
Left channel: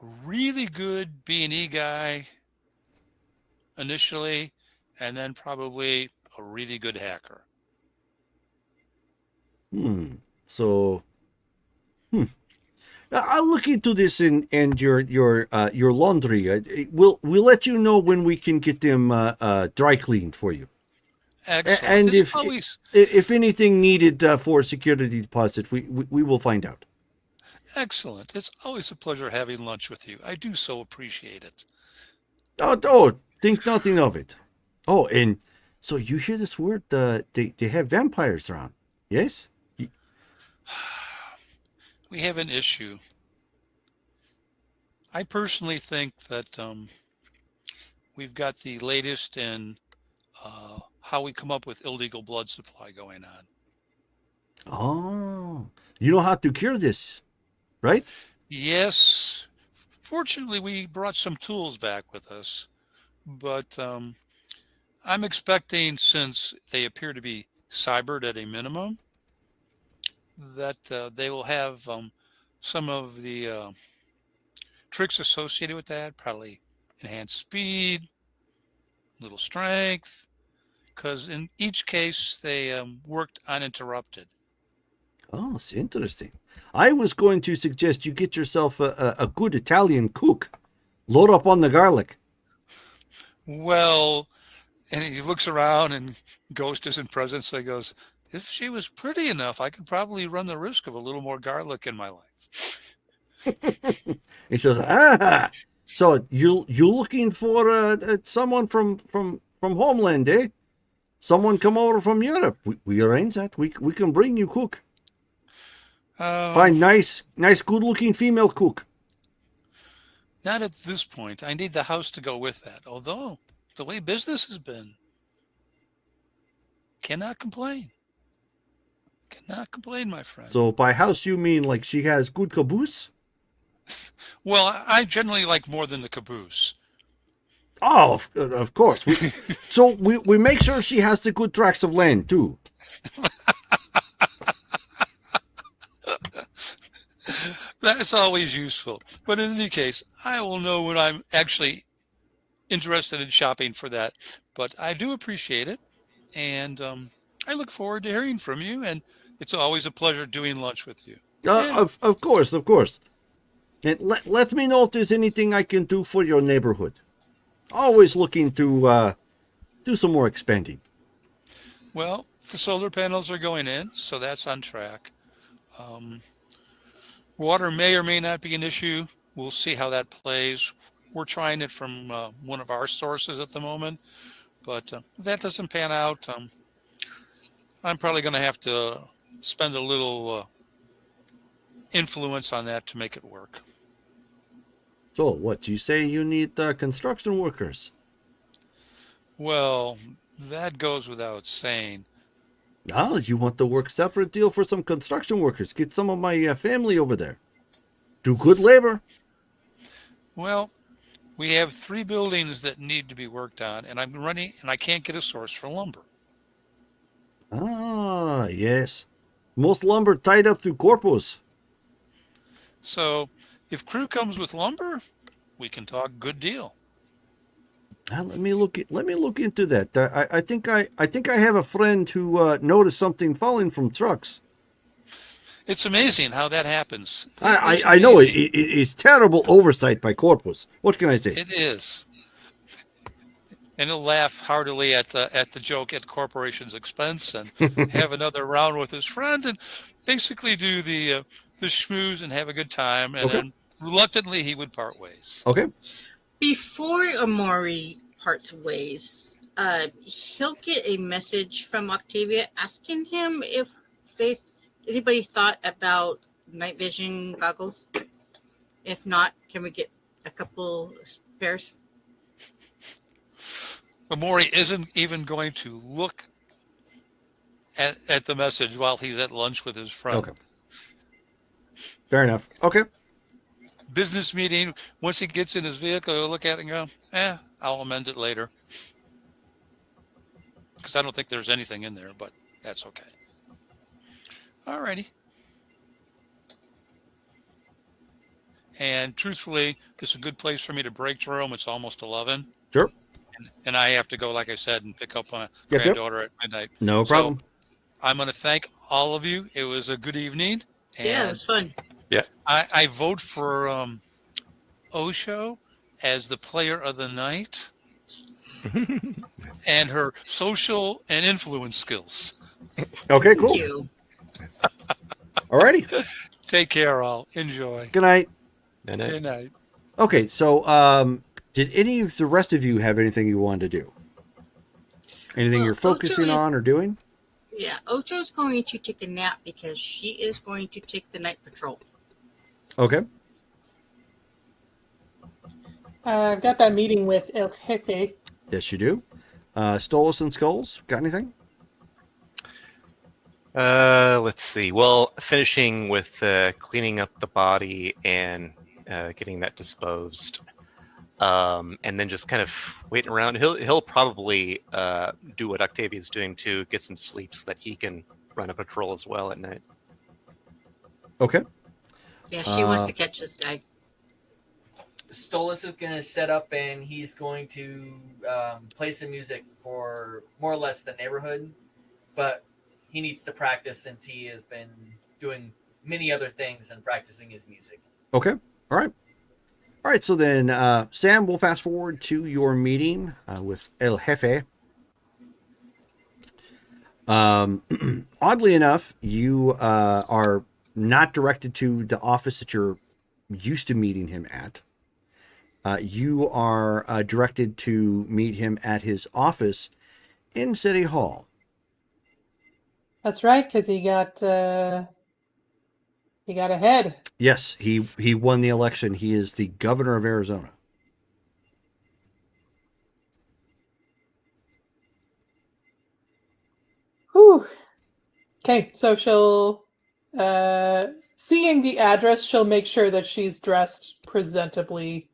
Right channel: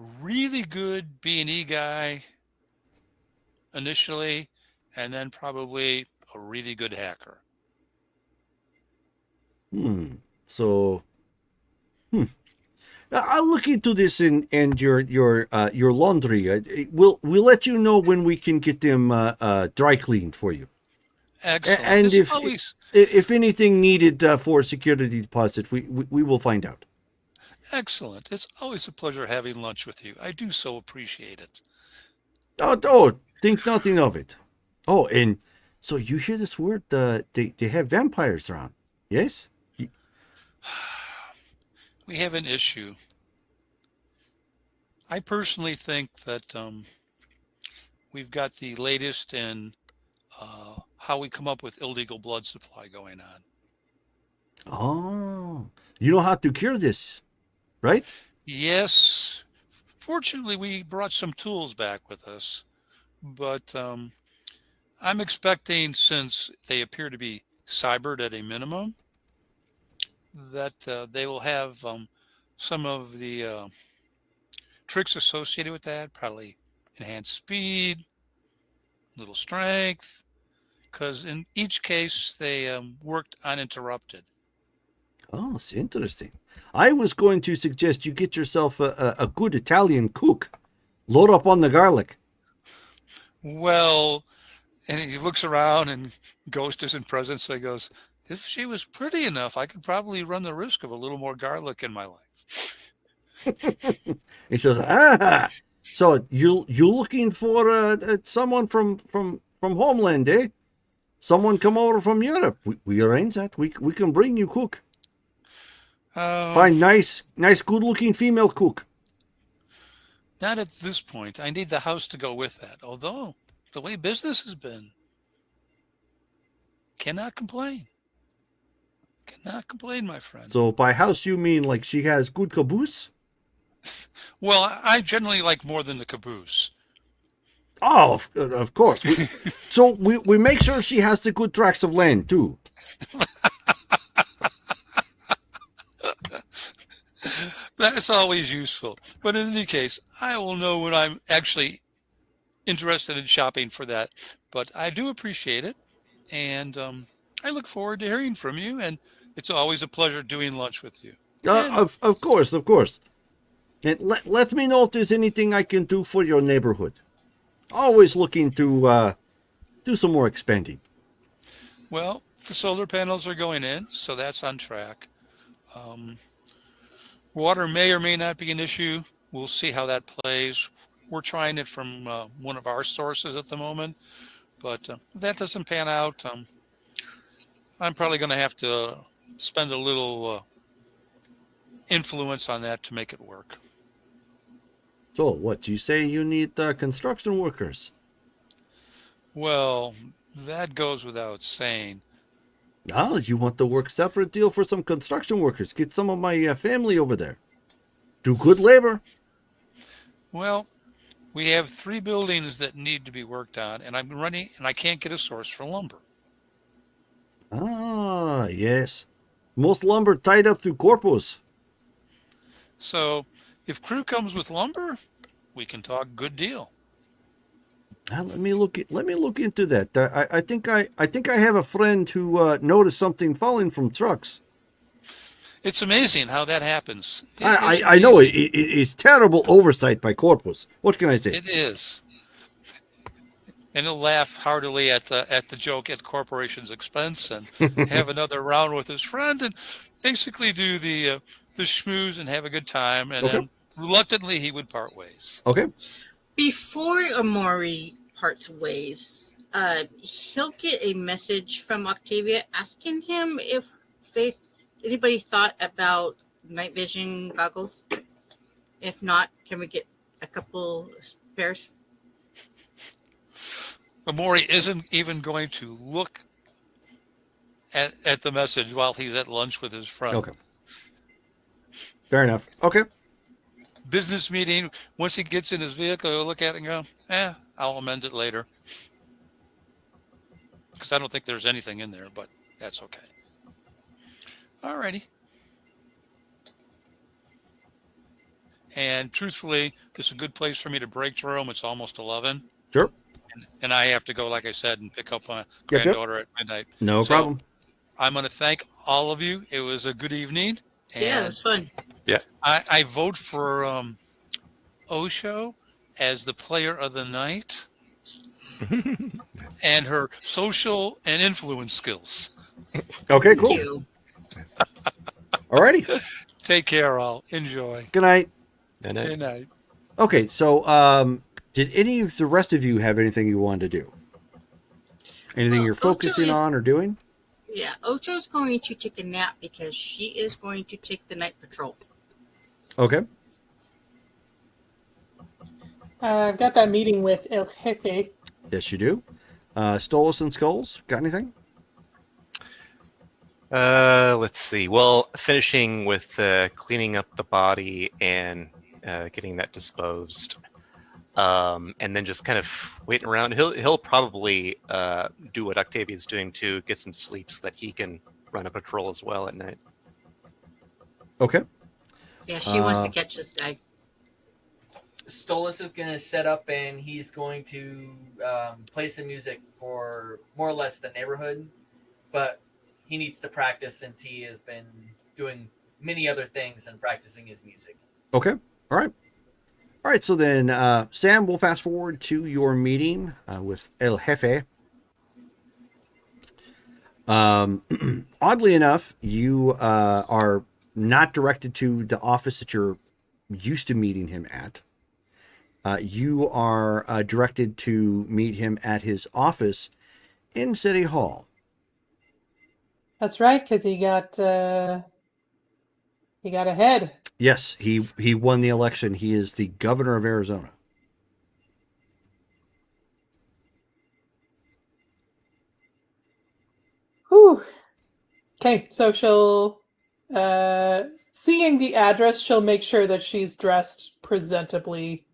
A really good B&E guy initially, and then probably a really good hacker. So, I'll look into this and your laundry. We'll let you know when we can get them dry cleaned for you. Excellent. And It's always if anything needed for security deposit, we will find out. excellent. It's always a pleasure having lunch with you. I do so appreciate it. Oh, think nothing of it. Oh, and so you hear this word? They have vampires around. Yes. We have an issue. I personally think that we've got the latest in how we come up with illegal blood supply going on. Oh, you know how to cure this, right? Yes, fortunately, we brought some tools back with us, but I'm expecting, since they appear to be cybered at a minimum, that they will have some of the tricks associated with that, probably enhanced speed, little strength, because in each case they worked uninterrupted. Oh, it's interesting. I was going to suggest you get yourself a good Italian cook. Load up on the garlic. Well, and he looks around and Ghost isn't present, so he goes, if she was pretty enough, I could probably run the risk of a little more garlic in my life. He says, so you looking for someone from homeland, eh? Someone come over from Europe. We arrange that. We can bring you cook. Find nice, good looking female cook. Not at this point. I need the house to go with that. Although, the way business has been, cannot complain. Cannot complain, my friend. So by house you mean like she has good caboose? Well, I generally like more than the caboose. Oh, of course. We make sure she has the good tracts of land too. That's always useful. But in any case, I will know when I'm actually interested in shopping for that. But I do appreciate it, and I look forward to hearing from you. And it's always a pleasure doing lunch with you. Of course. And let me know if there's anything I can do for your neighborhood. Always looking to do some more expanding. Well, the solar panels are going in, so that's on track. Water may or may not be an issue. We'll see how that plays. We're trying it from one of our sources at the moment, but if that doesn't pan out, I'm probably going to have to spend a little influence on that to make it work. So, what, you say you need construction workers? Well, that goes without saying. Ah, you want to work separate deal for some construction workers. Get some of my family over there. Do good labor. Well, we have 3 buildings that need to be worked on, and I'm running, and I can't get a source for lumber. Ah, yes. Most lumber tied up through corpus. So, if crew comes with lumber, we can talk good deal. Let me look into that. I think I have a friend who noticed something falling from trucks. It's amazing how that happens. I know it's terrible oversight by corpus. What can I say? It is. And he'll laugh heartily at the joke at corporation's expense and have another round with his friend and basically do the schmooze and have a good time. And Okay. then reluctantly he would part ways. Okay. Before Amori parts ways, he'll get a message from Octavia asking him if anybody thought about night vision goggles. If not, can we get a couple spares? Amori isn't even going to look at the message while he's at lunch with his friend. Okay. Fair enough. Okay. Business meeting, once he gets in his vehicle, he'll look at it and go, I'll amend it later. Because I don't think there's anything in there, but that's okay. Alrighty. And truthfully, it's a good place for me to break through. It's almost 11. Sure. And I have to go, like I said, and pick up my Yep. granddaughter at midnight. No So, problem. I'm going to thank all of you. It was a good evening. And Yeah, it was fun. I vote for Osho as the player of the night and her social and influence skills. Okay, Thank cool. you. Alrighty. Take care, all. Enjoy. Good night. Good night. Okay, so did any of the rest of you have anything you wanted to do? Anything Well, you're focusing Ocho is- on or doing? Yeah, Ocho's going to take a nap because she is going to take the night patrol. Okay. I've got that meeting with El Jefe. Yes, you do. Stolas and Skulls, got anything? Let's see. Well, finishing with cleaning up the body and getting that disposed, and then just kind of waiting around. He'll probably do what Octavia's doing too, get some sleep so that he can run a patrol as well at night. Okay. Yeah, she wants to catch this guy. Stolas is going to set up and he's going to play some music for more or less the neighborhood, but he needs to practice since he has been doing many other things and practicing his music. Okay. All right. All right. So then, Sam, we'll fast forward to your meeting with El Jefe. Oddly enough, you are not directed to the office that you're used to meeting him at. You are directed to meet him at his office in City Hall. That's right, because he got ahead. Yes, he won the election. He is the governor of Arizona. Whew. Okay, so she'll, seeing the address, she'll make sure that she's dressed presentably.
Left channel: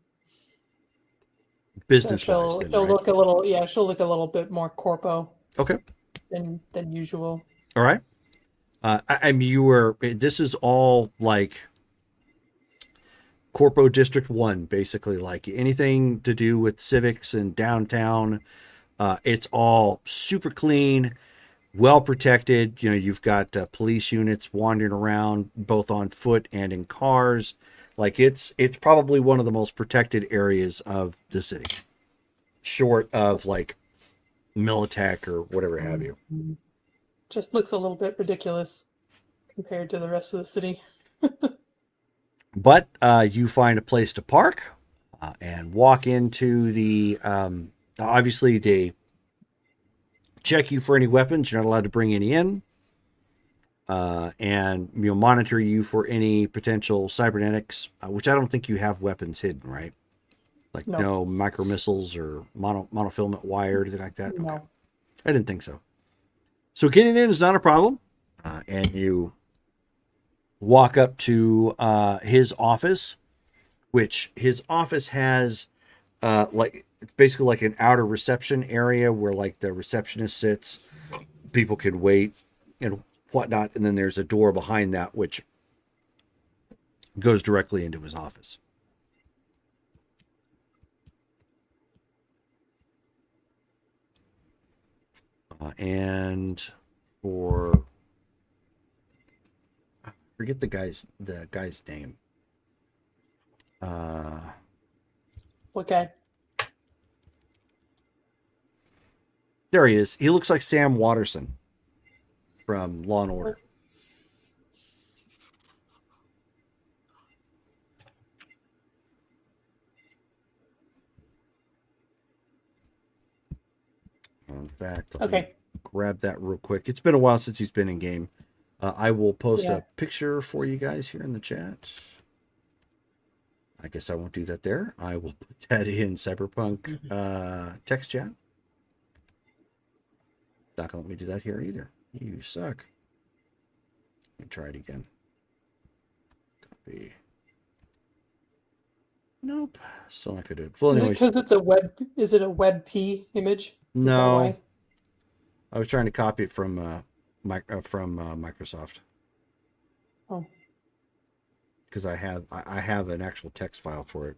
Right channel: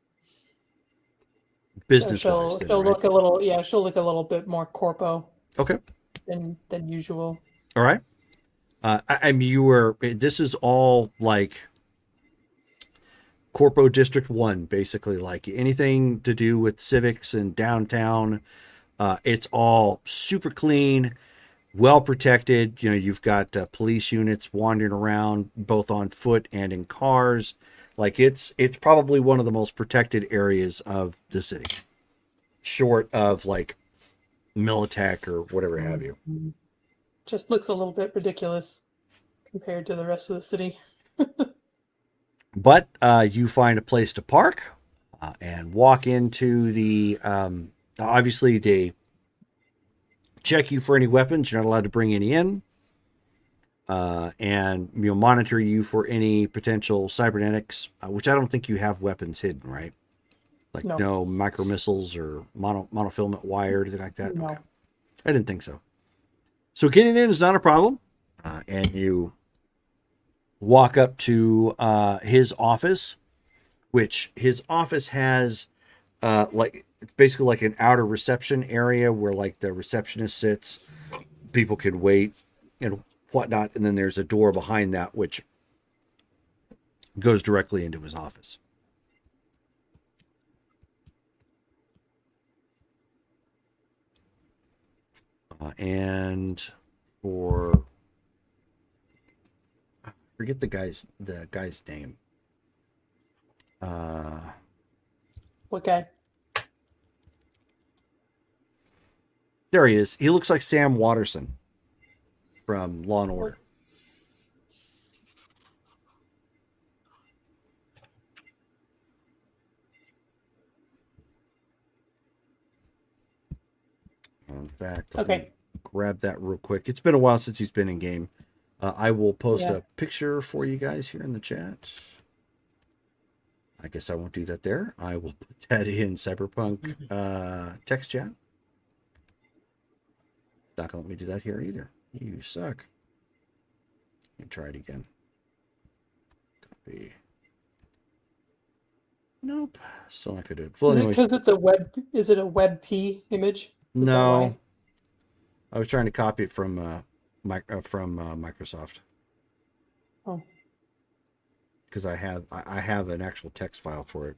Business-wise, then, She'll right? look a little, yeah, she'll look a little bit more corpo Okay. than usual. All right. I mean, this is all like Corpo District 1, basically, like anything to do with civics and downtown. It's all super clean, well protected. You know, you've got police units wandering around both on foot and in cars. Like it's probably one of the most protected areas of the city, short of like Militech or whatever have you. Just looks a little bit ridiculous compared to the rest of the city. But you find a place to park and walk into the. Obviously, they check you for any weapons. You're not allowed to bring any in, and monitor you for any potential cybernetics, which I don't think you have weapons hidden, right? Like no micro missiles or monofilament wire, or anything like that. No. Okay. I didn't think so. So getting in is not a problem, and you walk up to his office, which his office has like it's basically like an outer reception area where like the receptionist sits, people can wait and whatnot, and then there's a door behind that which goes directly into his office. And for forget the guy's name. What guy? There he is. He looks like Sam Watterson from Law and Order. In fact, I'll grab that real quick. It's been a while since he's been in game. I will post a picture for you guys here in the chat. I guess I won't do that there. I will put that in Cyberpunk text chat. Not gonna let me do that here either. You suck. Let me try it again. Copy. Nope. Still not gonna do it. Well, anyways. Because it's is it a WebP image? No. I was trying to copy it from Microsoft. Oh. Because I have an actual text file for it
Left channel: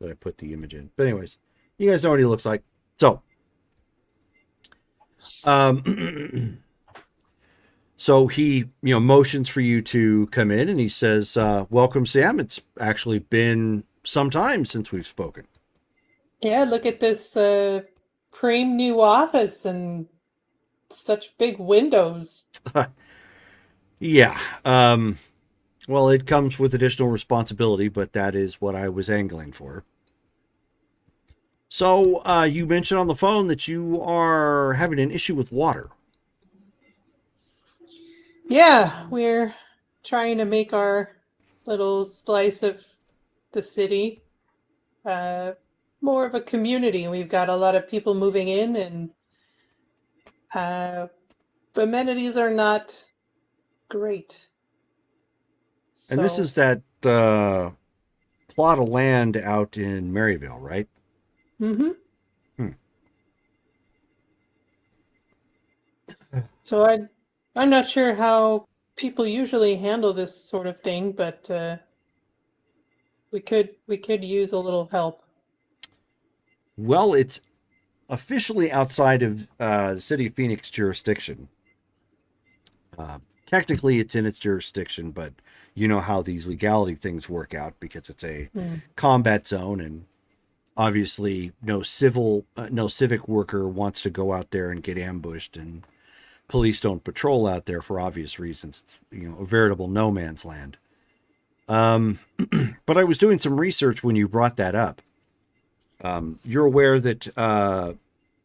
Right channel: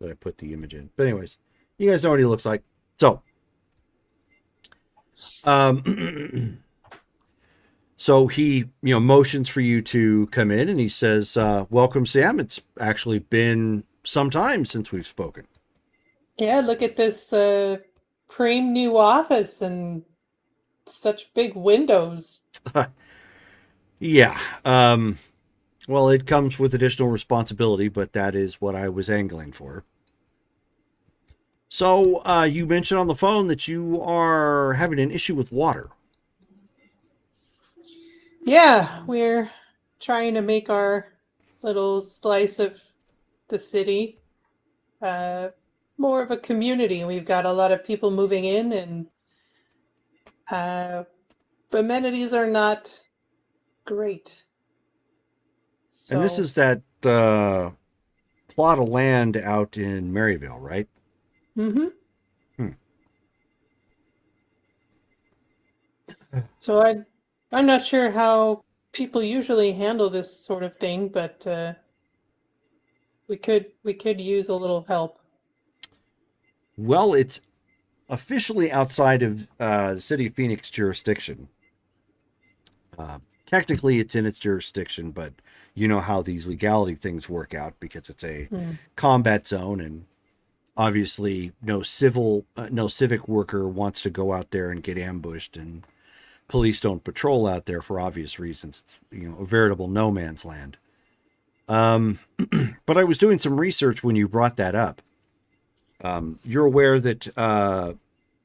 that I put the image in. But anyways, you guys know what he looks like. So, so he motions for you to come in, and he says, "Welcome, Sam. It's actually been some time since we've spoken." Yeah, look at this prime new office and such big windows. Yeah. Well, it comes with additional responsibility, but that is what I was angling for. So, you mentioned on the phone that you are having an issue with water. Yeah, we're trying to make our little slice of the city more of a community. We've got a lot of people moving in, and the amenities are not great. And this is that plot of land out in Maryville, right? Mm-hmm. Hmm. So I'm not sure how people usually handle this sort of thing, but we could use a little help. Well, it's officially outside of the City of Phoenix jurisdiction. Technically, it's in its jurisdiction, but you know how these legality things work out because it's a combat zone, and obviously no civic worker wants to go out there and get ambushed, and police don't patrol out there for obvious reasons. It's a veritable no man's land. But I was doing some research when you brought that up. You're aware that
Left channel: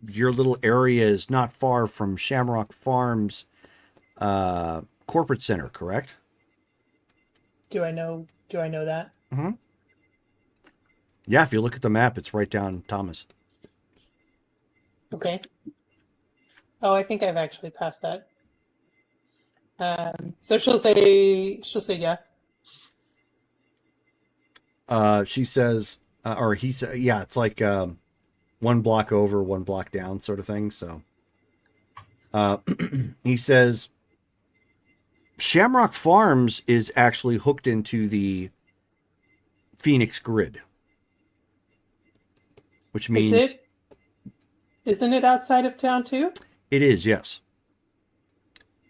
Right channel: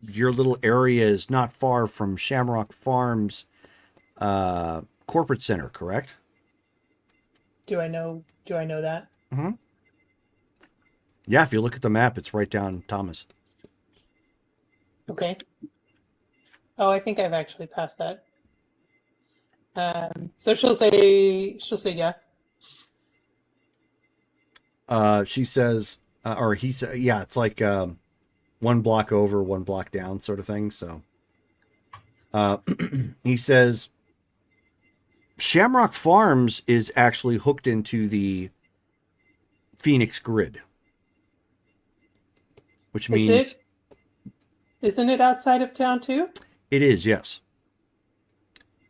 your little area is not far from Shamrock Farms corporate center, correct? Do I know that? Mm-hmm. Yeah, if you look at the map, it's right down Thomas. Okay. Oh, I think I've actually passed that. So she'll say yeah. She says, or he said, yeah, it's like one block over, one block down sort of thing. So he says, Shamrock Farms is actually hooked into the Phoenix grid, which means Isn't it outside of town too? It is, yes.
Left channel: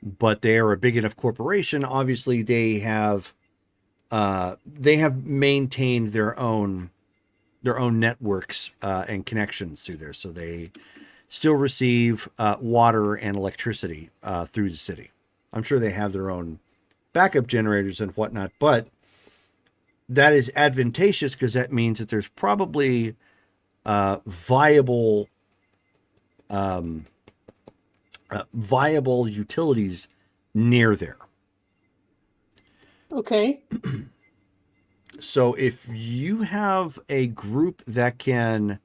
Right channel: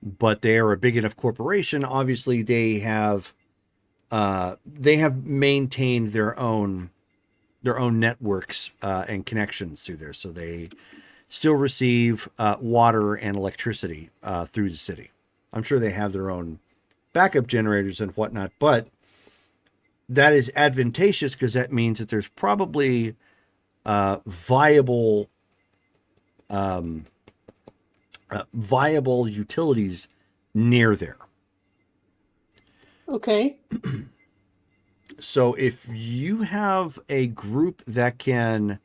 But they are a big enough corporation. Obviously, they have they have maintained their own networks and connections through there, so they still receive water and electricity through the city. I'm sure they have their own backup generators and whatnot, but that is advantageous because that means that there's probably viable utilities near there. Okay. So if you have a group that can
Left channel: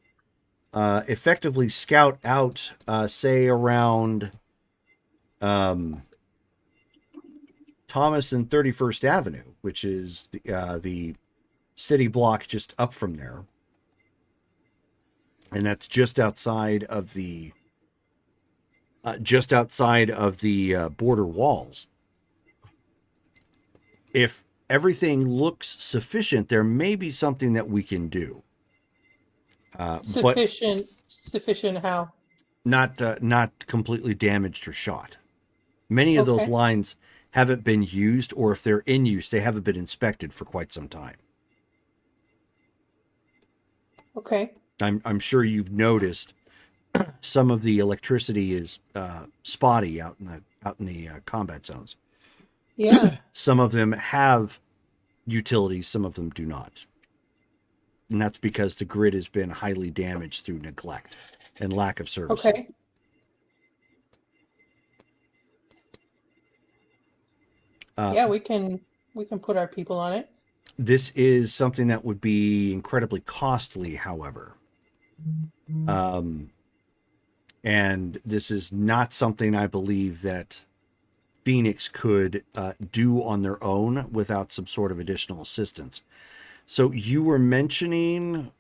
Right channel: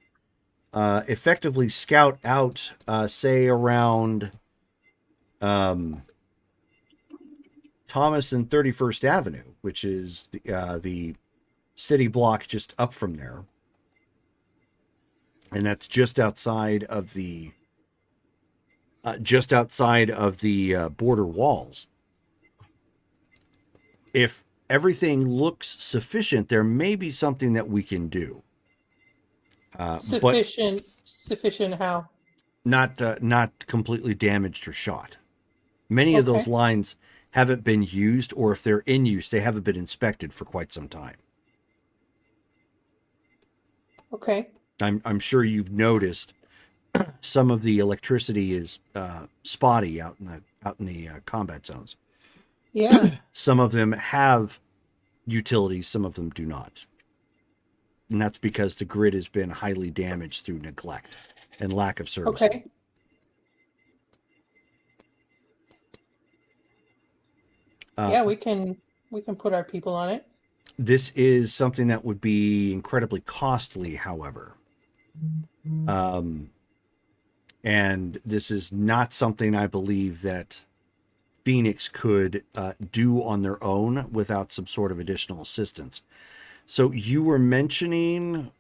effectively scout out, say around Thomas and 31st Avenue, which is the city block just up from there, and that's just outside of the border walls. If everything looks sufficient, there may be something that we can do. Sufficient how? Not completely damaged or shot. Many of those Okay. lines haven't been used, or if they're in use, they haven't been inspected for quite some time. Okay. I'm sure you've noticed some of the electricity is spotty out in the combat zones. Yeah. Some of them have utilities, some of them do not. And that's because the grid has been highly damaged through neglect and lack of service. Okay. Yeah, we can put our people on it. This is something that would be incredibly costly, however. And this is not something I believe that Phoenix could do on their own without some sort of additional assistance. So you were mentioning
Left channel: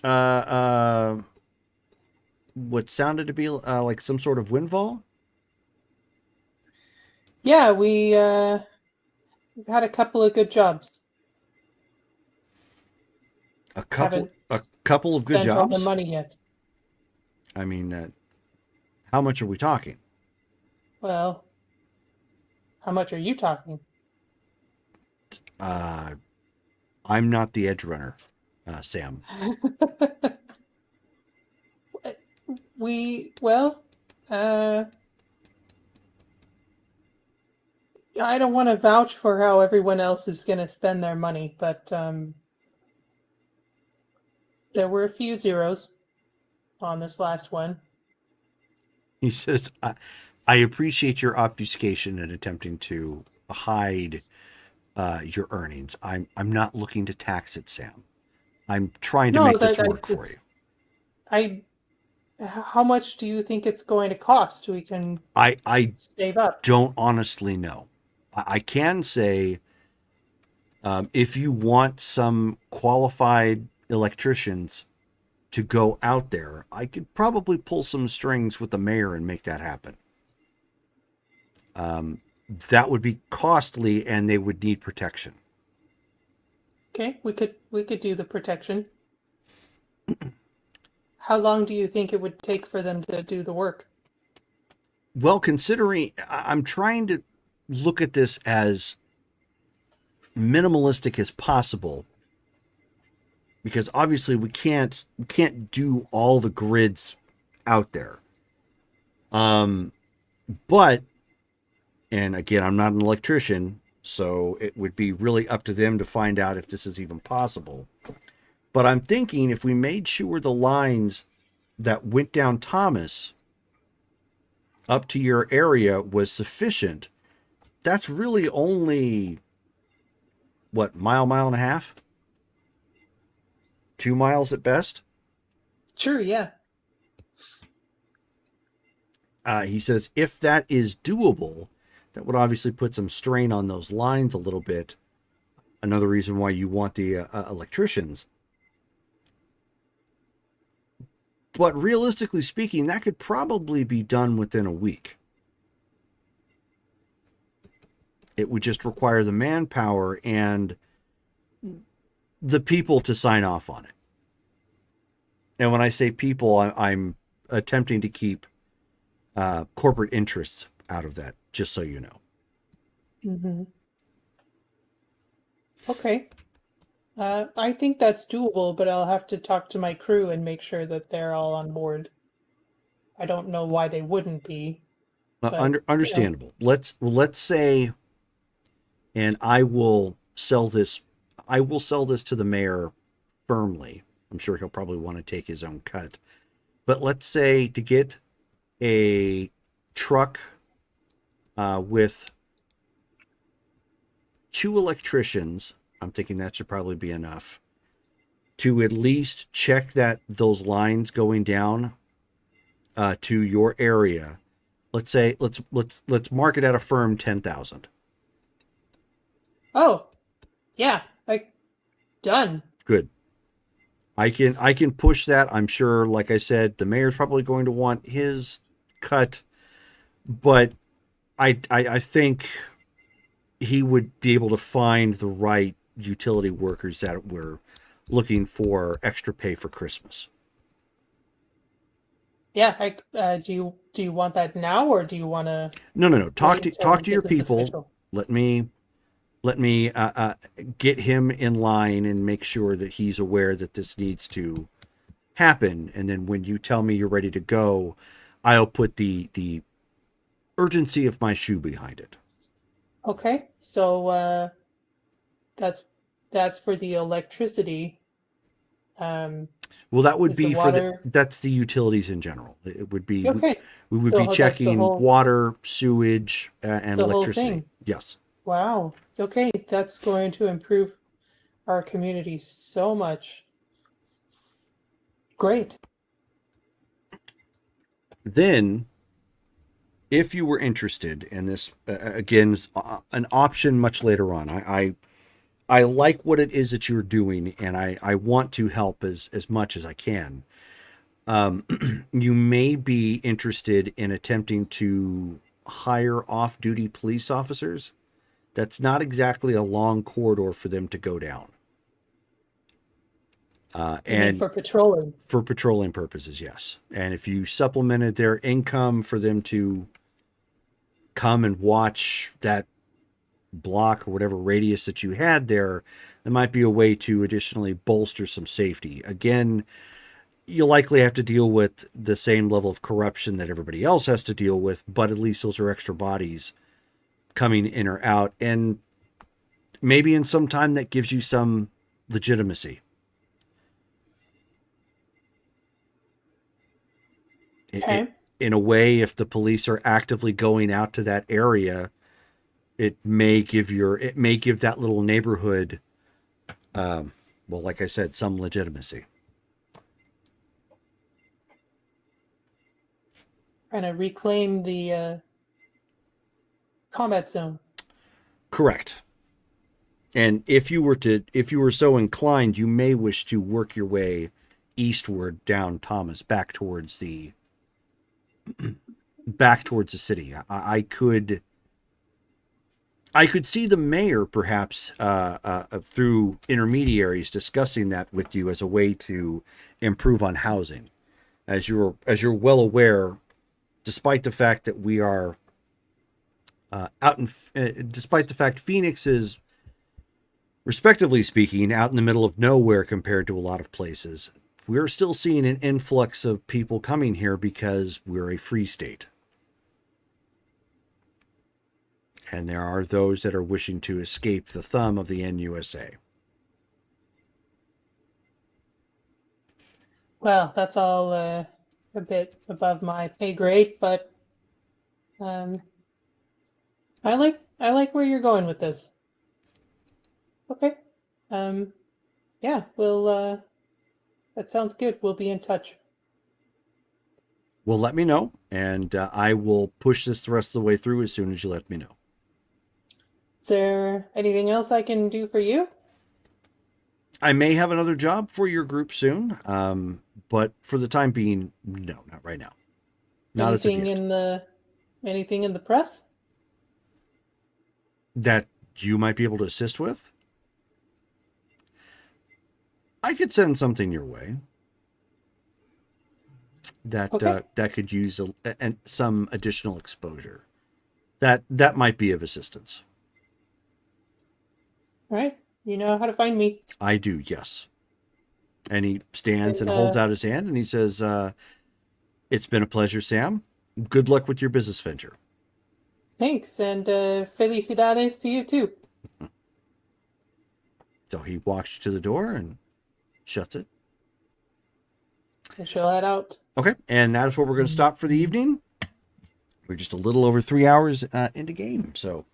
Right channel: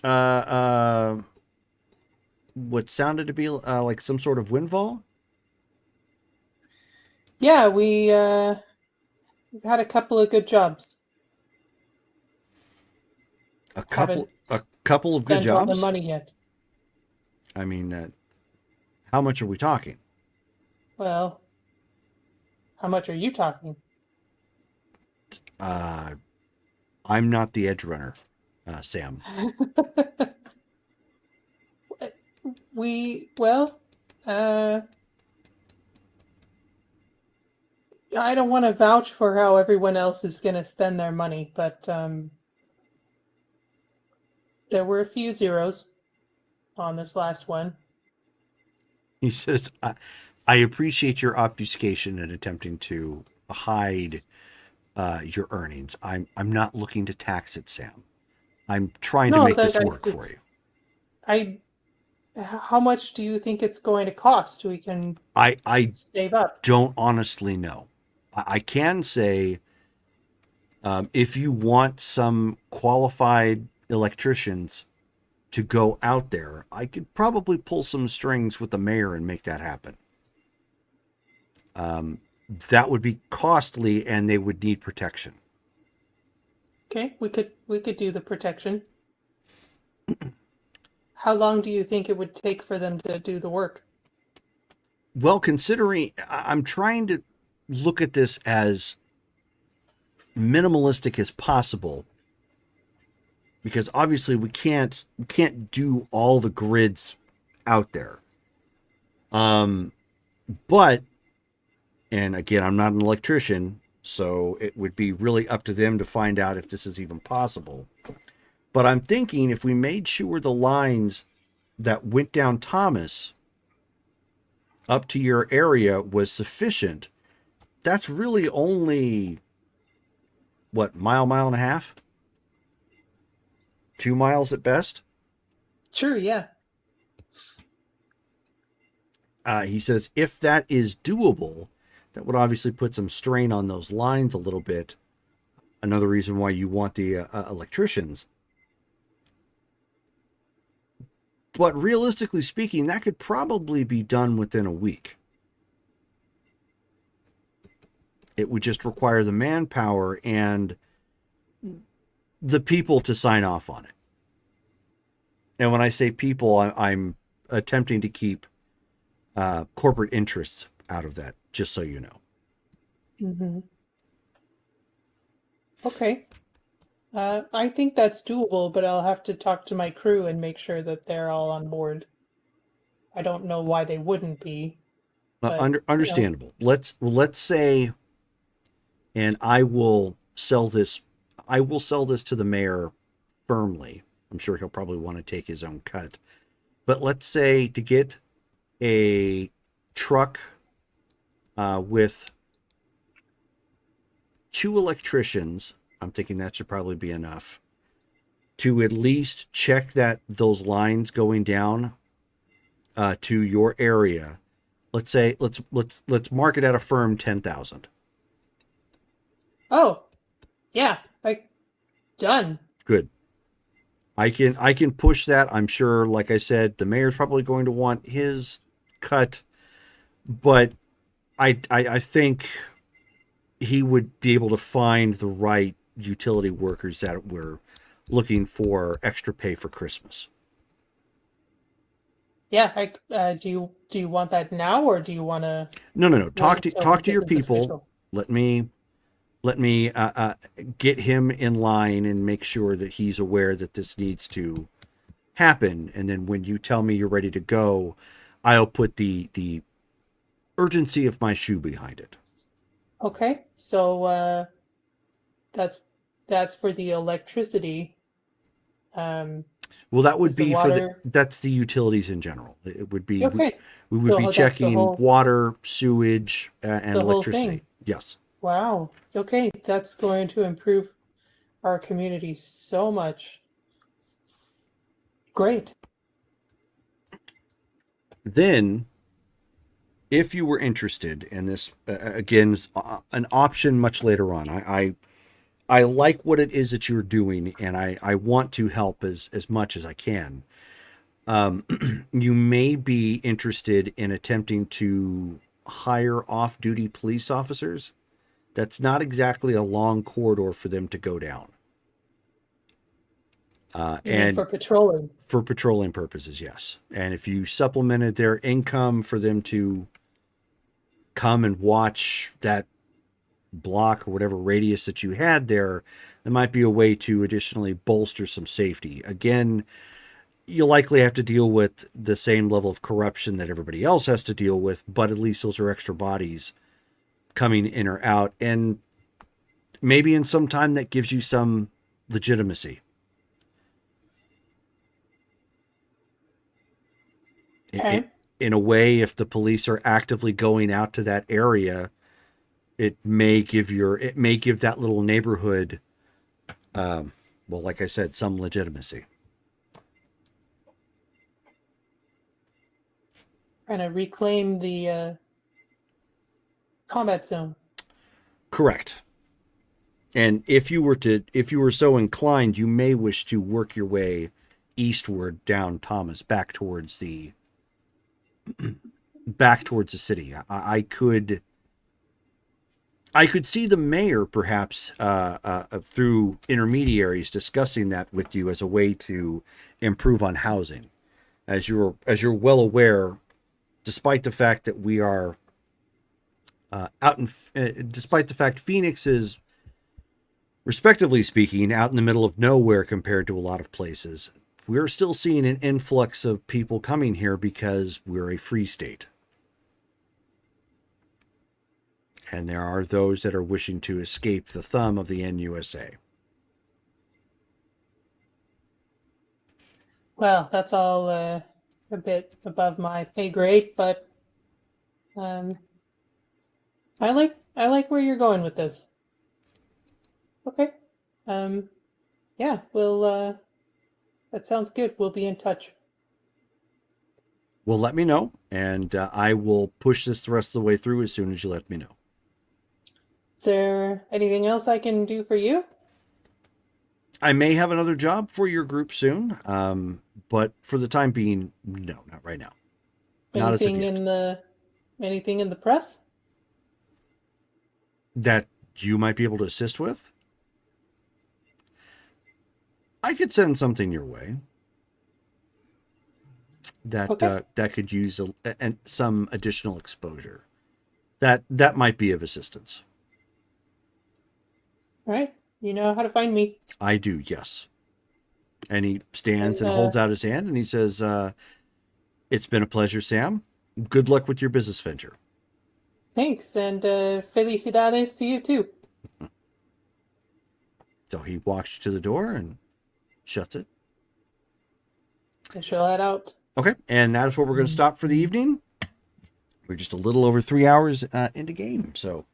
what sounded to be like some sort of windfall? Yeah, we had a couple of good jobs. A couple Haven't of good spent all jobs? the money yet. I mean, how much are we talking? Well, how much are you talking? I'm not the edge runner, Sam. I don't want to vouch for how everyone else is going to spend their money, but there were a few zeros on this last one. He says, I appreciate your obfuscation and attempting to hide your earnings. I'm not looking to tax it, Sam. I'm trying to make this work for you. How much do you think it's going to cost so we can I save up? don't honestly know. I can say, if you want some qualified electricians to go out there, I could probably pull some strings with the mayor and make that happen. That would be costly, and they would need protection. Okay, we could do the protection. How long do you think it would take for them to do the work? Well, considering I'm trying to look at this as minimalistic as possible, because obviously we can't do all the grids out there. But, and again, I'm not an electrician, so it would be really up to them to find out if this is even possible. But I'm thinking if we made sure the lines that went down Thomas up to your area was sufficient, that's really only, what, mile and a half? 2 miles at best? Sure, yeah. He says if that is doable, that would obviously put some strain on those lines a little bit. Another reason why you want the electricians. But realistically speaking, that could probably be done within a week. It would just require the manpower and the people to sign off on it. And when I say people, I'm attempting to keep corporate interests out of that, just so you know. Mm-hmm. Okay. I think that's doable, but I'll have to talk to my crew and make sure that they're all on board. I don't know why they wouldn't be. But, Understandable. Let's say, and I will sell this. I will sell this to the mayor firmly. I'm sure he'll probably want to take his own cut. But let's say to get a truck with 2 electricians, I'm thinking that should probably be enough to at least check that those lines going down to your area. Let's say let's mark it at a firm 10,000. Oh, yeah, like done. Good. I can push that. I'm sure, like I said, the mayor's probably going to want his cut, but I think he would be able to find the right utility workers that were looking for extra pay for Christmas. Yeah, do you want that now, or do you want to? No. Talk wait to until your this is people. official? Let me get him in line and make sure that he's aware that this needs to happen. And then when you tell me you're ready to go, I'll put the urgency of my shoe behind it. Okay, so that's for the electricity. Well, that would Is the be for water- that's the utilities in general. It would be Okay, we would So be that's the checking whole- water, sewage, and the whole electricity. thing. Yes. wow. Okay, that's going to improve our community so much. Great. Then, if you were interested in this, again, is an option much later on. I like what it is that you're doing, and I want to help as much as I can. You may be interested in attempting to hire off-duty police officers. That's not exactly a long corridor for them to go down. You mean And for patrolling. for patrolling purposes, yes. And if you supplemented their income for them to come and watch that block or whatever radius that you had there might be a way to additionally bolster some safety. Again, you'll likely have to deal with the same level of corruption that everybody else has to deal with, but at least those are extra bodies coming in or out. And maybe in some time that gives you some legitimacy. Okay. In a way, if the police are actively going out to that area, it may give that little neighborhood, well, like I said, some legitimacy. Trying to reclaim the combat zone. Correct. And if you were so inclined, you may wish to work your way eastward down Thomas back towards the city. I could see the mayor perhaps through intermediaries discussing that with you as a way to improve on housing. As you're well aware, despite the fact that we are despite the fact Phoenix is, respectively speaking, out in the middle of nowhere compared to a lot of places, we're still seeing an influx of people coming here because we're a free state. And there are those that are wishing to escape the thumb of the NUSA. Well, that's all a bit above my pay grade, but I like where you're going with this. Okay. Yeah, we'll that sounds good. We'll be in touch. Well, let me know, and I will push this the rest of the way through as soon as you let me know. Is there anything else I can do for you? I may have another job for your group soon, but for the time being, no, not right now. Not as of yet. Anything in the press? That you might be able to assist with? I could send something your way that Okay. that could use some additional exposure. That might be of assistance. All right. You know how to find me. I do, yes. And he stands and And, holds out his hand and he says, it's been a pleasure, Sam. Good luck with your business venture. Thanks, and felicidades to you too. So he walks to the door and shuts it. I shall head out. Okay, and that is where we're going to stop for the evening. We're just a little over 3 hours into game, so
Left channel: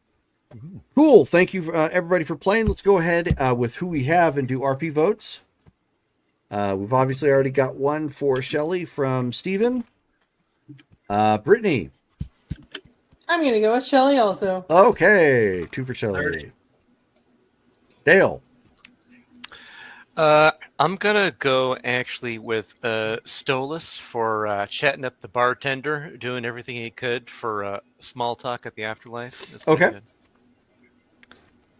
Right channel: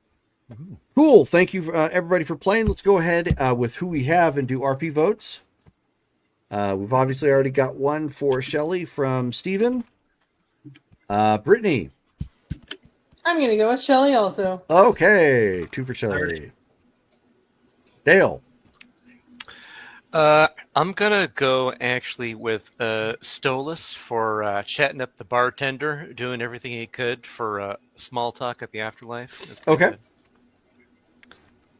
cool. Thank you, everybody, for playing. Let's go ahead with who we have and do RP votes. We've obviously already got one for Shelly from Steven. Brittany. I'm gonna go with Shelly also. Okay, 2 for Shelly. Dale. I'm gonna go actually with Stolas for chatting up the bartender, doing everything he could for small talk at the afterlife. It's Okay.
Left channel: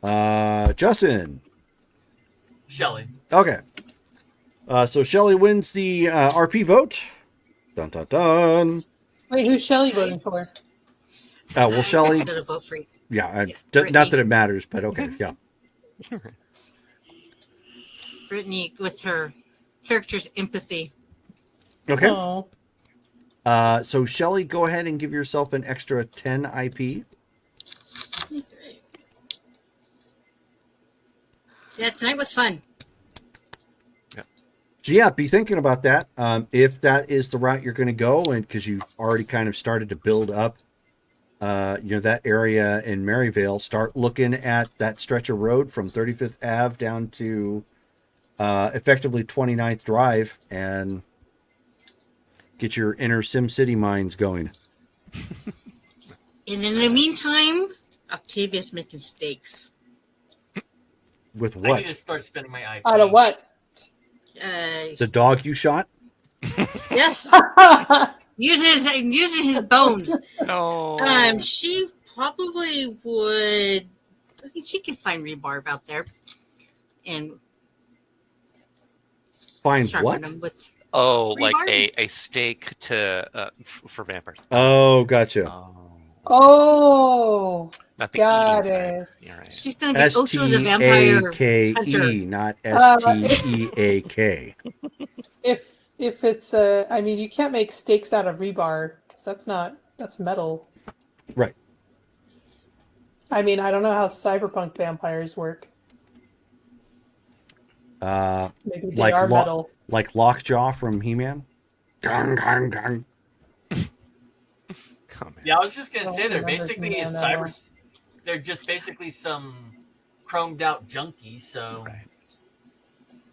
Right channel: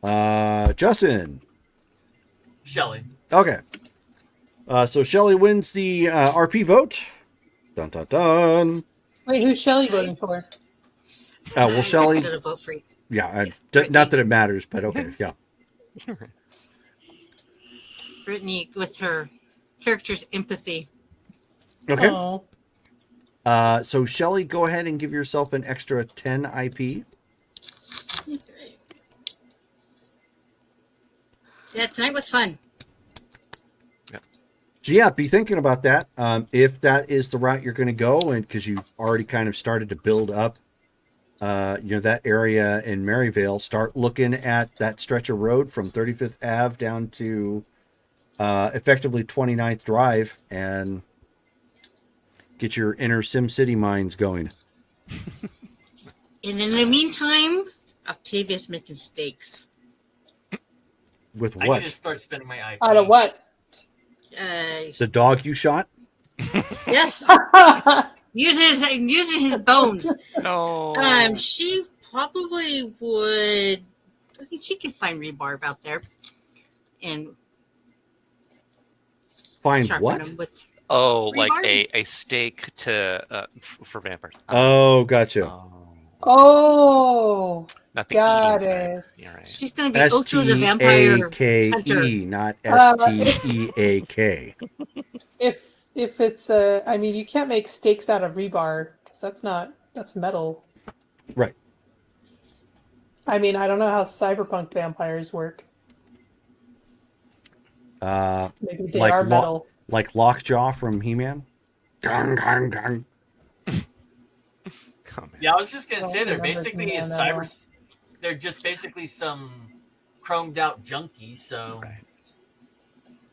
good. Justin. Shelly. Okay. So Shelly wins the RP vote. Dun dun dun. Wait, who's Shelly voting for? Well, Shelly. I'm gonna vote for Yeah, not that it matters, but okay, yeah. Brittany with her character's empathy. Okay. Oh. So Shelly, go ahead and give yourself an extra 10 IP. Yeah, tonight was fun. So yeah, be thinking about that. If that is the route you're going to go, and because you already kind of started to build up, that area in Maryvale, start looking at that stretch of road from 35th Ave down to effectively 29th Drive, and get your inner SimCity minds going. And in the meantime, Octavia's making steaks. With I need to what? start spending my IP. Out of what? The dog you shot? Yes, using his bones. Oh. She probably would. I mean, she can find rebarb out there, and Finds sharpen what? them with. Oh, like Rebarb? a steak to for vampires. Oh, gotcha. Oh, Not the got E, it. right. Yeah, right. She's gonna be Ocho the Vampire Hunter. STAKE, not STEAK. If it's I mean, you can't make steaks out of rebar because that's metal. Right. I mean, I don't know how cyberpunk vampires work. Maybe they Like are metal. like Lockjaw from He-Man. Gang, gang, gang. Yeah, I was just gonna say they're Oh, basically yeah. cybers. They're just basically some chromed out junkies. So Right.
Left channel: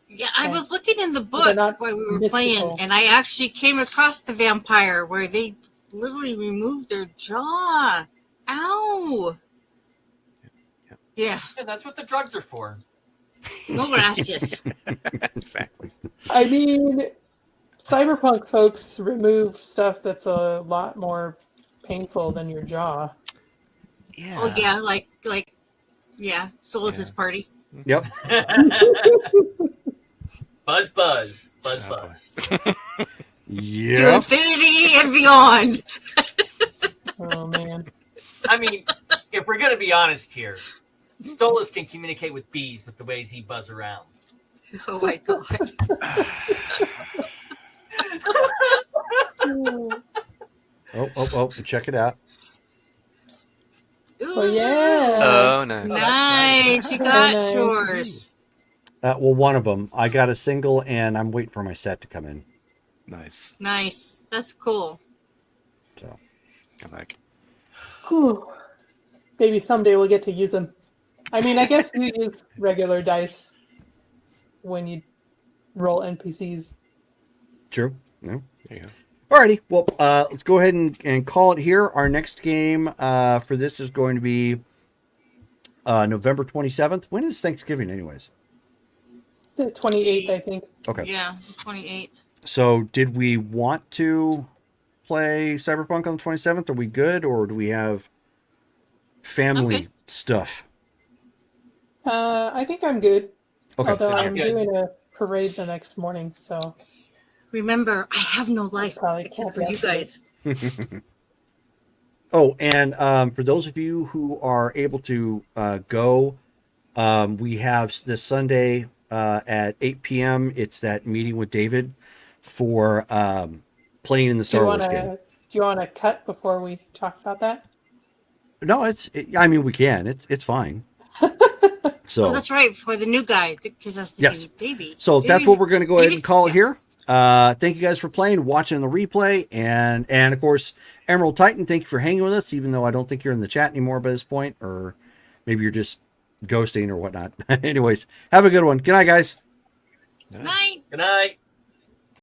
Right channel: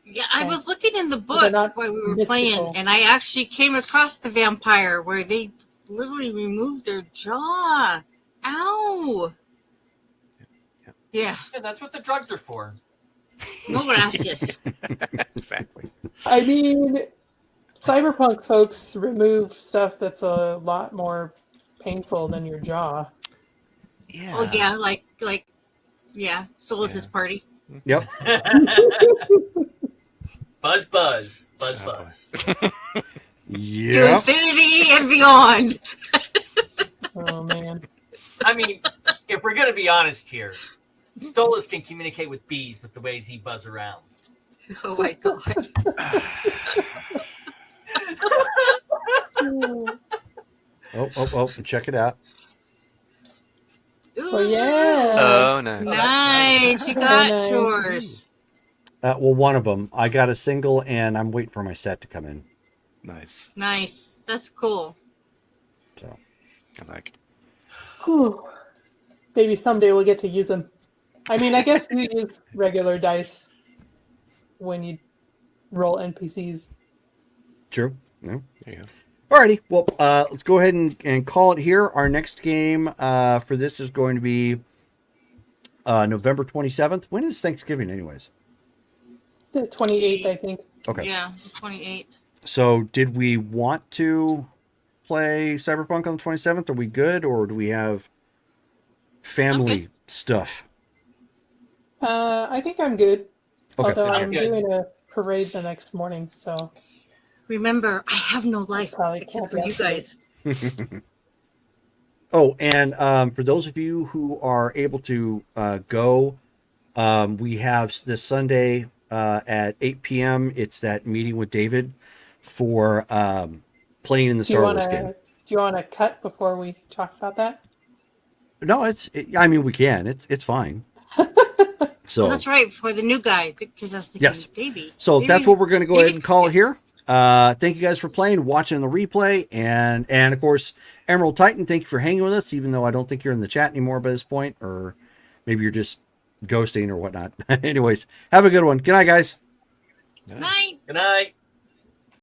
Yeah, I was looking in the They're book not where we were mystical. playing, and I actually came across the vampire where they literally removed their jaw. Ow! Yeah, yeah, that's what the drugs are for. no gracias. Exactly. I mean, cyberpunk folks remove stuff that's a lot more painful than your jaw. Yeah. Oh yeah, like yeah. Solis's party. Yep. Buzz, buzz, buzz, buzz. To Yep. infinity and beyond. Oh man. I mean, if we're gonna be honest here, Stolas can communicate with bees with the ways he buzz around. Oh my god. Oh, check it out. Ooh, Oh yeah. Oh, nice. nice. You got Nice. yours. Well, one of them. I got a single, and I'm waiting for my set to come in. Nice. Nice. That's cool. So, I like. Whew. Maybe someday we'll get to use them. I mean, I guess you use regular dice when you roll NPCs. true. No. There you go. Alrighty. Well, let's go ahead and call it here. Our next game for this is going to be November 27th. When is Thanksgiving, anyways? The 28th, I think. Okay. Yeah, 28. So, did we want to play Cyberpunk on the 27th? Are we good, or do we have family Okay. stuff? I think I'm good. Okay. Although I'm I'm good. doing a parade the next morning, so Remember, I have no life Probably except can't for you guys. Oh, and for those of you who are able to go, We have this Sunday at 8 p.m. It's that meeting with David for playing in the Star Wars game. Do you want to cut before we talk about that? No, I mean, we can. It's fine. So Well, that's right, for the new guy, because I was thinking Yes. Davey. So that's what we're going to go ahead and call it Davey- here. Thank you guys for playing, watching the replay, and of course, Emerald Titan, thank you for hanging with us, even though I don't think you're in the chat anymore by this point, or maybe you're just ghosting or whatnot. Anyways, have a good one. Good night, guys. Night. Good night.